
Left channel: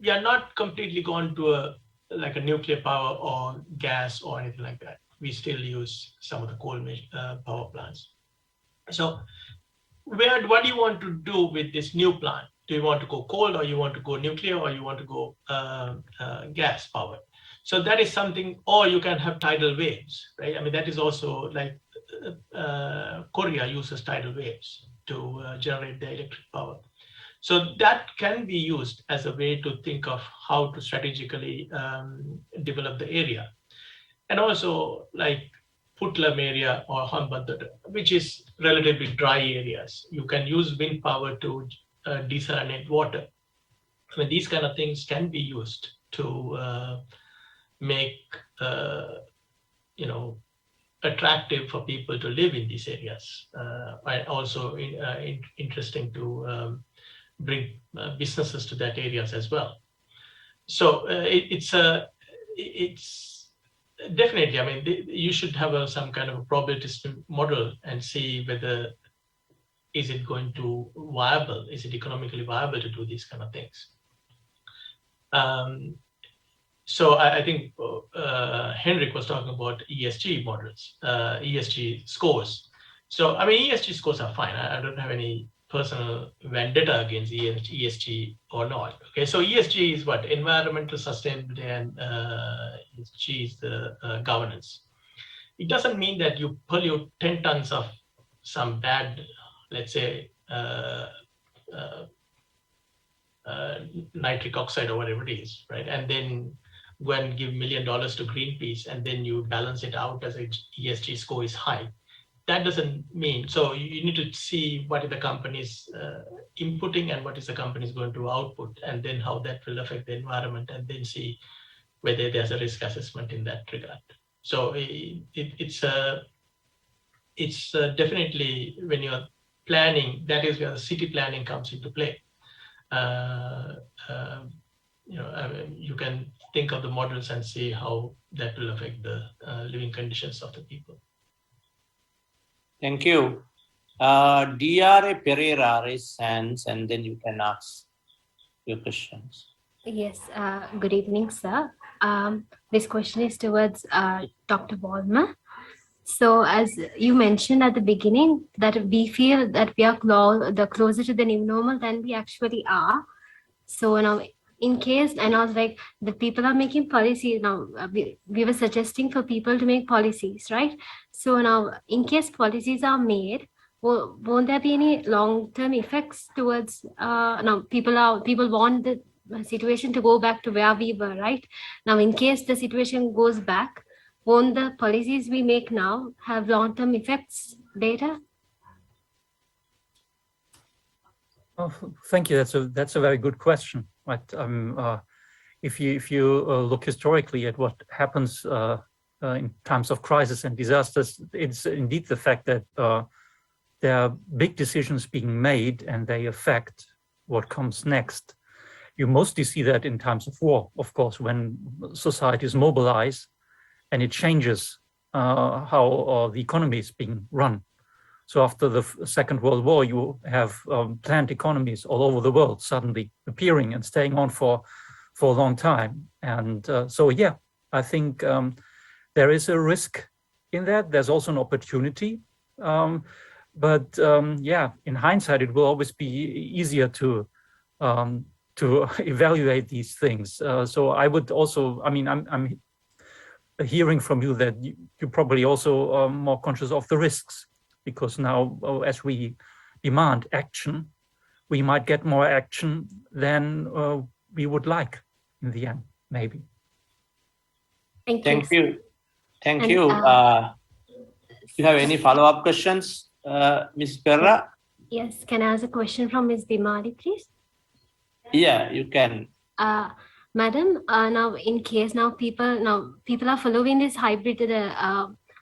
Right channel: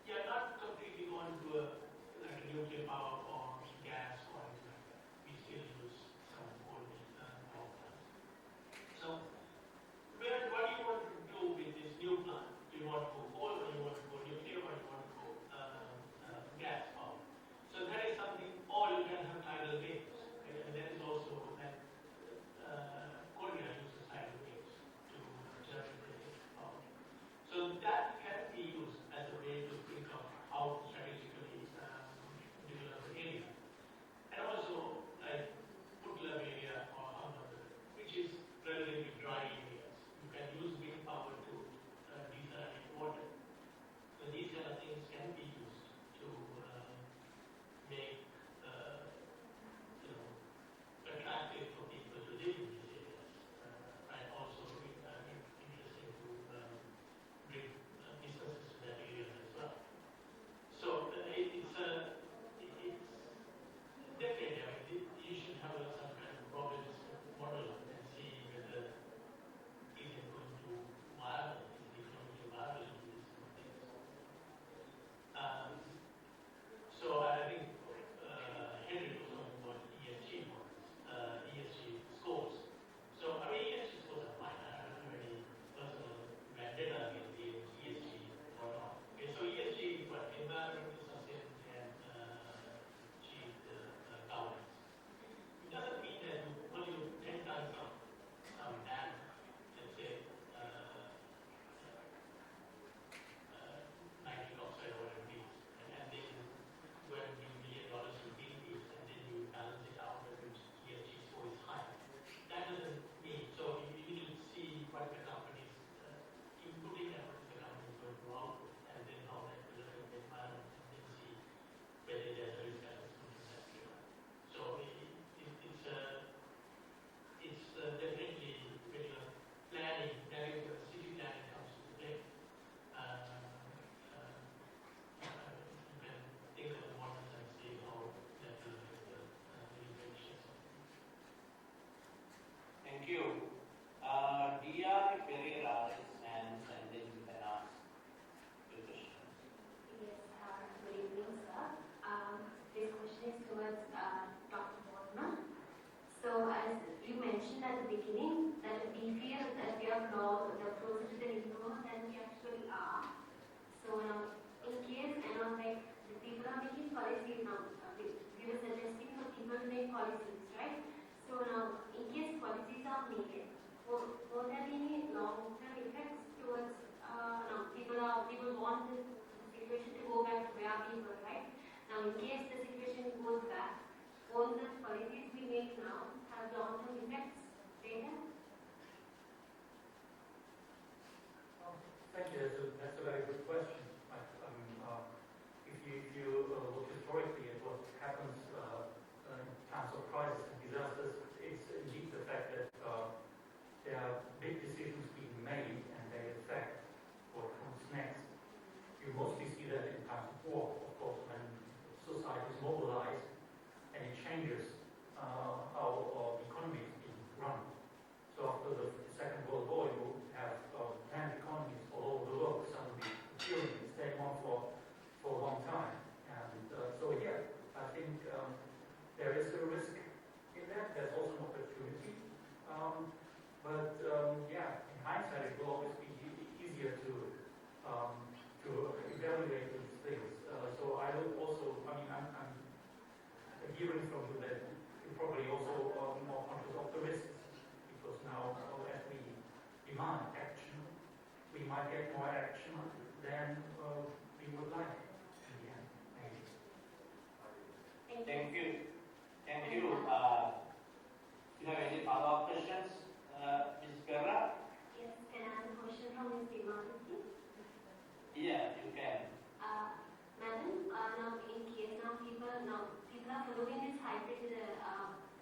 we are not completely gone to like a nuclear power or gas or anything like that. We still use some of the coal power plants. So what do you want to do with this new plant? Do you want to go coal, or you want to go nuclear, or you want to go gas powered? So that is something, or you can have tidal waves, right? I mean, that is also like Korea uses tidal waves to generate the electric power. So that can be used as a way to think of how to strategically develop the area. And also like Putlam area or Hambantota, which is relatively dry areas. You can use wind power to desalinate water. I mean, these kind of things can be used to make, you know, attractive for people to live in these areas. And also interesting to bring businesses to that areas as well. So it's definitely, I mean, you should have some kind of a probabilistic model and see whether is it going to viable, is it economically viable to do these kind of things. So I think Hendrik was talking about ESG models, ESG scores. So I mean, ESG scores are fine. I don't have any personal vendetta against ESG or not. Okay, so ESG is what? Environmental sustainability, and ESG is the governance. It doesn't mean that you pollute 10 tons of some bad, let's say, nitric oxide or whatever it is, right? And then go and give $1 million to Greenpeace, and then you balance it out as a ESG score is high. That doesn't mean, so you need to see what the company is inputting and what is the company is going to output, and then how that will affect the environment, and then see whether there's a risk assessment in that regard. So it's definitely, when you're planning, that is where the city planning comes into play. You know, I mean, you can think of the models and see how that will affect the living conditions of the people. Thank you. D.R.A. Pereira raise hands, and then you can ask your questions. Yes, good evening, sir. This question is towards Dr. Vollmer. So as you mentioned at the beginning, that we feel that we are closer to the new normal than we actually are. So now, in case, and I was like, the people are making policies now, we were suggesting for people to make policies, right? So now, in case policies are made, won't there be any long-term effects towards, now people want the situation to go back to where we were, right? Now, in case the situation goes back, won't the policies we make now have long-term effects later? Oh, thank you. That's a very good question. Right? If you look historically at what happens in times of crisis and disasters, it's indeed the fact that there are big decisions being made and they affect what comes next. You mostly see that in times of war, of course, when societies mobilize and it changes how the economy is being run. So after the Second World War, you have planned economies all over the world suddenly appearing and staying on for a long time. And so, yeah, I think there is a risk in that. There's also an opportunity. Yeah, in hindsight, it will always be easier to evaluate these things. So I would also, I mean, I'm hearing from you that you're probably also more conscious of the risks, because now as we demand action, we might get more action than we would like in the end, maybe. Thank you. Thank And, you. Do you have any follow-up questions, Ms. Perra? Yes, can I ask a question from Ms. Bimali, please? Yeah, you can. Madam, now in case people are following this hybrid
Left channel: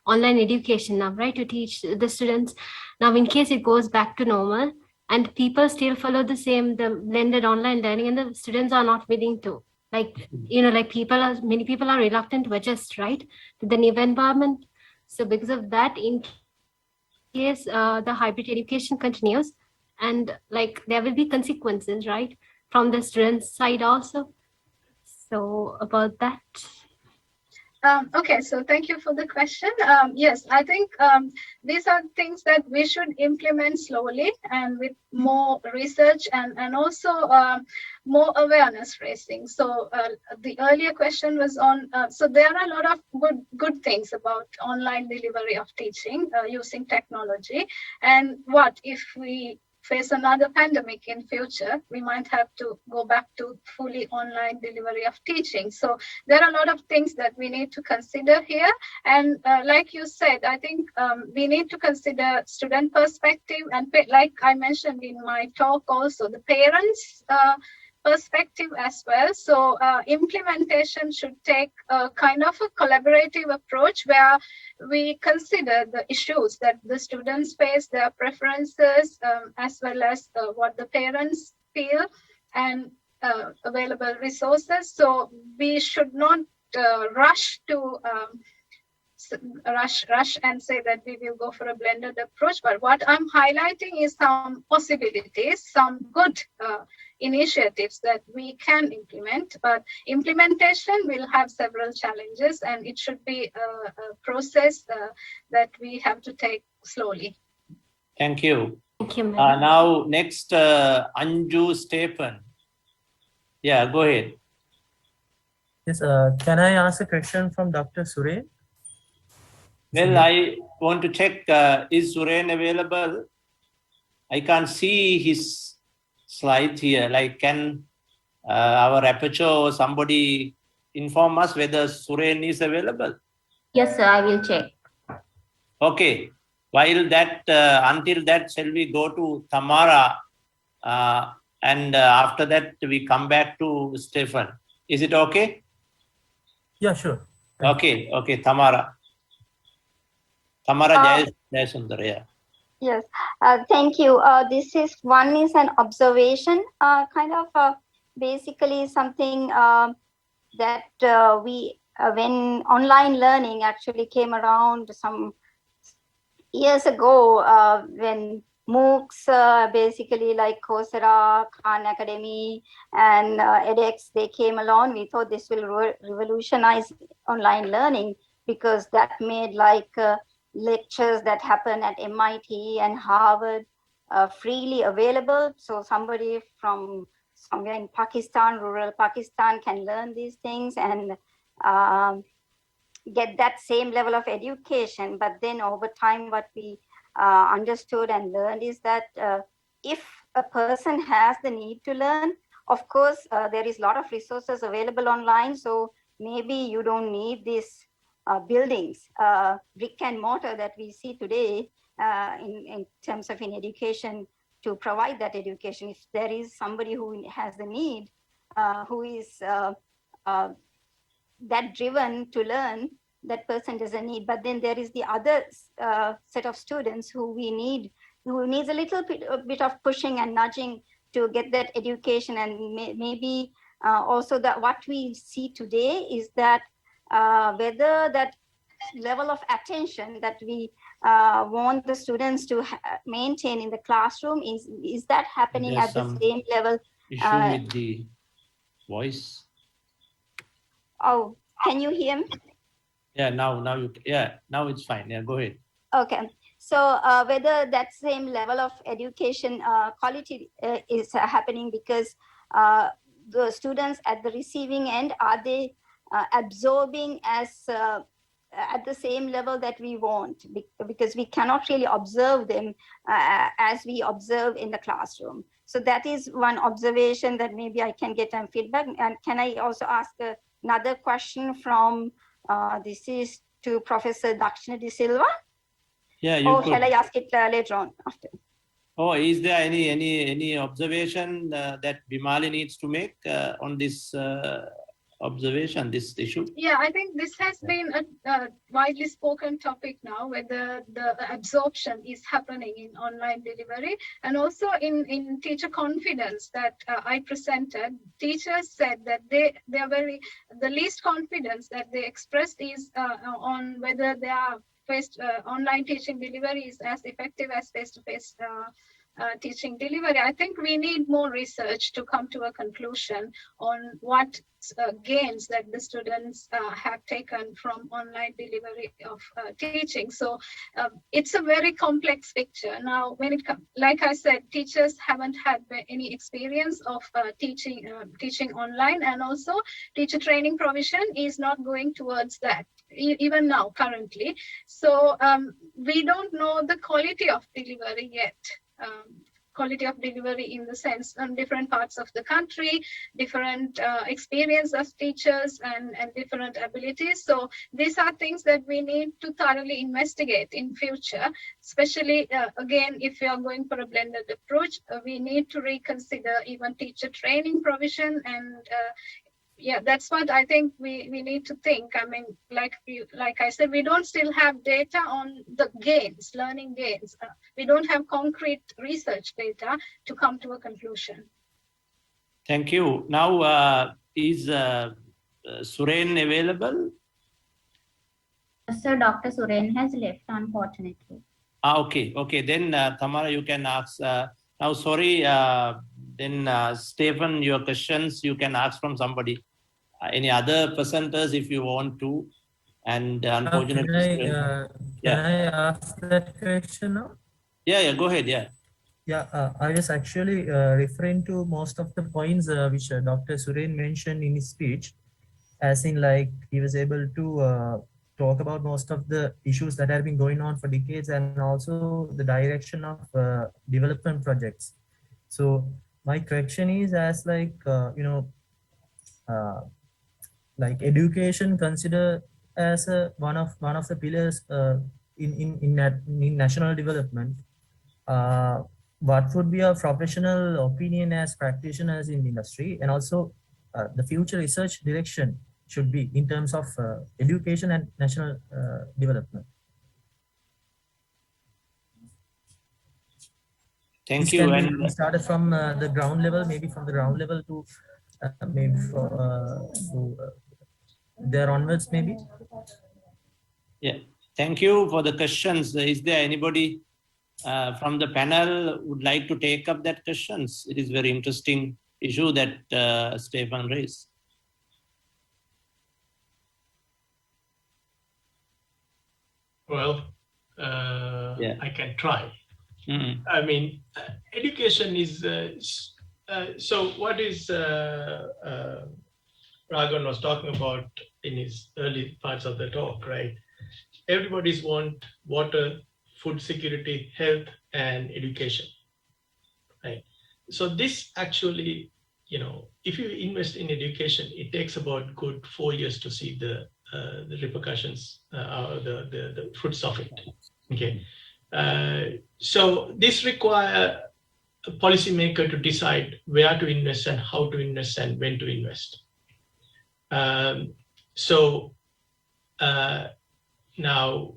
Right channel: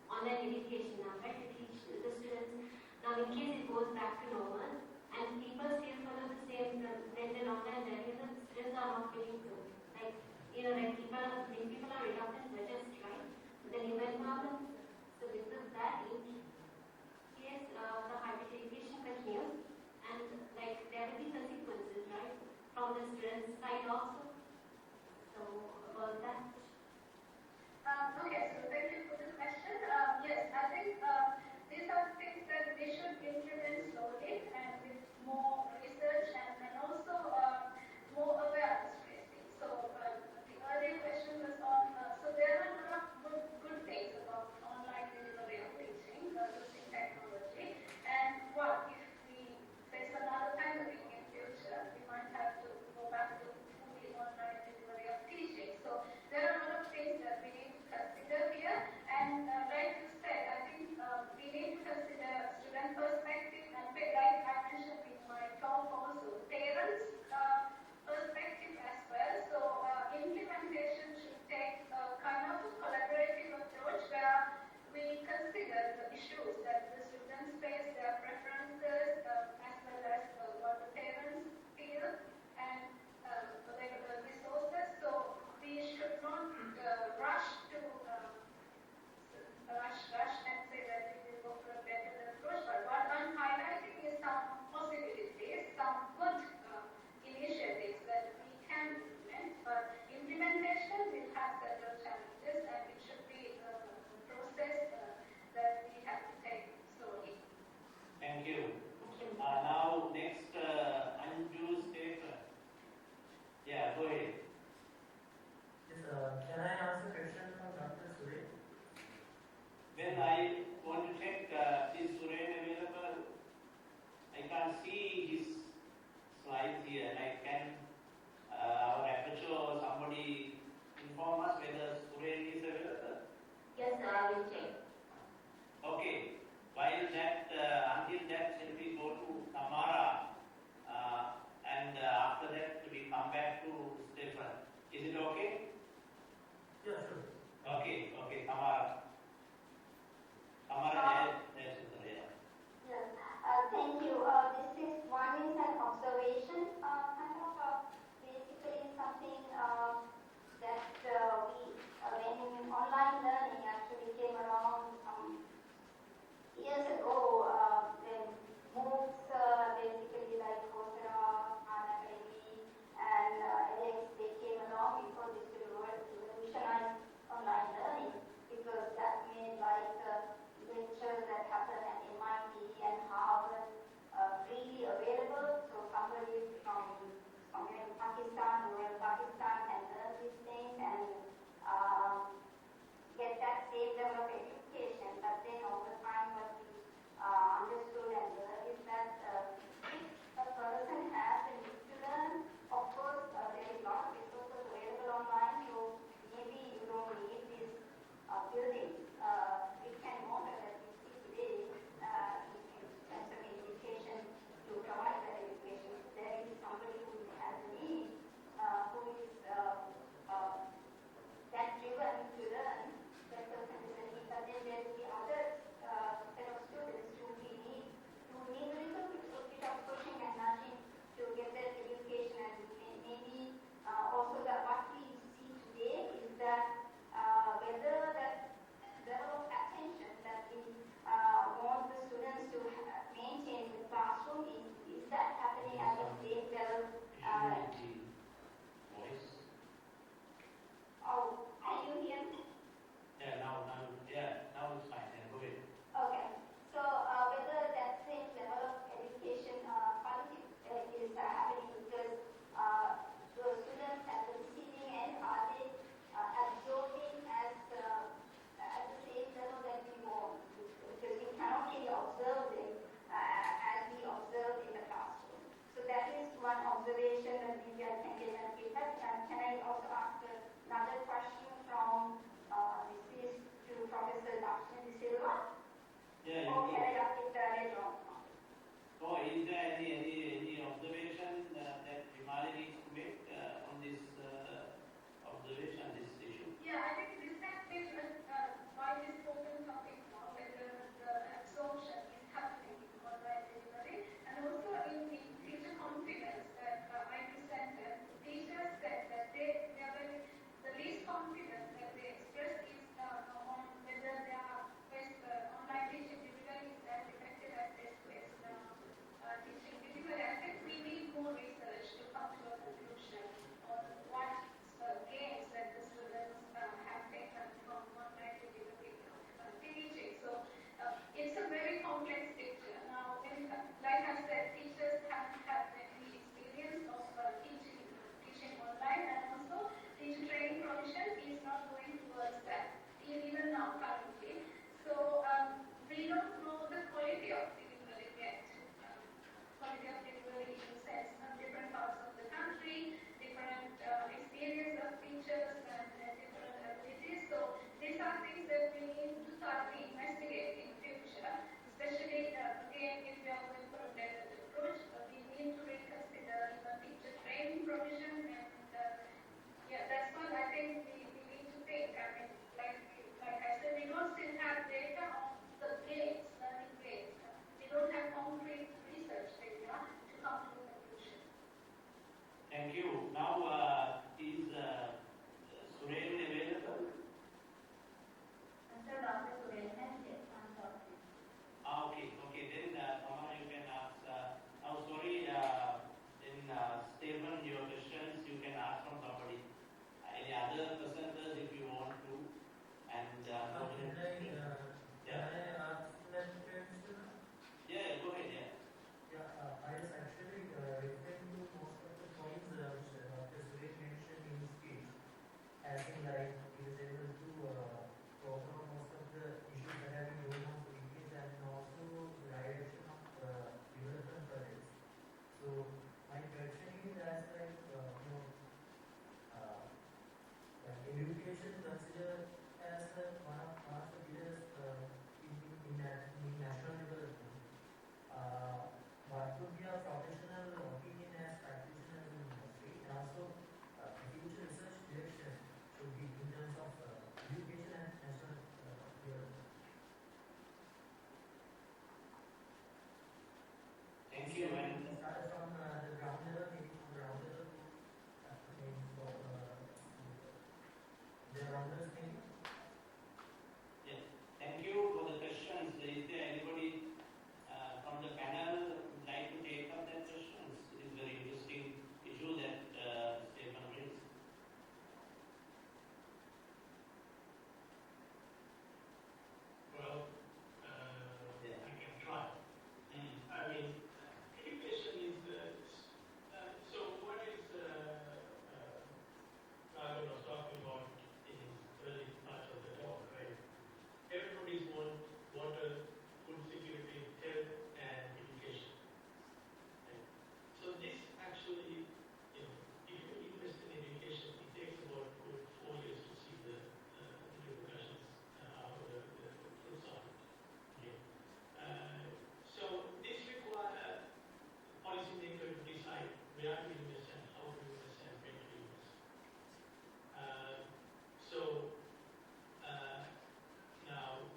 online education now, right, to teach the students. Now, in case it goes back to normal and people still follow the blended online learning, and the students are not willing to, like, many people are reluctant to adjust, right, to the new environment. So because of that, in case the hybrid education continues, and like there will be consequences, right, from the students' side also. So about that. Okay, so thank you for the question. Yes, I think these are things that we should implement slowly and with more research and also more awareness raising. So the earlier question was on, so there are a lot of good things about online delivery of teaching using technology. And what if we face another pandemic in future, we might have to go back to fully online delivery of teaching. So there are a lot of things that we need to consider here. And like you said, I think we need to consider student perspective, and like I mentioned in my talk also, the parents' perspective as well. So implementation should take a kind of a collaborative approach where we consider the issues that the students face, their preferences, as well as what the parents feel, and available resources. So we should not rush to rush and say that we will go for a blended approach. But what I'm highlighting is some possibilities, some good initiatives that we can implement, but implementation will have several challenges, and it should be a process that we have to take slowly. Thank you. Thank you, ma'am. Now, next, Anju Stephen. Yeah, go ahead. Yes, can I ask a question from Dr. Suren? Well, I want to check, is Suren available? I can't see his slide here. Like, can our rapporteur or somebody inform us whether Suren is available? Yes, sir, I will check. Okay. While that, until that, shall we go to Tamara? And after that, we come back to Stephen. Is it okay? Yeah, sure. Okay, okay, Tamara. Tamara Jayasundar, yeah. Yes, thank you. This is an observation, kind of basically something that we, when online learning actually came around some years ago, when MOOCs, basically like Coursera, Khan Academy, and edX, they came along. We thought this will revolutionize online learning, because that made like lectures that happen at MIT and Harvard freely available. So somebody from somewhere in Pakistan, rural Pakistan, can learn these things and get that same level of education. But then over time, what we understood and learned is that if a person has the need to learn, of course, there is a lot of resources available online. So maybe you don't need these buildings, brick and mortar that we see today in terms of in education, to provide that education. If there is somebody who has the need, who is that driven to learn, that person doesn't need. But then there is the other set of students who needs a little bit of pushing and nudging to get that education. And maybe also that what we see today is that whether that level of attention that we want the students to maintain in the classroom, is that happening at the same level? Issue with the voice. Oh, can you hear me? Yeah, now it's fine. Yeah, go ahead. Okay. So whether that same level of education quality is happening, because the students at the receiving end, are they absorbing as at the same level that we want? Because we cannot really observe them as we observe in the classroom. So that is one observation that maybe I can get some feedback. And can I also ask another question from, this is to Professor Dakshina de Silva? Yeah, you Or could. shall I ask it later on after? Oh, is there any observation that Bimali needs to make on this observation, this issue? Yeah, I think this has been a widely spoken topic now, whether the absorption is happening in online delivery, and also in teacher confidence that I presented. Teachers said that they are the least confidence that they expressed is on whether their online teaching delivery is as effective as face-to-face teaching delivery. I think we need more research to come to a conclusion on what gains that the students have taken from online delivery of teaching. So it's a very complex picture. Now, when it comes, like I said, teachers haven't had any experience of teaching online, and also teacher training provision is not going towards that, even now, currently. So we don't know the quality of delivery yet. Quality of delivery in the sense on different parts of the country, different experience of teachers and different abilities. So these are things that we need to thoroughly investigate in future, especially again, if we are going for a blended approach, we need to reconsider even teacher training provision. And yeah, that's what I think we need to think. I mean, like I said, we don't still have data on the gains, learning gains. We don't have concrete research data to come to a conclusion. Thank you. Now, is Suren available? Sir, Dr. Suren has left, unfortunately. Okay. Then, Tamara, you can ask. Now, sorry, then Stephen, your questions you can ask from somebody. Any other presenters if you want to. And unfortunately, can I ask that question now? Yeah, go ahead, yeah. Yeah, I was actually referring to most of the points which Dr. Suren mentioned in his speech, as in like he was able to talk about most of the issues that have been going on for decades, and also the direction of development projects. So my question is, as like, like education considered as one of the pillars in national development, what would be our professional opinion as practitioners in the industry, and also the future research direction should be in terms of education and national development? Thank you. And we started from the ground level, maybe from the ground level to maybe there onwards, maybe. Yeah, thank you for the questions. Is there anybody from the panel would like to take up that questions? It is very interesting issue that Stefan raised. Well, I can try. I mean, education is, so what is Raghavan was talking about in his early parts of the talk, right? Everybody's want water, food security, health, and education, right? So this actually, if you invest in education, it takes about good 4 years to see the repercussions, the fruits of it. Okay, so this requires a policymaker to decide where to invest and how to invest and when to invest. Now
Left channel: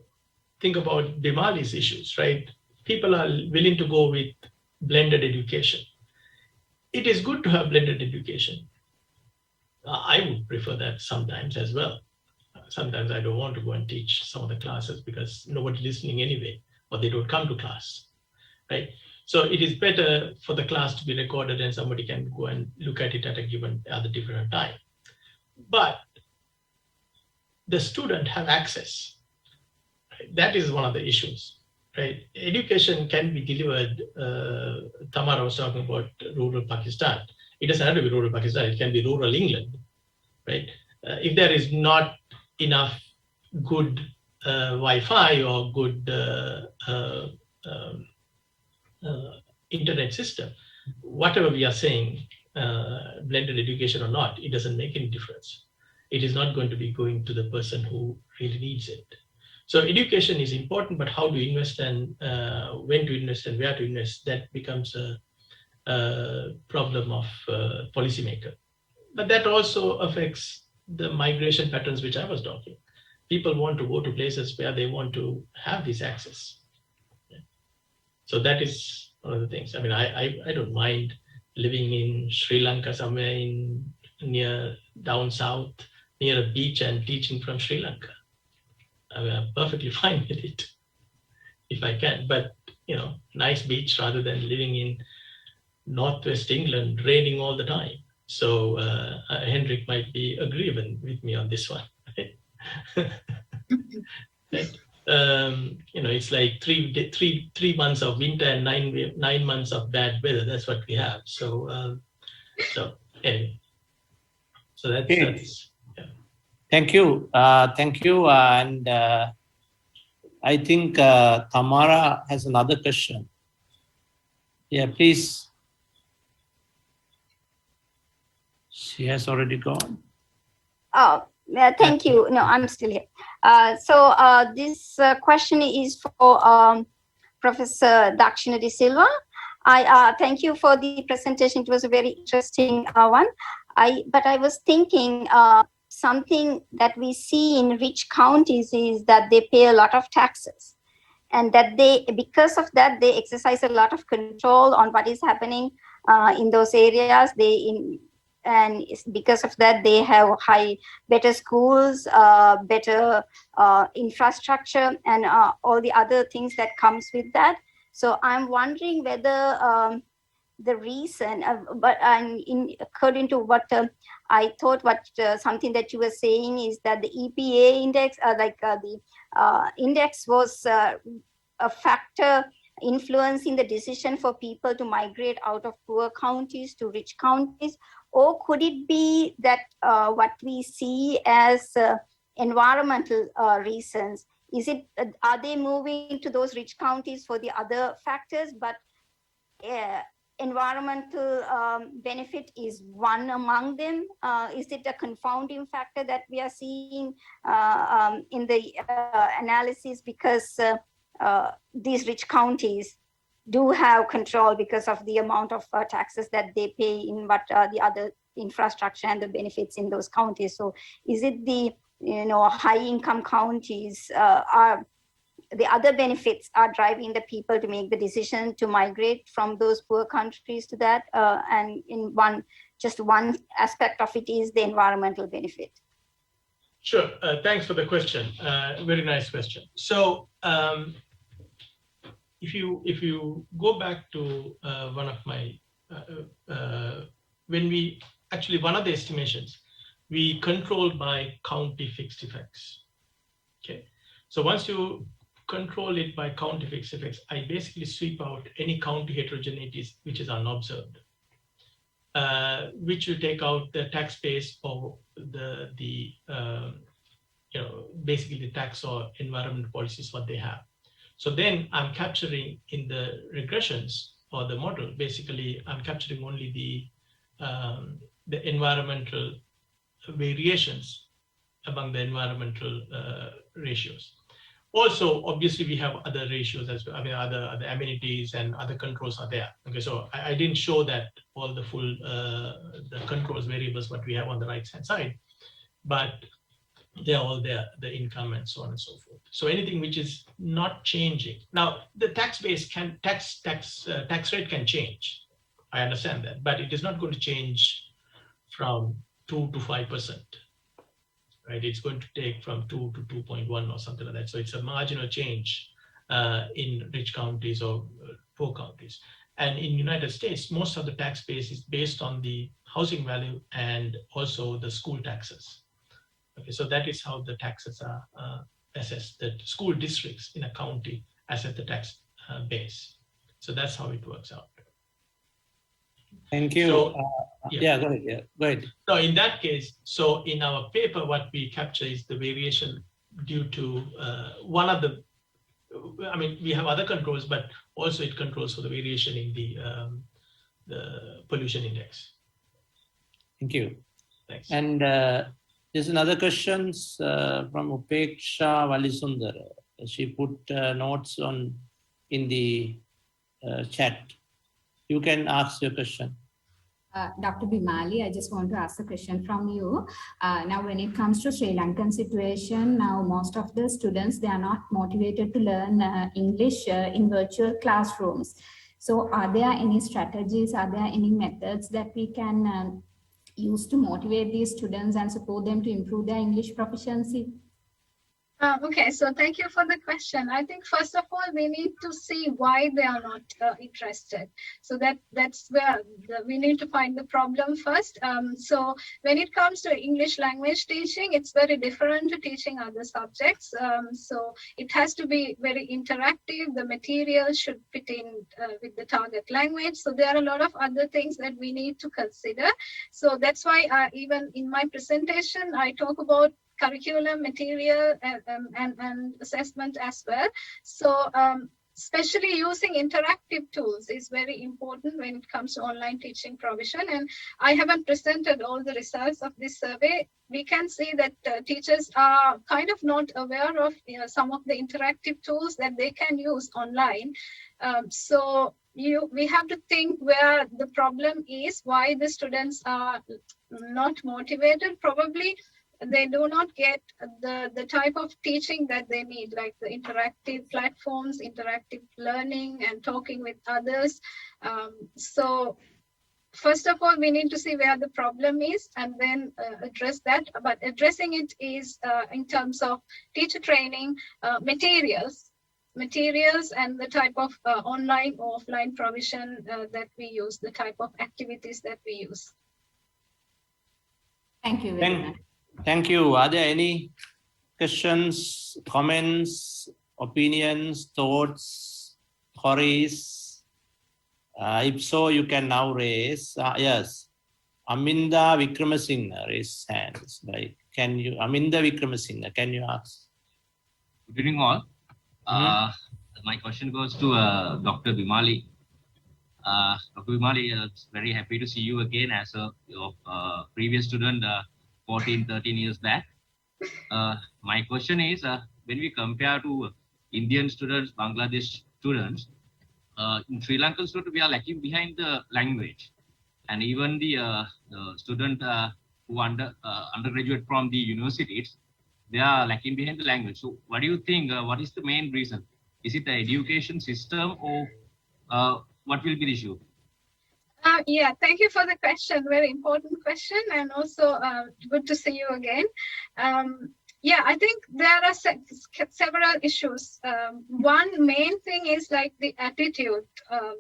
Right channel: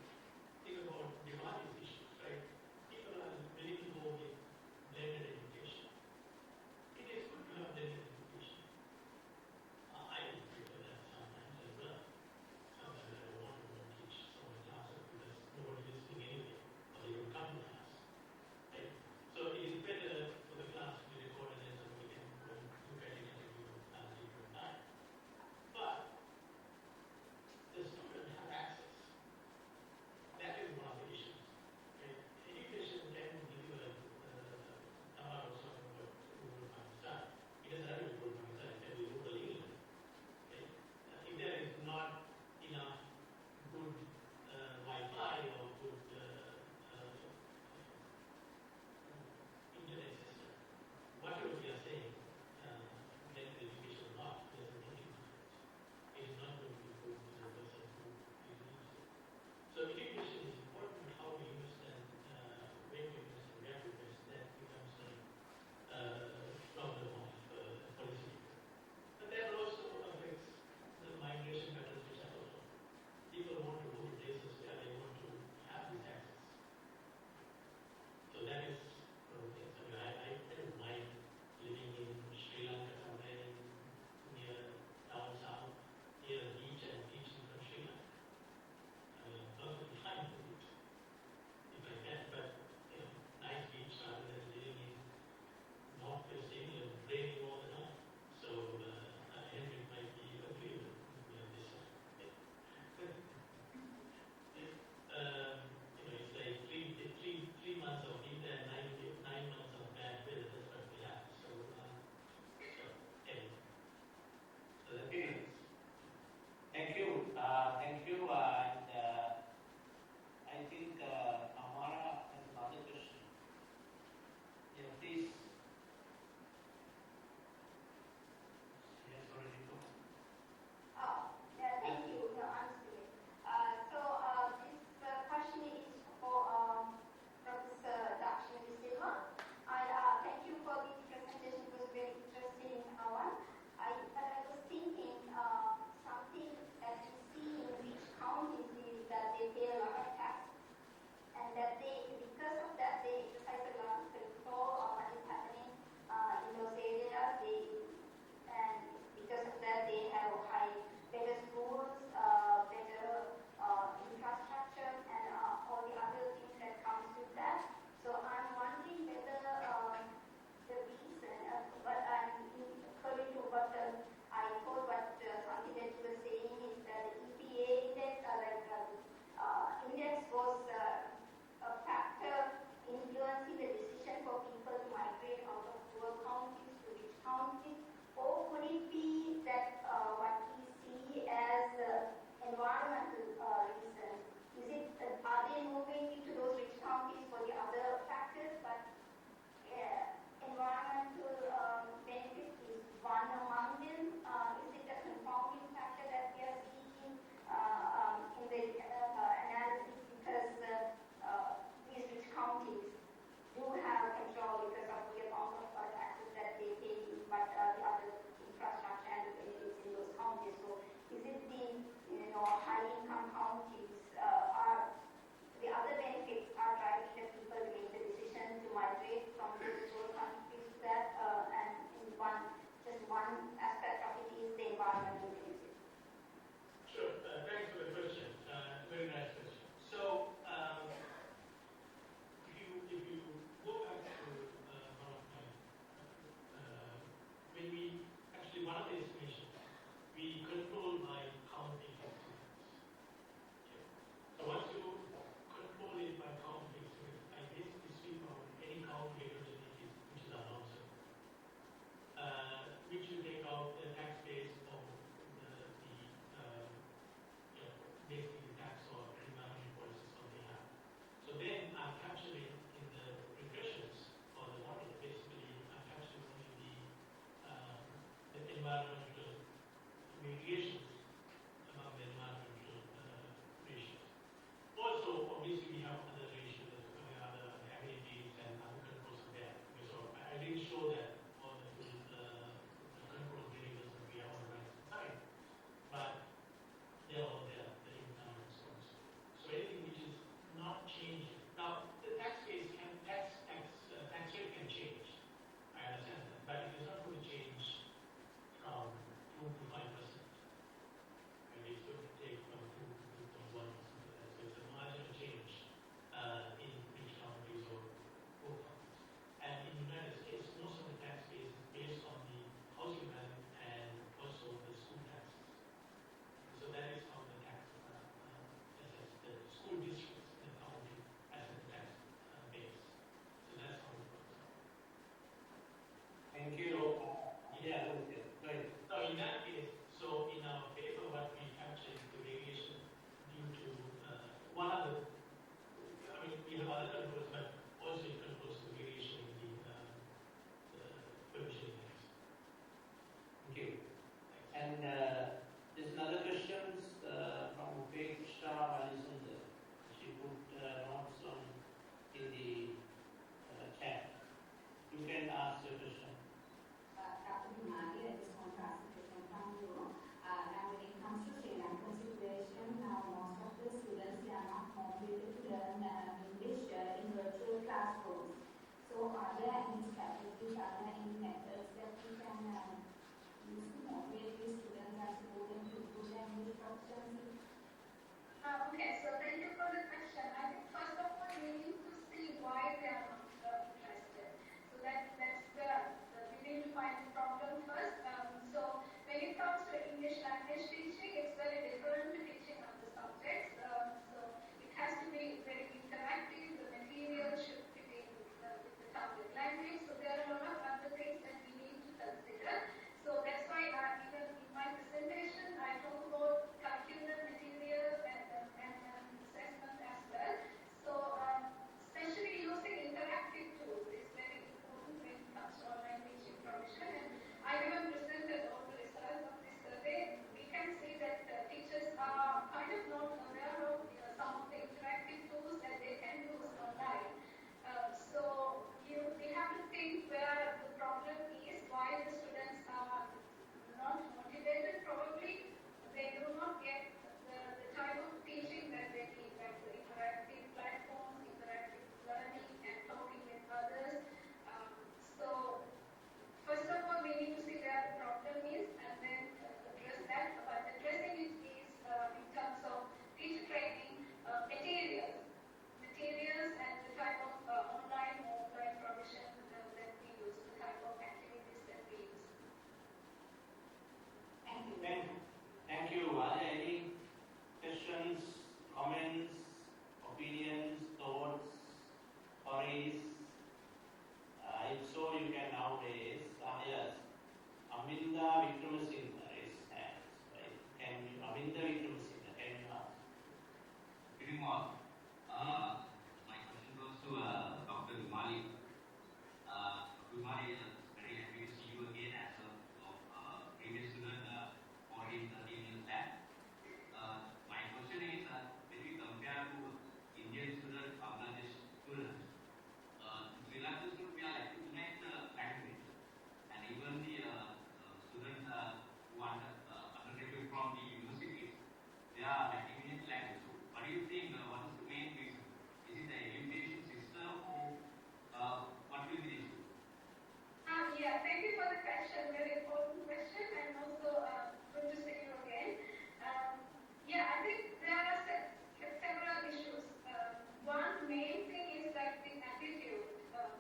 think about Bimali's issues, right? People are willing to go with blended education. It is good to have blended education. I would prefer that sometimes as well. Sometimes I don't want to go and teach some of the classes because nobody's listening anyway, or they don't come to class, right? So it is better for the class to be recorded and somebody can go and look at it at a different time. But the student have access. Right? That is one of the issues. Right? Education can be delivered. Tamara was talking about rural Pakistan. It doesn't have to be rural Pakistan. It can be rural England. Right? If there is not enough good Wi-Fi or good internet system, whatever we are saying, blended education or not, it doesn't make any difference. It is not going to be going to the person who really needs it. So education is important, but how to invest and when to invest and where to invest, that becomes a problem of policymaker. But that also affects the migration patterns which I was talking. People want to go to places where they want to have this access. So that is one of the things. I mean, I don't mind living in Sri Lanka, somewhere in near down south, near a beach and teaching from Sri Lanka. I mean, I'm perfectly fine with it if I can, but you know, nice beach rather than living in Northwest England, raining all the time. So Hendrik might be agreeable with me on this one. Right? You know, it's like three months of winter and nine months of bad weather. That's what we have. So so anyway, so that's yeah. Thank you, and I think Tamara has another question. Yeah, please. She has already gone. Oh, thank you. No, I'm still here. This question is for Professor Dakshina de Silva. I thank you for the presentation. It was a very interesting one. But I was thinking something that we see in rich counties is that they pay a lot of taxes, and that because of that, they exercise a lot of control on what is happening in those areas. And because of that, they have better schools, better infrastructure, and all the other things that comes with that. So I'm wondering whether the reason, according to what I thought, something that you were saying is that the EPA index, the index was a factor influencing the decision for people to migrate out of poor counties to rich counties. Or could it be that what we see as environmental reasons, are they moving to those rich counties for the other factors, but environmental benefit is one among them? Is it a confounding factor that we are seeing in the analysis, because these rich counties do have control because of the amount of taxes that they pay in what the other infrastructure and the benefits in those counties? So is it the high income counties are the other benefits are driving the people to make the decision to migrate from those poor countries to that, and in just one aspect of it is the environmental benefit? Sure, thanks for the question. Very nice question. So if you go back to one of my when we actually, one of the estimations, we control by county fixed effects. Okay, so once you control it by county fixed effects, I basically sweep out any county heterogeneities which is unobserved, which will take out the tax base or the basically the tax or environment policies what they have. So then I'm capturing in the regressions or the model, basically I'm capturing only the environmental variations among the environmental ratios. Also, obviously, we have other ratios as well. I mean, other amenities and other controls are there. Okay, so I didn't show that all the full the controls variables what we have on the right hand side, but they're all there, the income and so on and so forth. So anything which is not changing. Now, the tax base tax rate can change. I understand that, but it is not going to change from 2 to 5%. Right, it's going to take from 2 to 2.1 or something like that. So it's a marginal change in rich counties or poor counties. And in United States, most of the tax base is based on the housing value and also the school taxes. Okay, so that is how the taxes are assessed. The school districts in a county assess the tax base. So that's how it works out. Thank you. So, yeah, go ahead. Yeah, go ahead. No, in that case, so in our paper, what we capture is the variation due to one of the, I mean, we have other controls, but also it controls for the variation in the pollution index. Thank you. Thanks. And there's another question from Upeksha Valisundar. She put notes in the chat. You can ask your question. Dr. Bimali, I just want to ask a question from you. Now, when it comes to Sri Lankan situation, now most of the students, they are not motivated to learn English in virtual classrooms. So are there any strategies, are there any methods that we can use to motivate these students and support them to improve their English proficiency? Okay, so thank you for the question. I think first of all, we need to see why they are not interested. So that's where we need to find the problem first. So when it comes to English language teaching, it's very different to teaching other subjects. So it has to be very interactive. The material should fit in with the target language. So there are a lot of other things that we need to consider. So that's why even in my presentation, I talk about curriculum, material, and assessment as well. So especially using interactive tools is very important when it comes to online teaching provision. And I haven't presented all the results of this survey. We can see that teachers are kind of not aware of some of the interactive tools that they can use online. So we have to think where the problem is, why the students are not motivated. Probably they do not get the type of teaching that they need, like the interactive platforms, interactive learning, and talking with others. So first of all, we need to see where the problem is and then address that. But addressing it is in terms of teacher training, materials, and the type of online or offline provision that we use, the type of activities that we use. Thank you very much. Thank you. Are there any questions, comments, opinions, thoughts, queries? If so, you can now raise. Yes, Aminda Vikramasinghe raise hands. Right? Can you, Aminda Vikramasinghe, can you ask? Good evening all. My question goes to Dr. Bimali. Dr. Bimali, very happy to see you again as a previous student 14, 13 years back. My question is, when we compare to Indian students, Bangladesh students, in Sri Lankan students, we are lacking behind the language. And even the student who undergraduate from the universities, they are lacking behind the language. So what do you think, what is the main reason? Is it the education system or what will be the issue? Yeah, thank you for the question. Very important question, and also good to see you again. Yeah, I think there are several issues. One main thing is like the attitude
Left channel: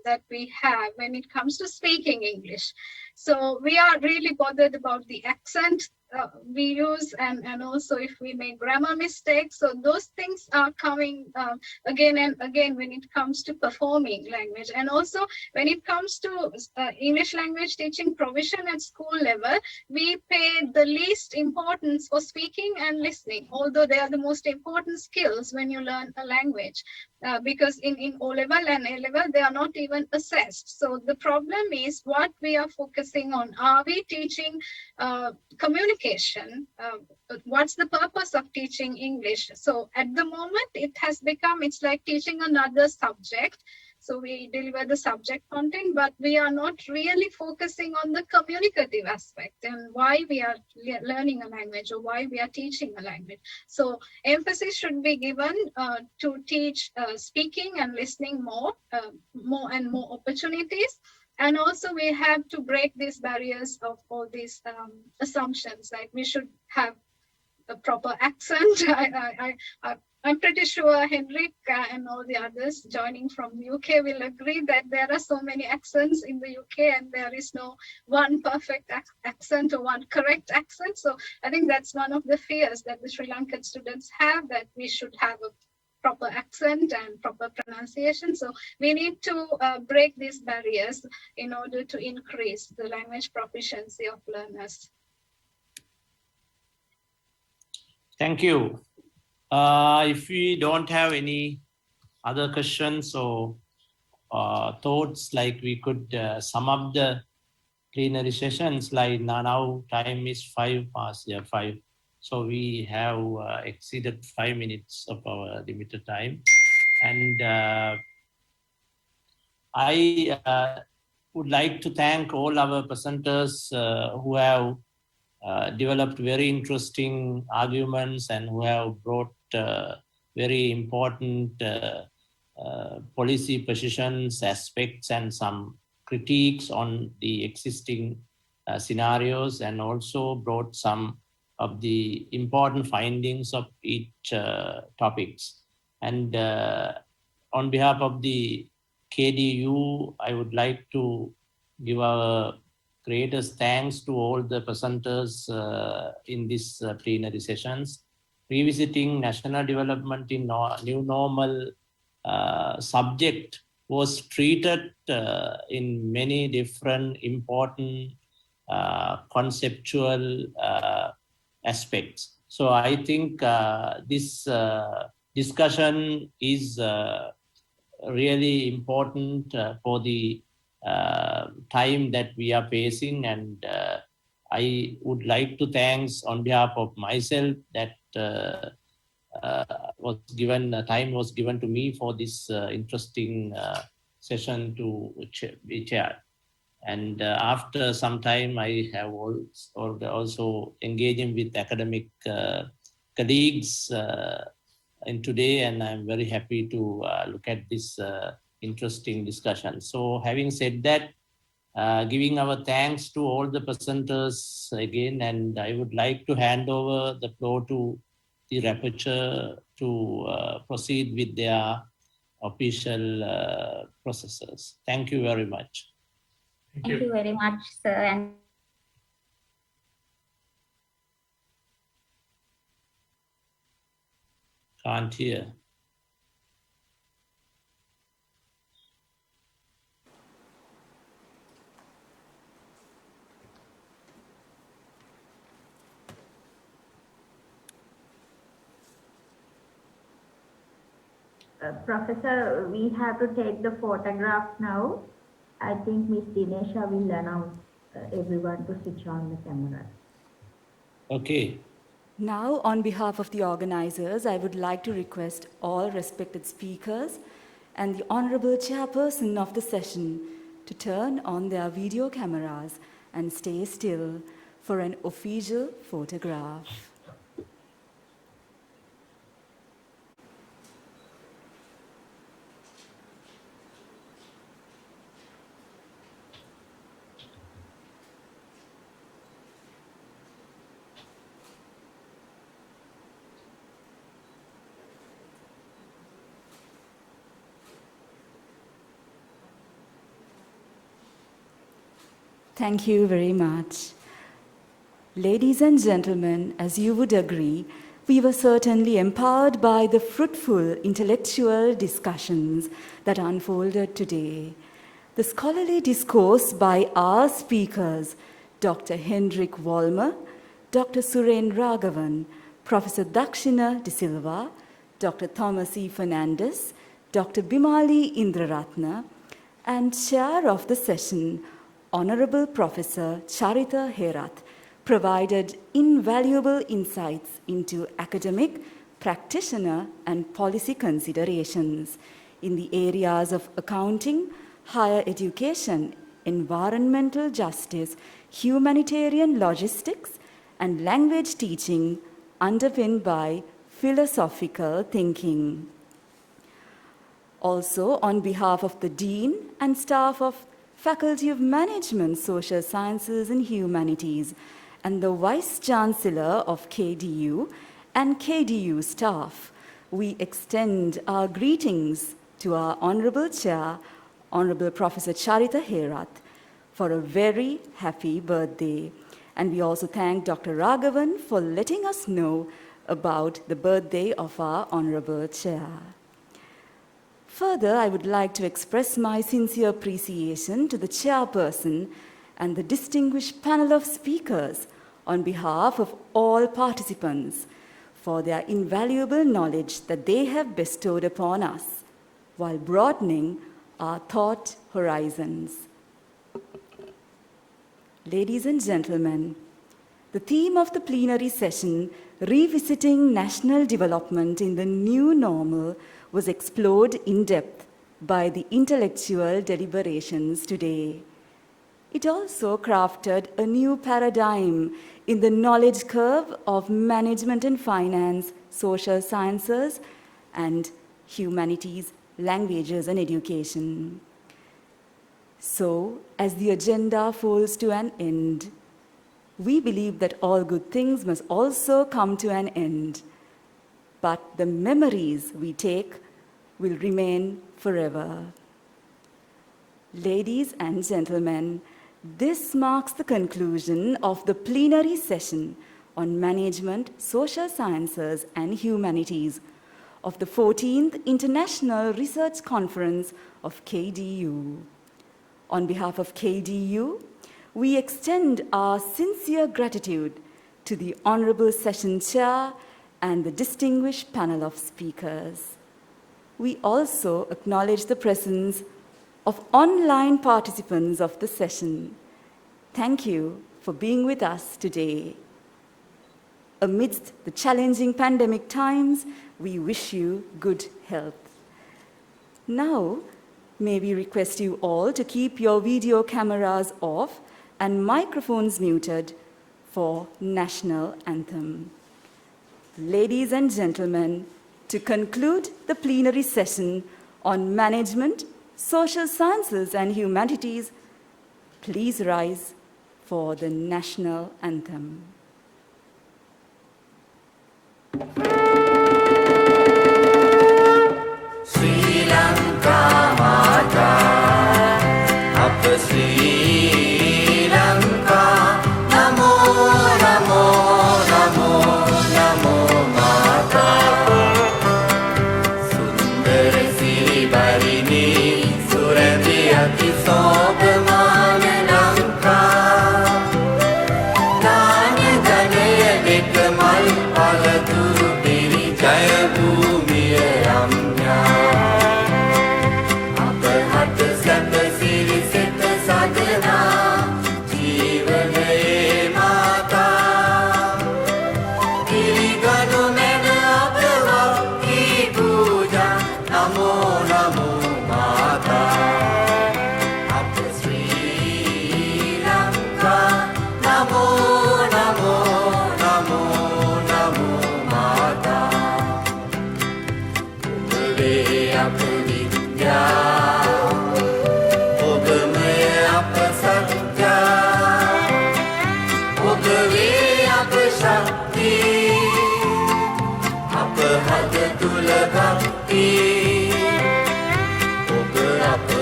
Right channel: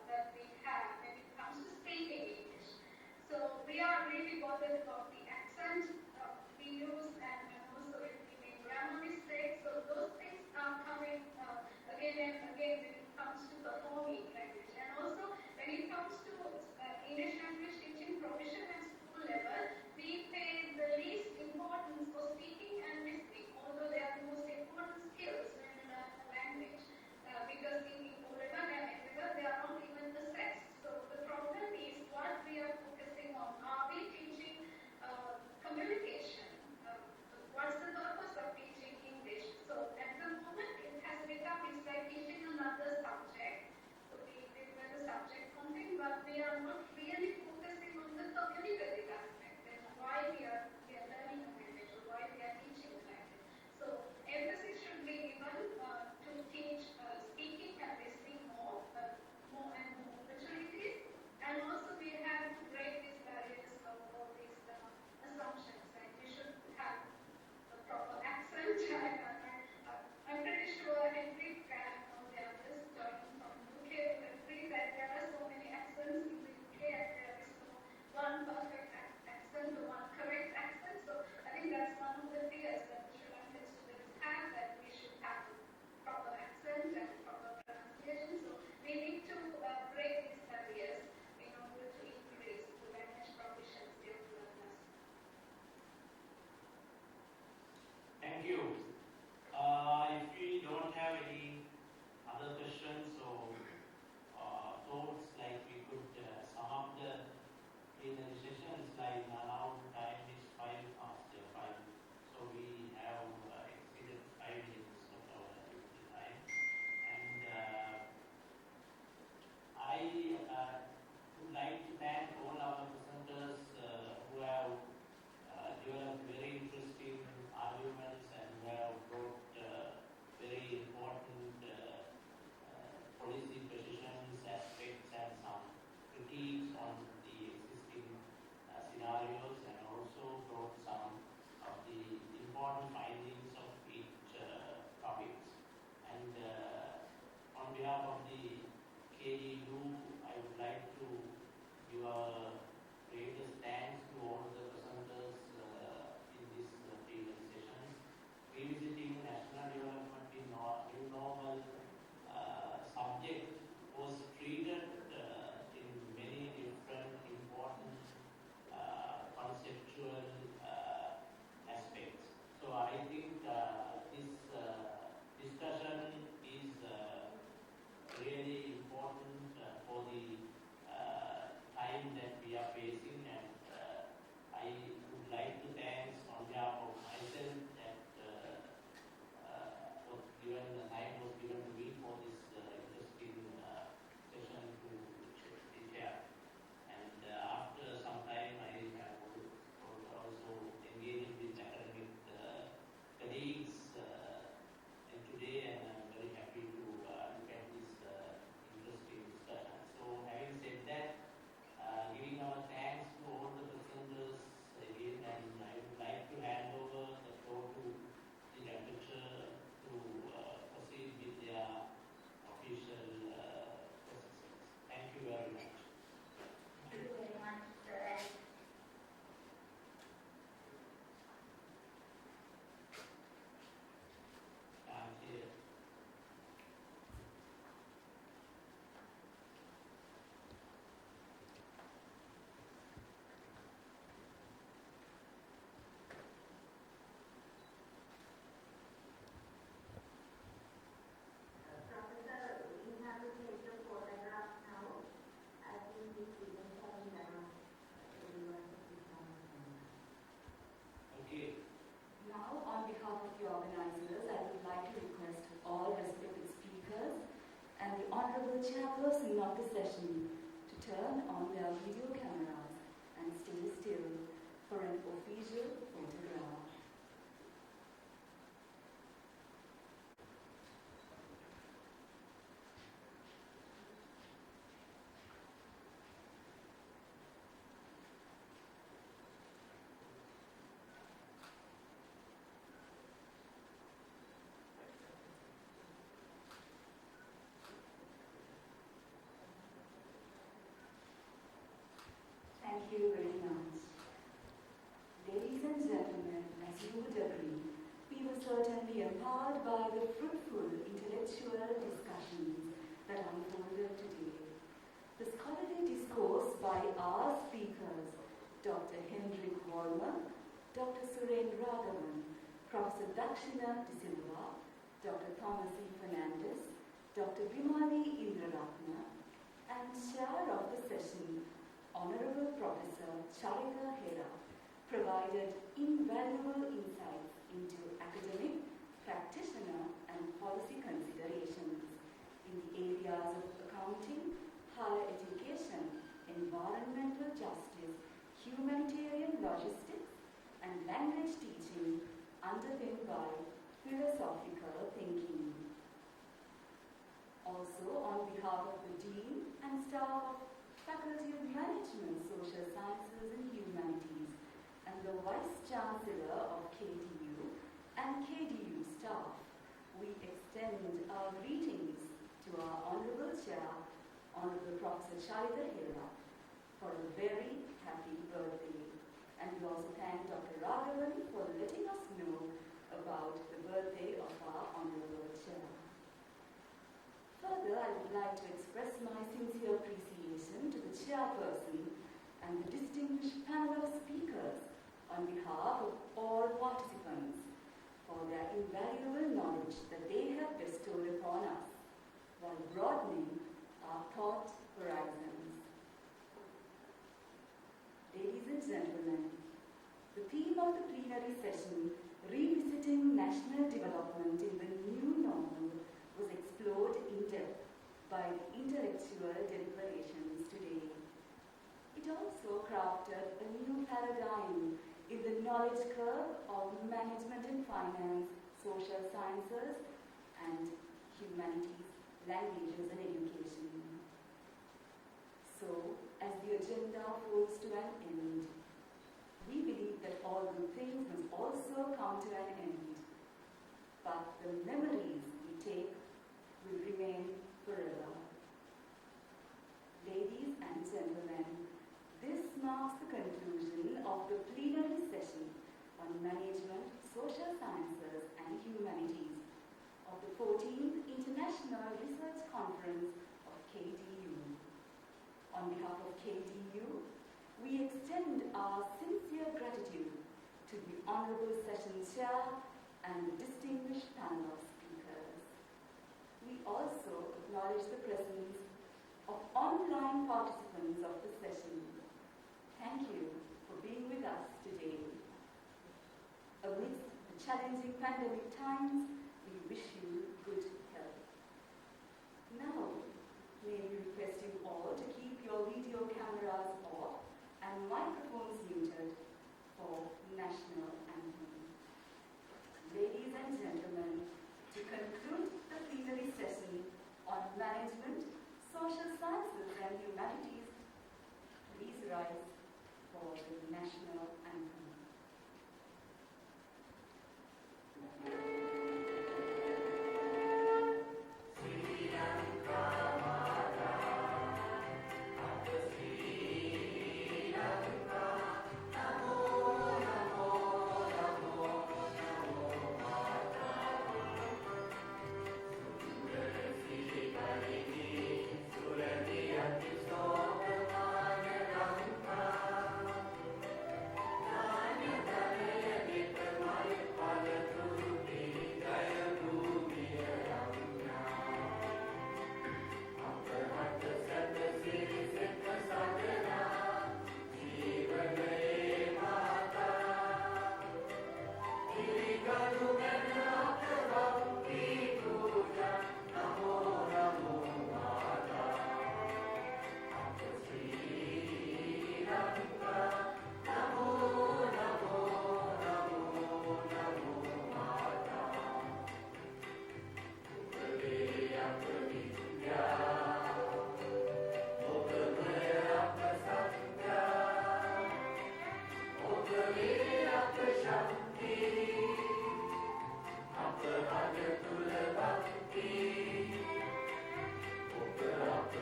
that we have when it comes to speaking English. So we are really bothered about the accent we use, and also if we make grammar mistakes. So those things are coming again and again when it comes to performing language. And also when it comes to English language teaching provision at school level, we pay the least importance for speaking and listening, although they are the most important skills when you learn a language. Because in O-level and A-level, they are not even assessed. So the problem is what we are focusing on. Are we teaching communication? What's the purpose of teaching English? So at the moment, it has become, it's like teaching another subject. So we deliver the subject content, but we are not really focusing on the communicative aspect and why we are learning a language or why we are teaching a language. So emphasis should be given to teach speaking and listening more and more opportunities. And also we have to break these barriers of all these assumptions, like we should have a proper accent. I'm pretty sure Hendrik and all the others joining from UK will agree that there are so many accents in the UK and there is no one perfect accent or one correct accent. So I think that's one of the fears that the Sri Lankan students have, that we should have a proper accent and proper pronunciation. So we need to break these barriers in order to increase the language proficiency of learners. Thank you. If we don't have any other questions or thoughts, like we could sum up the plenary sessions, like now time is 5:05. So we have exceeded 5 minutes of our limited time. And I would like to thank all our presenters who have developed very interesting arguments and who have brought very important policy positions, aspects, and some critiques on the existing scenarios, and also brought some of the important findings of each topics. And on behalf of the KDU, I would like to give our greatest thanks to all the presenters in this plenary sessions. Revisiting national development in new normal subject was treated in many different important conceptual aspects. So I think this discussion is really important for the time that we are facing, and I would like to thank on behalf of myself that time was given to me for this interesting session to be chaired. And after some time, I have also engaging with academic colleagues in today, and I'm very happy to look at this interesting discussion. So having said that, giving our thanks to all the presenters again, and I would like to hand over the floor to the rapporteur to proceed with their official processes. Thank you very much. Thank you very much, sir. And can't hear. Professor, we have to take the photograph now. I think Ms. Dinesha will announce everyone to switch on the camera. Okay. Now, on behalf of the organizers, I would like to request all respected speakers and the Honorable Chairperson of the session to turn on their video cameras and stay still for an official photograph. Thank you very much. Ladies and gentlemen, as you would agree, we were certainly empowered by the fruitful intellectual discussions that unfolded today. The scholarly discourse by our speakers, Dr. Hendrik Vollmer, Dr. Suren Raghavan, Professor Dakshina de Silva, Dr. Thomas E. Fernandez, Dr. Bimali Indraratna, and chair of the session, Honorable Professor Charitha Herath, provided invaluable insights into academic, practitioner, and policy considerations in the areas of accounting, higher education, environmental justice, humanitarian logistics, and language teaching underpinned by philosophical thinking. Also, on behalf of the Dean and staff of Faculty of Management, Social Sciences and Humanities, and the Vice Chancellor of KDU and KDU staff, we extend our greetings to our Honorable Chair, Honorable Professor Charitha Herath, for a very happy birthday. And we also thank Dr. Raghavan for letting us know about the birthday of our Honorable Chair. Further, I would like to express my sincere appreciation to the Chairperson and the distinguished panel of speakers on behalf of all participants for their invaluable knowledge that they have bestowed upon us while broadening our thought horizons. Ladies and gentlemen, the theme of the plenary session, Revisiting National Development in the New Normal, was explored in depth by the intellectual deliberations today. It also crafted a new paradigm in the knowledge curve of management and finance, social sciences, and humanities, languages, and education. So, as the agenda falls to an end, we believe that all good things must also come to an end. But the memories we take will remain forever. Ladies and gentlemen, this marks the conclusion of the plenary session on management, social sciences, and humanities of the 14th International Research Conference of KDU. On behalf of KDU, we extend our sincere gratitude to the Honorable Session Chair and the distinguished panel of speakers. We also acknowledge the presence of online participants of the session. Thank you for being with us today. Amidst the challenging pandemic times, we wish you good health. Now, may we request you all to keep your video cameras off and microphones muted for National Anthem. Ladies and gentlemen, to conclude the plenary session on management, social sciences, and humanities, please rise for the National Anthem. Sri Lanka Mata, Apa Sri Lanka, Namo, Namo, Namo, Namo Mata. Sundara Siri Barini, Surendri Ati Sobhamana Lanka. Dana Danaya Dekamal Palaturu Piri Jaya Bhumiya Ramya. Apahata Sata Siri Seta Sadhana, Jeevanaye Mata. Kiriganu Mena Apavakti Puja, Namo Namo Mata. Apa Sri Lanka, Namo Namo Namo Namo Mata. Ubave apa vidya, Ubame apa satya, Ubave apa shakti, apa hada tula bhakti, Uba apa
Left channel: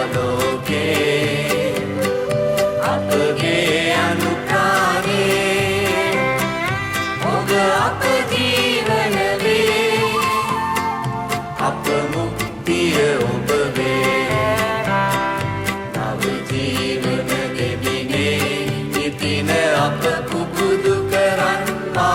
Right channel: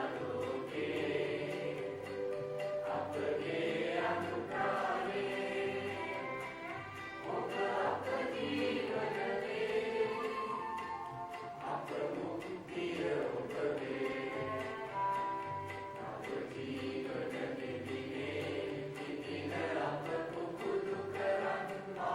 aloke, apage anukane, Uba apa jeevanave, apa muktiya ubave. Nav jeevana debine, nitine apa kubudu karan ma.